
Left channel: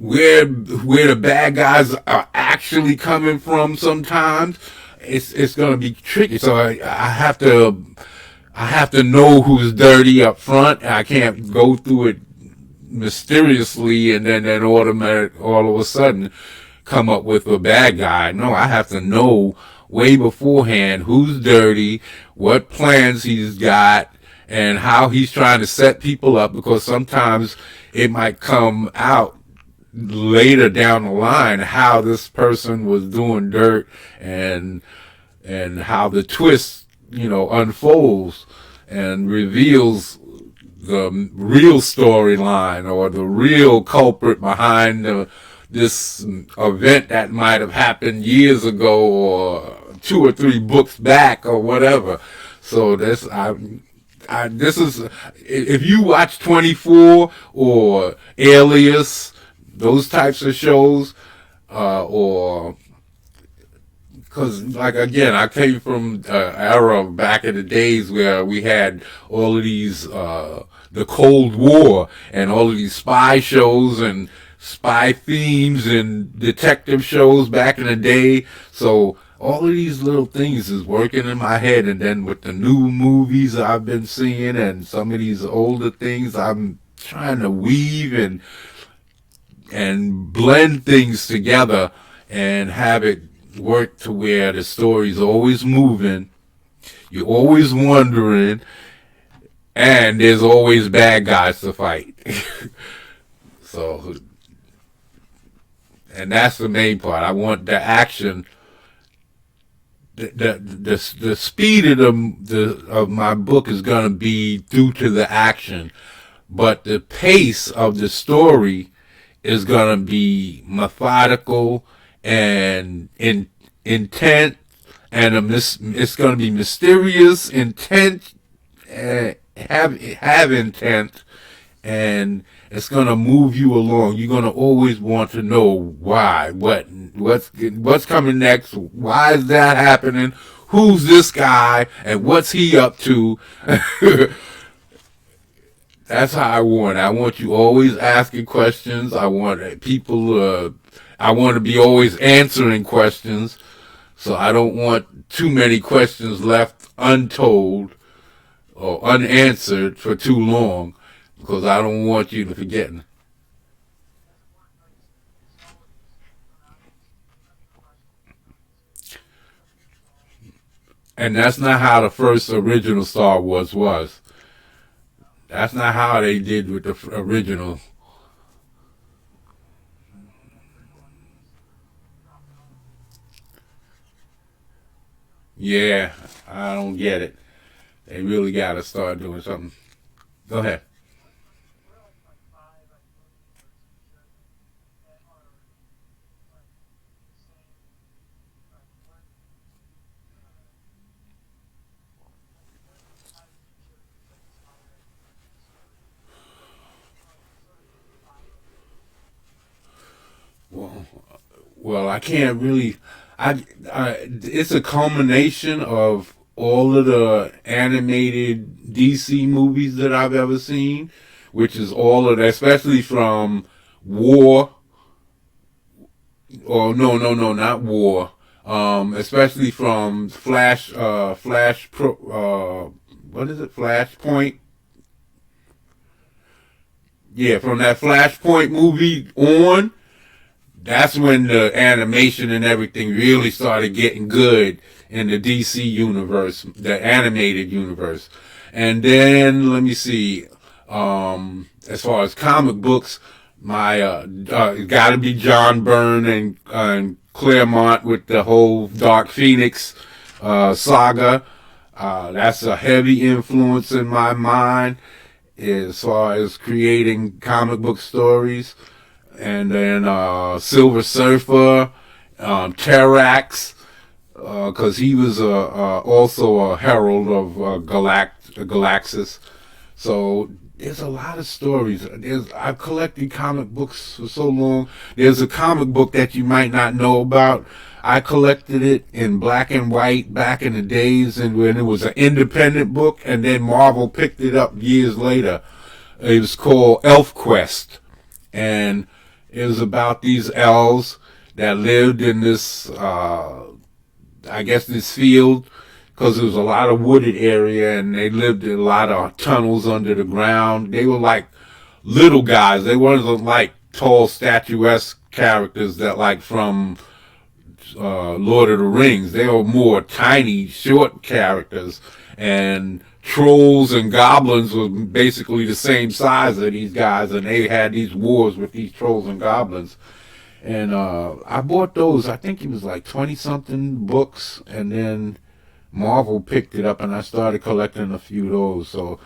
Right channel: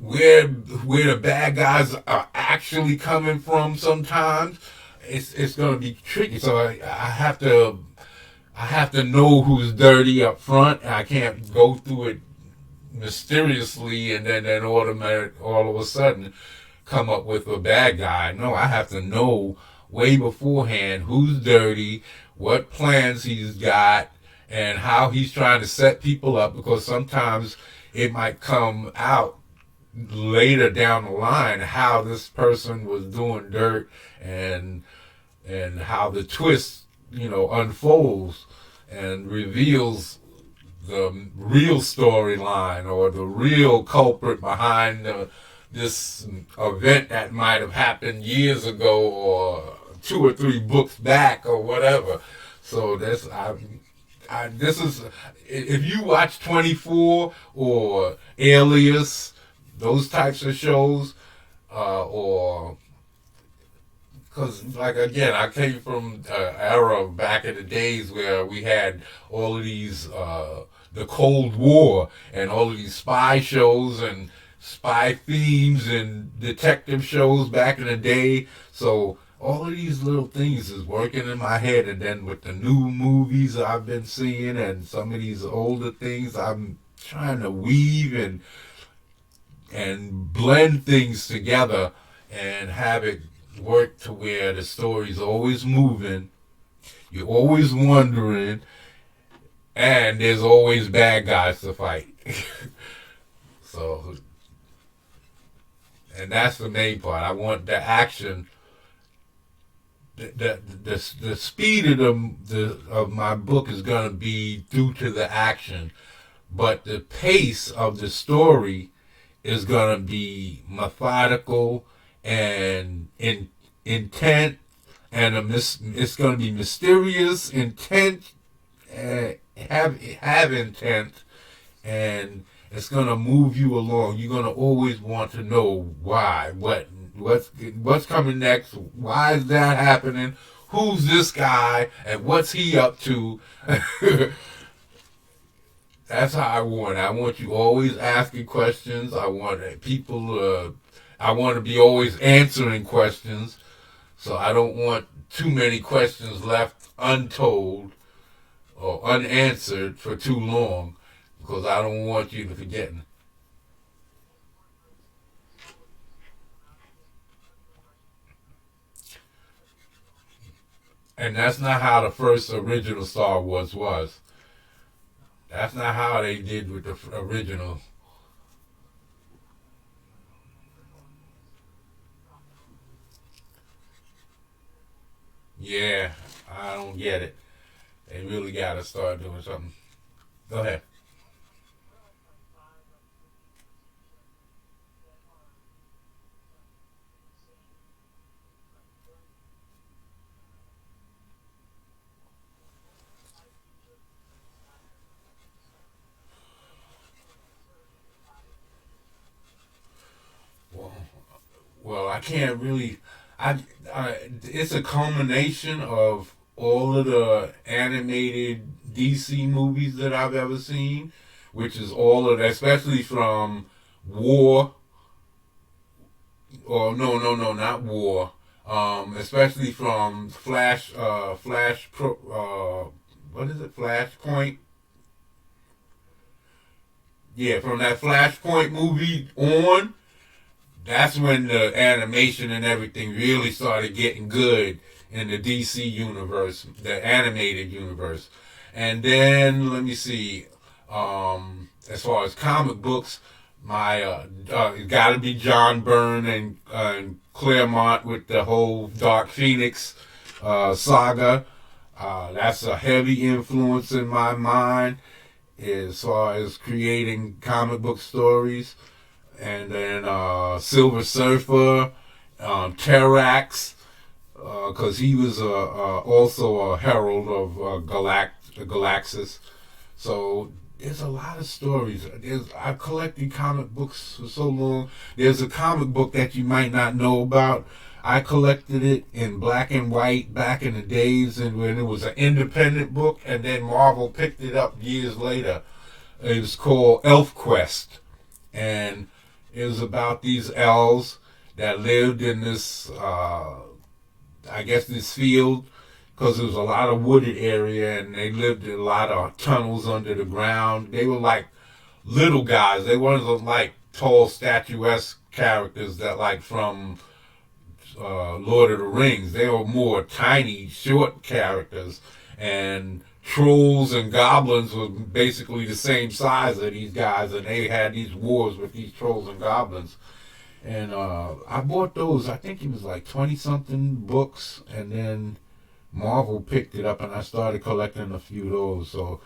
where the bad guys are actually coming from. Sometimes it's gonna be tricky. So I have to know who's dirty up front. I can't go through it mysteriously and then automatic all of a sudden come up with a bad guy. No, I have to know way beforehand who's dirty, what plans he's got, and how he's trying to set people up, because sometimes it might come out later down the line how this person was doing dirt, and how the twist unfolds and reveals the real storyline or the real culprit behind this event that might have happened years ago or 2 or 3 books back or whatever. So this is if you watch 24 or Alias, those types of shows, or because like again, I came from an era back in the days where we had all of these the Cold War and all of these spy shows and spy themes and detective shows back in the day. So all of these little things is working in my head, and then with the new movies I've been seeing and some of these older things, I'm trying to weave and blend things together and have it work to where the story's always moving, you're always wondering, and there's always bad guys to fight. So, and that's the main part. I want the action. The speed of of my book is gonna be due to the action, but the pace of the story is gonna be methodical and intent, and it's gonna be mysterious, intent, have intent, and it's gonna move you along. You're gonna always want to know why, what's coming next, why is that happening, who's this guy, and what's he up to. That's how I want it. I want you always asking questions. I want people. I want to be always answering questions. So I don't want too many questions left untold or unanswered for too long, because I don't want you to forget. And that's not how the first original Star Wars was. That's not how they did with the original. Yeah, I don't get it. They really got to start doing something. Go ahead. Well, well, I can't really. It's a culmination of all of the animated DC movies that I've ever seen, which is all of that, especially from War, or no, not War. Especially from what is it, Flashpoint? Yeah, from that Flashpoint movie on, that's when the animation and everything really started getting good in the DC universe, the animated universe. And then let me see, as far as comic books, my got to be John Byrne and Claremont with the whole Dark Phoenix saga. That's a heavy influence in my mind as far as creating comic book stories. And then Silver Surfer, Terrax, because he was also a herald of Galaxis. So there's a lot of stories. I've collected comic books for so long. There's a comic book that you might not know about. I collected it in black and white back in the days, and when it was an independent book, and then Marvel picked it up years later. It was called Elf Quest, and it was about these elves that lived in this, I guess, this field, because there was a lot of wooded area, and they lived in a lot of tunnels under the ground. They were like little guys. They weren't like tall, statuesque characters that like from Lord of the Rings. They were more tiny, short characters, and trolls and goblins were basically the same size of these guys, and they had these wars with these trolls and goblins. And I bought those. I think it was like 20 something books, and then Marvel picked it up, and I started collecting a few of those. So,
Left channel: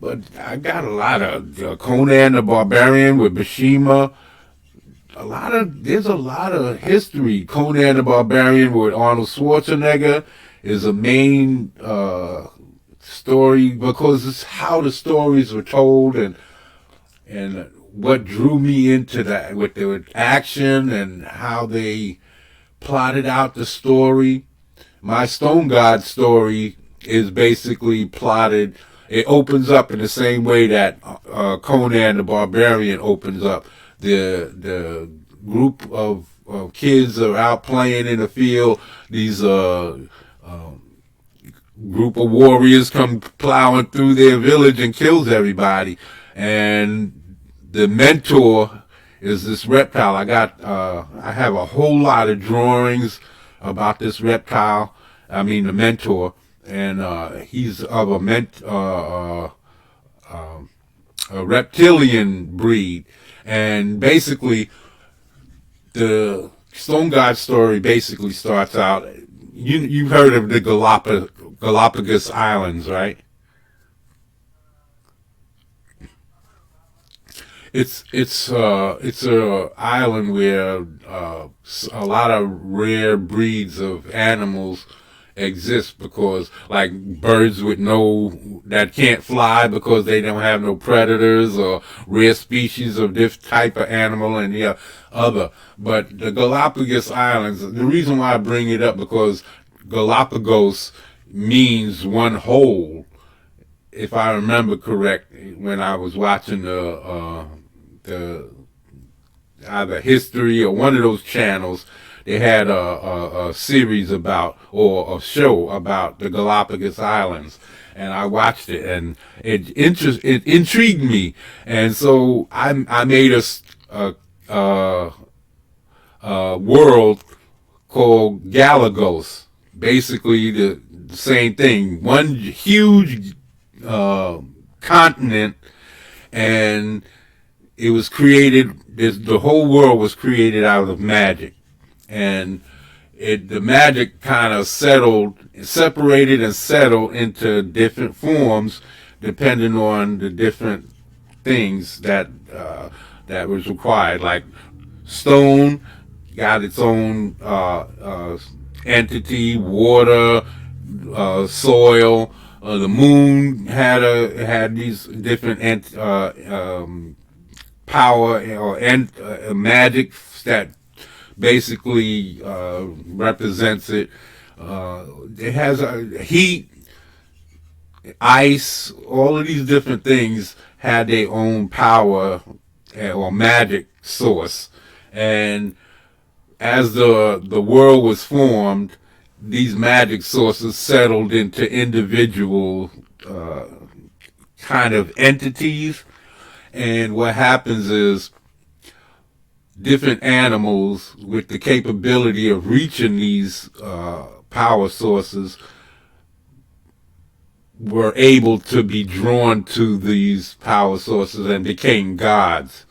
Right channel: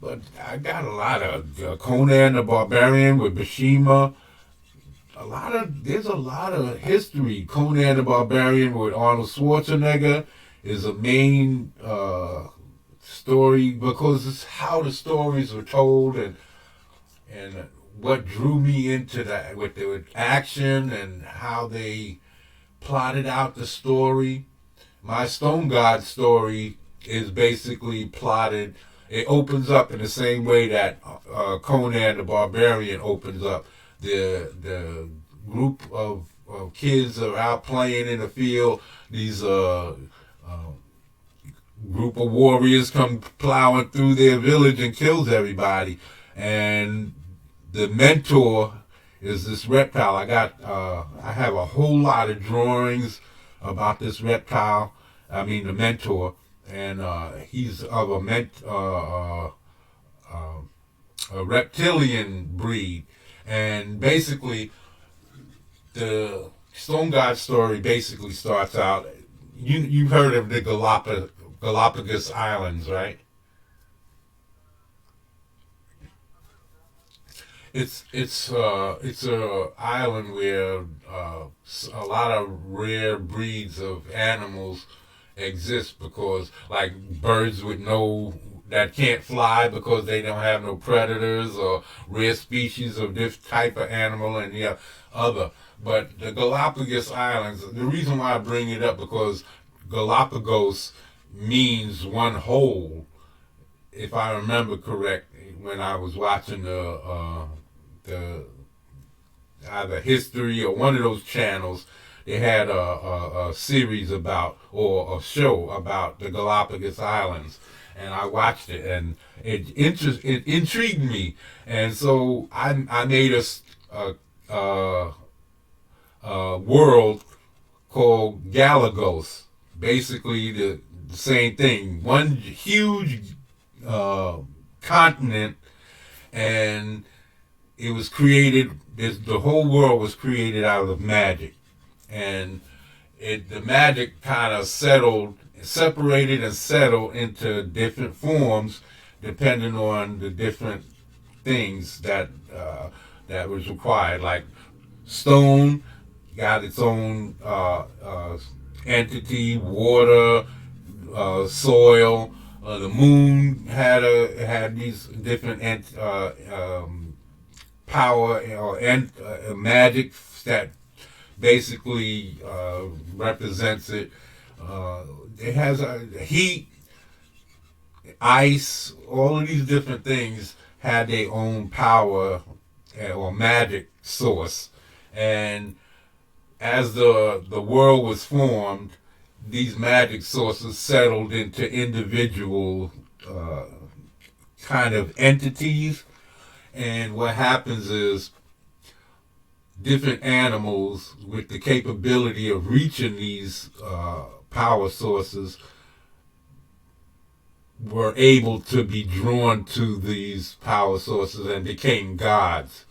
but I got a lot of Conan the Barbarian with Bashima. There's a lot of history. Conan the Barbarian with Arnold Schwarzenegger is a main story story because it's how the stories were told, and what drew me into that with the action and how they plotted out the story. My Stone God story is basically plotted. It opens up in the same way that Conan the Barbarian opens up. The group of kids are out playing in the field. These group of warriors come plowing through their village and kills everybody. And the mentor is this reptile. I have a whole lot of drawings about this reptile. I mean the mentor, and he's of a reptilian breed, and basically the Stone God story basically starts out. You've heard of the Galapagos Islands, right? It's a island where a lot of rare breeds of animals exist, because like birds with no that can't fly because they don't have no predators, or rare species of this type of animal and other. But the Galapagos Islands, the reason why I bring it up, because Galapagos means one whole, if I remember correct, when I was watching the either history or one of those channels, they had a series about, or a show about the Galapagos Islands, and I watched it, and it intrigued me, and so I made a world called Galagos, basically the same thing, one huge continent, and it was created. The whole world was created out of magic, and the magic kind of separated and settled into different forms, depending on the different things that was required. Like stone got its own entity, water, soil. The moon had these different power or magic that basically represents it. It has heat, ice, all of these different things had their own power or magic source. And as the world was formed, these magic sources settled into individual kind of entities. And what happens is different animals with the capability of reaching these power sources were able to be drawn to these power sources and became gods.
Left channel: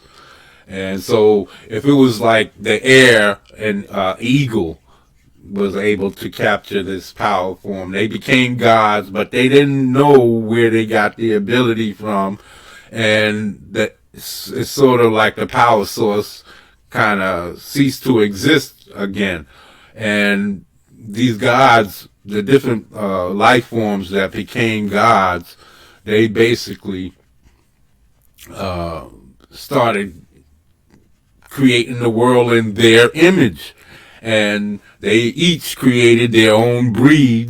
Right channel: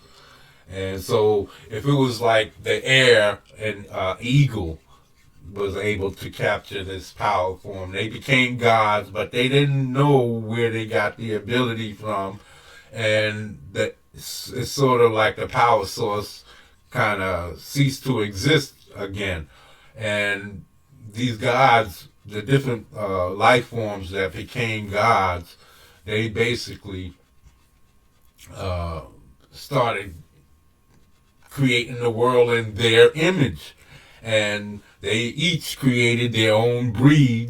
And so if it was like the air, and eagle was able to capture this power form, they became gods, but they didn't know where they got the ability from. And it's sort of like the power source kind of ceased to exist again. And these gods, the different life forms that became gods, they basically started creating the world in their image, and they each created their own breed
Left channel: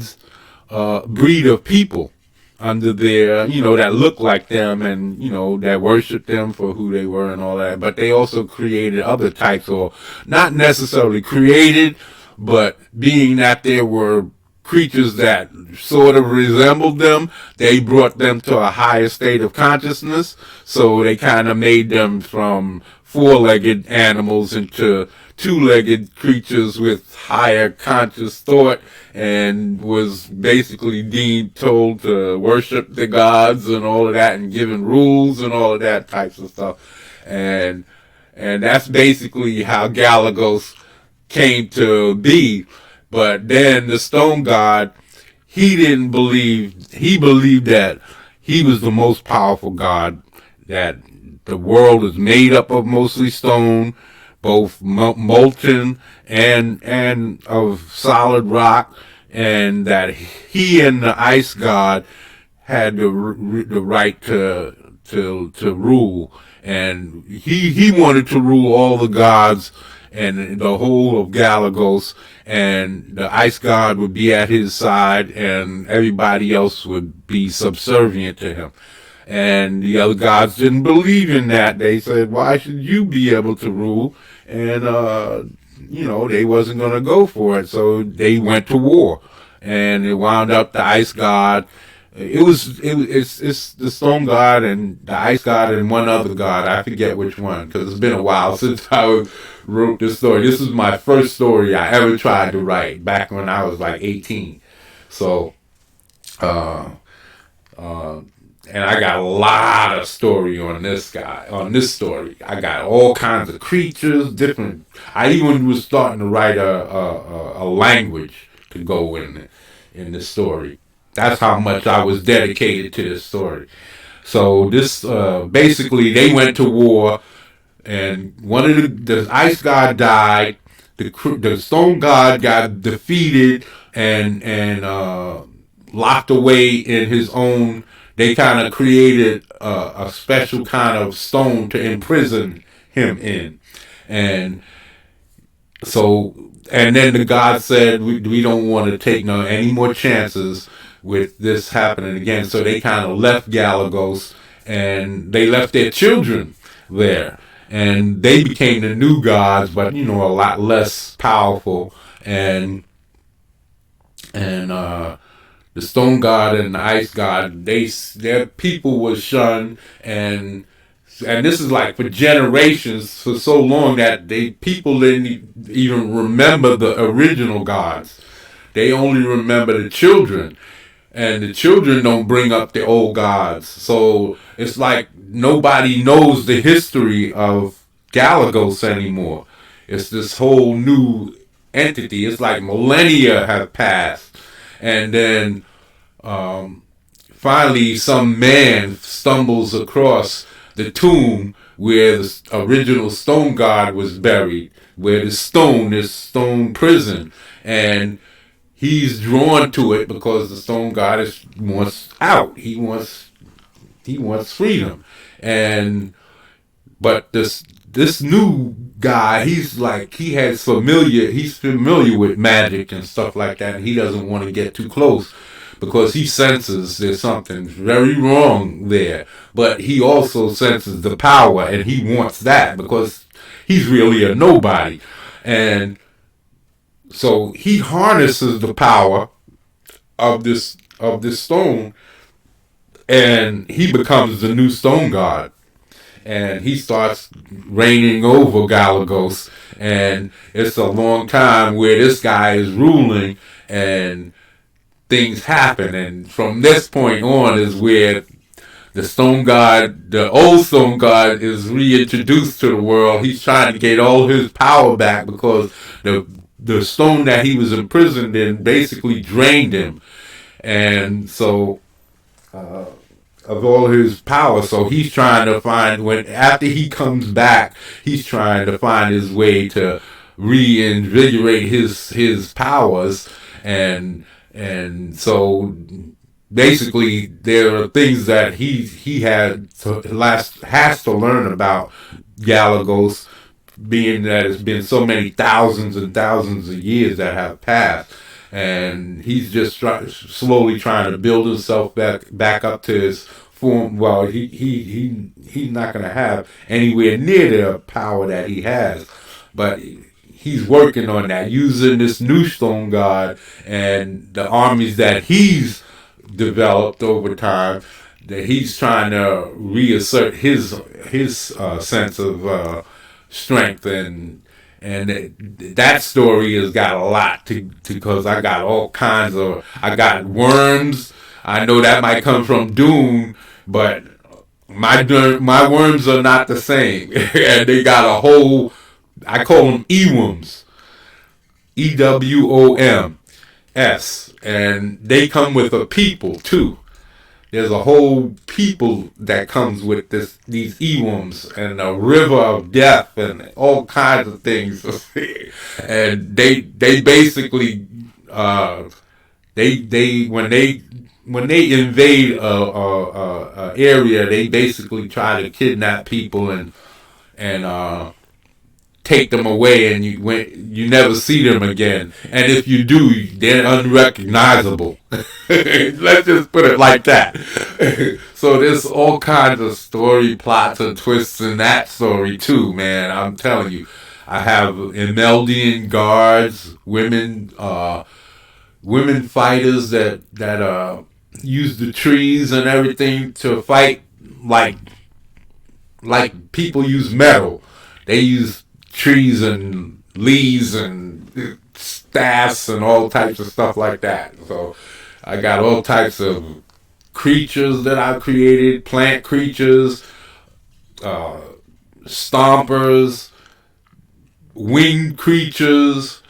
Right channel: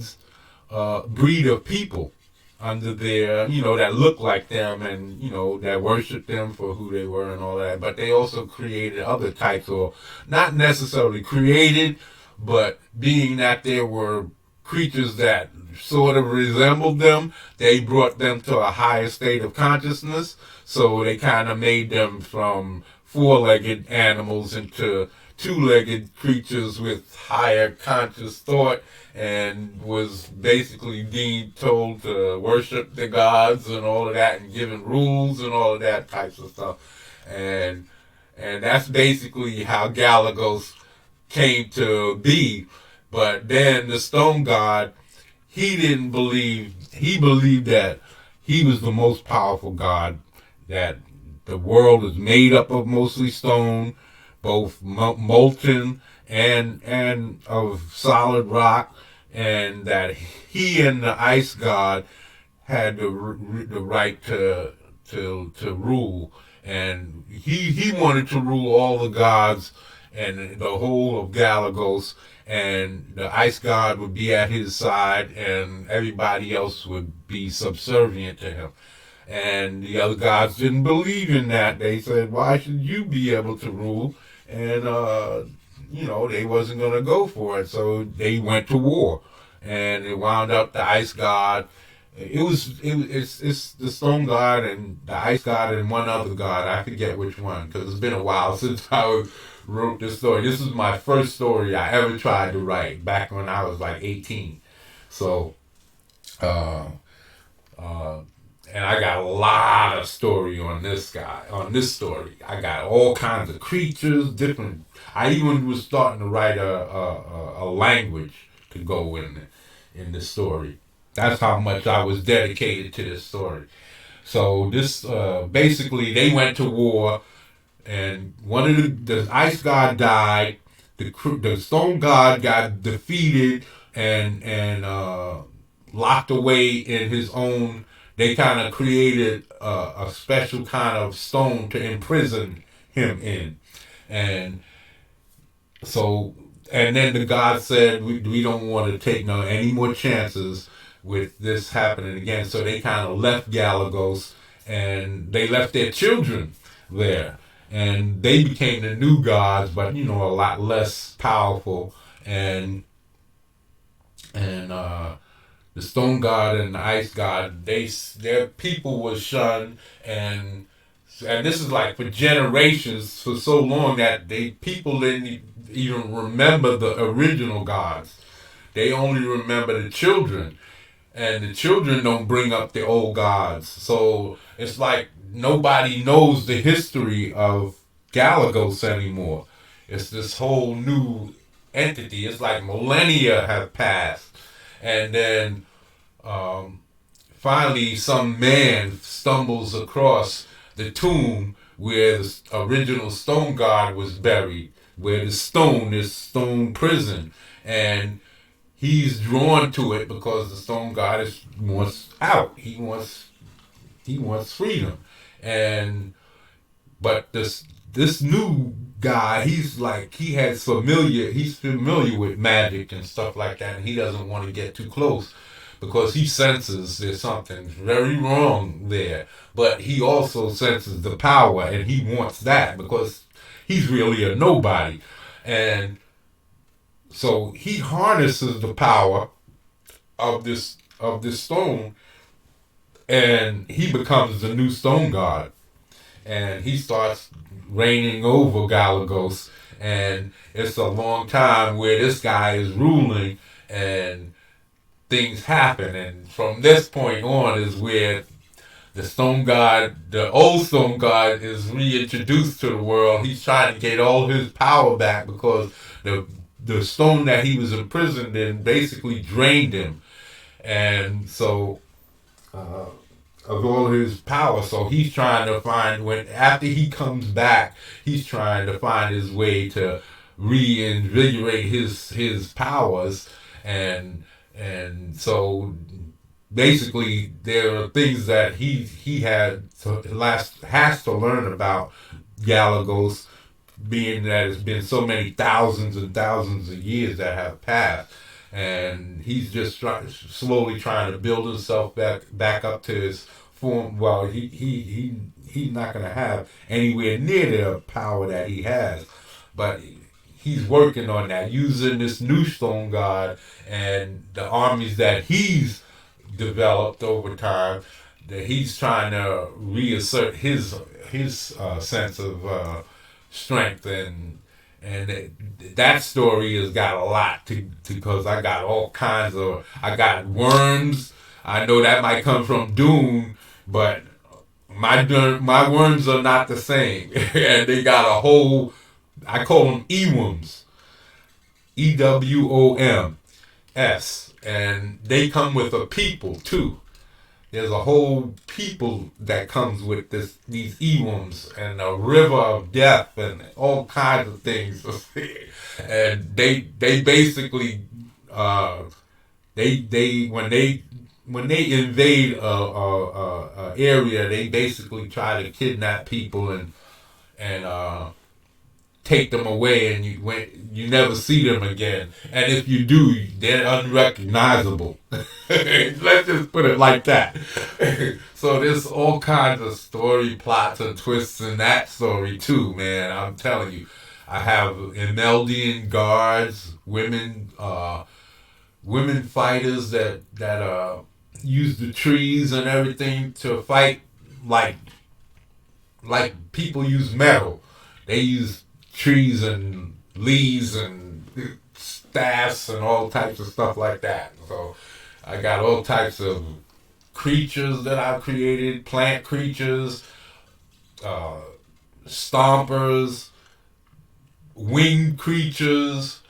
of people under their, that looked like them, and that worshiped them for who they were and all that. But they also created other types, or not necessarily created, but being that there were creatures that sort of resembled them, they brought them to a higher state of consciousness. So they kind of made them from four-legged animals into two-legged creatures with higher conscious thought, and was basically told to worship the gods and all of that, and given rules and all of that types of stuff. And that's basically how Galagos came to be. But then the Stone God, he believed that he was the most powerful god, that the world is made up of mostly stone, both molten and of solid rock, and that he and the ice god had the right to rule, and he wanted to rule all the gods and the whole of Galagos, and the ice god would be at his side, and everybody else would be subservient to him. And the other gods didn't believe in that. They said, "Why should you be able to rule?" And they wasn't going to go for it, so they went to war, and it wound up the ice god. It's the stone god and the ice god and one other god. I forget which one because it's been a while since I wrote this story. This is my first story I ever tried to write back when I was like 18. So, uh, uh, and I got a lot of story on this story. I got all kinds of creatures, different. I even was starting to write a language to go in the story. That's how much I was dedicated to this story. So this basically they went to war, and one of the ice god died. The stone god got defeated and locked away in his own. They kind of created a special kind of stone to imprison him in, and so and then the god said we don't want to take any more chances with this happening again. So they kind of left Galagos and they left their children there. And they became the new gods, but a lot less powerful. And the stone god and the ice god, their people was shunned, and this is like for generations, for so long that people didn't even remember the original gods. They only remember the children, and the children don't bring up the old gods. So it's like nobody knows the history of Galagos anymore. It's this whole new entity. It's like millennia have passed, and then finally some man stumbles across the tomb where the original stone god was buried, where this stone prison, and he's drawn to it because the stone god wants out. He wants freedom, and but this new guy, he's familiar with magic and stuff like that, and he doesn't want to get too close because he senses there's something very wrong there. But he also senses the power, and he wants that because he's really a nobody, and so he harnesses the power of this stone, and he becomes the new stone god, and he starts reigning over Galagos, and it's a long time where this guy is ruling, and things happen, and from this point on is where the old stone god, is reintroduced to the world. He's trying to get all his power back because the stone that he was imprisoned in basically drained him, and so uh, of all his power. So he's trying to find after he comes back, he's trying to find his way to reinvigorate his powers, and so basically there are things that has to learn about Galagos, being that it's been so many thousands and thousands of years that have passed, and he's just slowly trying to build himself back up to his form. Well, he's not going to have anywhere near the power that he has, but he's working on that using this new stone god and the armies that he's developed over time. That he's trying to reassert his sense of strength, and that story has got a lot to because I got all kinds of I got worms. I know that might come from Dune, but my worms are not the same, and they got a whole. I call them Ewoms, EWOMS, and they come with a people too. There's a whole people that comes with these Ewoms and a river of death and all kinds of things. And they basically they when they when they invade a area, they basically try to kidnap people and take them away, and you never see them again. And if you do, they're unrecognizable. Let's just put it like that. So there's all kinds of story plots and twists in that story too, man. I'm telling you, I have Imeldian guards, women fighters that use the trees and everything to fight like people use metal. They use trees and leaves and staffs and all types of stuff like that. So I got all types of creatures that I've created, plant creatures, uh, stompers, winged creatures.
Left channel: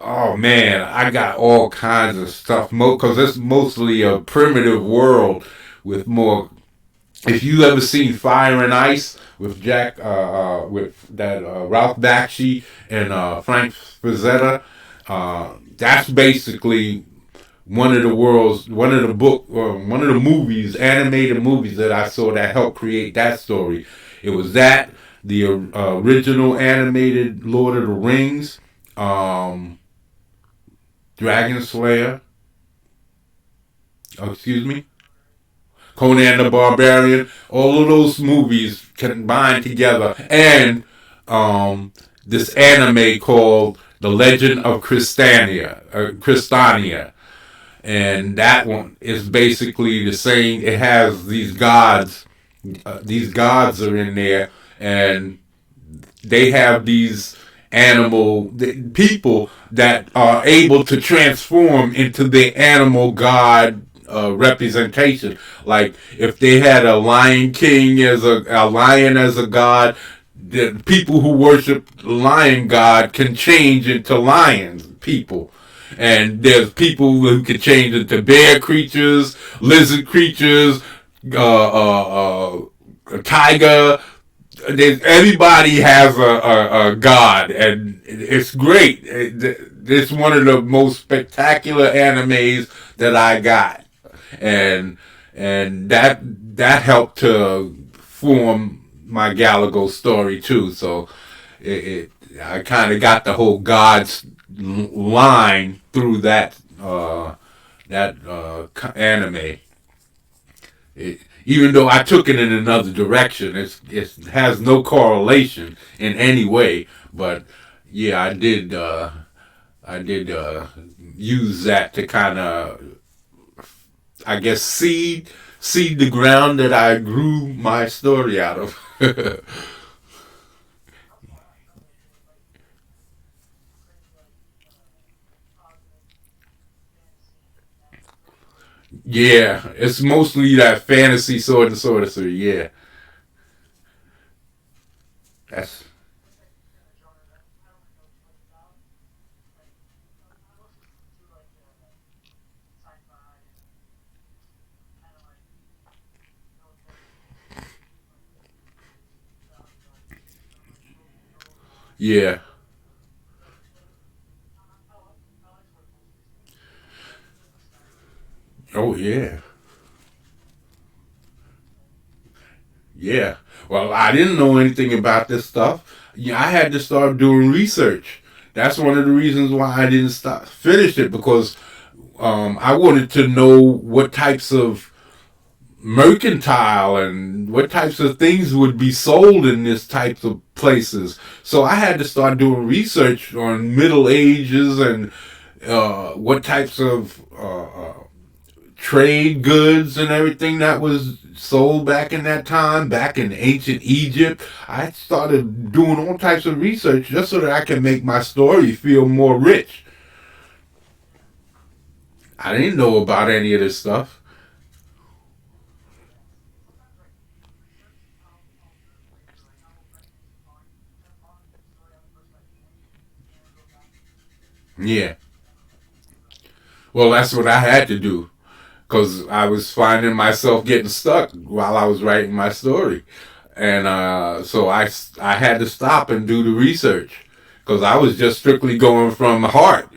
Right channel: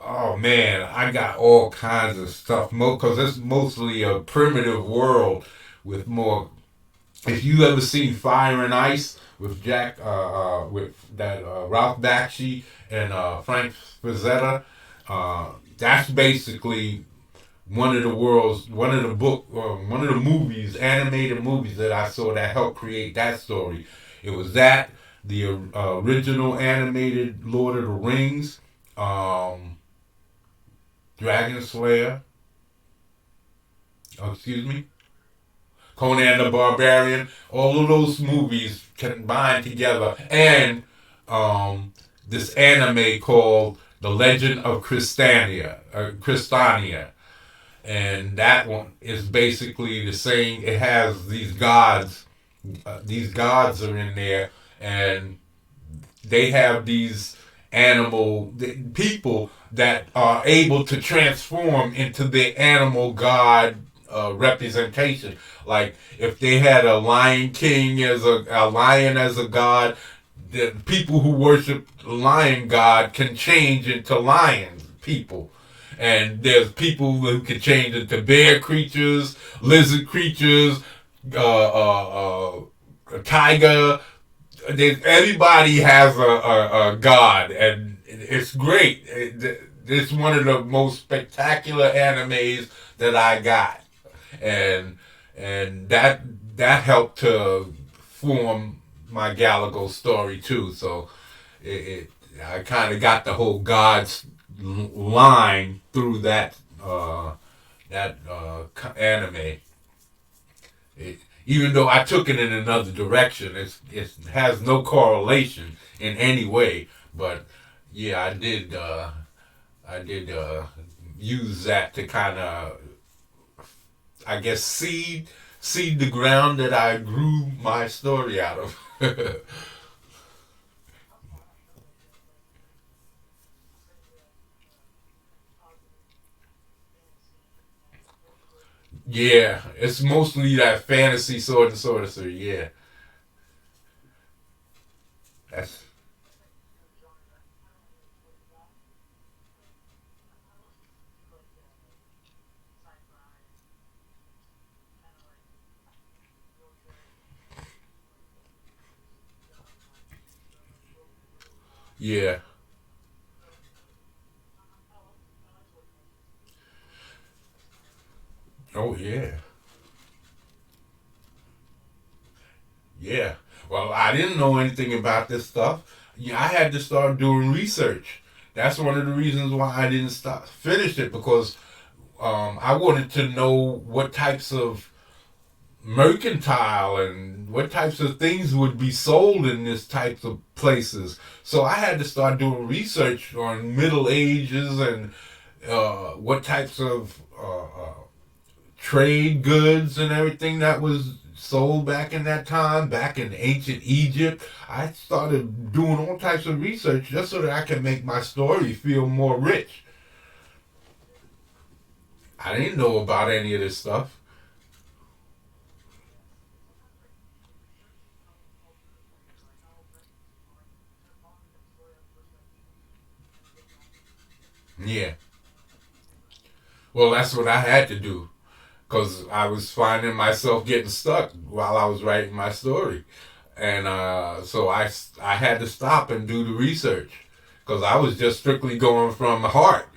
Oh man, I got all kinds of stuff because it's mostly a primitive world with more. If you ever seen Fire and Ice with with that Ralph Bakshi and Frank Frazetta, that's basically one of the movies, animated movies that I saw that helped create that story. It was that the original animated Lord of the Rings, Dragon Slayer. Oh, excuse me. Conan the Barbarian, all of those movies combined together, and this anime called The Legend of Crystania, and that one is basically the same. It has these gods. These gods are in there, and they have these people that are able to transform into the animal god representation. Like if they had a lion king as a lion as a god, the people who worship the lion god can change into lions people. And there's people who can change into bear creatures, lizard creatures, a tiger. Everybody has a god, and it's great. It's one of the most spectacular animes that I got, and that helped to form my Galago story too. So I kind of got the whole gods line through anime. Even though I took it in another direction, it has no correlation in any way. But yeah, I did use that to kind of, I guess, seed the ground that I grew my story out of. Yeah, it's mostly that fantasy sword and sorcery. Yeah, that's yeah. Oh yeah, yeah. Well, I didn't know anything about this stuff. Yeah, I had to start doing research. That's one of the reasons why I didn't finish it because I wanted to know what types of mercantile and what types of things would be sold in this types of places. So I had to start doing research on Middle Ages and what types of trade goods and everything that was sold back in that time, back in ancient Egypt. I started doing all types of research just so that I can make my story feel more rich. I didn't know about any of this stuff. Yeah. Well, that's what I had to do because I was finding myself getting stuck while I was writing my story. And so I had to stop and do the research because I was just strictly going from heart.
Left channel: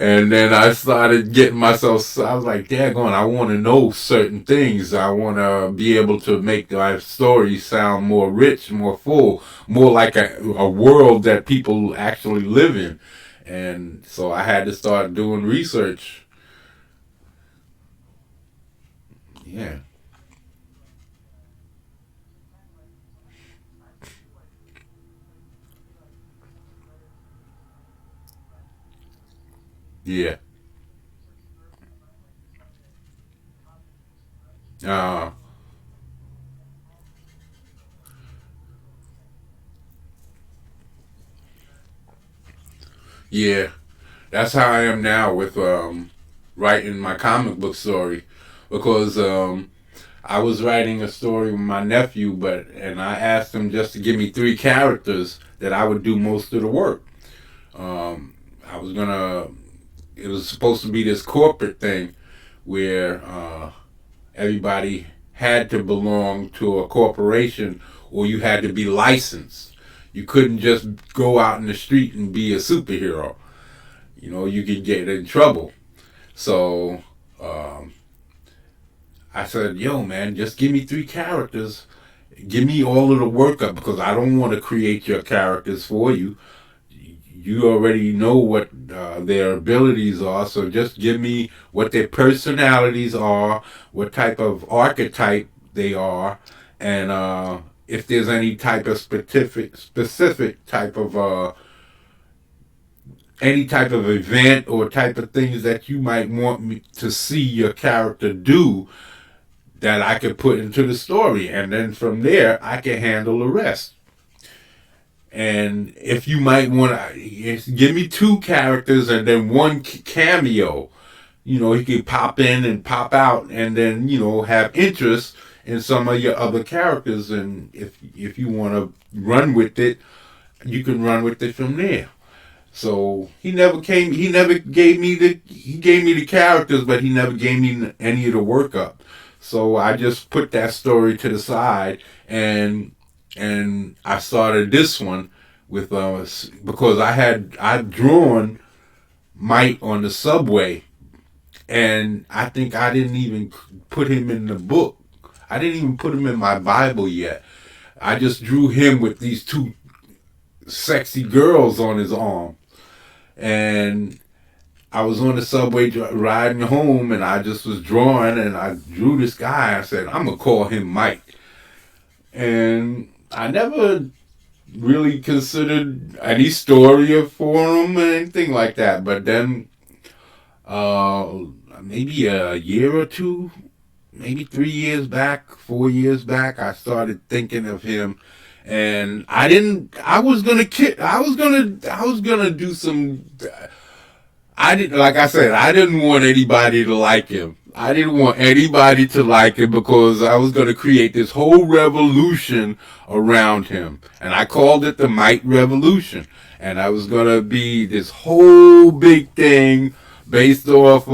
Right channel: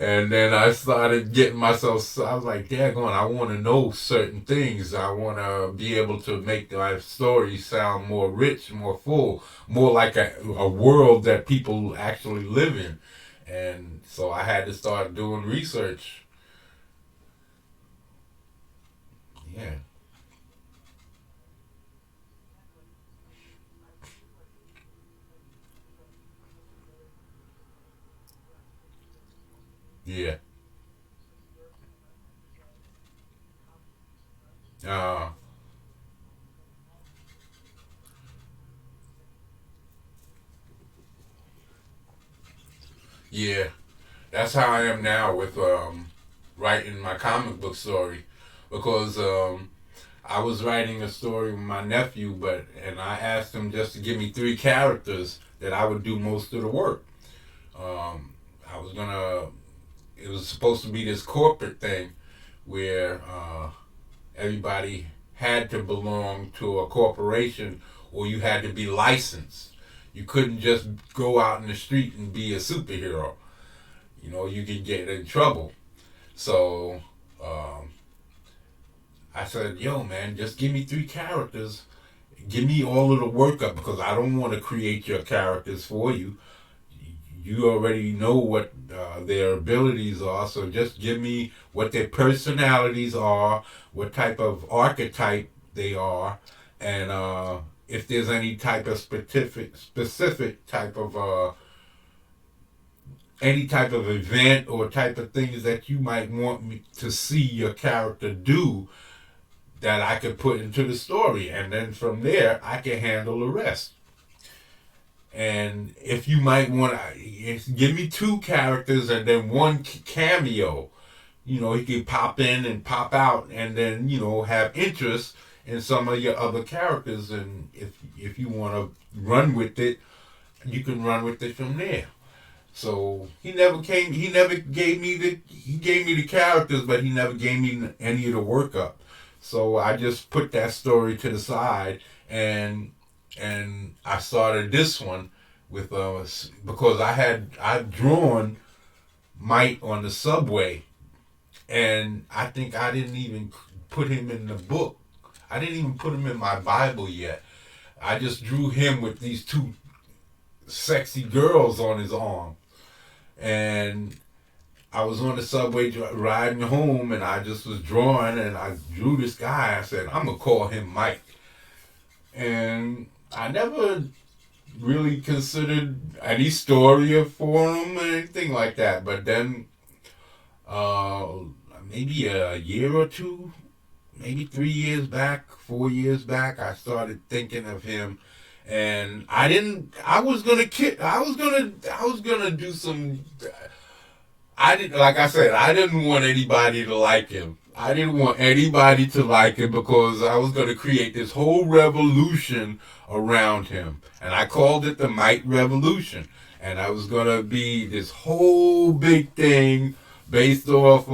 And then I started getting myself, I was like, daggone, I want to know certain things. I want to be able to make my story sound more rich, more full, more like a world that people actually live in. And so I had to start doing research. Yeah. Yeah. Uh, yeah. That's how I am now with writing my comic book story, because I was writing a story with my nephew, and I asked him just to give me three characters that I would do most of the work. Um, I was gonna. It was supposed to be this corporate thing where everybody had to belong to a corporation, or you had to be licensed. You couldn't just go out in the street and be a superhero. You know, you could get in trouble. So um, I said, "Yo, man, just give me three characters. Give me all of the workup, because I don't want to create your characters for you. You already know what their abilities are, so just give me what their personalities are, what type of archetype they are, and if there's any type of specific type of any type of event or type of things that you might want me to see your character do, that I could put into the story, and then from there I can handle the rest." And if you might want to give me two characters and then one cameo, you know, he can pop in and pop out, and then, you know, have interest in some of your other characters. And if you want to run with it, you can run with it from there. So he never came. He never gave me the. He gave me the characters, but he never gave me any of the workup. So I just put that story to the side, and I started this one with because I'd drawn Mike on the subway, and I think I didn't even put him in the book. I didn't even put him in my Bible yet. I just drew him with these two sexy girls on his arm, and I was on the subway riding home, and I just was drawing, and I drew this guy. I said, "I'm gonna call him Mike," and I never really considered any story for him or anything like that. But then, uh, maybe a year or two, maybe 3 years back, 4 years back, I started thinking of him, and I didn't. I was gonna kid. I was gonna. I was gonna do some. I didn't. Like I said, I didn't want anybody to like him. I didn't want anybody to like him, because I was going to create this whole revolution around him. And I called it the Mike Revolution. And I was going to be this whole big thing based off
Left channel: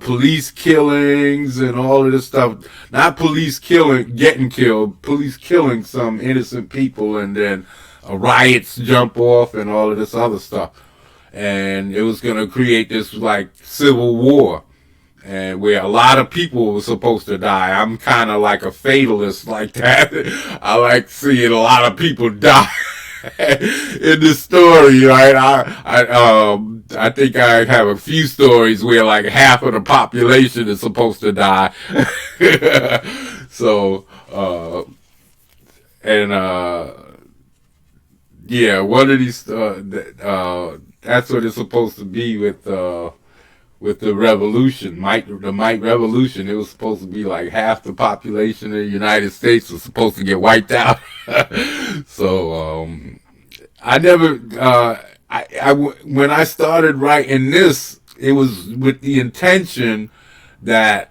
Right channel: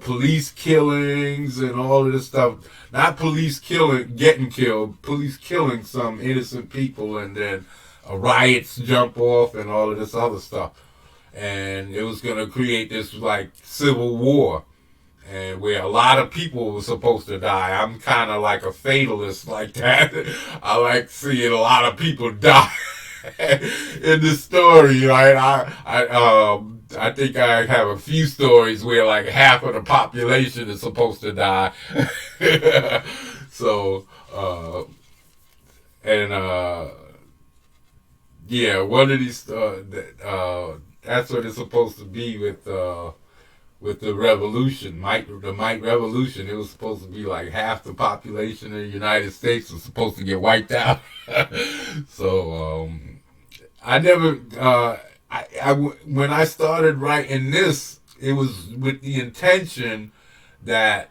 police killings and all of this stuff. Not police killing, getting killed, police killing some innocent people, and then riots jump off and all of this other stuff. And it was going to create this like civil war, and where a lot of people were supposed to die. I'm kind of like a fatalist like that. I like seeing a lot of people die in the story, right? I think I have a few stories where like half of the population is supposed to die. So, and yeah, one of these that's what it's supposed to be with the revolution, the Mike Revolution. It was supposed to be like half the population of the United States was supposed to get wiped out. So I never, when I started writing this, it was with the intention that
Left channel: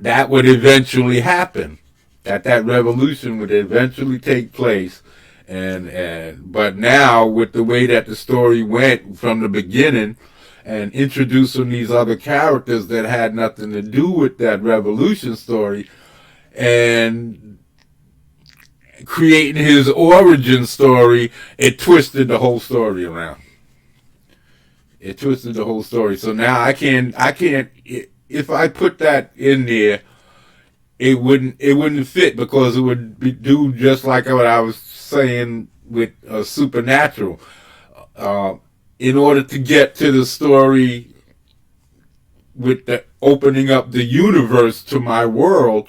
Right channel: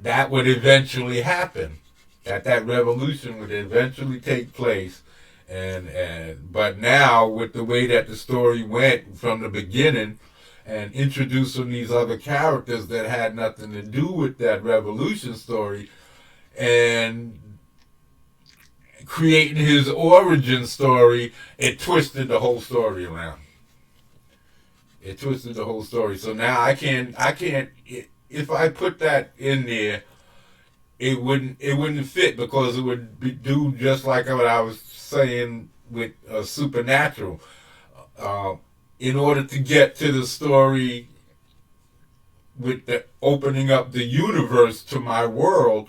that would eventually happen, that revolution would eventually take place. And but now, with the way that the story went from the beginning, and introducing these other characters that had nothing to do with that revolution story, and creating his origin story, it twisted the whole story around. It twisted the whole story. So now I can't. If I put that in there, it wouldn't fit because it would do just like what I was saying with Supernatural. Uh, in order to get to the story with the opening up the universe to my world,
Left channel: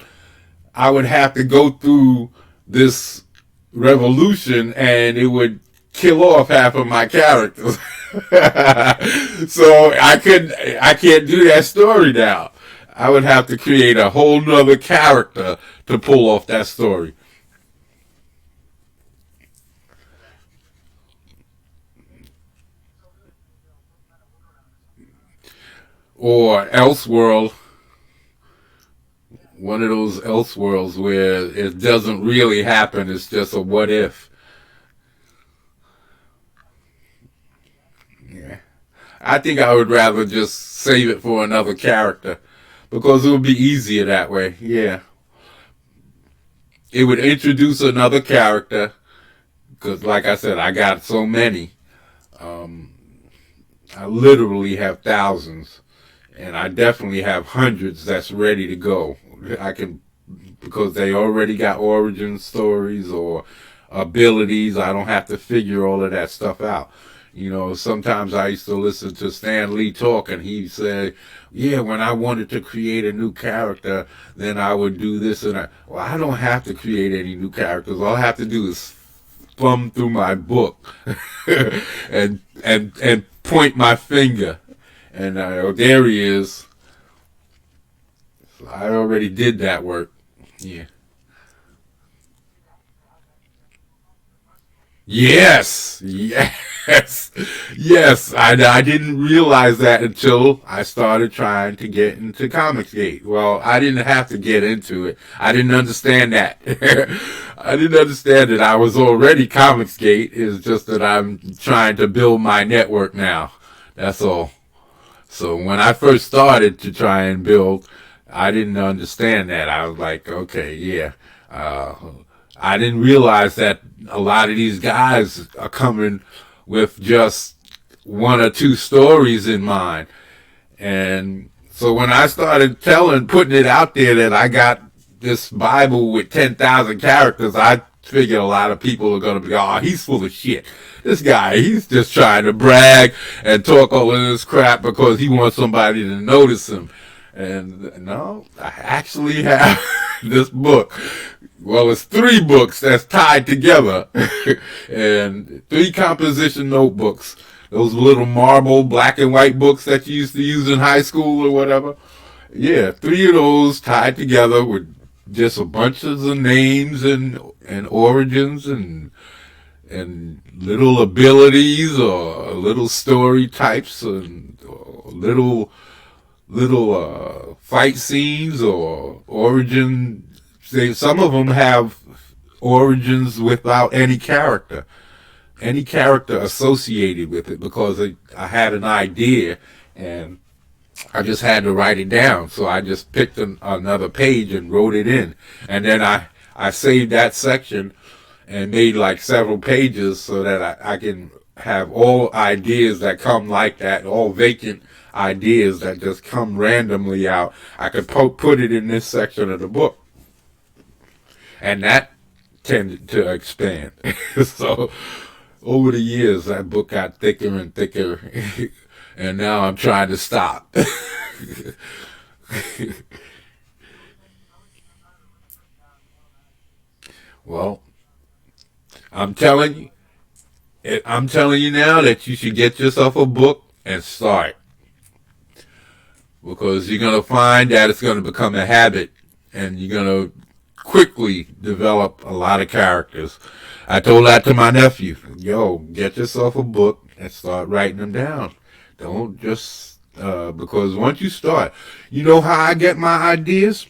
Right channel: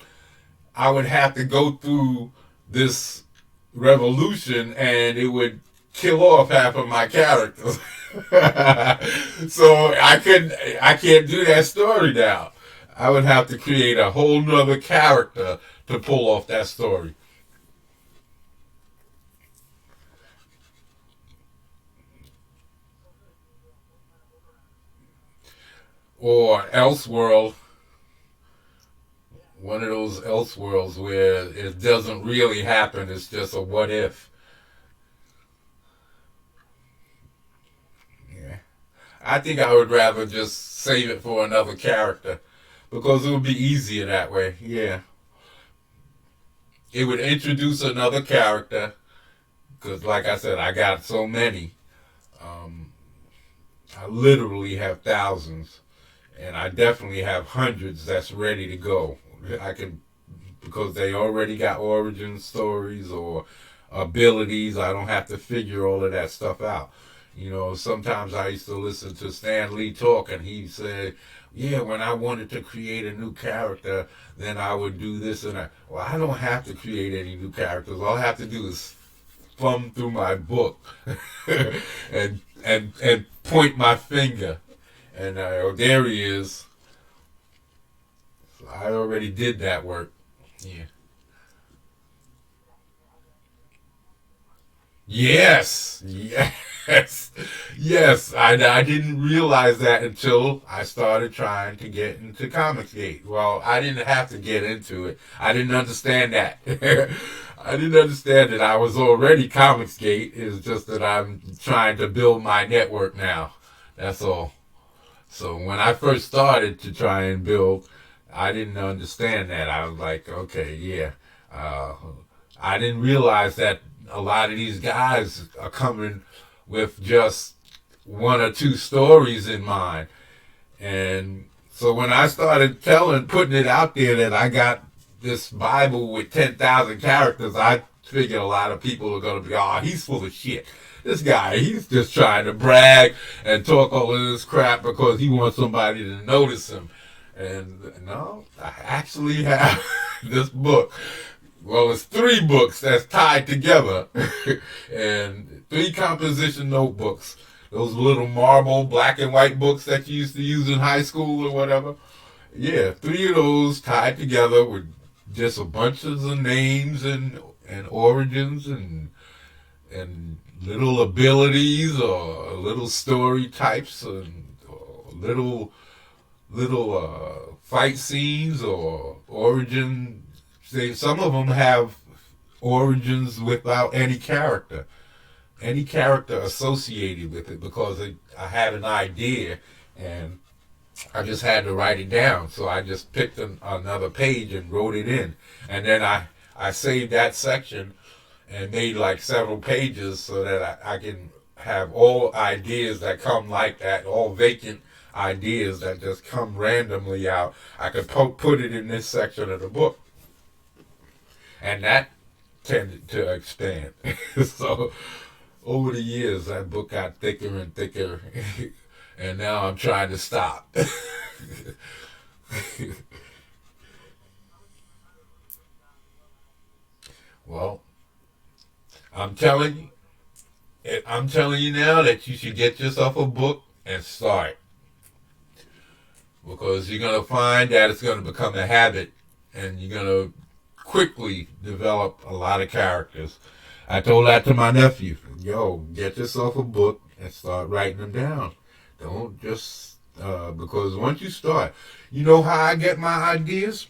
I would have to go through this revolution, and it would kill off half of my characters. So I can't do that story now. I would have to create a whole nother character to pull off that story. Or Elseworld, one of those Elseworlds where it doesn't really happen, it's just a what if. Yeah. I think I would rather just save it for another character because it would be easier that way. Yeah. It would introduce another character because, like I said, I got so many. Um, I literally have thousands, and I definitely have hundreds that's ready to go. I can because they already got origin stories or abilities. I don't have to figure all of that stuff out. Sometimes I used to listen to Stan Lee talk, and he said, "Yeah, when I wanted to create a new character, then I would do this and that." Well, I don't have to create any new characters. All I have to do is thumb through my book and point my finger, and oh, there he is. I already did that work. Yeah. Yes, yes, yes. I didn't realize that until I started trying to get into Comicsgate. Well, I didn't have to get into it. I didn't understand that. I didn't understand that I was already Comicsgate. It's just that I'm trying to build my network now. That's all. So when I first started to try and build, I didn't understand that. I was like, okay, yeah. Uh, I didn't realize that a lot of these guys are coming with just one or two stories in mind. And so when I started putting it out there that I got this Bible with 10,000 characters, I figured a lot of people are going to be, oh, he's full of shit. This guy, he's just trying to brag and talk all of this crap because he wants somebody to notice him. And no, I actually have this book. Well, it's three books that's tied together, and three composition notebooks. Those little marble black and white books that you used to use in high school or whatever. Yeah, three of those tied together with just a bunch of the names and origins and little abilities or little story types and little fight scenes or origin. Some of them have origins without any character associated with it because I had an idea and I just had to write it down. So I just picked another page and wrote it in, and then I saved that section and made like several pages so that I can have all ideas that come like that, all vacant ideas that just come randomly out. I could put it in this section of the book, and that tended to expand. So over the years, that book got thicker and thicker, and now I'm trying to stop. Well, I'm telling I'm telling you now that you should get yourself a book and start because you're gonna find that it's gonna become a habit, and you're gonna quickly develop a lot of characters. I told that to my nephew. Yo, get yourself a book and start writing them down. Don't just because once you start, you know how I get my ideas.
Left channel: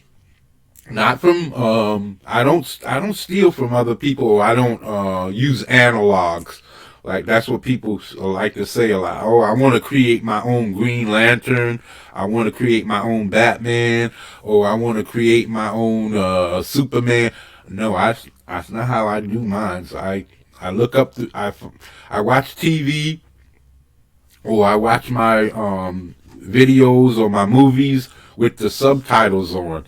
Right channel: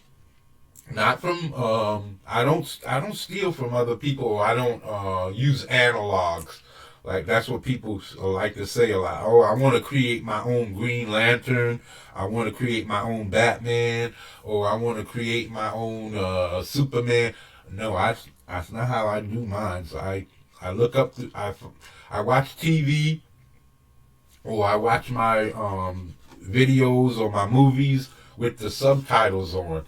Not from I don't steal from other people. I don't use analogs. Like that's what people like to say a lot. Oh, I want to create my own Green Lantern. I want to create my own Batman, or I want to create my own Superman. No, that's not how I do mine. So I look up I watch TV or I watch my videos or my movies with the subtitles on.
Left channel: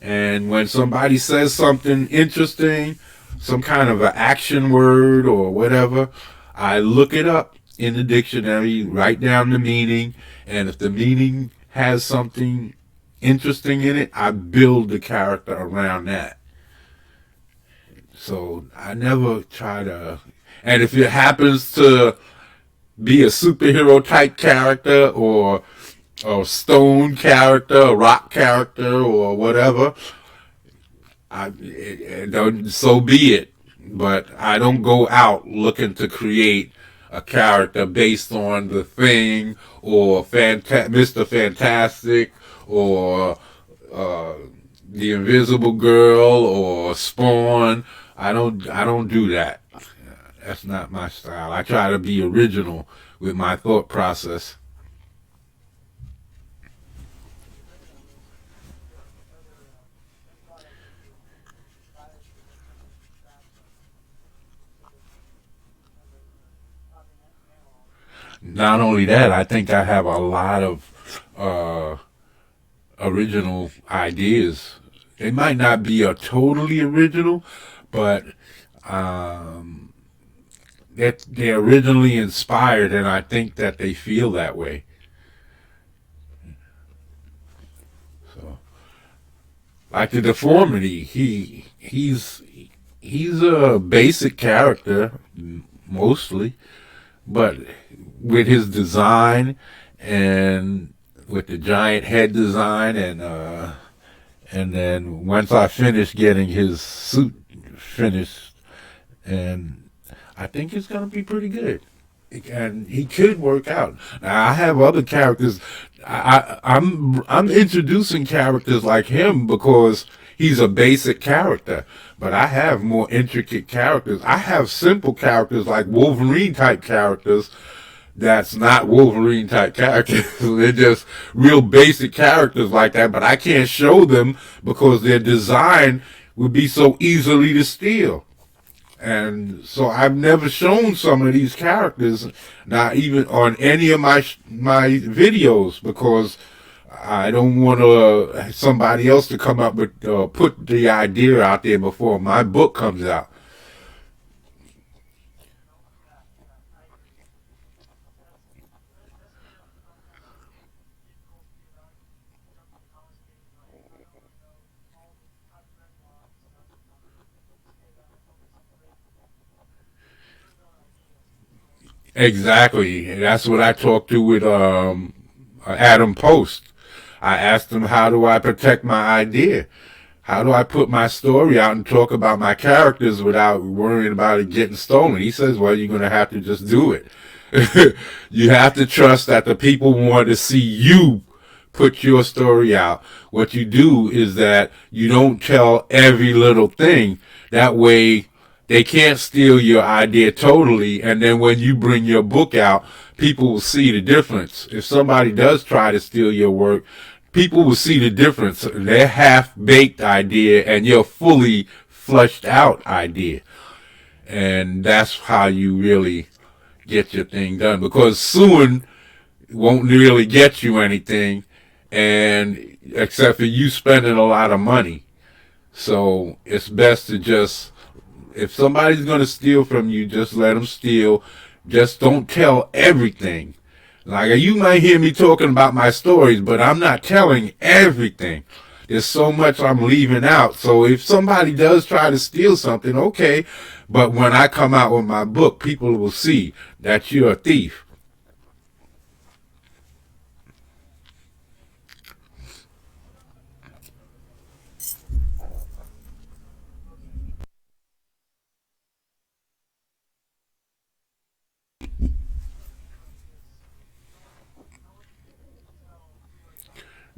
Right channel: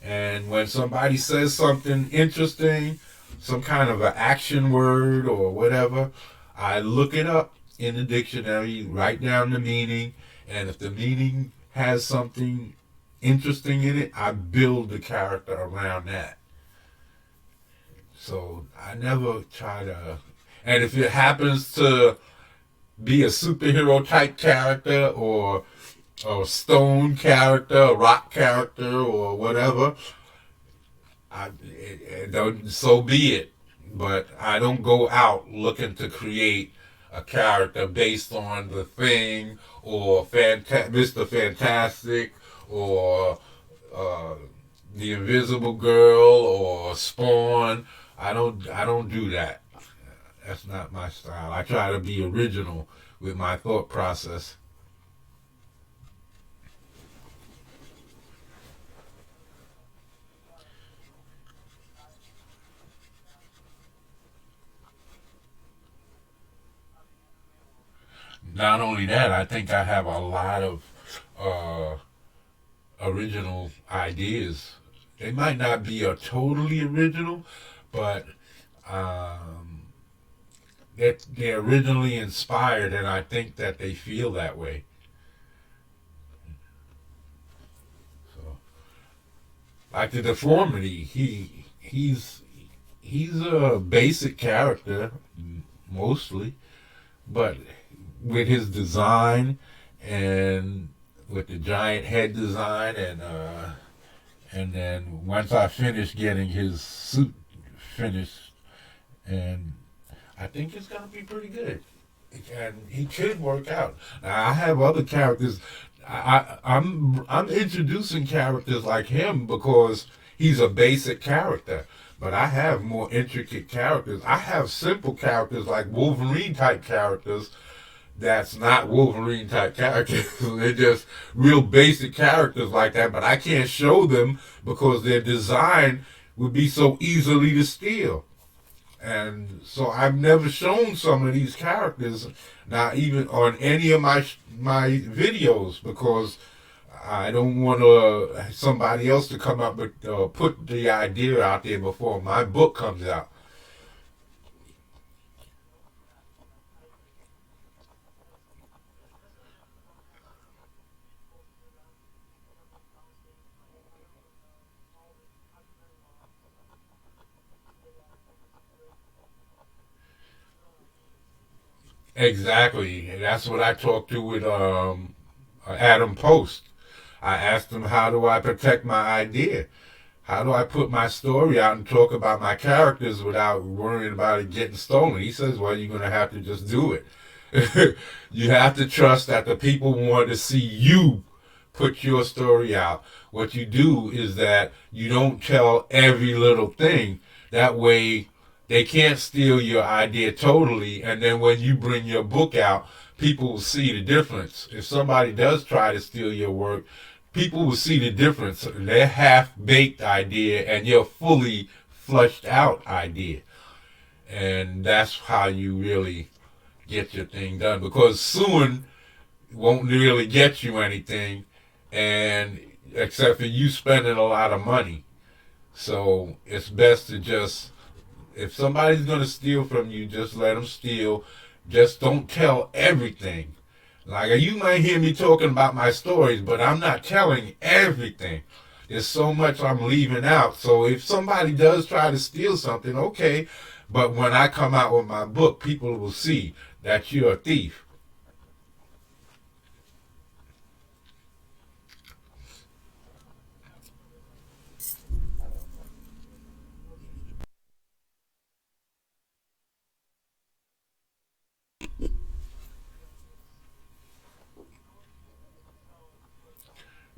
And when somebody says something interesting, some kind of an action word or whatever, I look it up in the dictionary, write down the meaning, and if the meaning has something interesting in it, I build the character around that. So I never try to. And if it happens to be a superhero type character or a stone character, a rock character, or whatever, so be it. But I don't go out looking to create a character based on the Thing or Mr. Fantastic or uh, the Invisible Girl or Spawn. I don't do that. That's not my style. I try to be original with my thought process. Not only that, I think I have a lot of uh, original ideas. They might not be a totally original, but um, they're originally inspired, and I think that they feel that way. So, like the deformity, he's a basic character mostly, but with his design and with the giant head design and then once I finish getting his suit finished, and I think it's gonna be pretty good. And he could work out. Now, I have other characters. I'm introducing characters like him because he's a basic character. But I have more intricate characters. I have simple characters like Wolverine type characters that's not Wolverine type characters. They're just real basic characters like that, but I can't show them because their design would be so easily to steal. And so I've never shown some of these characters, not even on any of my videos, because I don't want somebody else to come up with put the idea out there before my book comes out. Exactly. And that's what I talked to with Adam Post. I asked him, how do I protect my idea? How do I put my story out and talk about my characters without worrying about it getting stolen? He says, well, you're going to have to just do it. You have to trust that the people want to see you put your story out. What you do is that you don't tell every little thing. That way, they can't steal your idea totally. And then when you bring your book out, people will see the difference. If somebody does try to steal your work, people will see the difference. Their half baked idea and your fully fleshed out idea. And that's how you really get your thing done. Because suing won't really get you anything, and except for you spending a lot of money. So it's best to just, if somebody's going to steal from you, just let them steal. Just don't tell everything. Like, you might hear me talking about my stories, but I'm not telling everything. There's so much I'm leaving out. So if somebody does try to steal something, okay. But when I come out with my book, people will see that you're a thief.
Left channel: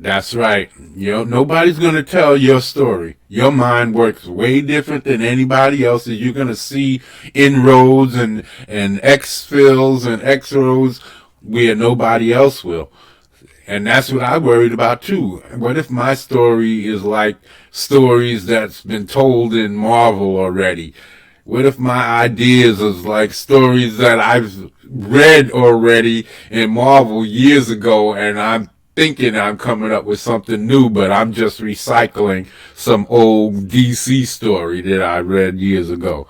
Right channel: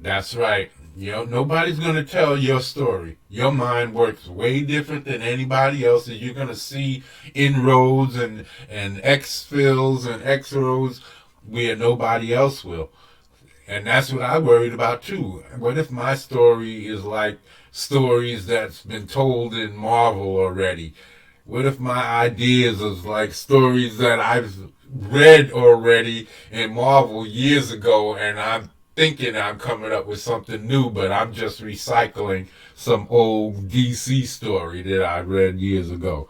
That's right. You know, nobody's going to tell your story. Your mind works way different than anybody else's. You're going to see inroads and X fills and X roads where nobody else will. And that's what I worried about too. What if my story is like stories that's been told in Marvel already? What if my ideas is like stories that I've read already in Marvel years ago, and I'm thinking I'm coming up with something new, but I'm just recycling some old DC story that I read years ago.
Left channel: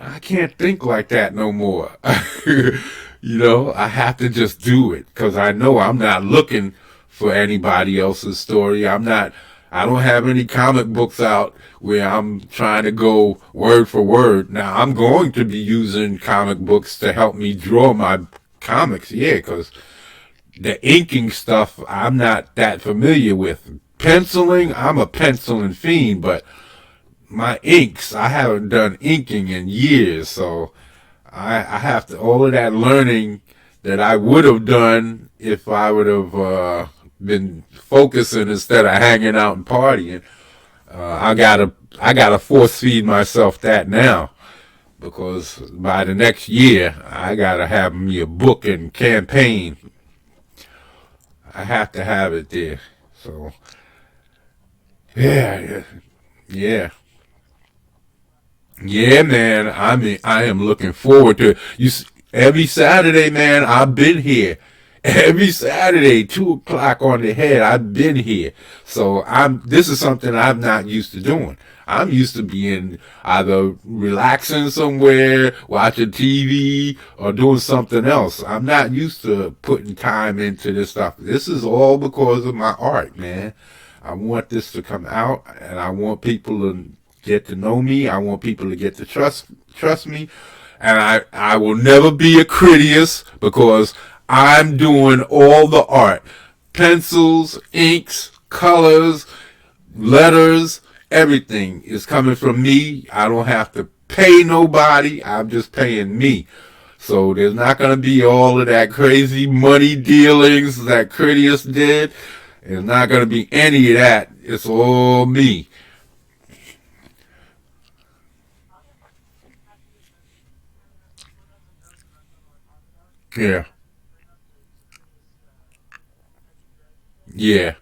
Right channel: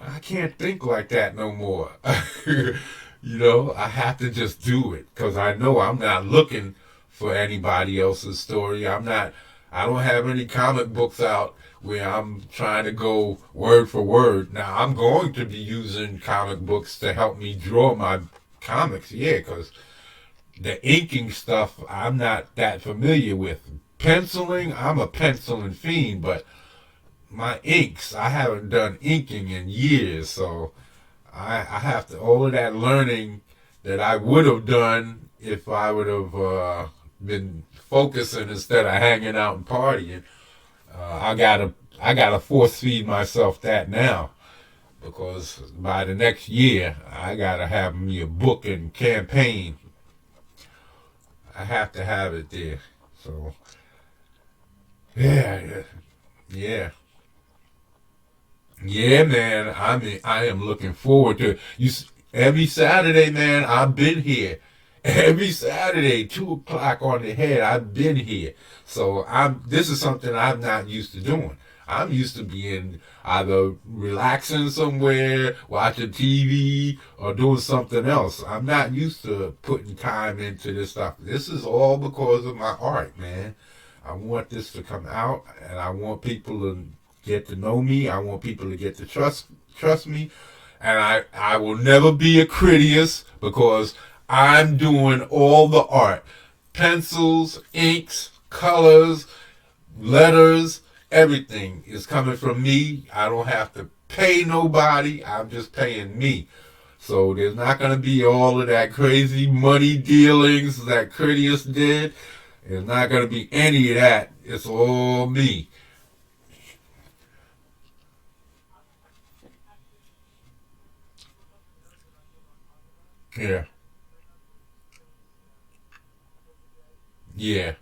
I can't think like that no more. I have to just do it because I know I'm not looking for anybody else's story. I don't have any comic books out where I'm trying to go word for word. Now, I'm going to be using comic books to help me draw my comics, yeah, because the inking stuff I'm not that familiar with. Penciling, I'm a penciling fiend, but my inks, I haven't done inking in years, so I have to, all of that learning that I would have done if I would have been focusing instead of hanging out and partying. I gotta force feed myself that now because by the next year I gotta have me a book and campaign. I have to have it there. So yeah, yeah. Yeah, man. I am looking forward to it. Every Saturday, man. I've been here. Every Saturday, 2 o'clock on the head. I've been here. So This is something I'm not used to doing. I'm used to being either relaxing somewhere, watching TV, or doing something else. I'm not used to putting time into this stuff. This is all because of my art, man. I want this to come out, and I want people to get to know me. I want people to get to trust me, and I will never be a Critias because I'm doing all the art, pencils, inks, colors, letters, everything is coming from me. I don't have to pay nobody. I'm just paying me. So there's not going to be all of that crazy money dealings that Critias did. There's not going to be any of that. It's all me. Yeah. Yeah.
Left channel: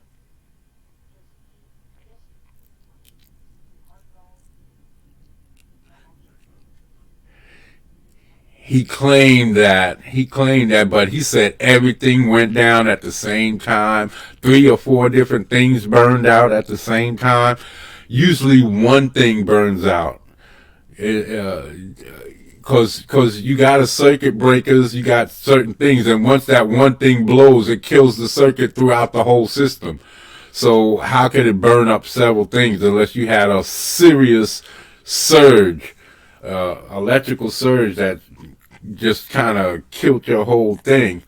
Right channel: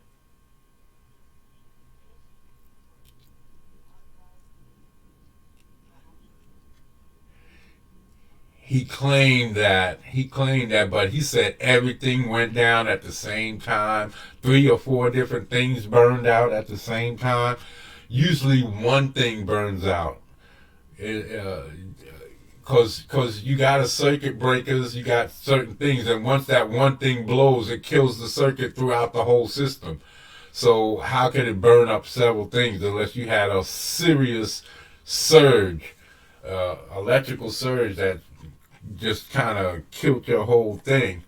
He claimed that, but he said everything went down at the same time. 3 or 4 different things burned out at the same time. Usually one thing burns out. Cause you got a circuit breakers, you got certain things, and once that one thing blows, it kills the circuit throughout the whole system. So how could it burn up several things unless you had a serious surge, electrical surge that just kind of killed your whole thing?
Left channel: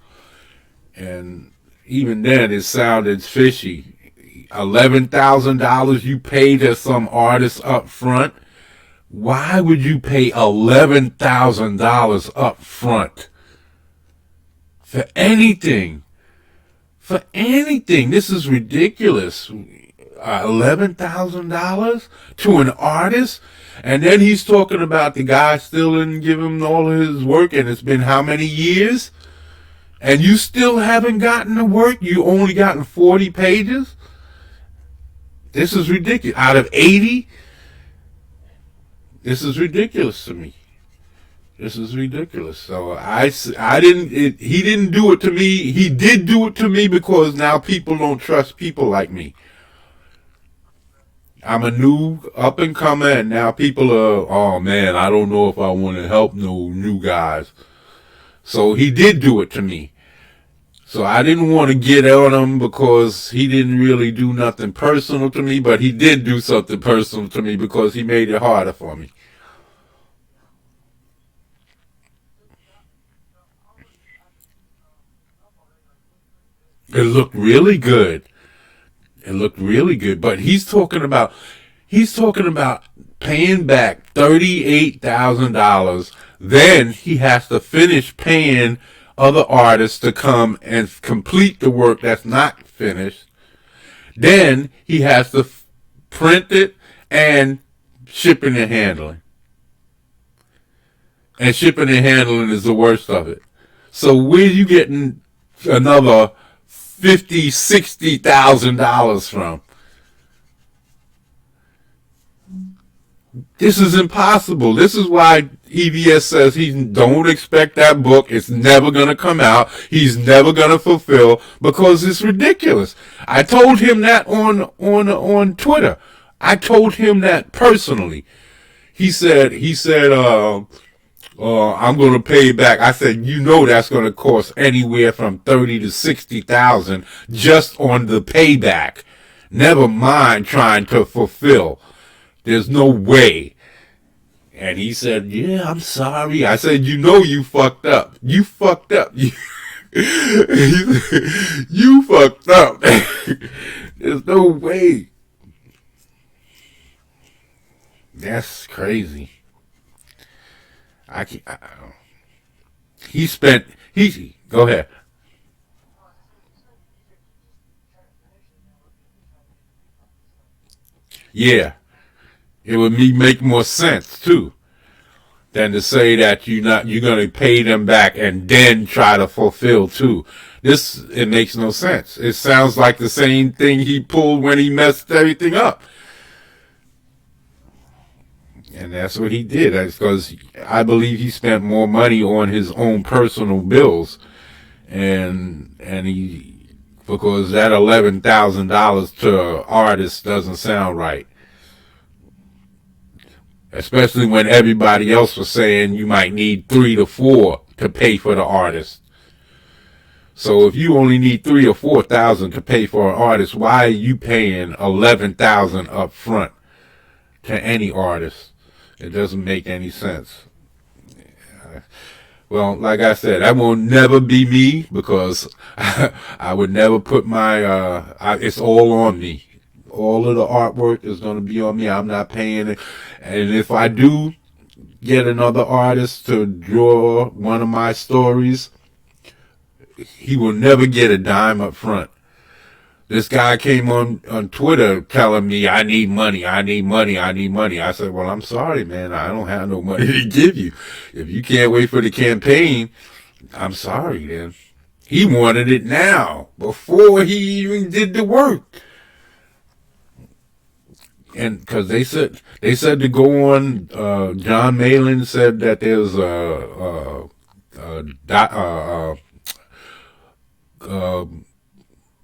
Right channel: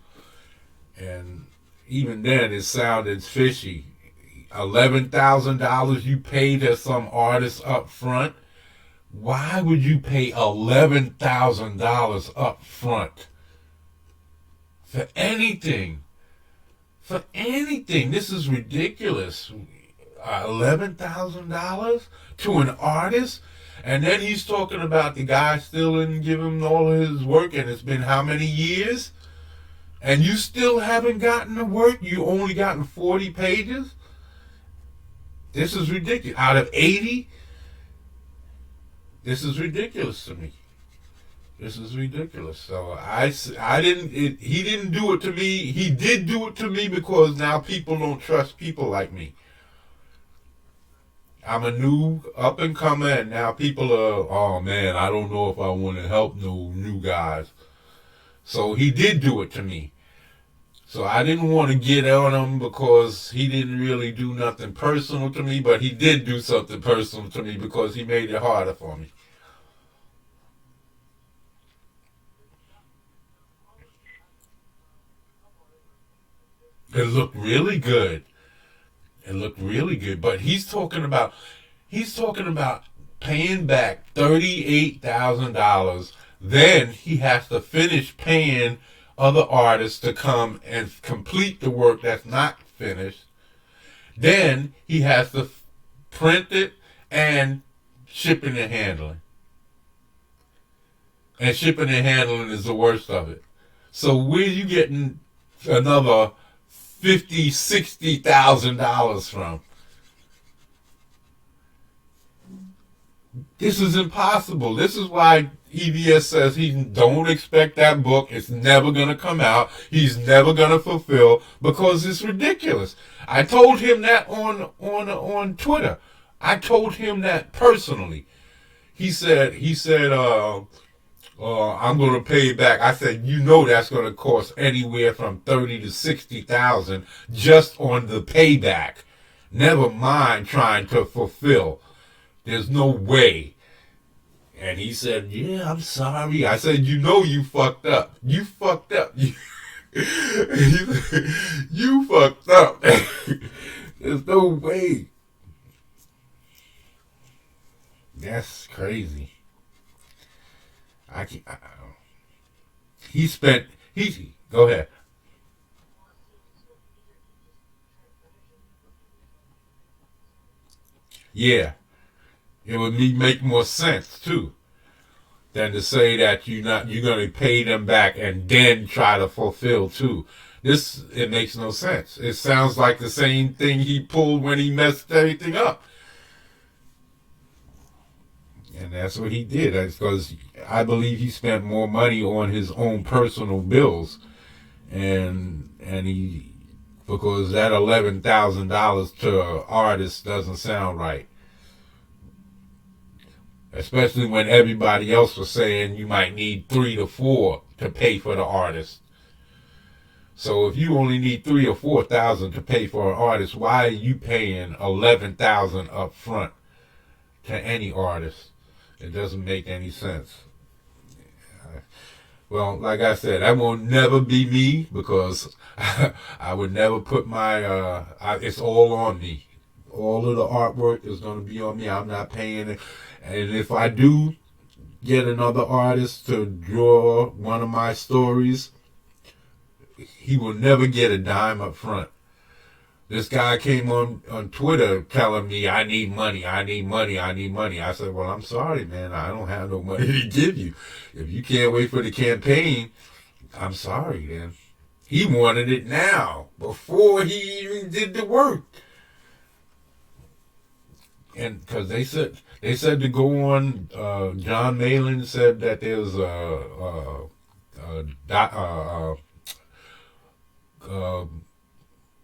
And even then, it sounded fishy. $11,000 you pay to some artist up front. Why would you pay $11,000 up front for anything? For anything. This is ridiculous. $11,000 to an artist? And then he's talking about the guy still didn't give him all of his work, and it's been how many years? And you still haven't gotten the work? You only gotten 40 pages? This is ridiculous. Out of 80? This is ridiculous to me. This is ridiculous. So I didn't, he didn't do it to me. He did do it to me because now people don't trust people like me. I'm a new up and comer, and now people are, oh man, I don't know if I want to help no new guys. So he did do it to me. So I didn't want to get on him because he didn't really do nothing personal to me, but he did do something personal to me because he made it harder for me. It looked really good. It looked really good. But he's talking about paying back $38,000. Then he has to finish paying other artists to come and complete the work that's not finished. Then he has to print it and shipping and handling. And shipping and handling is the worst of it. So where are you getting another 50, $60,000 from? This is impossible. This is why EBS says he don't expect that book. It's never gonna come out. He's never gonna fulfill because it's ridiculous. I told him that on Twitter. I told him that personally. He said, I'm gonna pay back. I said, you know that's gonna cost anywhere from 30 to 60,000 just on the payback. Never mind trying to fulfill. There's no way. And he said, yeah, I'm sorry. I said, you know you fucked up. You fucked up. You fucked up. There's no way. That's crazy. I can't, he spent, go ahead. Yeah. It would make more sense too than to say that you're gonna pay them back and then try to fulfill too. It makes no sense. It sounds like the same thing he pulled when he messed everything up. And that's what he did. That's because I believe he spent more money on his own personal bills, and he because that $11,000 to artists doesn't sound right. Especially when everybody else was saying you might need 3 to 4 to pay for the artist. So if you only need 3 or 4 thousand to pay for an artist, why are you paying 11,000 up front to any artist? It doesn't make any sense. Well, like I said, that will never be me because I would never put my. It's all on me. All of the artwork is going to be on me. I'm not paying it. And if I do get another artist to draw one of my stories, he will never get a dime up front. This guy came on Twitter telling me, I need money, I need money, I need money. I said, well, I'm sorry, man. I don't have no money to give you. If you can't wait for the campaign, I'm sorry, man. He wanted it now, before he even did the work. And because they said to go on, John Malin said that there's a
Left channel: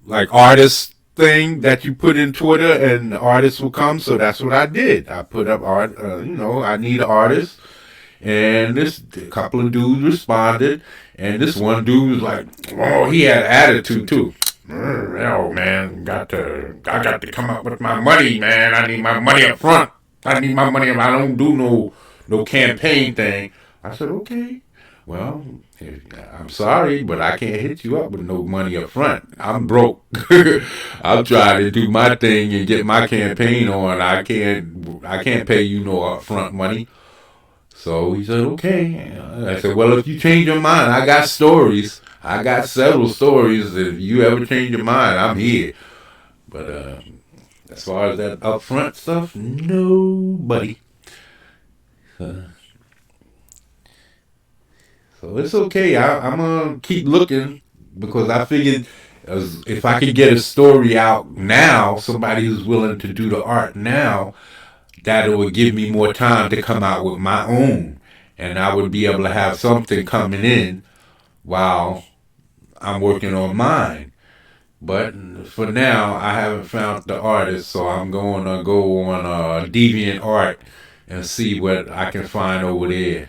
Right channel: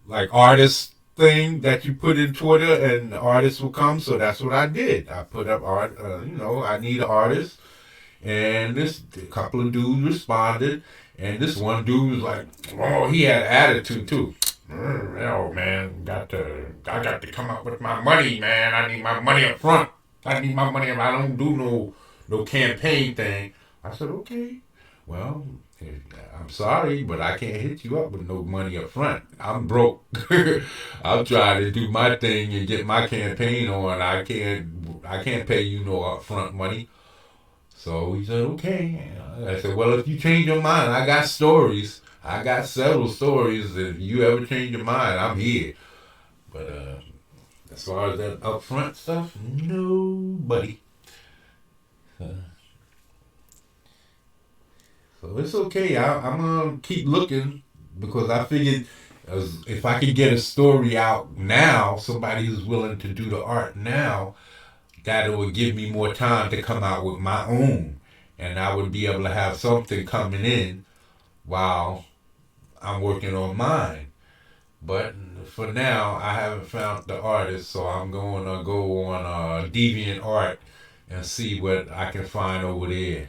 like artist thing that you put in Twitter and artists will come. So that's what I did. I put up art. I need an artist, and this couple of dudes responded, and this one dude was like, oh, he had attitude too. Oh man, I got to come up with my money, man. I need my money up front. I need my money. I don't do no campaign thing. I said, okay, well, I'm sorry, but I can't hit you up with no money up front. I'm broke. I'm trying to do my thing and get my campaign on. I can't pay you no upfront money. So he said, okay. I said, well, if you change your mind, I got stories. I got several stories. If you ever change your mind, I'm here. But as far as that upfront stuff, nobody. So it's okay. I'm gonna keep looking because I figured if I could get a story out now, somebody who's willing to do the art now, that it would give me more time to come out with my own, and I would be able to have something coming in while I'm working on mine. But for now, I haven't found the artist, so I'm going to go on Deviant Art and see what I can find over there.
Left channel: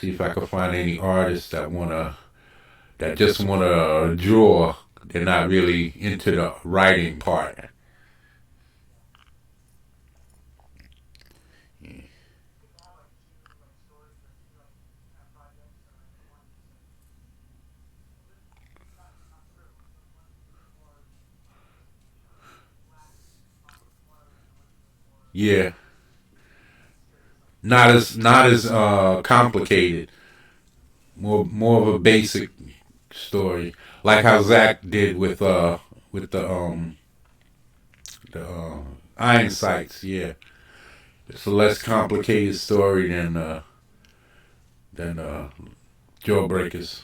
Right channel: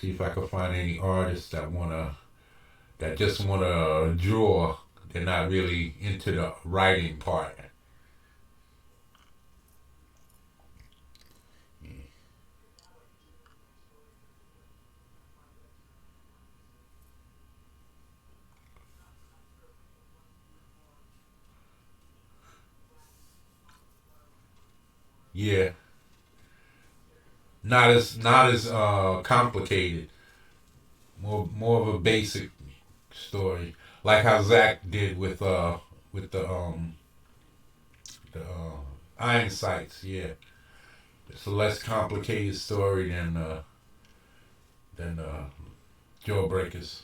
See if I can find any artists that just wanna draw. They're not really into the writing part. Yeah, not as complicated. More of a basic story, like how Zach did with the Iron Sights. Yeah, it's a less complicated story than Jawbreakers.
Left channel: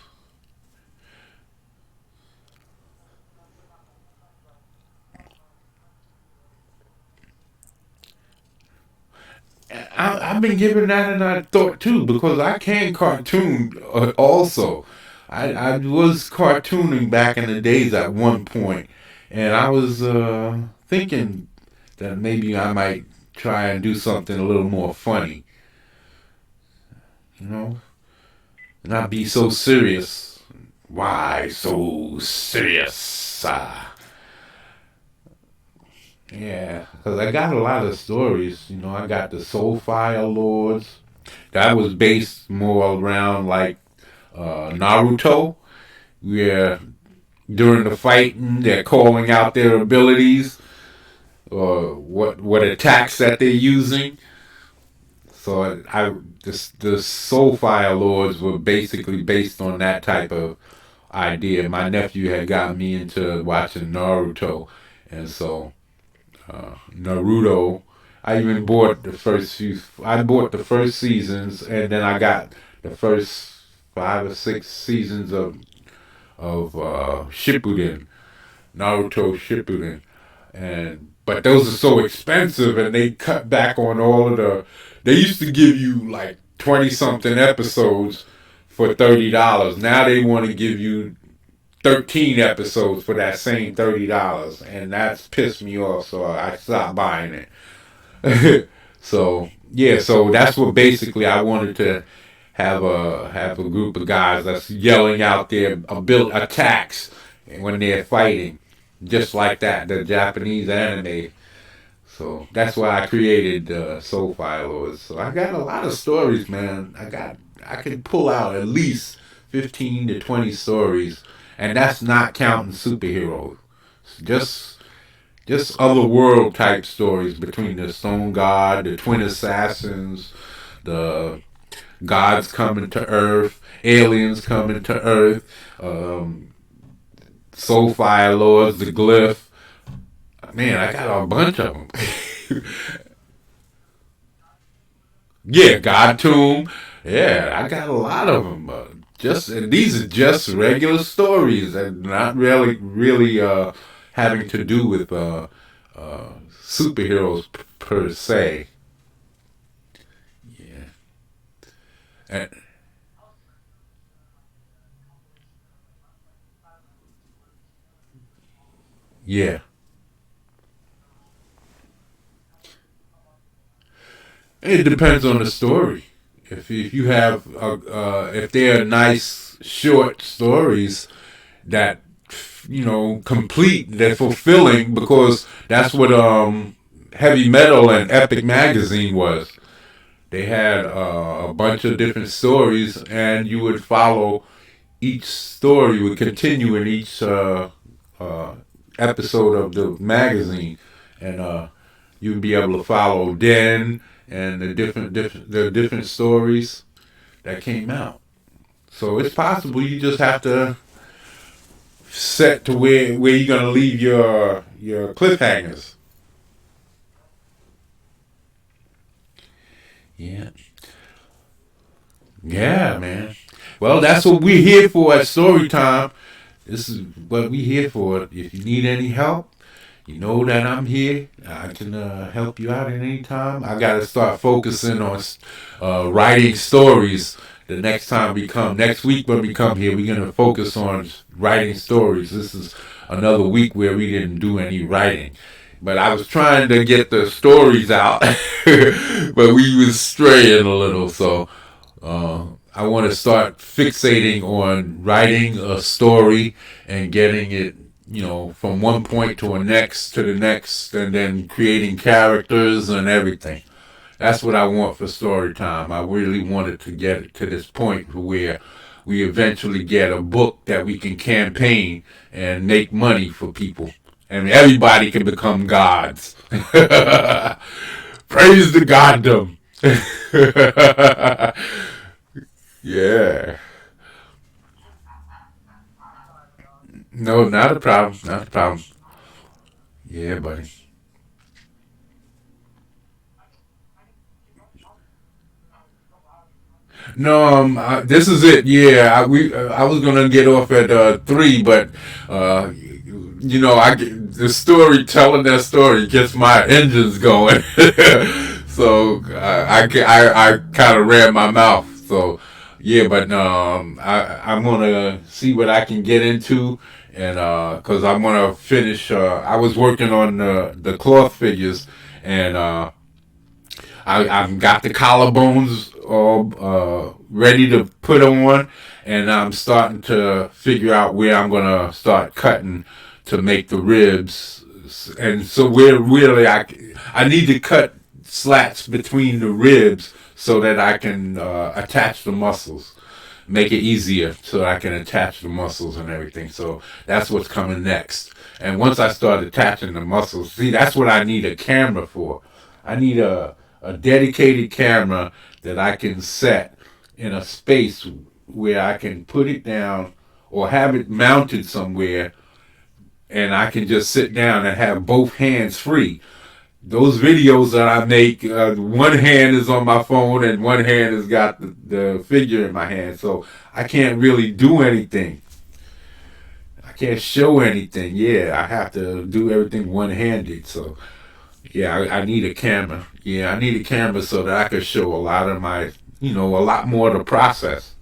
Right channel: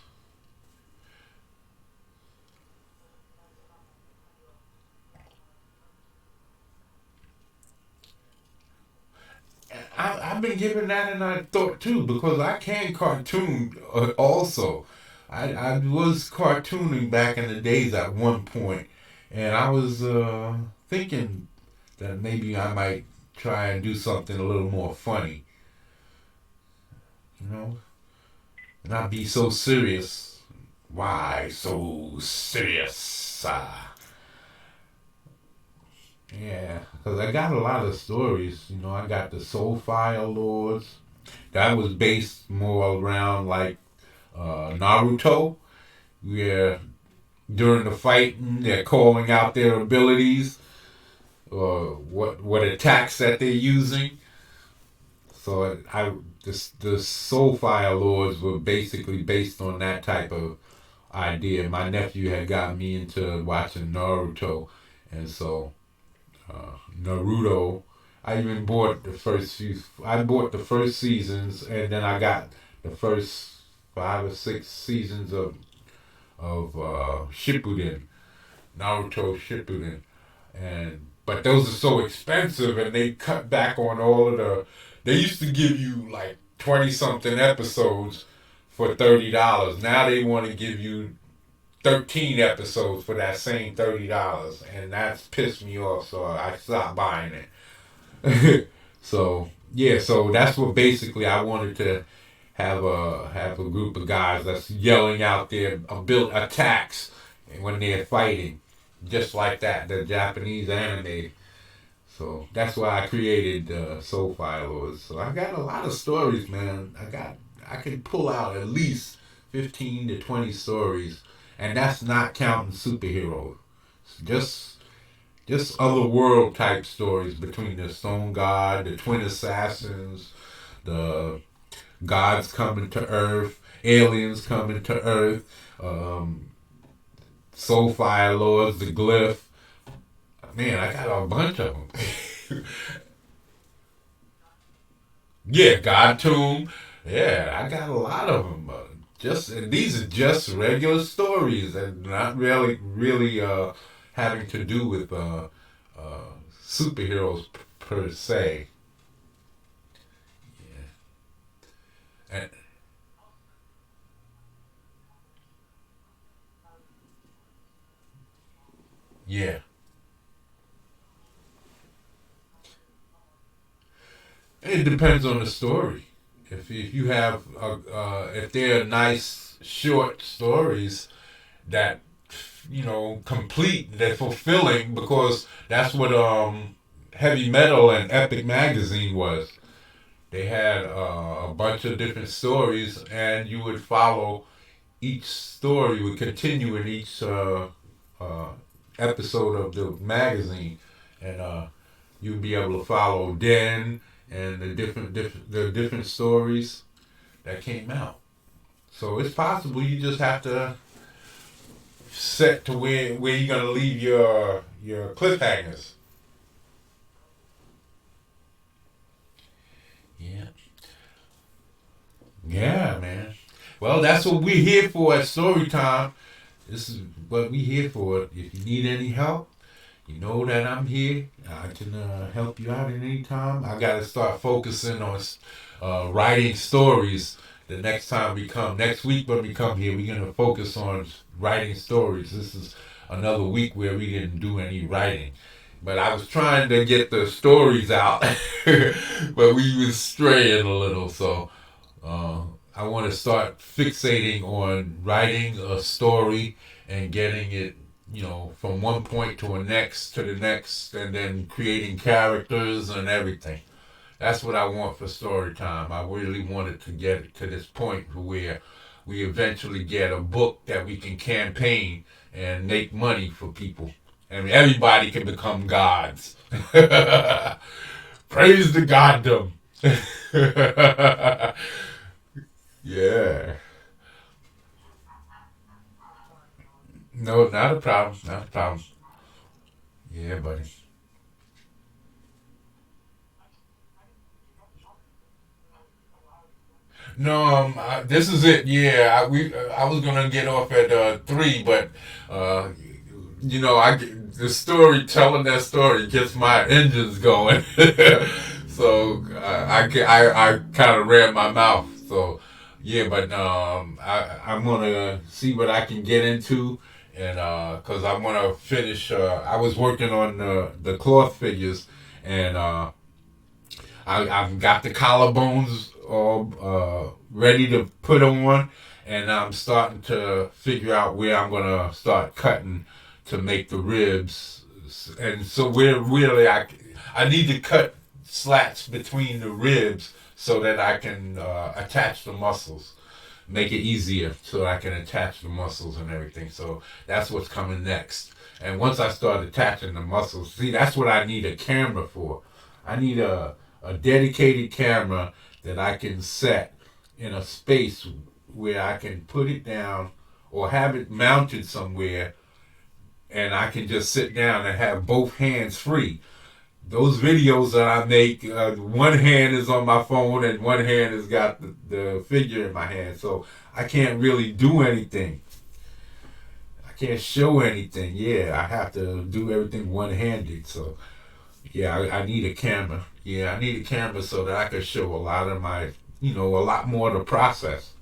been giving that another thought too, because I can cartoon also. I was cartooning back in the days at one point, and I was thinking that maybe I might try and do something a little more funny, you know, not be so serious. Why so serious? Yeah, because I got a lot of stories. You know, I got the Soulfire Lords. That was based more around like Naruto, where during the fighting they're calling out their abilities or what attacks that they're using. So the Soulfire Lords were basically based on that type of idea. My nephew had got me into watching Naruto, and so Naruto. I even bought the first few. I bought the first seasons, and then I got the first 5 or 6 seasons of Shippuden, Naruto Shippuden, and but those are so expensive, and they cut back on all of the. They used to give you like 20 something episodes for $30. Now they want to give you 13 episodes for that same $30, and that's pissed me off. So I stopped buying it. So yeah, so that's what basically I wanted to have a group of guys that's yelling out their built attacks when they're fighting, just like that, the Japanese anime. So that's why I created Soulfire Lords. So I got a lot of stories, man. I can pull out at least 15 to 20 stories, and that's not counting superheroes. Just just other world type stories between the Stone God, the Twin Assassins, the gods coming to Earth, aliens coming to Earth, um, Soulfire Lords, the Glyph. Man, I got a bunch of them. Yeah, God Tomb. Yeah, I got a lot of them. Just and these are just regular stories and not really having to do with superheroes per se. Yeah, and, yeah. It depends on the story. If you have if they are nice short stories that complete, they're fulfilling because that's what heavy metal and Epic magazine was. They had a bunch of different stories, and you would follow each story would continue in each uh, episode of the magazine, and you'd be able to follow Den and the different stories that came out. So it's possible you just have to set to where you're gonna leave your cliffhangers. Yeah, yeah, man. Well, that's what we're here for at Story Time. This is what we're here for. If you need any help, you know that I'm here. I can help you out at any time. I got to start focusing on writing stories. The next time we come, next week when we come here, we're going to focus on writing stories. This is another week where we didn't do any writing. But I was trying to get the stories out, but we was straying a little. So uh, I want to start fixating on writing a story and getting it, from one point to the next, and then creating characters and everything. That's what I want for story time. I really wanted to get it to this point where we eventually get a book that we can campaign and make money for people. And everybody can become gods. Praise the goddom. Yeah. No, not a problem. Not a problem. Yeah, buddy. No, this is it. Yeah, I was gonna get off at 3, but uh, the story telling that story gets my engines going. So I kind of ran my mouth. So yeah, but I'm gonna see what I can get into, and because I'm gonna finish. I was working on the cloth figures, and I've got the collarbones all ready to put on, and I'm starting to figure out where I'm gonna start cutting to make the ribs, and so where really I need to cut slats between the ribs so that I can attach the muscles, make it easier so I can attach the muscles and everything. So that's what's coming next. And once I start attaching the muscles, see, that's what I need a camera for. I need a dedicated camera that I can set in a space where I can put it down or have it mounted somewhere, and I can just sit down and have both hands free. Those videos that I make, one hand is on my phone and one hand has got the figure in my hand, so I can't really do anything. I can't show anything. Yeah, I have to do everything one-handed. So yeah, I need a camera. Yeah, I need a camera so that I can show a lot of my, a lot more of the process.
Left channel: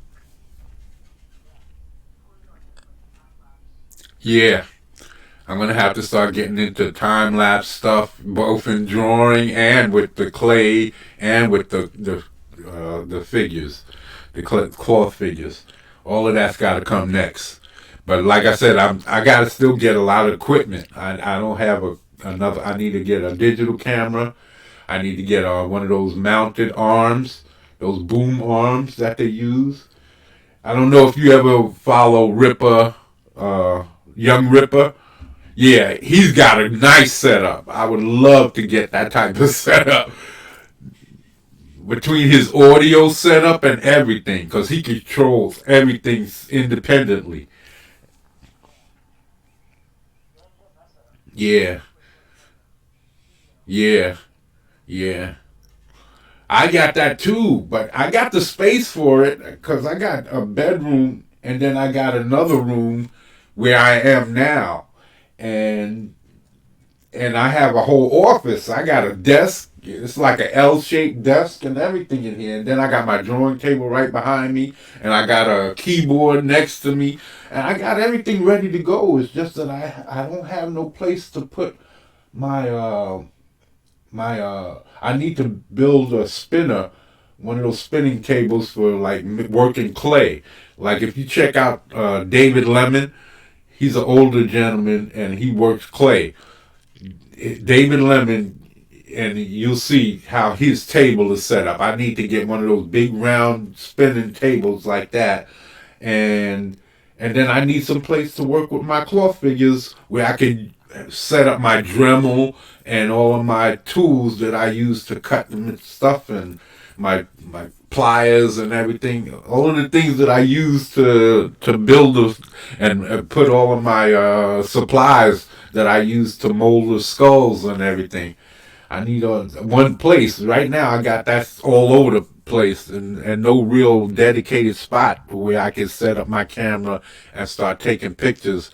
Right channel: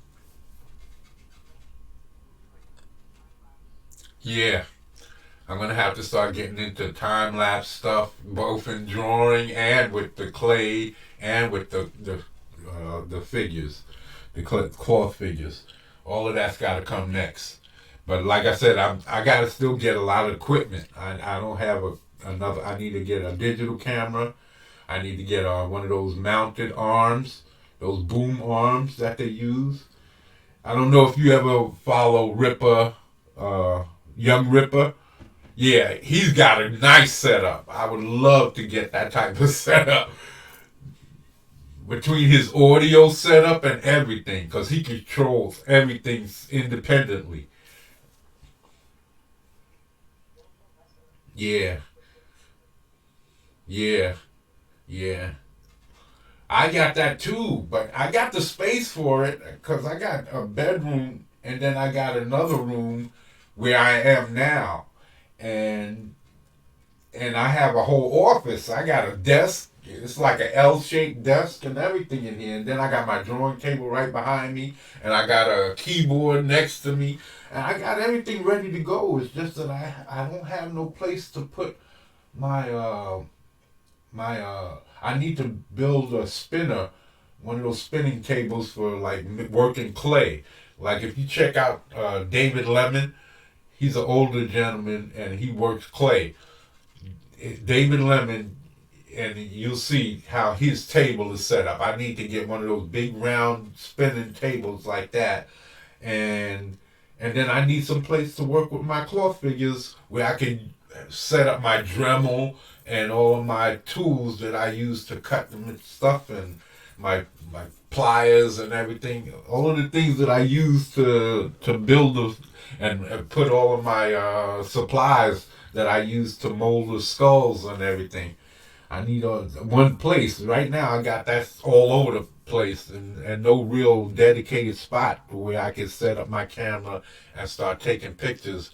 Yeah, I'm gonna have to start getting into time lapse stuff, both in drawing and with the clay and with the figures, the cloth figures. All of that's got to come next. But like I said, I got to still get a lot of equipment. I don't have another. I need to get a digital camera. I need to get one of those mounted arms, those boom arms that they use. I don't know if you ever follow Ripper, uh, Young Ripper. Yeah, he's got a nice setup. I would love to get that type of setup between his audio setup and everything, because he controls everything independently. Yeah, yeah, yeah. I got that too, but I got the space for it because I got a bedroom and then I got another room where I am now, and I have a whole office. I got a desk. It's like an L-shaped desk and everything in here. And then I got my drawing table right behind me, and I got a keyboard next to me, and I got everything ready to go. It's just that I don't have no place to put my I need to build a spinner, one of those spinning tables for like working clay. Like if you check out David Lemon, he's an older gentleman and he works clay. David Lemon, and you'll see how his table is set up. I need to get one of those big round spinning tables like that, and then I need some place to work with my cloth figures where I can set up my Dremel and all of my tools that I use to cut the stuff, and my pliers and everything. All of the things that I use to build and put all of my supplies that I use to mold the skulls and everything. I need one place. Right now, I got that all over the place, and no real dedicated spot where I can set up my camera and start taking pictures.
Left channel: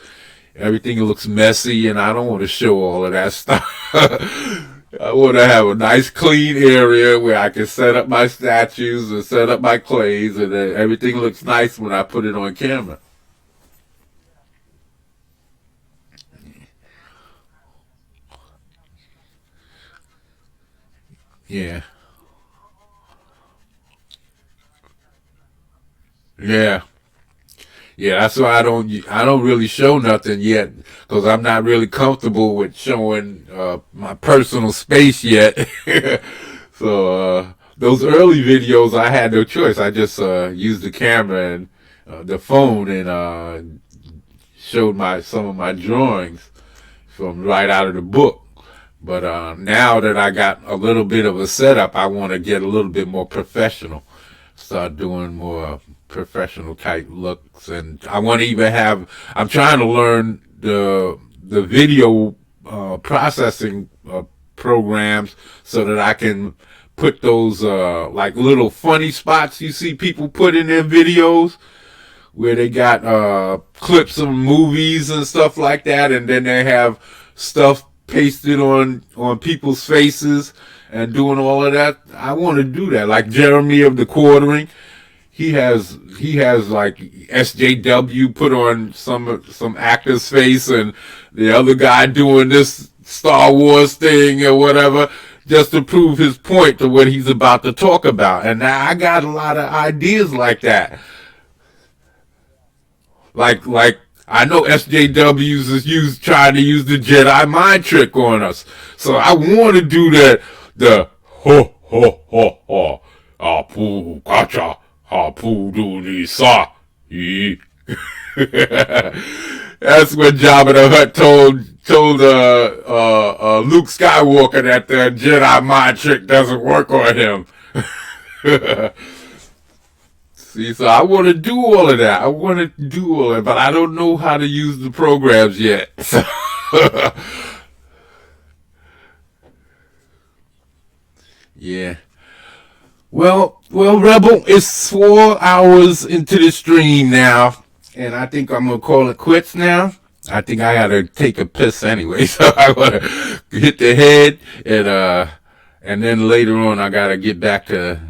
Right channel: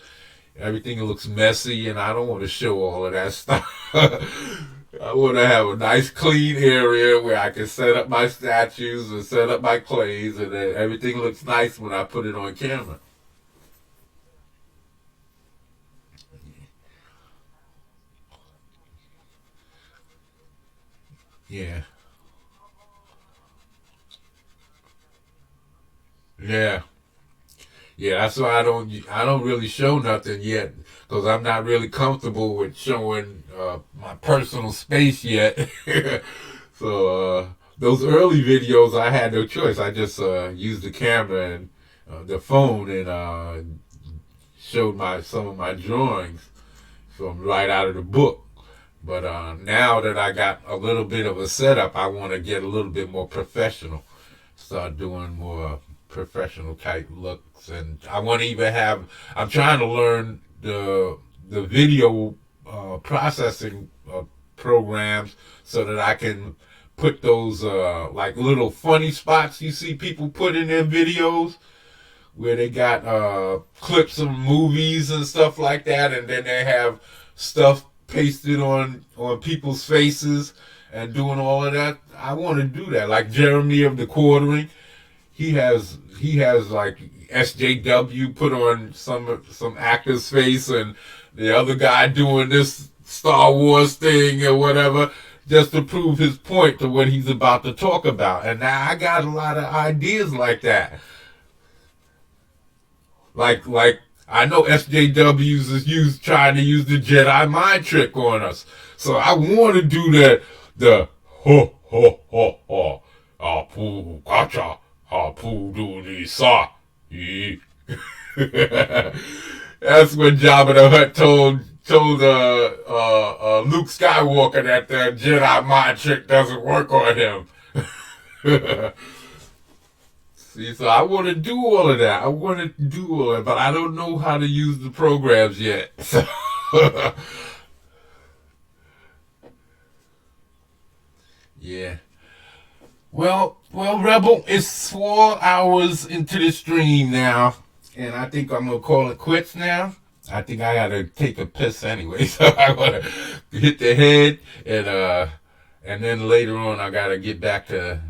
Everything looks messy, and I don't want to show all of that stuff. I want to have a nice, clean area where I can set up my statues and set up my clays, and then everything looks nice when I put it on camera. Yeah, yeah. Yeah, that's why I don't really show nothing yet because I'm not really comfortable with showing my personal space yet. So those early videos, I had no choice. I just used the camera and the phone and showed my some of my drawings from right out of the book. But now that I got a little bit of a setup, I want to get a little bit more professional, start doing more professional type looks, and I want to even have. I'm trying to learn the video processing programs so that I can put those like little funny spots you see people put in their videos where they got clips of movies and stuff like that, and then they have stuff pasted on people's faces and doing all of that. I want to do that. Like Jeremy of the Quartering, he has like SJW put on some actor's face, and the other guy doing this Star Wars thing or whatever, just to prove his point to what he's about to talk about. And I got a lot of ideas like that. Like I know SJWs is trying to use the Jedi mind trick on us. So I want to do the ho ho ho ho apu kacha apu do ni sa e. That's what Jabba the Hutt told Luke Skywalker, that the Jedi mind trick doesn't work on him. See, so I want to do all of that. I want to do all of it, but I don't know how to use the programs yet. Yeah. Well, Rebel, it's 4 hours into the stream now, and I think I'm gonna call it quits now. I think I gotta take a piss anyway, so I wanna hit the head, and then later on I gotta get back to.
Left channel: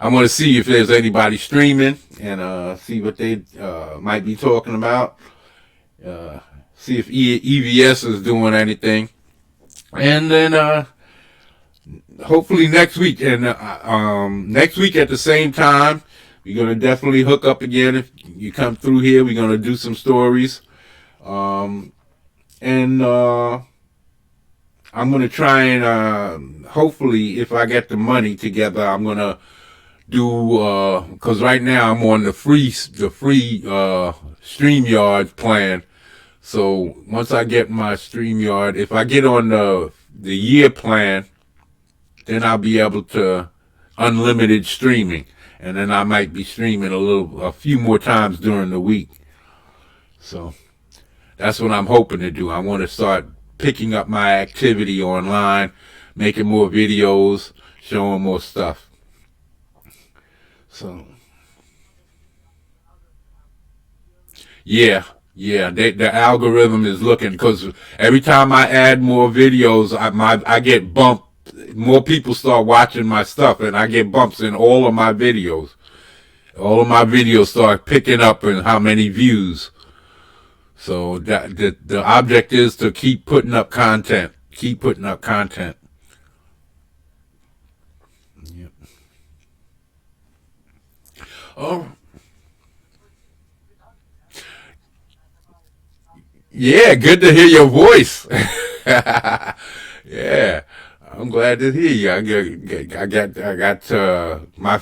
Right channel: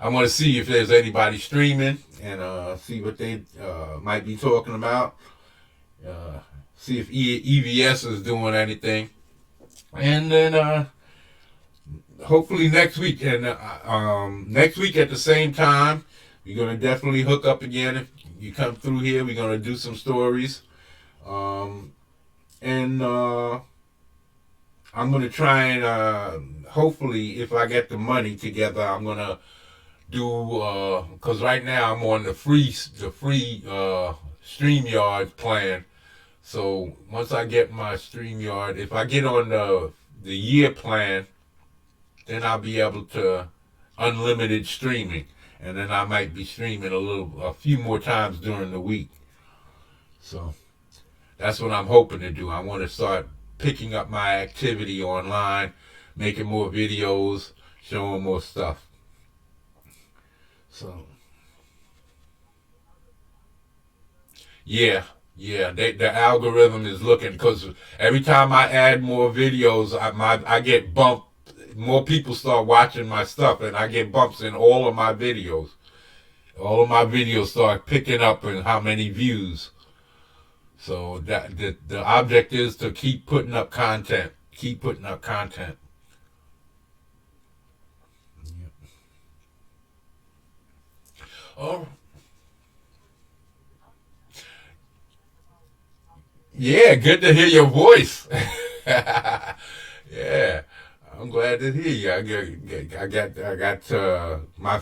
I'm gonna see if there's anybody streaming and see what they might be talking about. See if EVS is doing anything, and then hopefully next week. And next week at the same time, we're gonna definitely hook up again. If you come through here, we're gonna do some stories. And I'm gonna try and hopefully, if I get the money together, I'm gonna do because right now I'm on the free StreamYard plan. So once I get my StreamYard, if I get on the year plan, then I'll be able to unlimited streaming, and then I might be streaming a few more times during the week. So that's what I'm hoping to do. I want to start picking up my activity online, making more videos, showing more stuff. So yeah, the algorithm is looking, because every time I add more videos, I get bumped. More people start watching my stuff, and I get bumps in all of my videos. All of my videos start picking up in how many views. So the object is to keep putting up content. Keep putting up content. Yeah. Oh, yeah, good to hear your voice. Yeah, I'm glad to hear you. I got my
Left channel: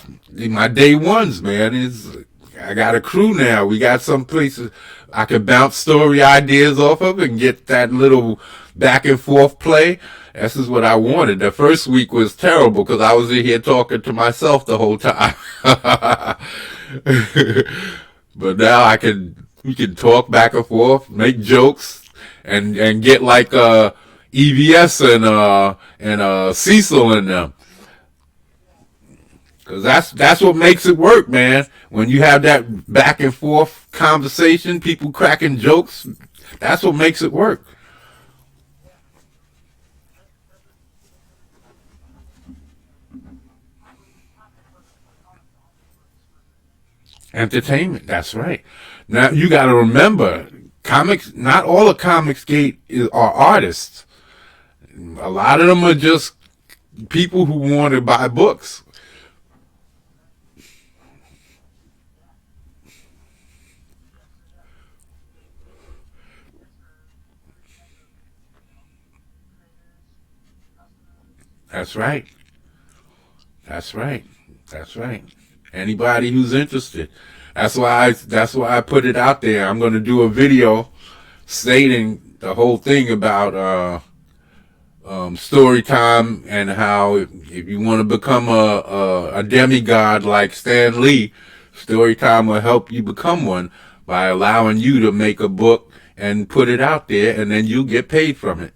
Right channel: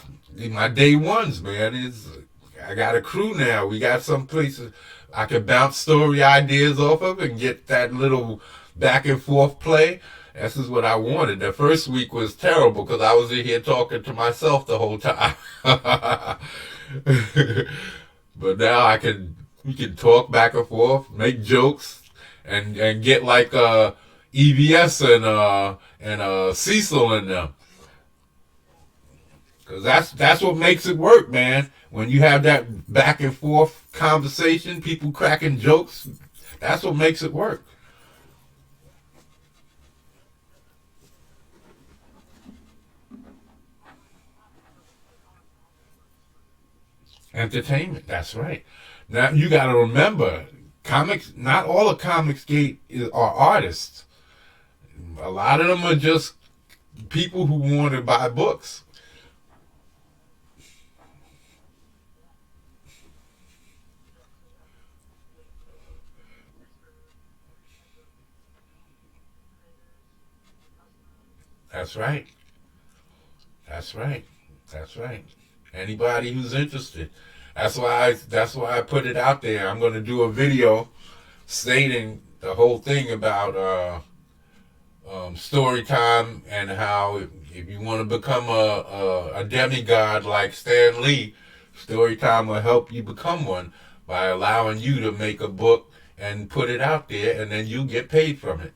day ones, man. I got a crew now. We got some places I can bounce story ideas off of and get that little back and forth play. This is what I wanted. The first week was terrible because I was in here talking to myself the whole time. But now we can talk back and forth, make jokes, and get like EVS and Cecil in them. Cause that's what makes it work, man. When you have that back and forth conversation, people cracking jokes, that's what makes it work. Entertainment, that's right. Now you got to remember, comics. Not all of are artists. A lot of them are just people who want to buy books. That's right. That's right. That's right. Anybody who's interested. That's why I put it out there. I'm going to do a video stating the whole thing about story time, and how if you want to become a demigod like Stan Lee, story time will help you become one by allowing you to make a book and put it out there, and then you get paid from it.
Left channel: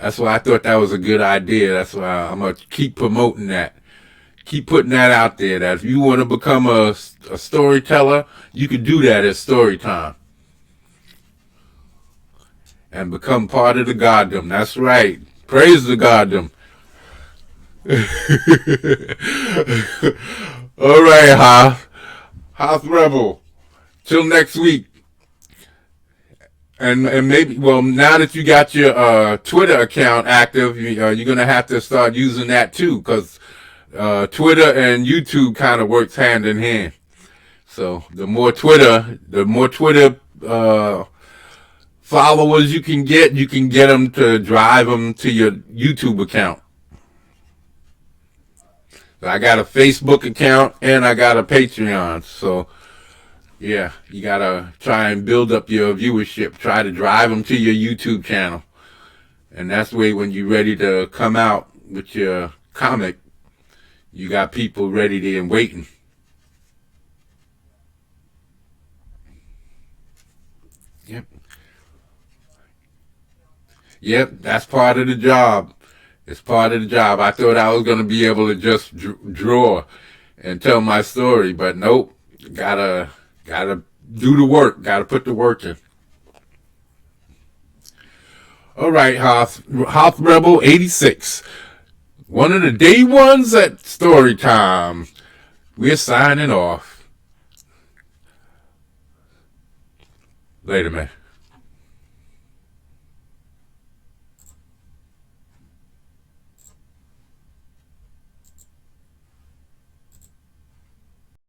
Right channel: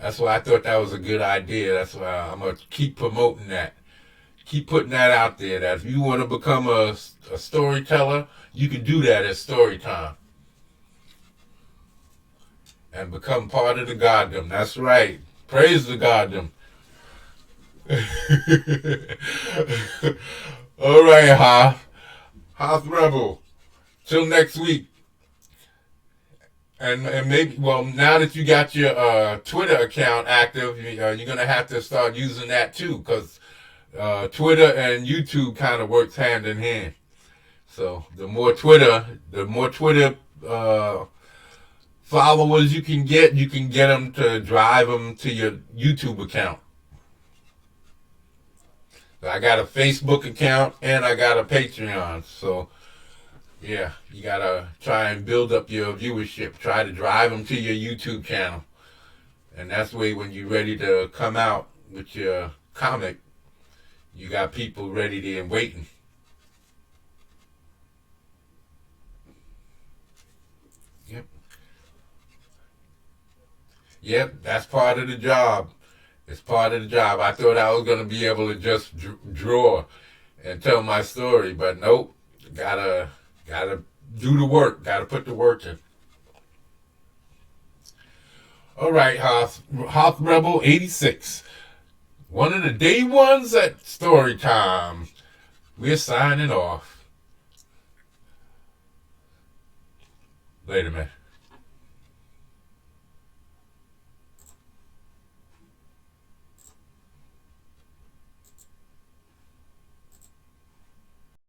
That's why I thought that was a good idea. That's why I'm going to keep promoting that. Keep putting that out there, that if you want to become a storyteller, you can do that at story time. and become part of the Goddom. That's right. Praise the Goddom. All right, House Rebel. Till next week. And maybe, well, now that you got your Twitter account active, you're going to have to start using that too, because Twitter and YouTube kind of works hand in hand. So the more Twitter followers you can get them to drive them to your YouTube account. I got a Facebook account and I got a Patreon. So yeah, you gotta try and build up your viewership. Try to drive them to your YouTube channel, and that's the way when you're ready to come out with your comic, you got people ready there and waiting. Yep. Yep, that's part of the job. It's part of the job. I thought I was going to be able to just draw and tell my story, but nope. Gotta do the work. Gotta put the work in. All right, Hoth Rebel 86. One of the day ones at story time. We're signing off. Later, man.